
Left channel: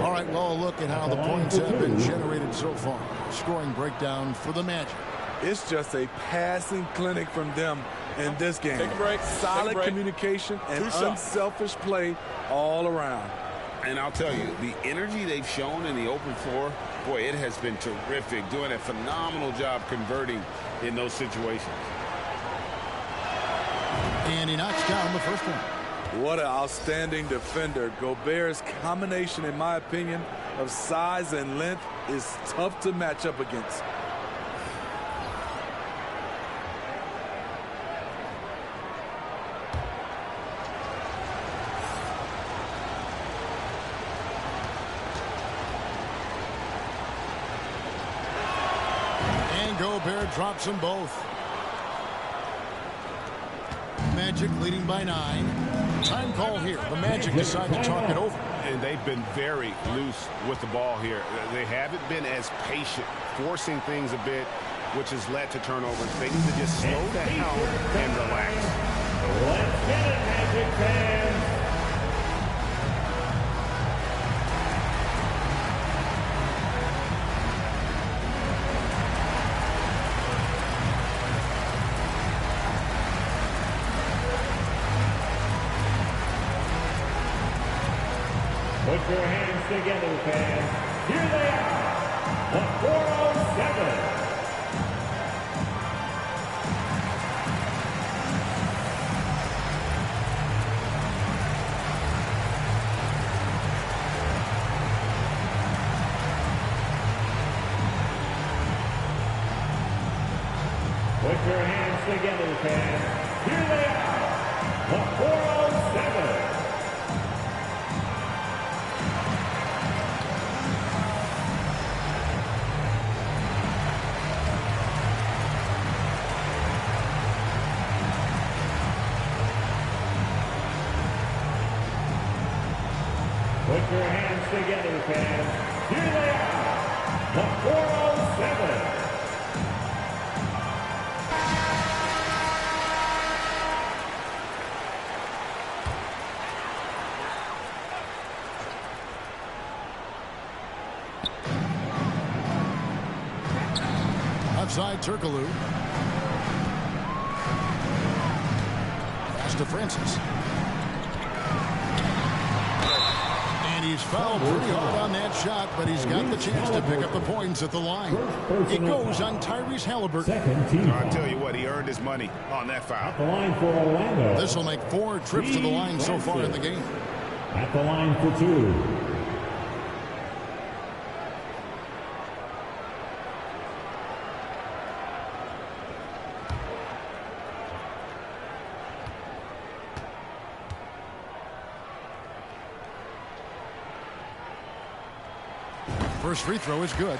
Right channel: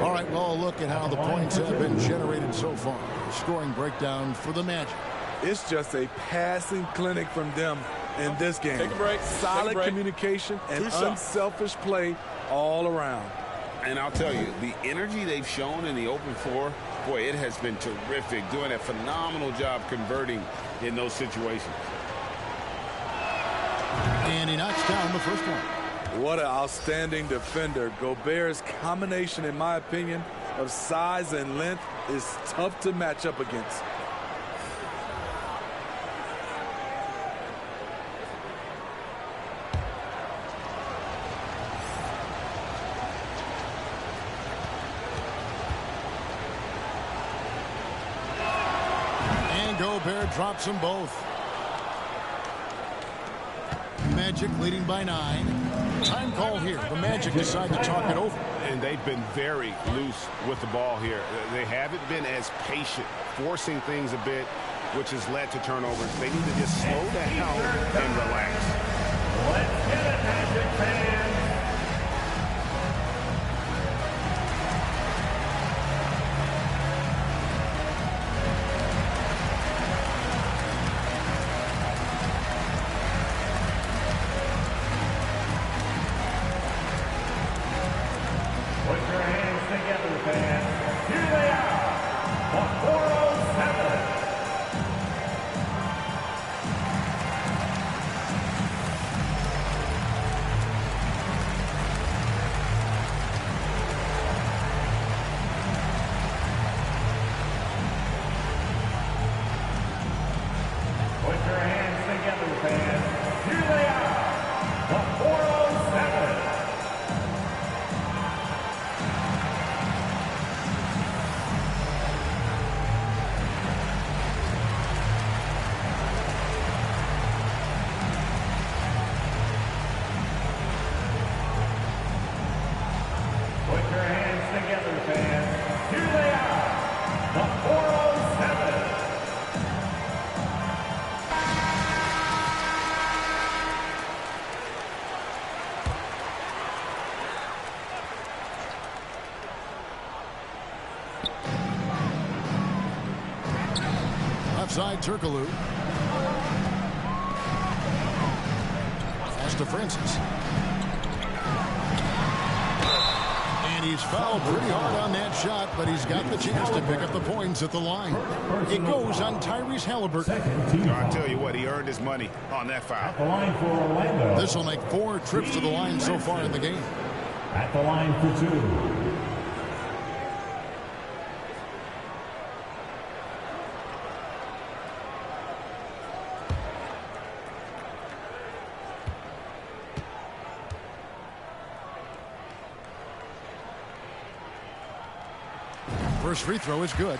All right, well, look at how the points have been generated so far. Scoring breakdown for the Magic. It's just a passing clinic from them in this game. Take a break. Solid communication and unselfish play all around. And I'll tell you, the energy they've shown in the open floor, boy, it has been terrific. Doing a phenomenal job converting in those situations. And he knocks down the first one. What an outstanding defender. Gobert's combination, in my opinion, of size and length is tough to match up against. And Gobert drops them both. Magic leading by 9. Time call here. The Magic decide to talk it over. And they've been very loose with the ball here. They haven't been as patient, forcing things a bit, which has led to turnovers. They need to just slow down and relax. Let's get it, Magic fans. Put your hands together, fans. Here they are, the 407. Put your hands together, fans. Here they are, the 407. Put your hands together, fans. Here they are, the 407. Offside Turkoglu. Pass to Francis. And he's fouled pretty hard on that shot, but he's got the chance to pick up the points at the line. It goes on Tyrese Haliburton. I tell you what, he earned his money on that foul. At the line for Orlando. This will make 4 trips to the line so far in the game. At the line for 2. First free throw is good.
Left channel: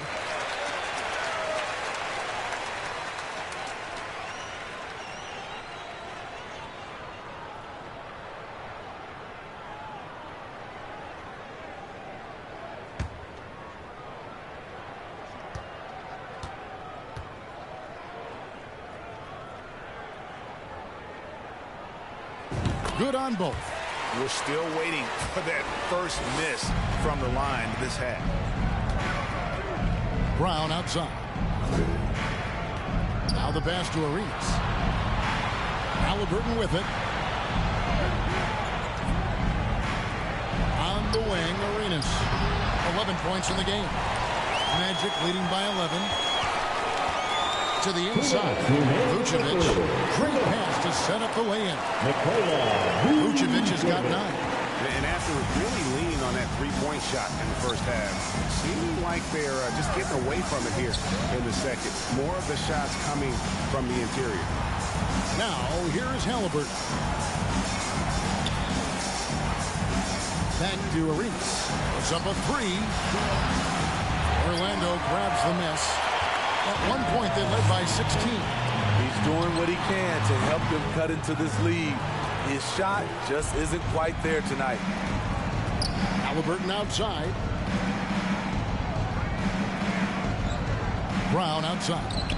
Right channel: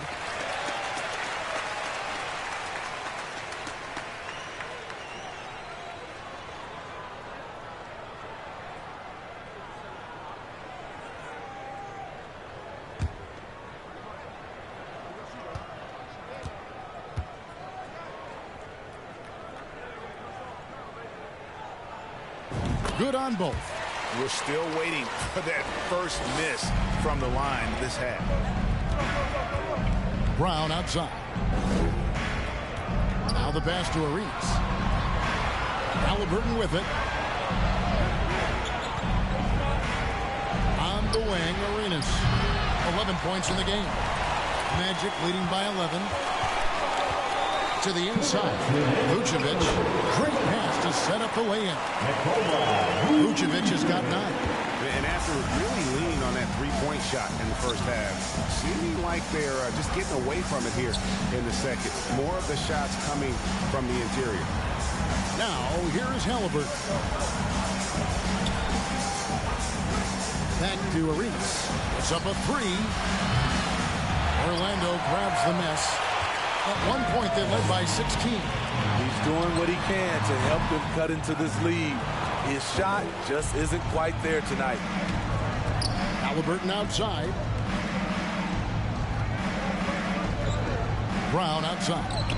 Good on both. We're still waiting for that first miss from the line this half. Brown outside. Now the pass to Arenas. Haliburton with it. On the wing, Arenas. 11 points in the game. Magic leading by 11. To the inside. Vucevic. Great pass to set up the lay-in. Vucevic has got 9. And after really leaning on that three-point shot in the first half, seeming like they're just getting away from it here in the second. More of the shots coming from the interior. Now, here is Haliburton. Back to Arenas. Puts up a 3. Orlando grabs the miss. At one point, they led by 16. He's doing what he can to help them cut into this lead. His shot just isn't quite there tonight. Haliburton outside. Brown outside.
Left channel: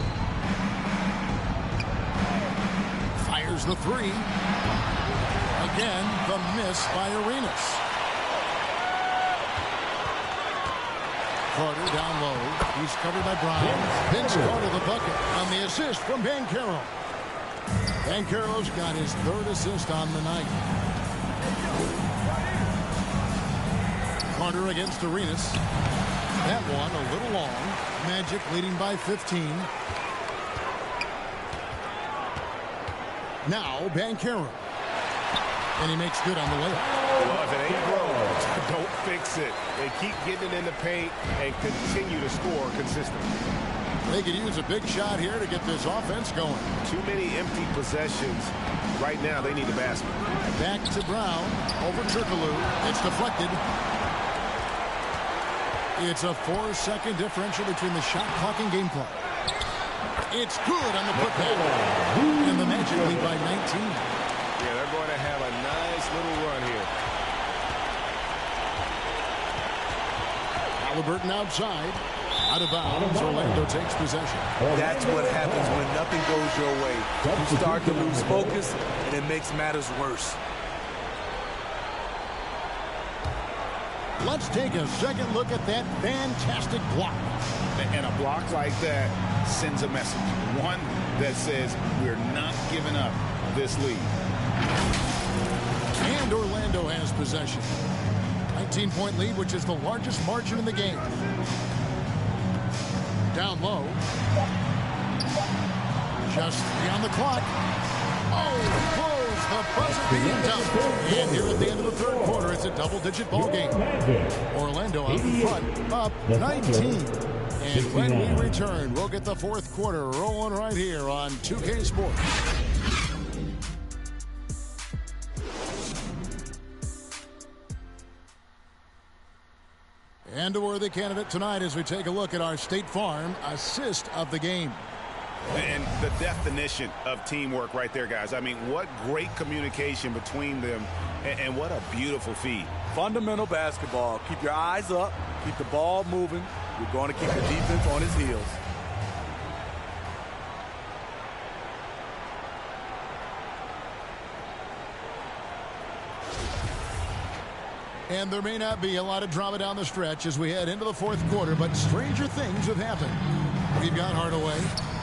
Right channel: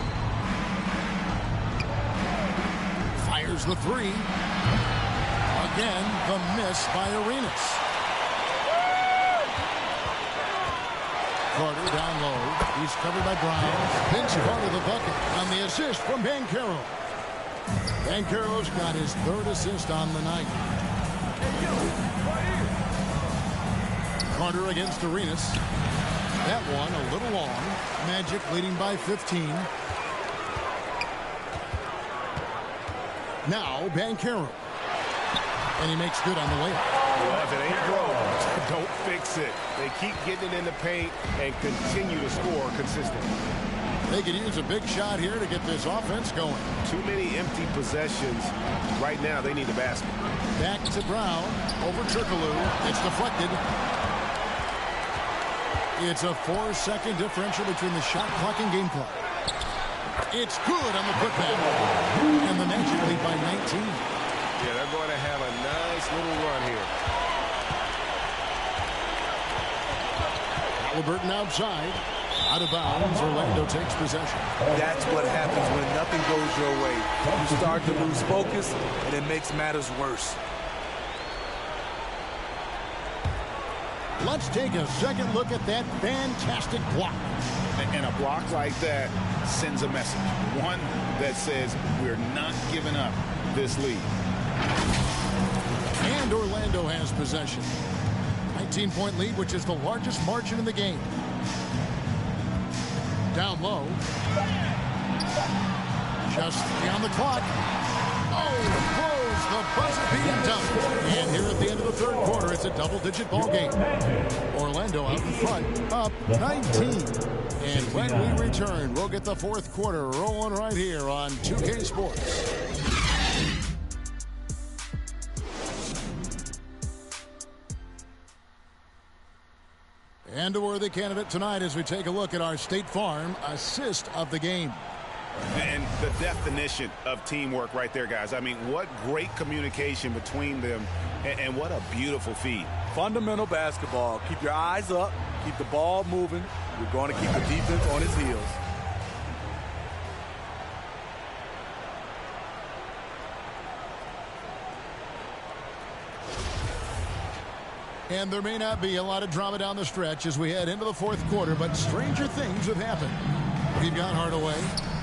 Fires the 3. Again, the miss by Arenas. Carter down low. He's covered by Brown. Vince Carter the bucket on the assist from Banchero. Banchero's got his 3rd assist on the night. Carter against Arenas. That one a little long. Magic leading by 15. Now Banchero. And he makes good on the layup. Well, if it ain't broke, don't fix it. They keep getting it in the paint and continue to score consistently. They could use a big shot here to get this offense going. Too many empty possessions. Right now, they need the basket. Back to Brown. Over Turkoglu. It's deflected. It's a 4-second differential between the shot clock and game clock. It's good on the putback. And the Magic lead by 19. Yeah, they're going to have a nice little run here. Haliburton outside. Out of bounds. Orlando takes possession. That's what happens when nothing goes your way. You start to lose focus, and it makes matters worse. Let's take a second look at that fantastic block. And a block like that sends a message. One that says we're not giving up this lead. And Orlando has possession. 19-point lead, which is the largest margin in the game. Down low. Just 3 on the clock. Oh, blows the buzzer-beating dunk. And here at the end of the 3rd quarter, it's a double-digit ball game. Orlando out in front, up 19. And when we return, we'll get the 4th quarter rolling right here on 2K Sports. And a worthy candidate tonight as we take a look at our State Farm assist of the game. And the definition of teamwork right there, guys. I mean, what great communication between them, and what a beautiful feed. fundamental basketball. Keep your eyes up. Keep the ball moving. You're going to keep the defense on his heels. And there may not be a lot of drama down the stretch as we head into the fourth quarter, but stranger things have happened. We've got Hardaway.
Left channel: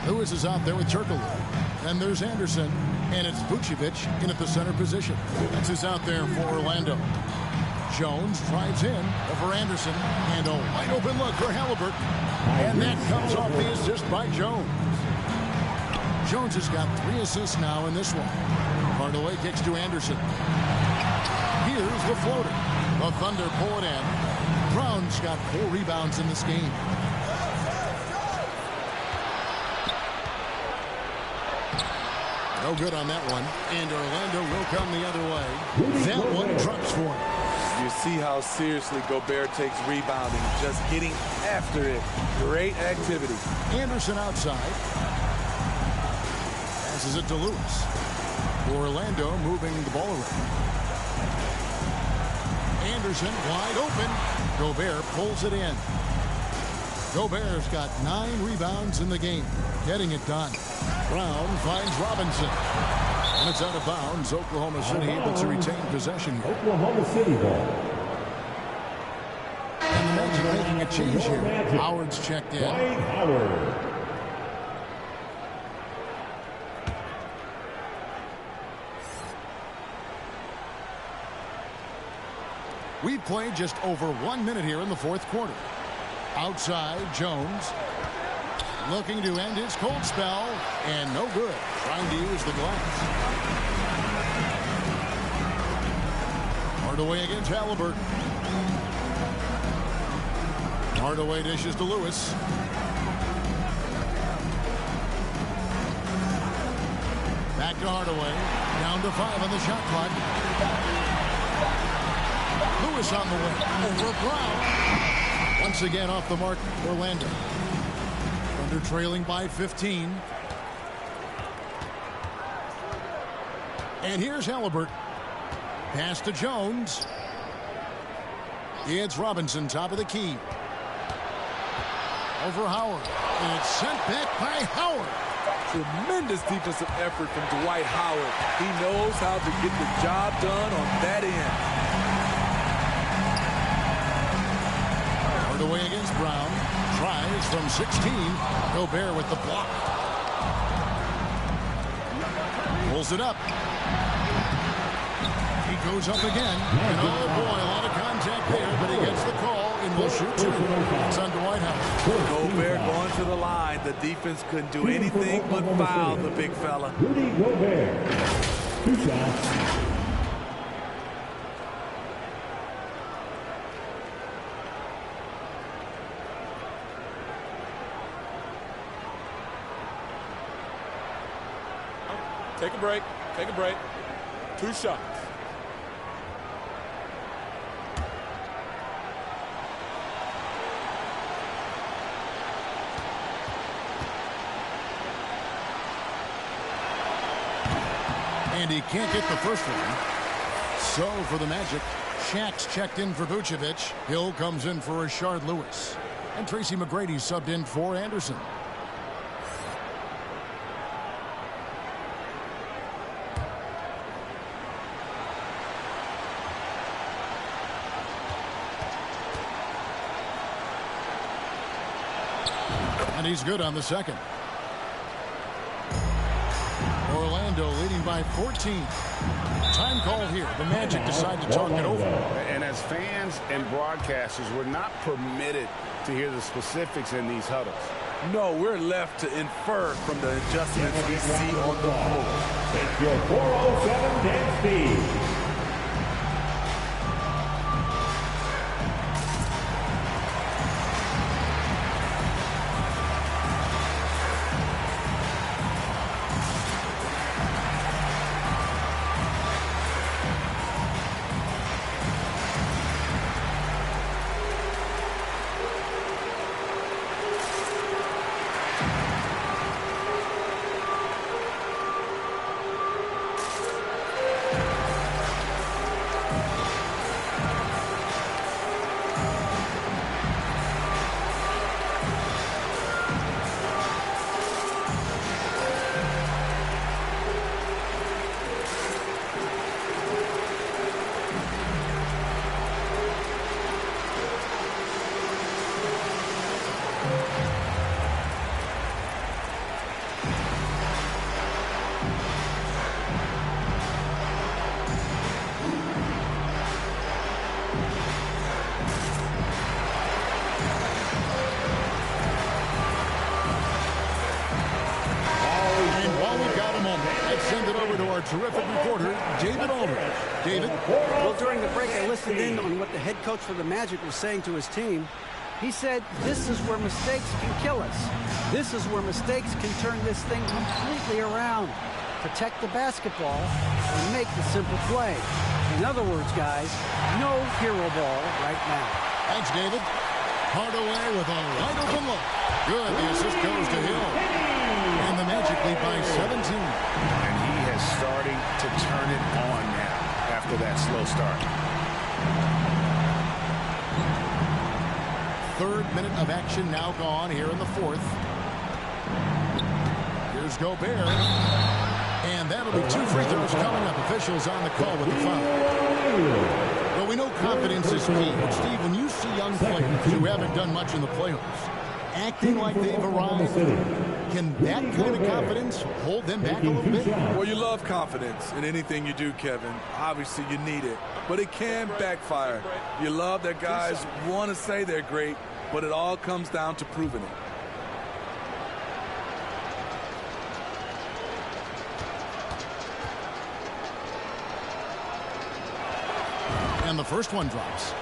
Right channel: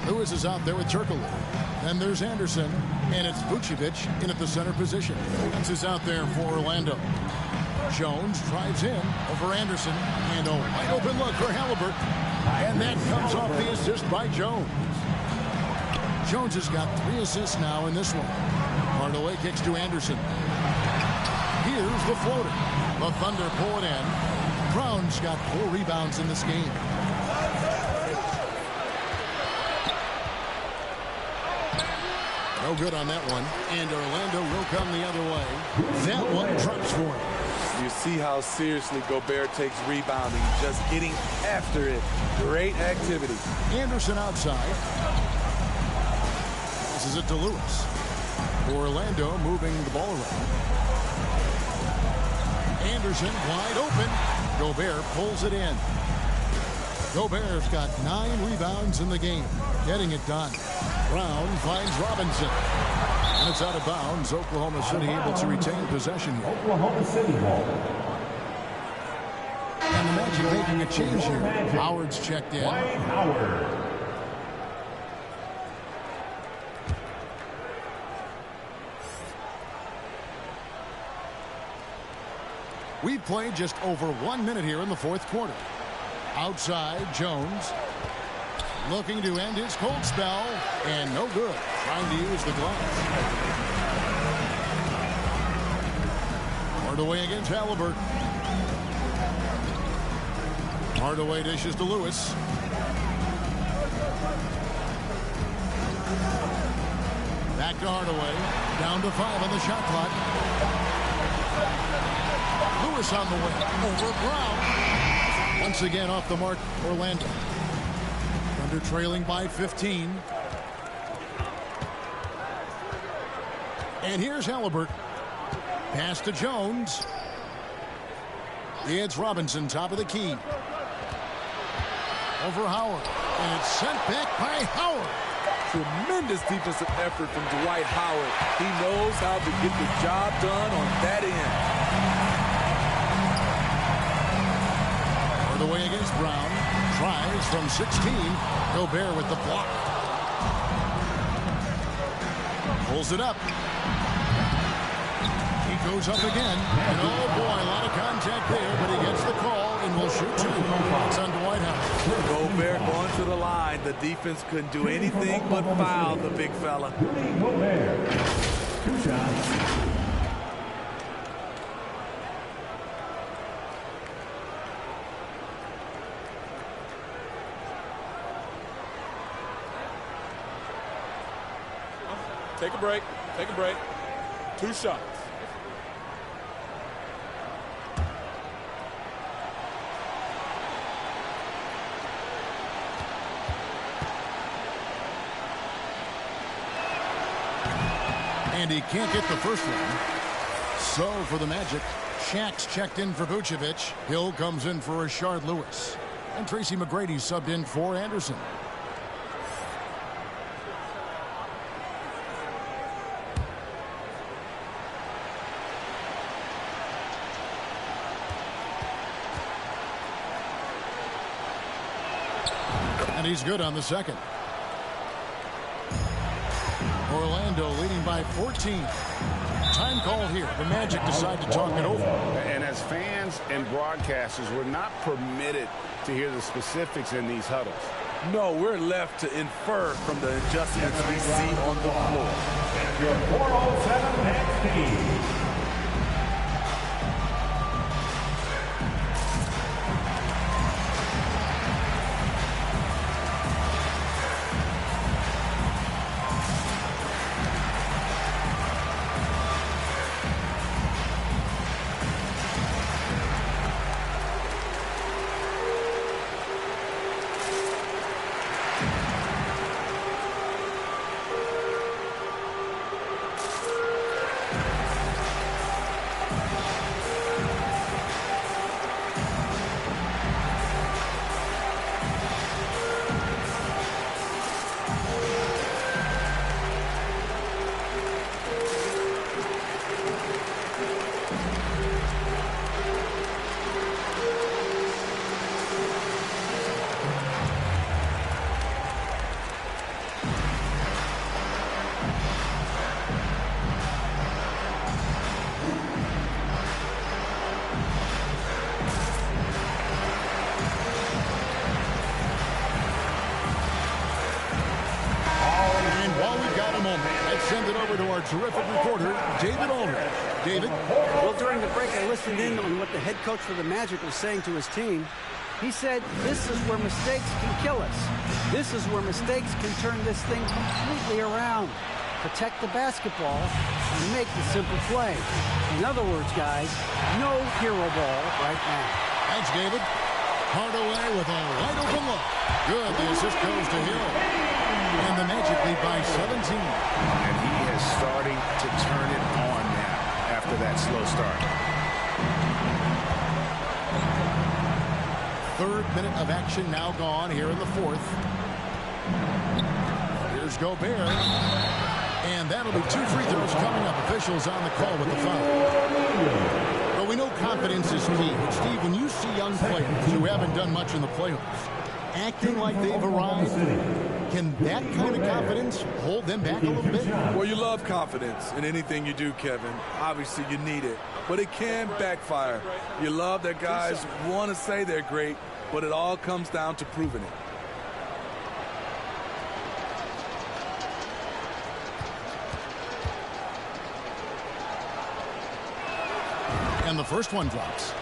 Lewis is out there with Turkoglu. Then there's Anderson, and it's Vucevic in at the center position. That's who's out there for Orlando. Jones drives in over Anderson, and a wide open look for Halliburton. And that comes off the assist by Jones. Jones has got 3 assists now in this one. Hardaway kicks to Anderson. Here's the floater. The Thunder pull it in. Brown's got 4 rebounds in this game. No good on that one. And Orlando will come the other way. That one drops for him. You see how seriously Gobert takes rebounding, just getting after it. Great activity. Anderson outside. Passes it to Lewis. Orlando moving the ball around. Anderson wide open. Gobert pulls it in. Gobert's got 9 rebounds in the game. Getting it done. Brown finds Robinson. And it's out of bounds. Oklahoma City able to retain possession here. Oklahoma City ball. And the Magic making a change here. Magic. Howard's checked in. Dwight Howard. We've played just over 1 minute here in the fourth quarter. Outside, Jones. Looking to end his cold spell. And no good. Trying to use the glass. Hardaway against Halliburton. Hardaway dishes to Lewis. Back to Hardaway. Down to 5 on the shot clock. Lewis on the way. Over Brown. Once again off the mark, Orlando. Thunder trailing by 15. And here's Halliburton. Pass to Jones. It's Robinson, top of the key. Over Howard. And it's sent back by Howard. Tremendous defensive effort from Dwight Howard. He knows how to get the job done on that end. Hardaway against Brown. Tries from 16. Gobert with the block. Pulls it up. He goes up again. And oh boy, a lot of contact there, but he gets the call and will shoot 2. It's on Dwight Howard. Gobert going to the line. The defense couldn't do anything but foul the big fella. Rudy Gobert. 2 shots. Take a break. Take a break. 2 shots. And he can't get the first one. So for the Magic, Shaq's checked in for Vucevic. Hill comes in for Rashard Lewis. And Tracy McGrady subbed in for Anderson. And he's good on the second. Orlando leading by 14. Time call here. The Magic decide to talk it over. And as fans and broadcasters, we're not permitted to hear the specifics in these huddles. No, we're left to infer from the adjustments we see on the floor. Your 407 next team. send it over to our terrific reporter, David Aldridge. David? Well, during the break, I listened in on what the head coach for the Magic was saying to his team. He said, this is where mistakes can kill us. This is where mistakes can turn this thing completely around. Protect the basketball and make the simple play. In other words, guys, no hero ball right now. Thanks, David. Hardaway with a wide open look. Good. The assist goes to Hill. And the Magic lead by 17. And he is starting to turn it on now after that slow start. Third minute of action now gone here in the fourth. Here's Gobert. And that'll be 2 free throws coming up. Officials on the call with the foul. Well, we know confidence is key. But, Steve, when you see young players who haven't done much in the playoffs acting like they've arrived, can that kind of confidence hold them back a little bit? Well, you love confidence in anything you do, Kevin. Obviously, you need it. But it can backfire. You love that guys want to say they're great, but it all comes down to proving it. And the first one drops.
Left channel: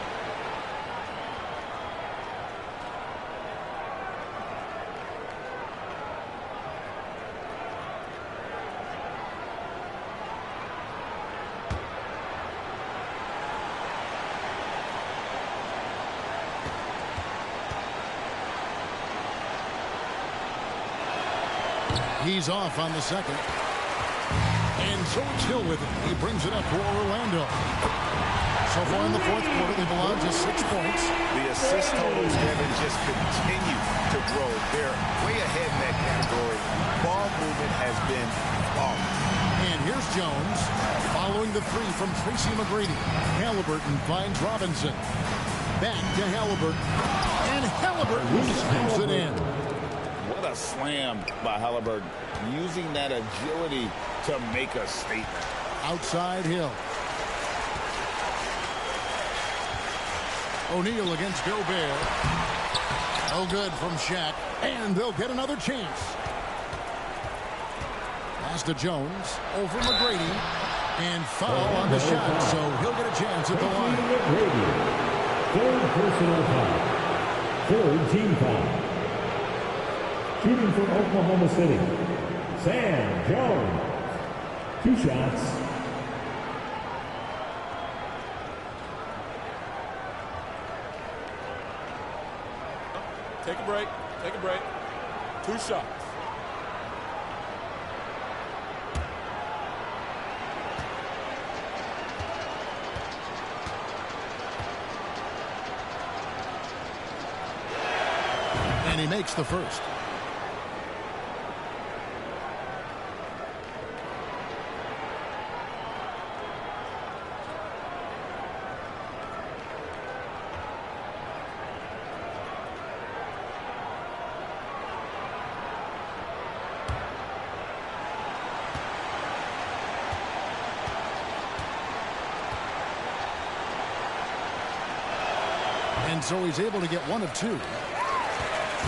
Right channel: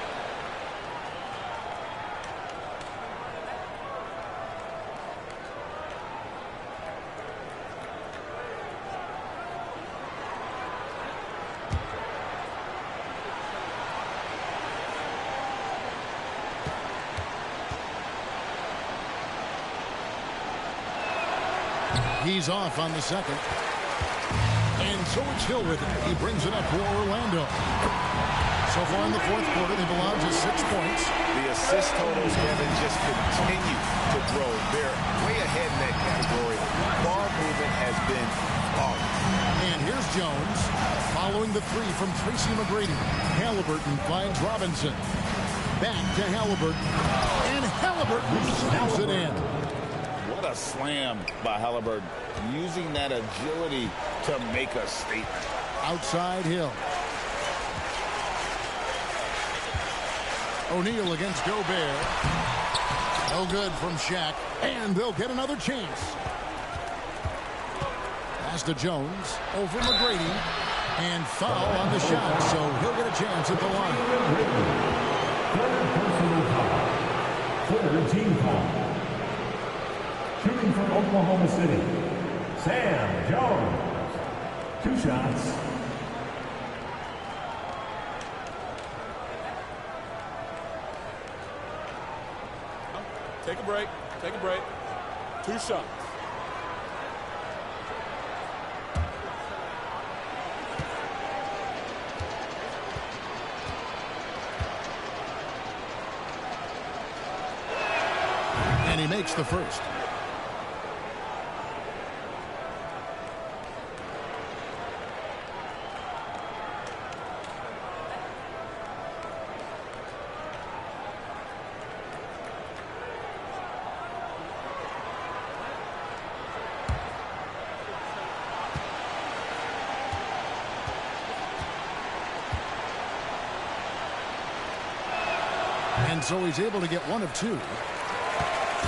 He's off on the second. And so it's Hill with it. He brings it up for Orlando. So far in the fourth quarter, they've allowed just 6 points. The assist totals, Kevin, just continue to grow. They're way ahead in that category. Ball movement has been flawless. And here's Jones following the 3 from Tracy McGrady. Halliburton finds Robinson. Back to Halliburton. And Halliburton slams it in. What a slam by Halliburton. Using that agility to make a statement. Outside Hill. O'Neal against Gobert. No good from Shaq. And they'll get another chance. Pass to Jones. Over McGrady. And foul on the shot. So he'll get a chance at the line. Third personal foul. Third team foul. Shooting from Oklahoma City, Sam Jones. 2 shots. Take a break. Take a break. 2 shots. And he makes the first. And so he's able to get 1 of 2.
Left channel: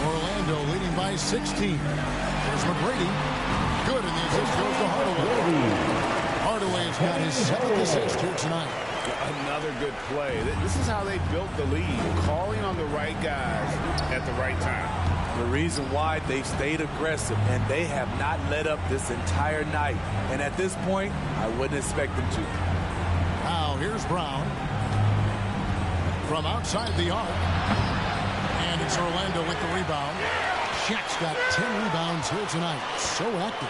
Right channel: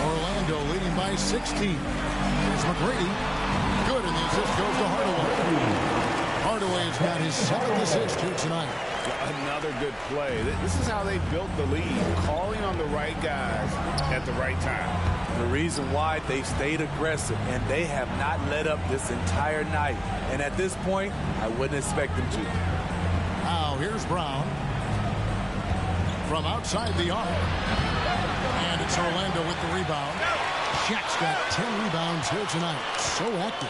Orlando leading by 16. Here's McGrady. Good, and the assist goes to Hardaway. Hardaway has got his 7th assist here tonight. Another good play. This is how they built the lead, calling on the right guys at the right time. The reason why they've stayed aggressive, and they have not let up this entire night. And at this point, I wouldn't expect them to. Now here's Brown. From outside the arc. And it's Orlando with the rebound. Shaq's got 10 rebounds here tonight. So active.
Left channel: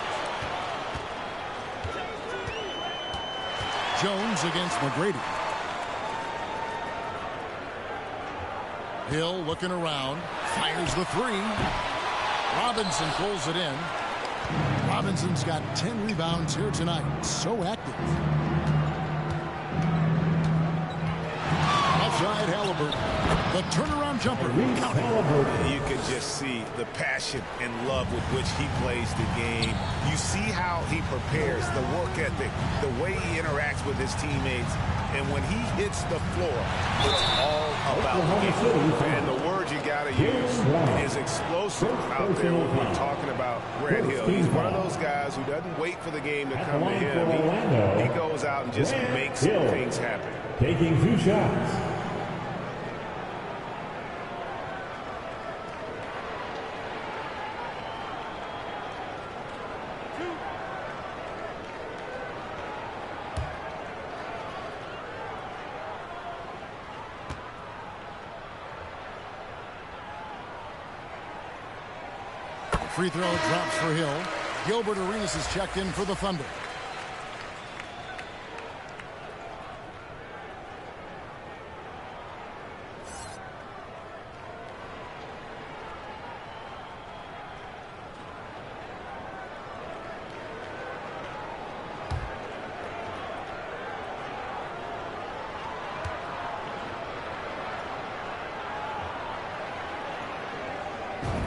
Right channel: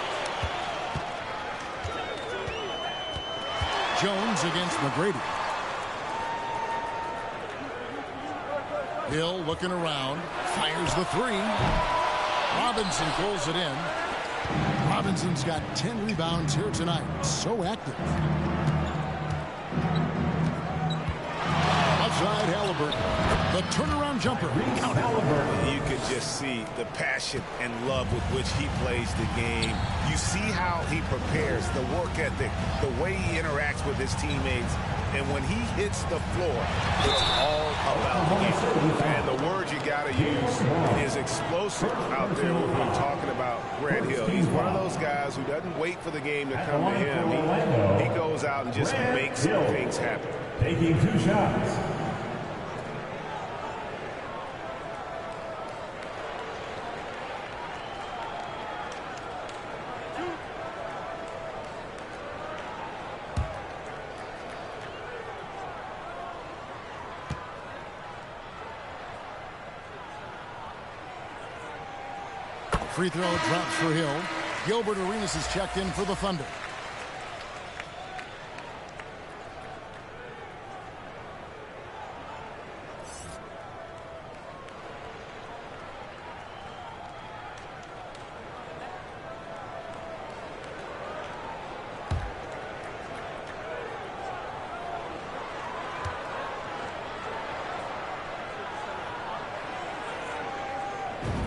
Jones against McGrady. Hill looking around. Fires the 3. Robinson pulls it in. Robinson's got 10 rebounds here tonight. So active. Outside Halliburton. The turnaround jumper. Count Halliburton. You can just see the passion and love with which he plays the game. You see how he prepares, the work ethic, the way he interacts with his teammates. And when he hits the floor, it's all about the game. And the word you got to use is explosive out there when we're talking about Grant Hill. He's one of those guys who doesn't wait for the game to come to him. He goes out and just makes things happen. Taking 2 shots. Free throw drops for Hill. Gilbert Arenas is checked in for the Thunder.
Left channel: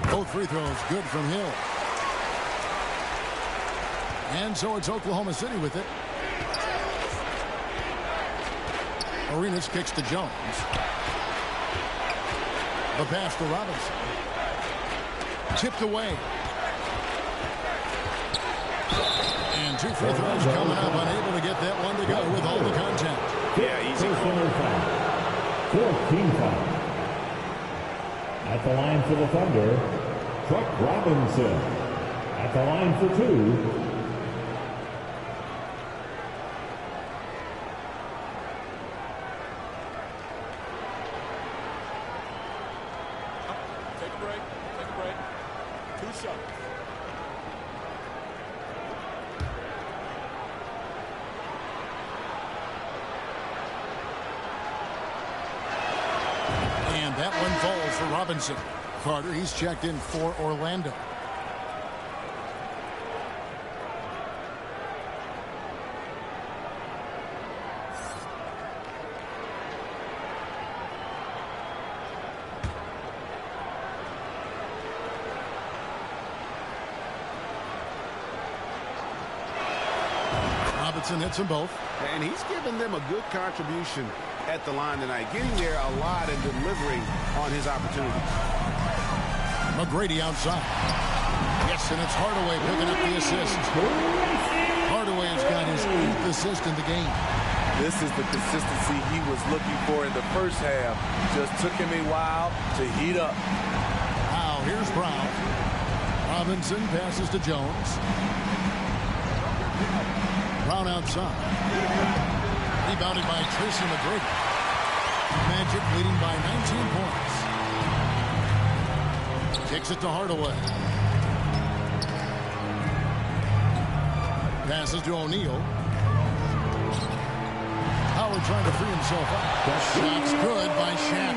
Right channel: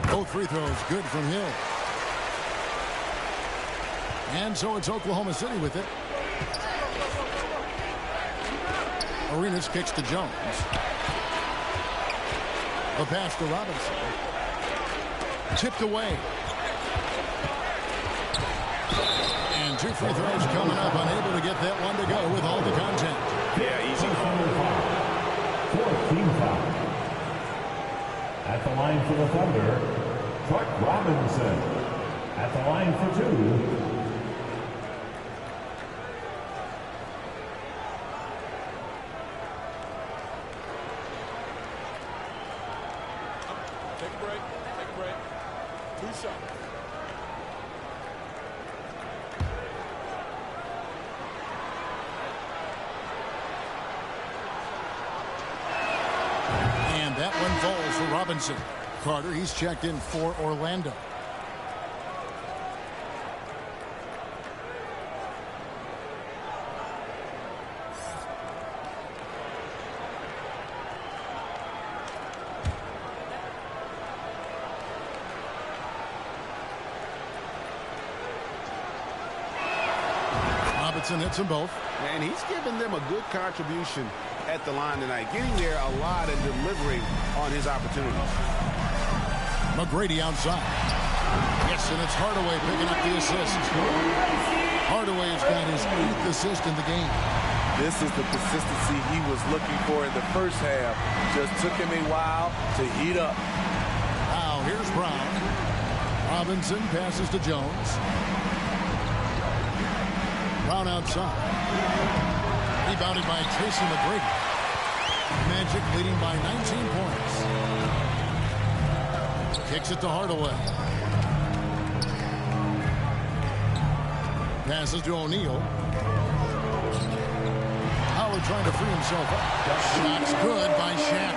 Both free throws good from Hill. And so it's Oklahoma City with it. Arenas kicks to Jones. The pass to Robinson. Chipped away. And 2 free throws coming up. Unable to get that one to go with all the contact. Yeah, easy call. 14 foul. At the line for the Thunder, Truck Robinson. At the line for 2. Take a break. Take a break. 2 shots. And that one falls for Robinson. Carter, he's checked in for Orlando. Robinson hits them both. And he's given them a good contribution at the line tonight, getting there a lot and delivering on his opportunities. McGrady outside. Yes, and it's Hardaway picking up the assist. Hardaway's got his 8th assist in the game. This is the consistency he was looking for in the first half. Just took him a while to heat up. Now here's Brown. Robinson passes to Jones. Brown outside. Rebounded by Tracy McGrady. Magic leading by 19 points. Kicks it to Hardaway. Passes to O'Neal. Howard trying to free himself up. Shot's good by Shaq.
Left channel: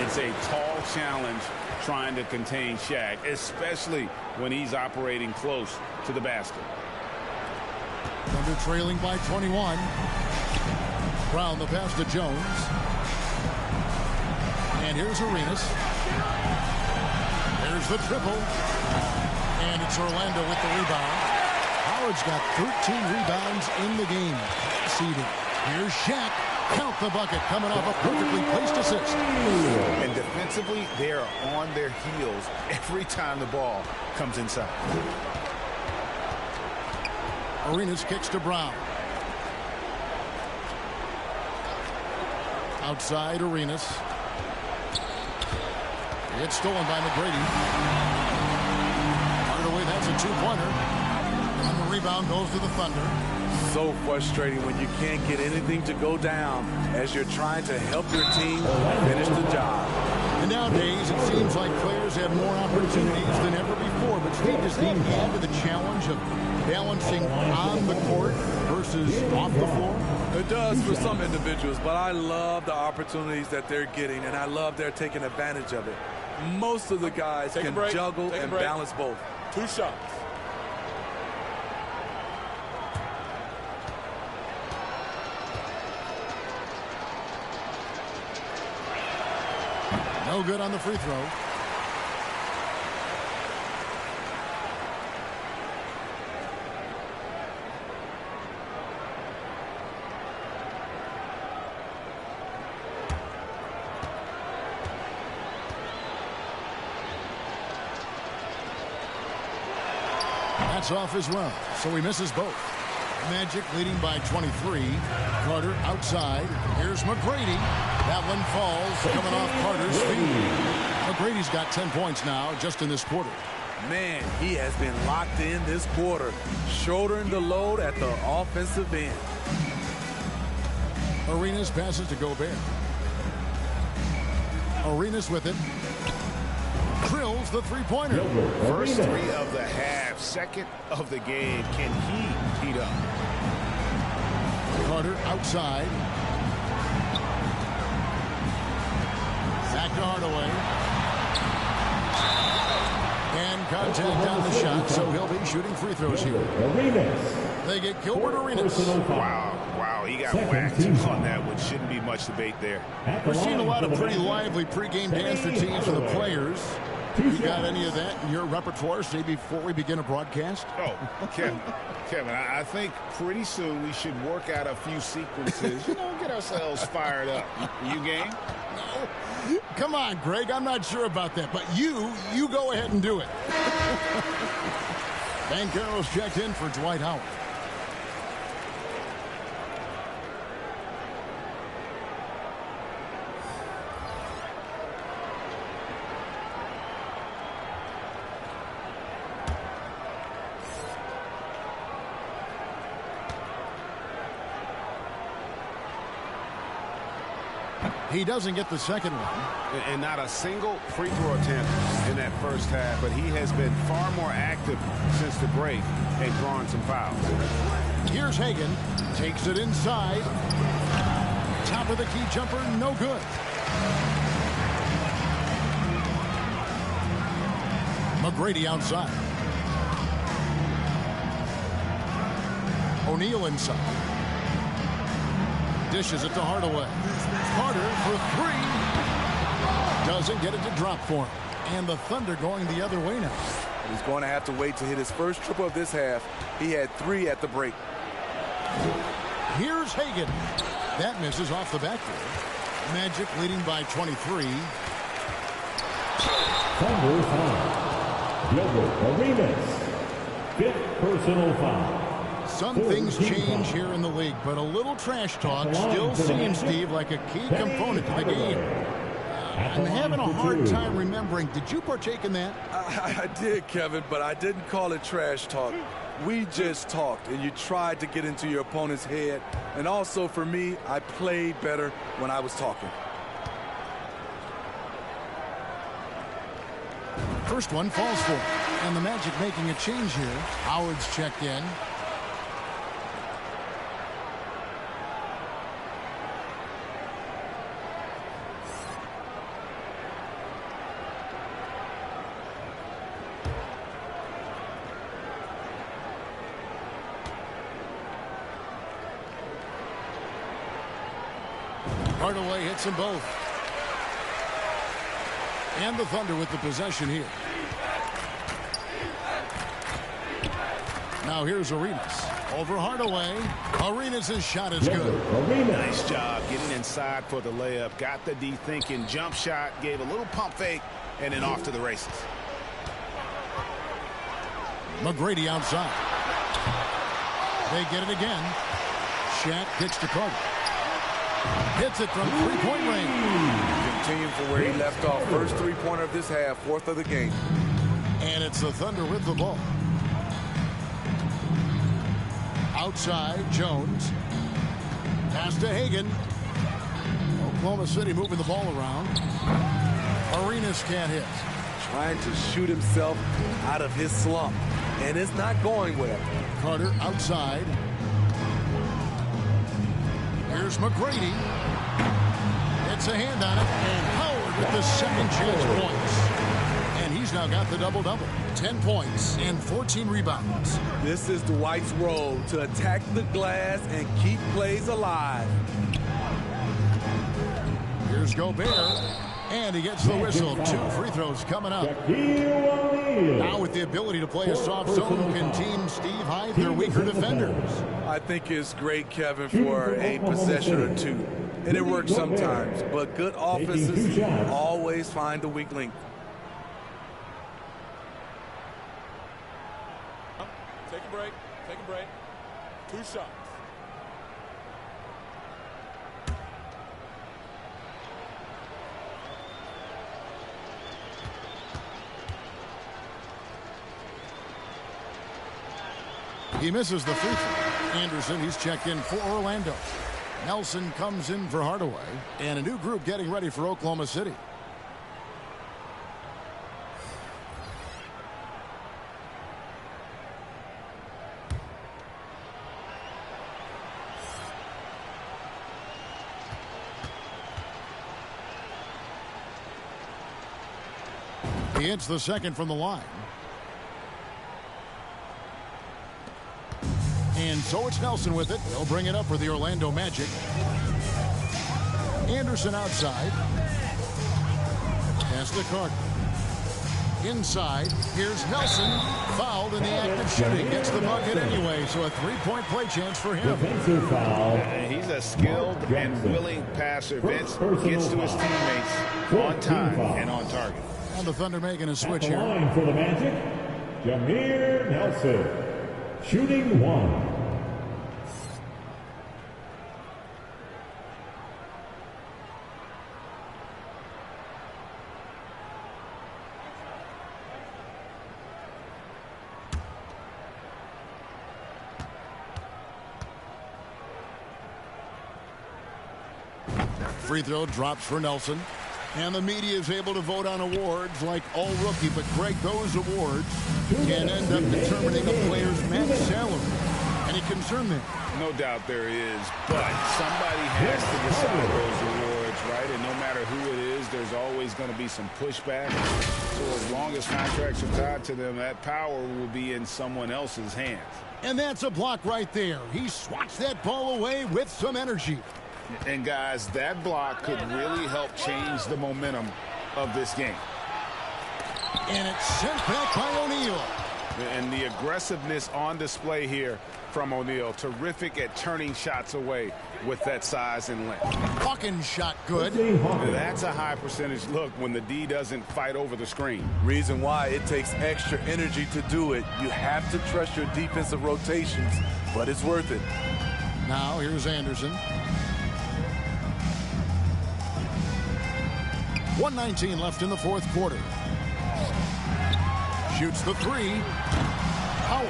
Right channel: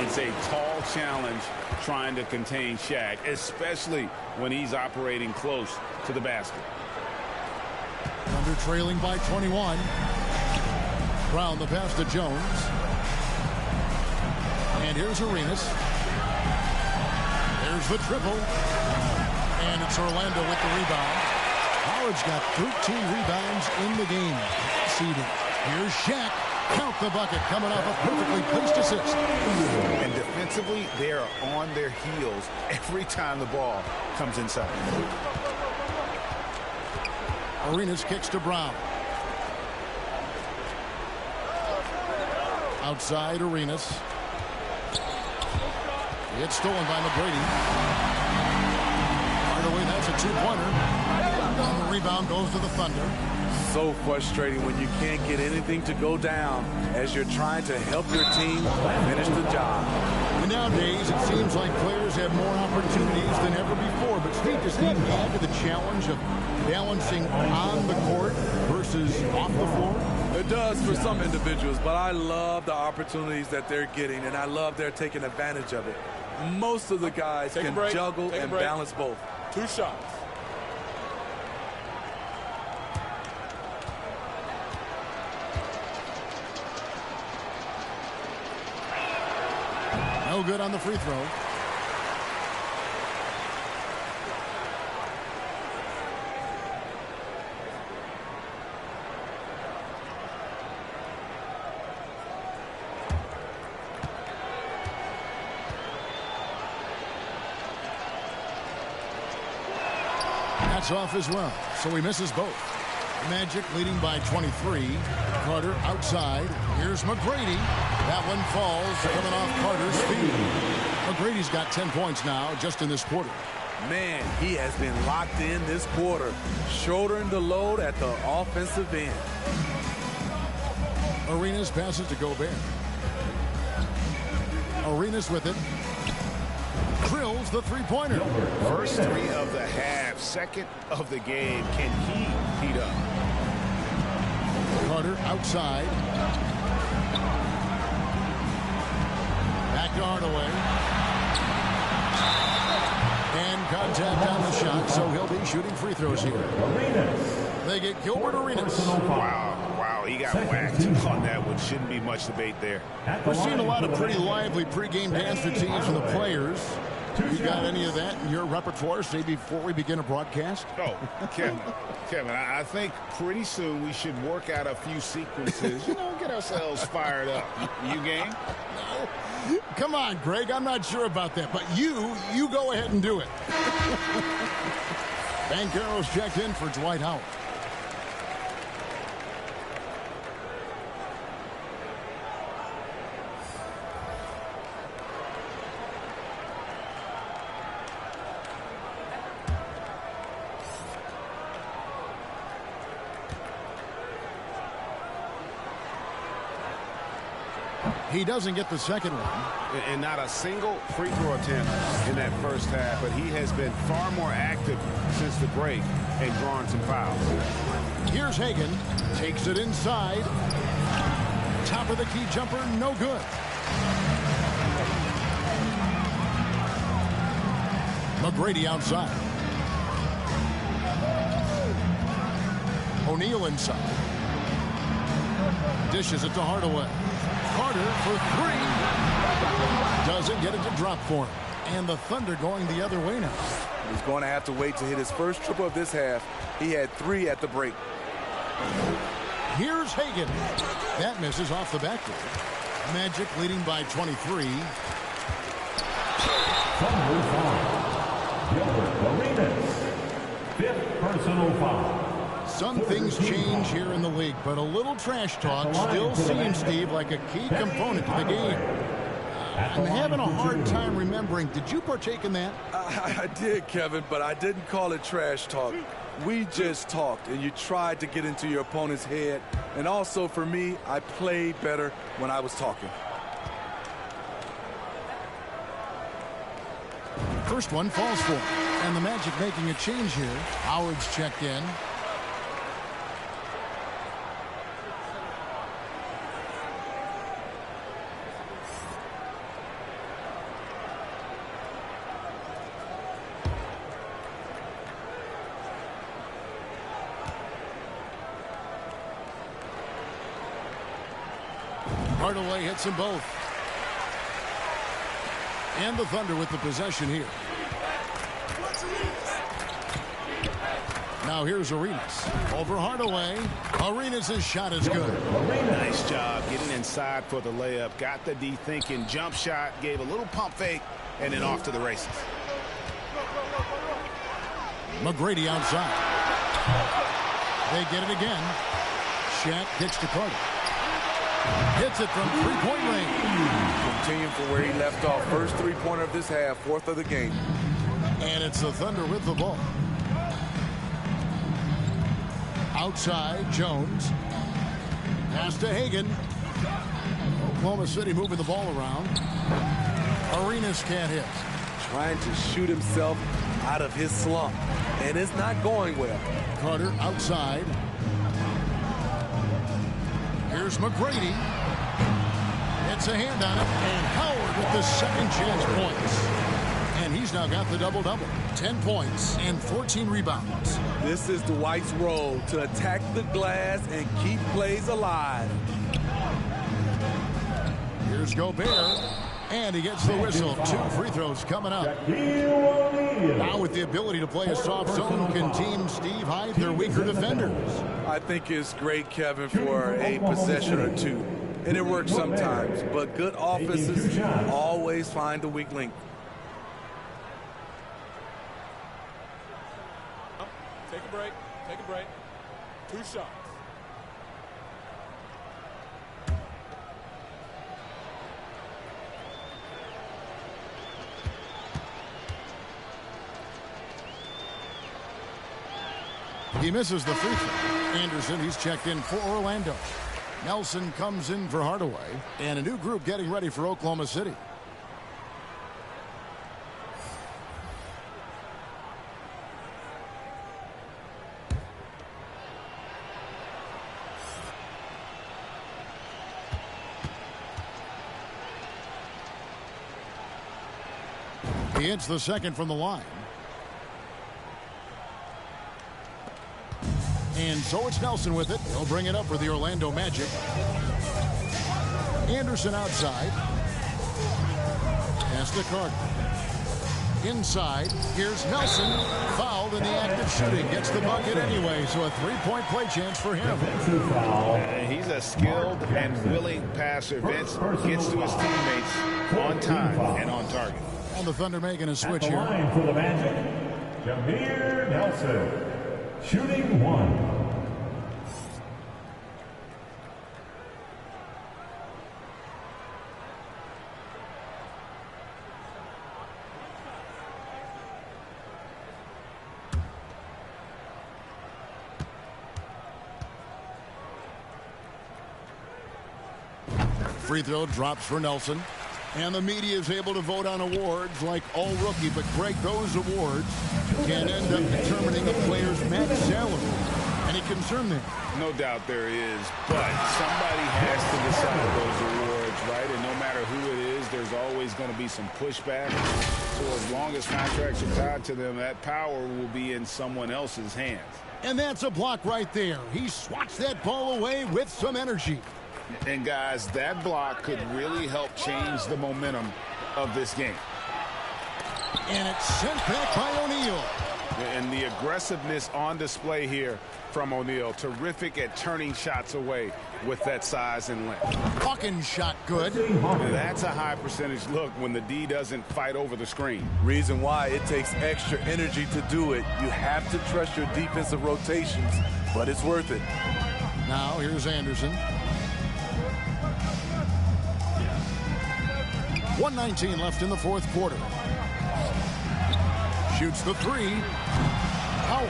It's a tall challenge trying to contain Shaq, especially when he's operating close to the basket. Thunder trailing by 21. Brown the pass to Jones. And here's Arenas. There's the triple. And it's Orlando with the rebound. Howard's got 13 rebounds in the game. Seeding. Here's Shaq. Count the bucket coming off a perfectly placed assist. And defensively, they are on their heels every time the ball comes inside. Arenas kicks to Brown. Outside Arenas. It's stolen by McGrady. Hardaway, that's a 2-pointer. And the rebound goes to the Thunder. So frustrating when you can't get anything to go down as you're trying to help your team finish the job. And nowadays, it seems like players have more opportunities than ever before. But Steve, does that add to the challenge of balancing on the court versus off the floor? It does for some individuals, but I love the opportunities that they're getting, and I love they're taking advantage of it. Most of the guys can juggle and balance both. 2 shots. No good on the free throw. That's off as well, so he misses both. Magic leading by 23. Carter outside. Here's McGrady. That one falls, coming off Carter's feet. McGrady's got 10 points now just in this quarter. Man, he has been locked in this quarter, shouldering the load at the offensive end. Arenas passes to Gobert. Arenas with it. Drills the three-pointer. First three of the half, second of the game. Can he heat up? Carter outside. Back to Hardaway. And contact on the shot, so he'll be shooting free throws here. Arenas. They get Gilbert Arenas. Wow, he got whacked on that one. Shouldn't be much debate there. We're seeing a lot of pretty lively pregame dance routines from the players. You got any of that in your repertoire, say, before we begin a broadcast? Oh, Kevin, I think pretty soon we should work out a few sequences, get ourselves fired up. You game? No. Come on, Greg, I'm not sure about that, but you go ahead and do it. Banchero's checked in for Dwight Howard. He doesn't get the second one. And not a single free throw attempt in that first half, but he has been far more active since the break and drawing some fouls. Here's Hagan. Takes it inside. Top of the key jumper, no good. McGrady outside. O'Neal inside. Dishes it to Hardaway. Carter for three. Doesn't get it to drop for him. And the Thunder going the other way now. He's going to have to wait to hit his first triple of this half. He had 3 at the break. Here's Hagan. That misses off the backboard. Magic leading by 23. Thunder foul. Gilbert Arenas. 5th personal foul. Some things change here in the league, but a little trash talk still seems, Steve, like a key component to the game. I'm having a hard time remembering. Did you partake in that? I did, Kevin, but I didn't call it trash talk. We just talked, and you tried to get into your opponent's head. And also, for me, I played better when I was talking. First one falls for him. And the Magic making a change here. Howard's checked in. Hardaway hits them both. And the Thunder with the possession here. Now here's Arenas. Over Hardaway. Arenas' shot is good. Nice job getting inside for the layup. Got the D thinking. Jump shot. Gave a little pump fake. And then off to the races. McGrady outside. They get it again. Shaq kicks to Carter. Hits it from three-point range. Continuing from where he left off. First three-pointer of this half, 4th of the game. And it's the Thunder with the ball. Outside, Jones. Pass to Hagan. Oklahoma City moving the ball around. Arenas can't hit. Trying to shoot himself out of his slump. And it's not going well. Carter outside. Here's McGrady. It's a hand on it. And Howard with the second chance points. And he's now got the double-double. 10 points and 14 rebounds. This is Dwight's role, to attack the glass and keep plays alive. Here's Gobert. And he gets the whistle. 2 free throws coming up. Now with the ability to play a soft zone, can Team Steve hide their weaker defenders? I think it's great, Kevin, for a possession or two. And it works sometimes. But good offenses always find the weak link. Take a break. Take a break. 2 shots. He misses the free throw. Anderson, he's checked in for Orlando. Nelson comes in for Hardaway. And a new group getting ready for Oklahoma City. He hits the second from the line. And so it's Nelson with it. He'll bring it up for the Orlando Magic. Anderson outside. Pass to Carter. Inside. Here's Nelson. Fouled in the act of shooting. Gets the bucket anyway, so a three-point play chance for him. Defensive foul. He's a skilled and willing passer. Vince gets to his teammates on time and on target. And the Thunder making a switch here. Line for the Magic, Jameer Nelson, shooting 1. Free throw drops for Nelson. And the media is able to vote on awards like all rookie. But, Greg, those awards can end up determining a player's max salary. Any concern there? No doubt there is. But somebody has to decide those awards, right? And no matter who it is, there's always going to be some pushback. So as long as contracts are tied to them, that power will be in someone else's hands. And that's a block right there. He swats that ball away with some energy. And, guys, that block could really help change the momentum of this game. And it's sent back by O'Neal. And the aggressiveness on display here from O'Neal. Terrific at turning shots away with that size and length. Hawkins shot good. That's a high percentage look when the D doesn't fight over the screen. Reason why it takes extra energy to do it. You have to trust your defensive rotations, but it's worth it. Now here's Anderson. 1:19 left in the fourth quarter. Shoots the three. Howard.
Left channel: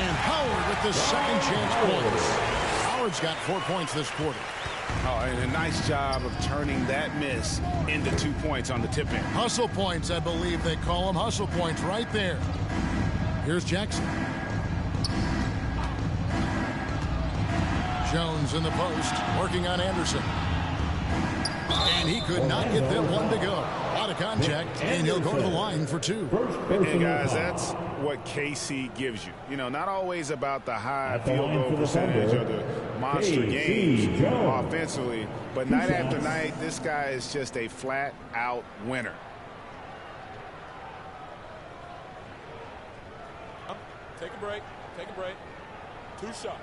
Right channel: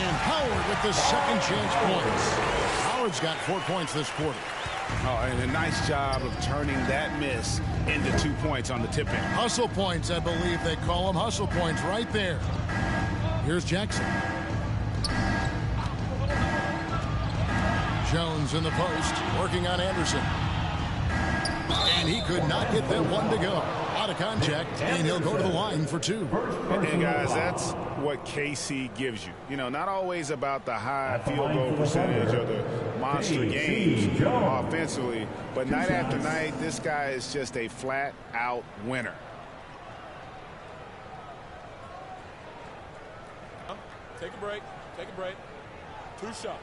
And Howard with the second chance points. Howard's got 4 points this quarter. Oh, and a nice job of turning that miss into 2 points on the tip-in. Hustle points, I believe they call them. Hustle points right there. Here's Jackson. Jones in the post, working on Anderson. And he could not get that one to go. A lot of contact, and he'll go to the line for 2. And guys, that's what KC gives you. You know, not always about the high field goal percentage or the monster games offensively, but night after night, this guy is just a flat-out winner. Take a break. Take a break. 2 shots.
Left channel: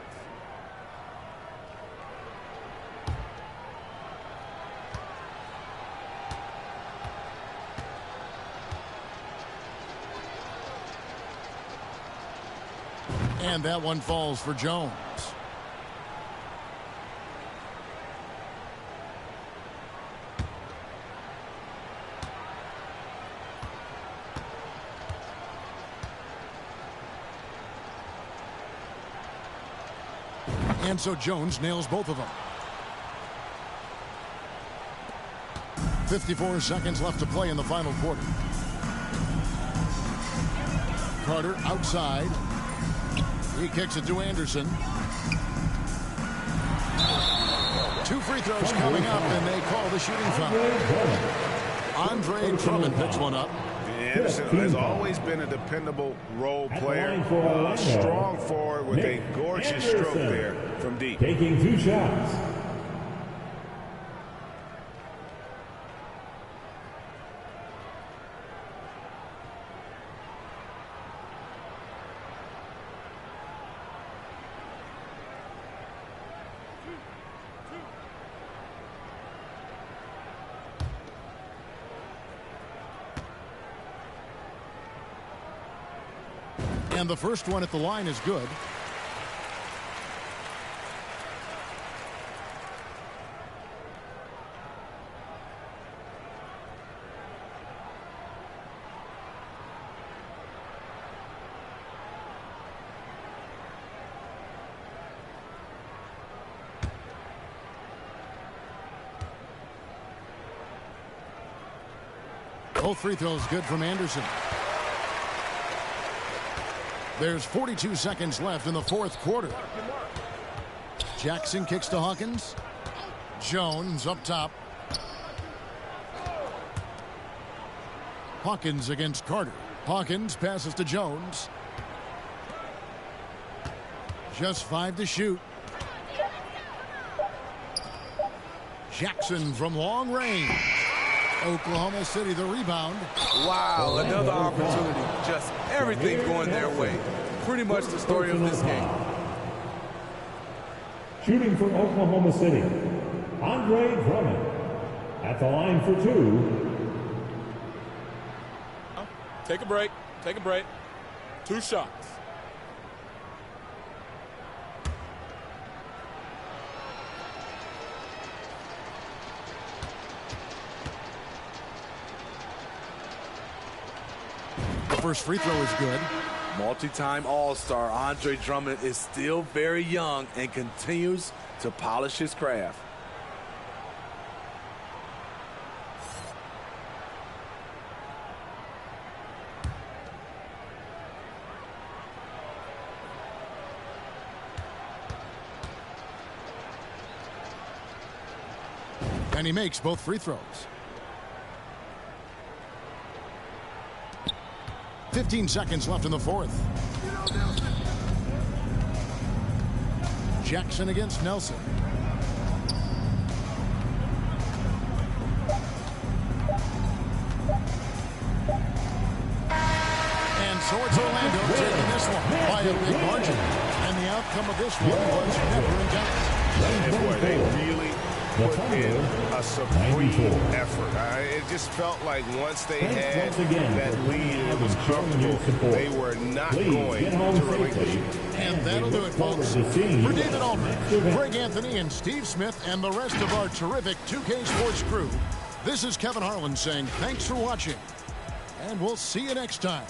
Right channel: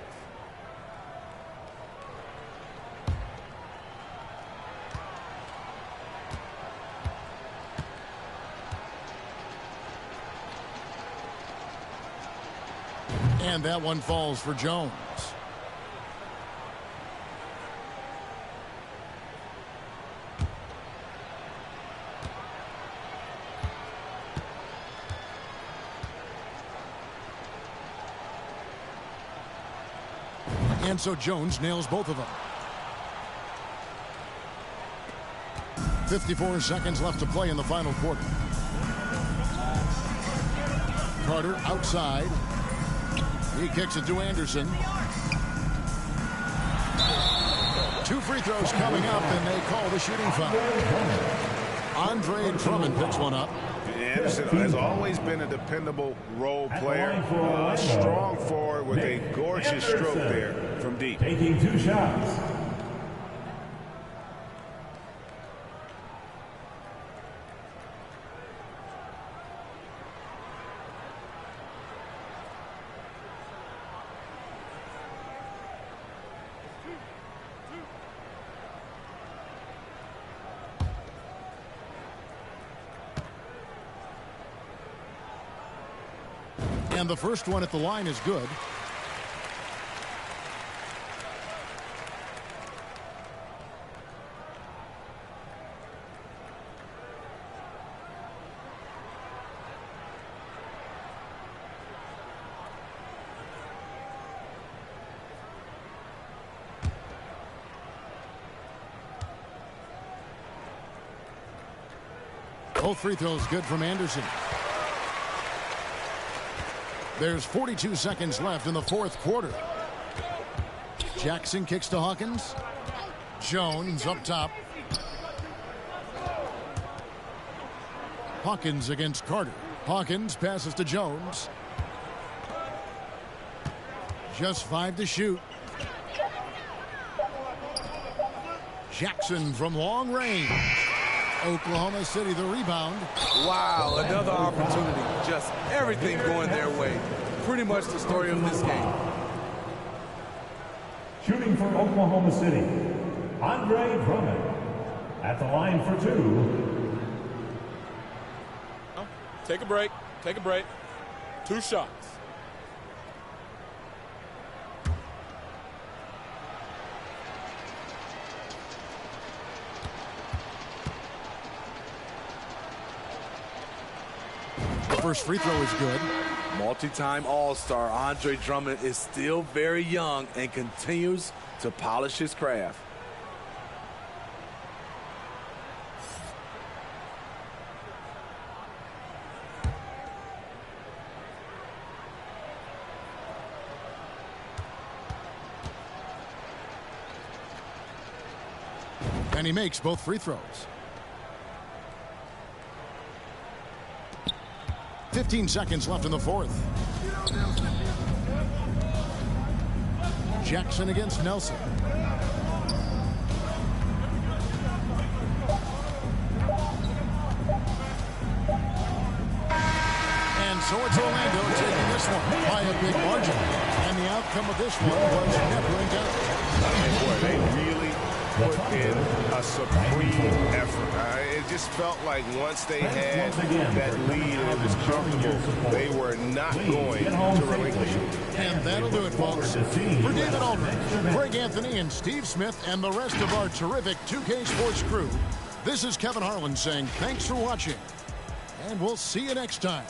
And that one falls for Jones. And so Jones nails both of them. 54 seconds left to play in the final quarter. Carter outside. He kicks it to Anderson. 2 free throws coming up, and they call the shooting foul. Andre Drummond picks one up. Anderson has always been a dependable role player, a strong forward with a gorgeous stroke there from deep. Taking 2 shots. And the first one at the line is good. Both free throws good from Anderson. There's 42 seconds left in the fourth quarter. Jackson kicks to Hawkins. Jones up top. Hawkins against Carter. Hawkins passes to Jones. Just 5 to shoot. Jackson from long range. Oklahoma City the rebound. Wow, another opportunity. Just everything going their way. Pretty much the story of this game. Shooting from Oklahoma City, Andre Drummond. At the line for 2. Take a break. Take a break. 2 shots. First free throw is good. Multi-time All-Star Andre Drummond is still very young and continues to polish his craft. And he makes both free throws. 15 seconds left in the fourth. Jackson against Nelson. And so it's Orlando taking this one by a big margin. And the outcome of this one was never in doubt. And boy, they really put in a supreme effort. It just felt like once they had that lead and it was comfortable, they were not going to relinquish it. And that'll do it, folks. For David Aldridge, Greg Anthony, and Steve Smith, and the rest of our terrific 2K Sports crew, this is Kevin Harlan saying thanks for watching, and we'll see you next time.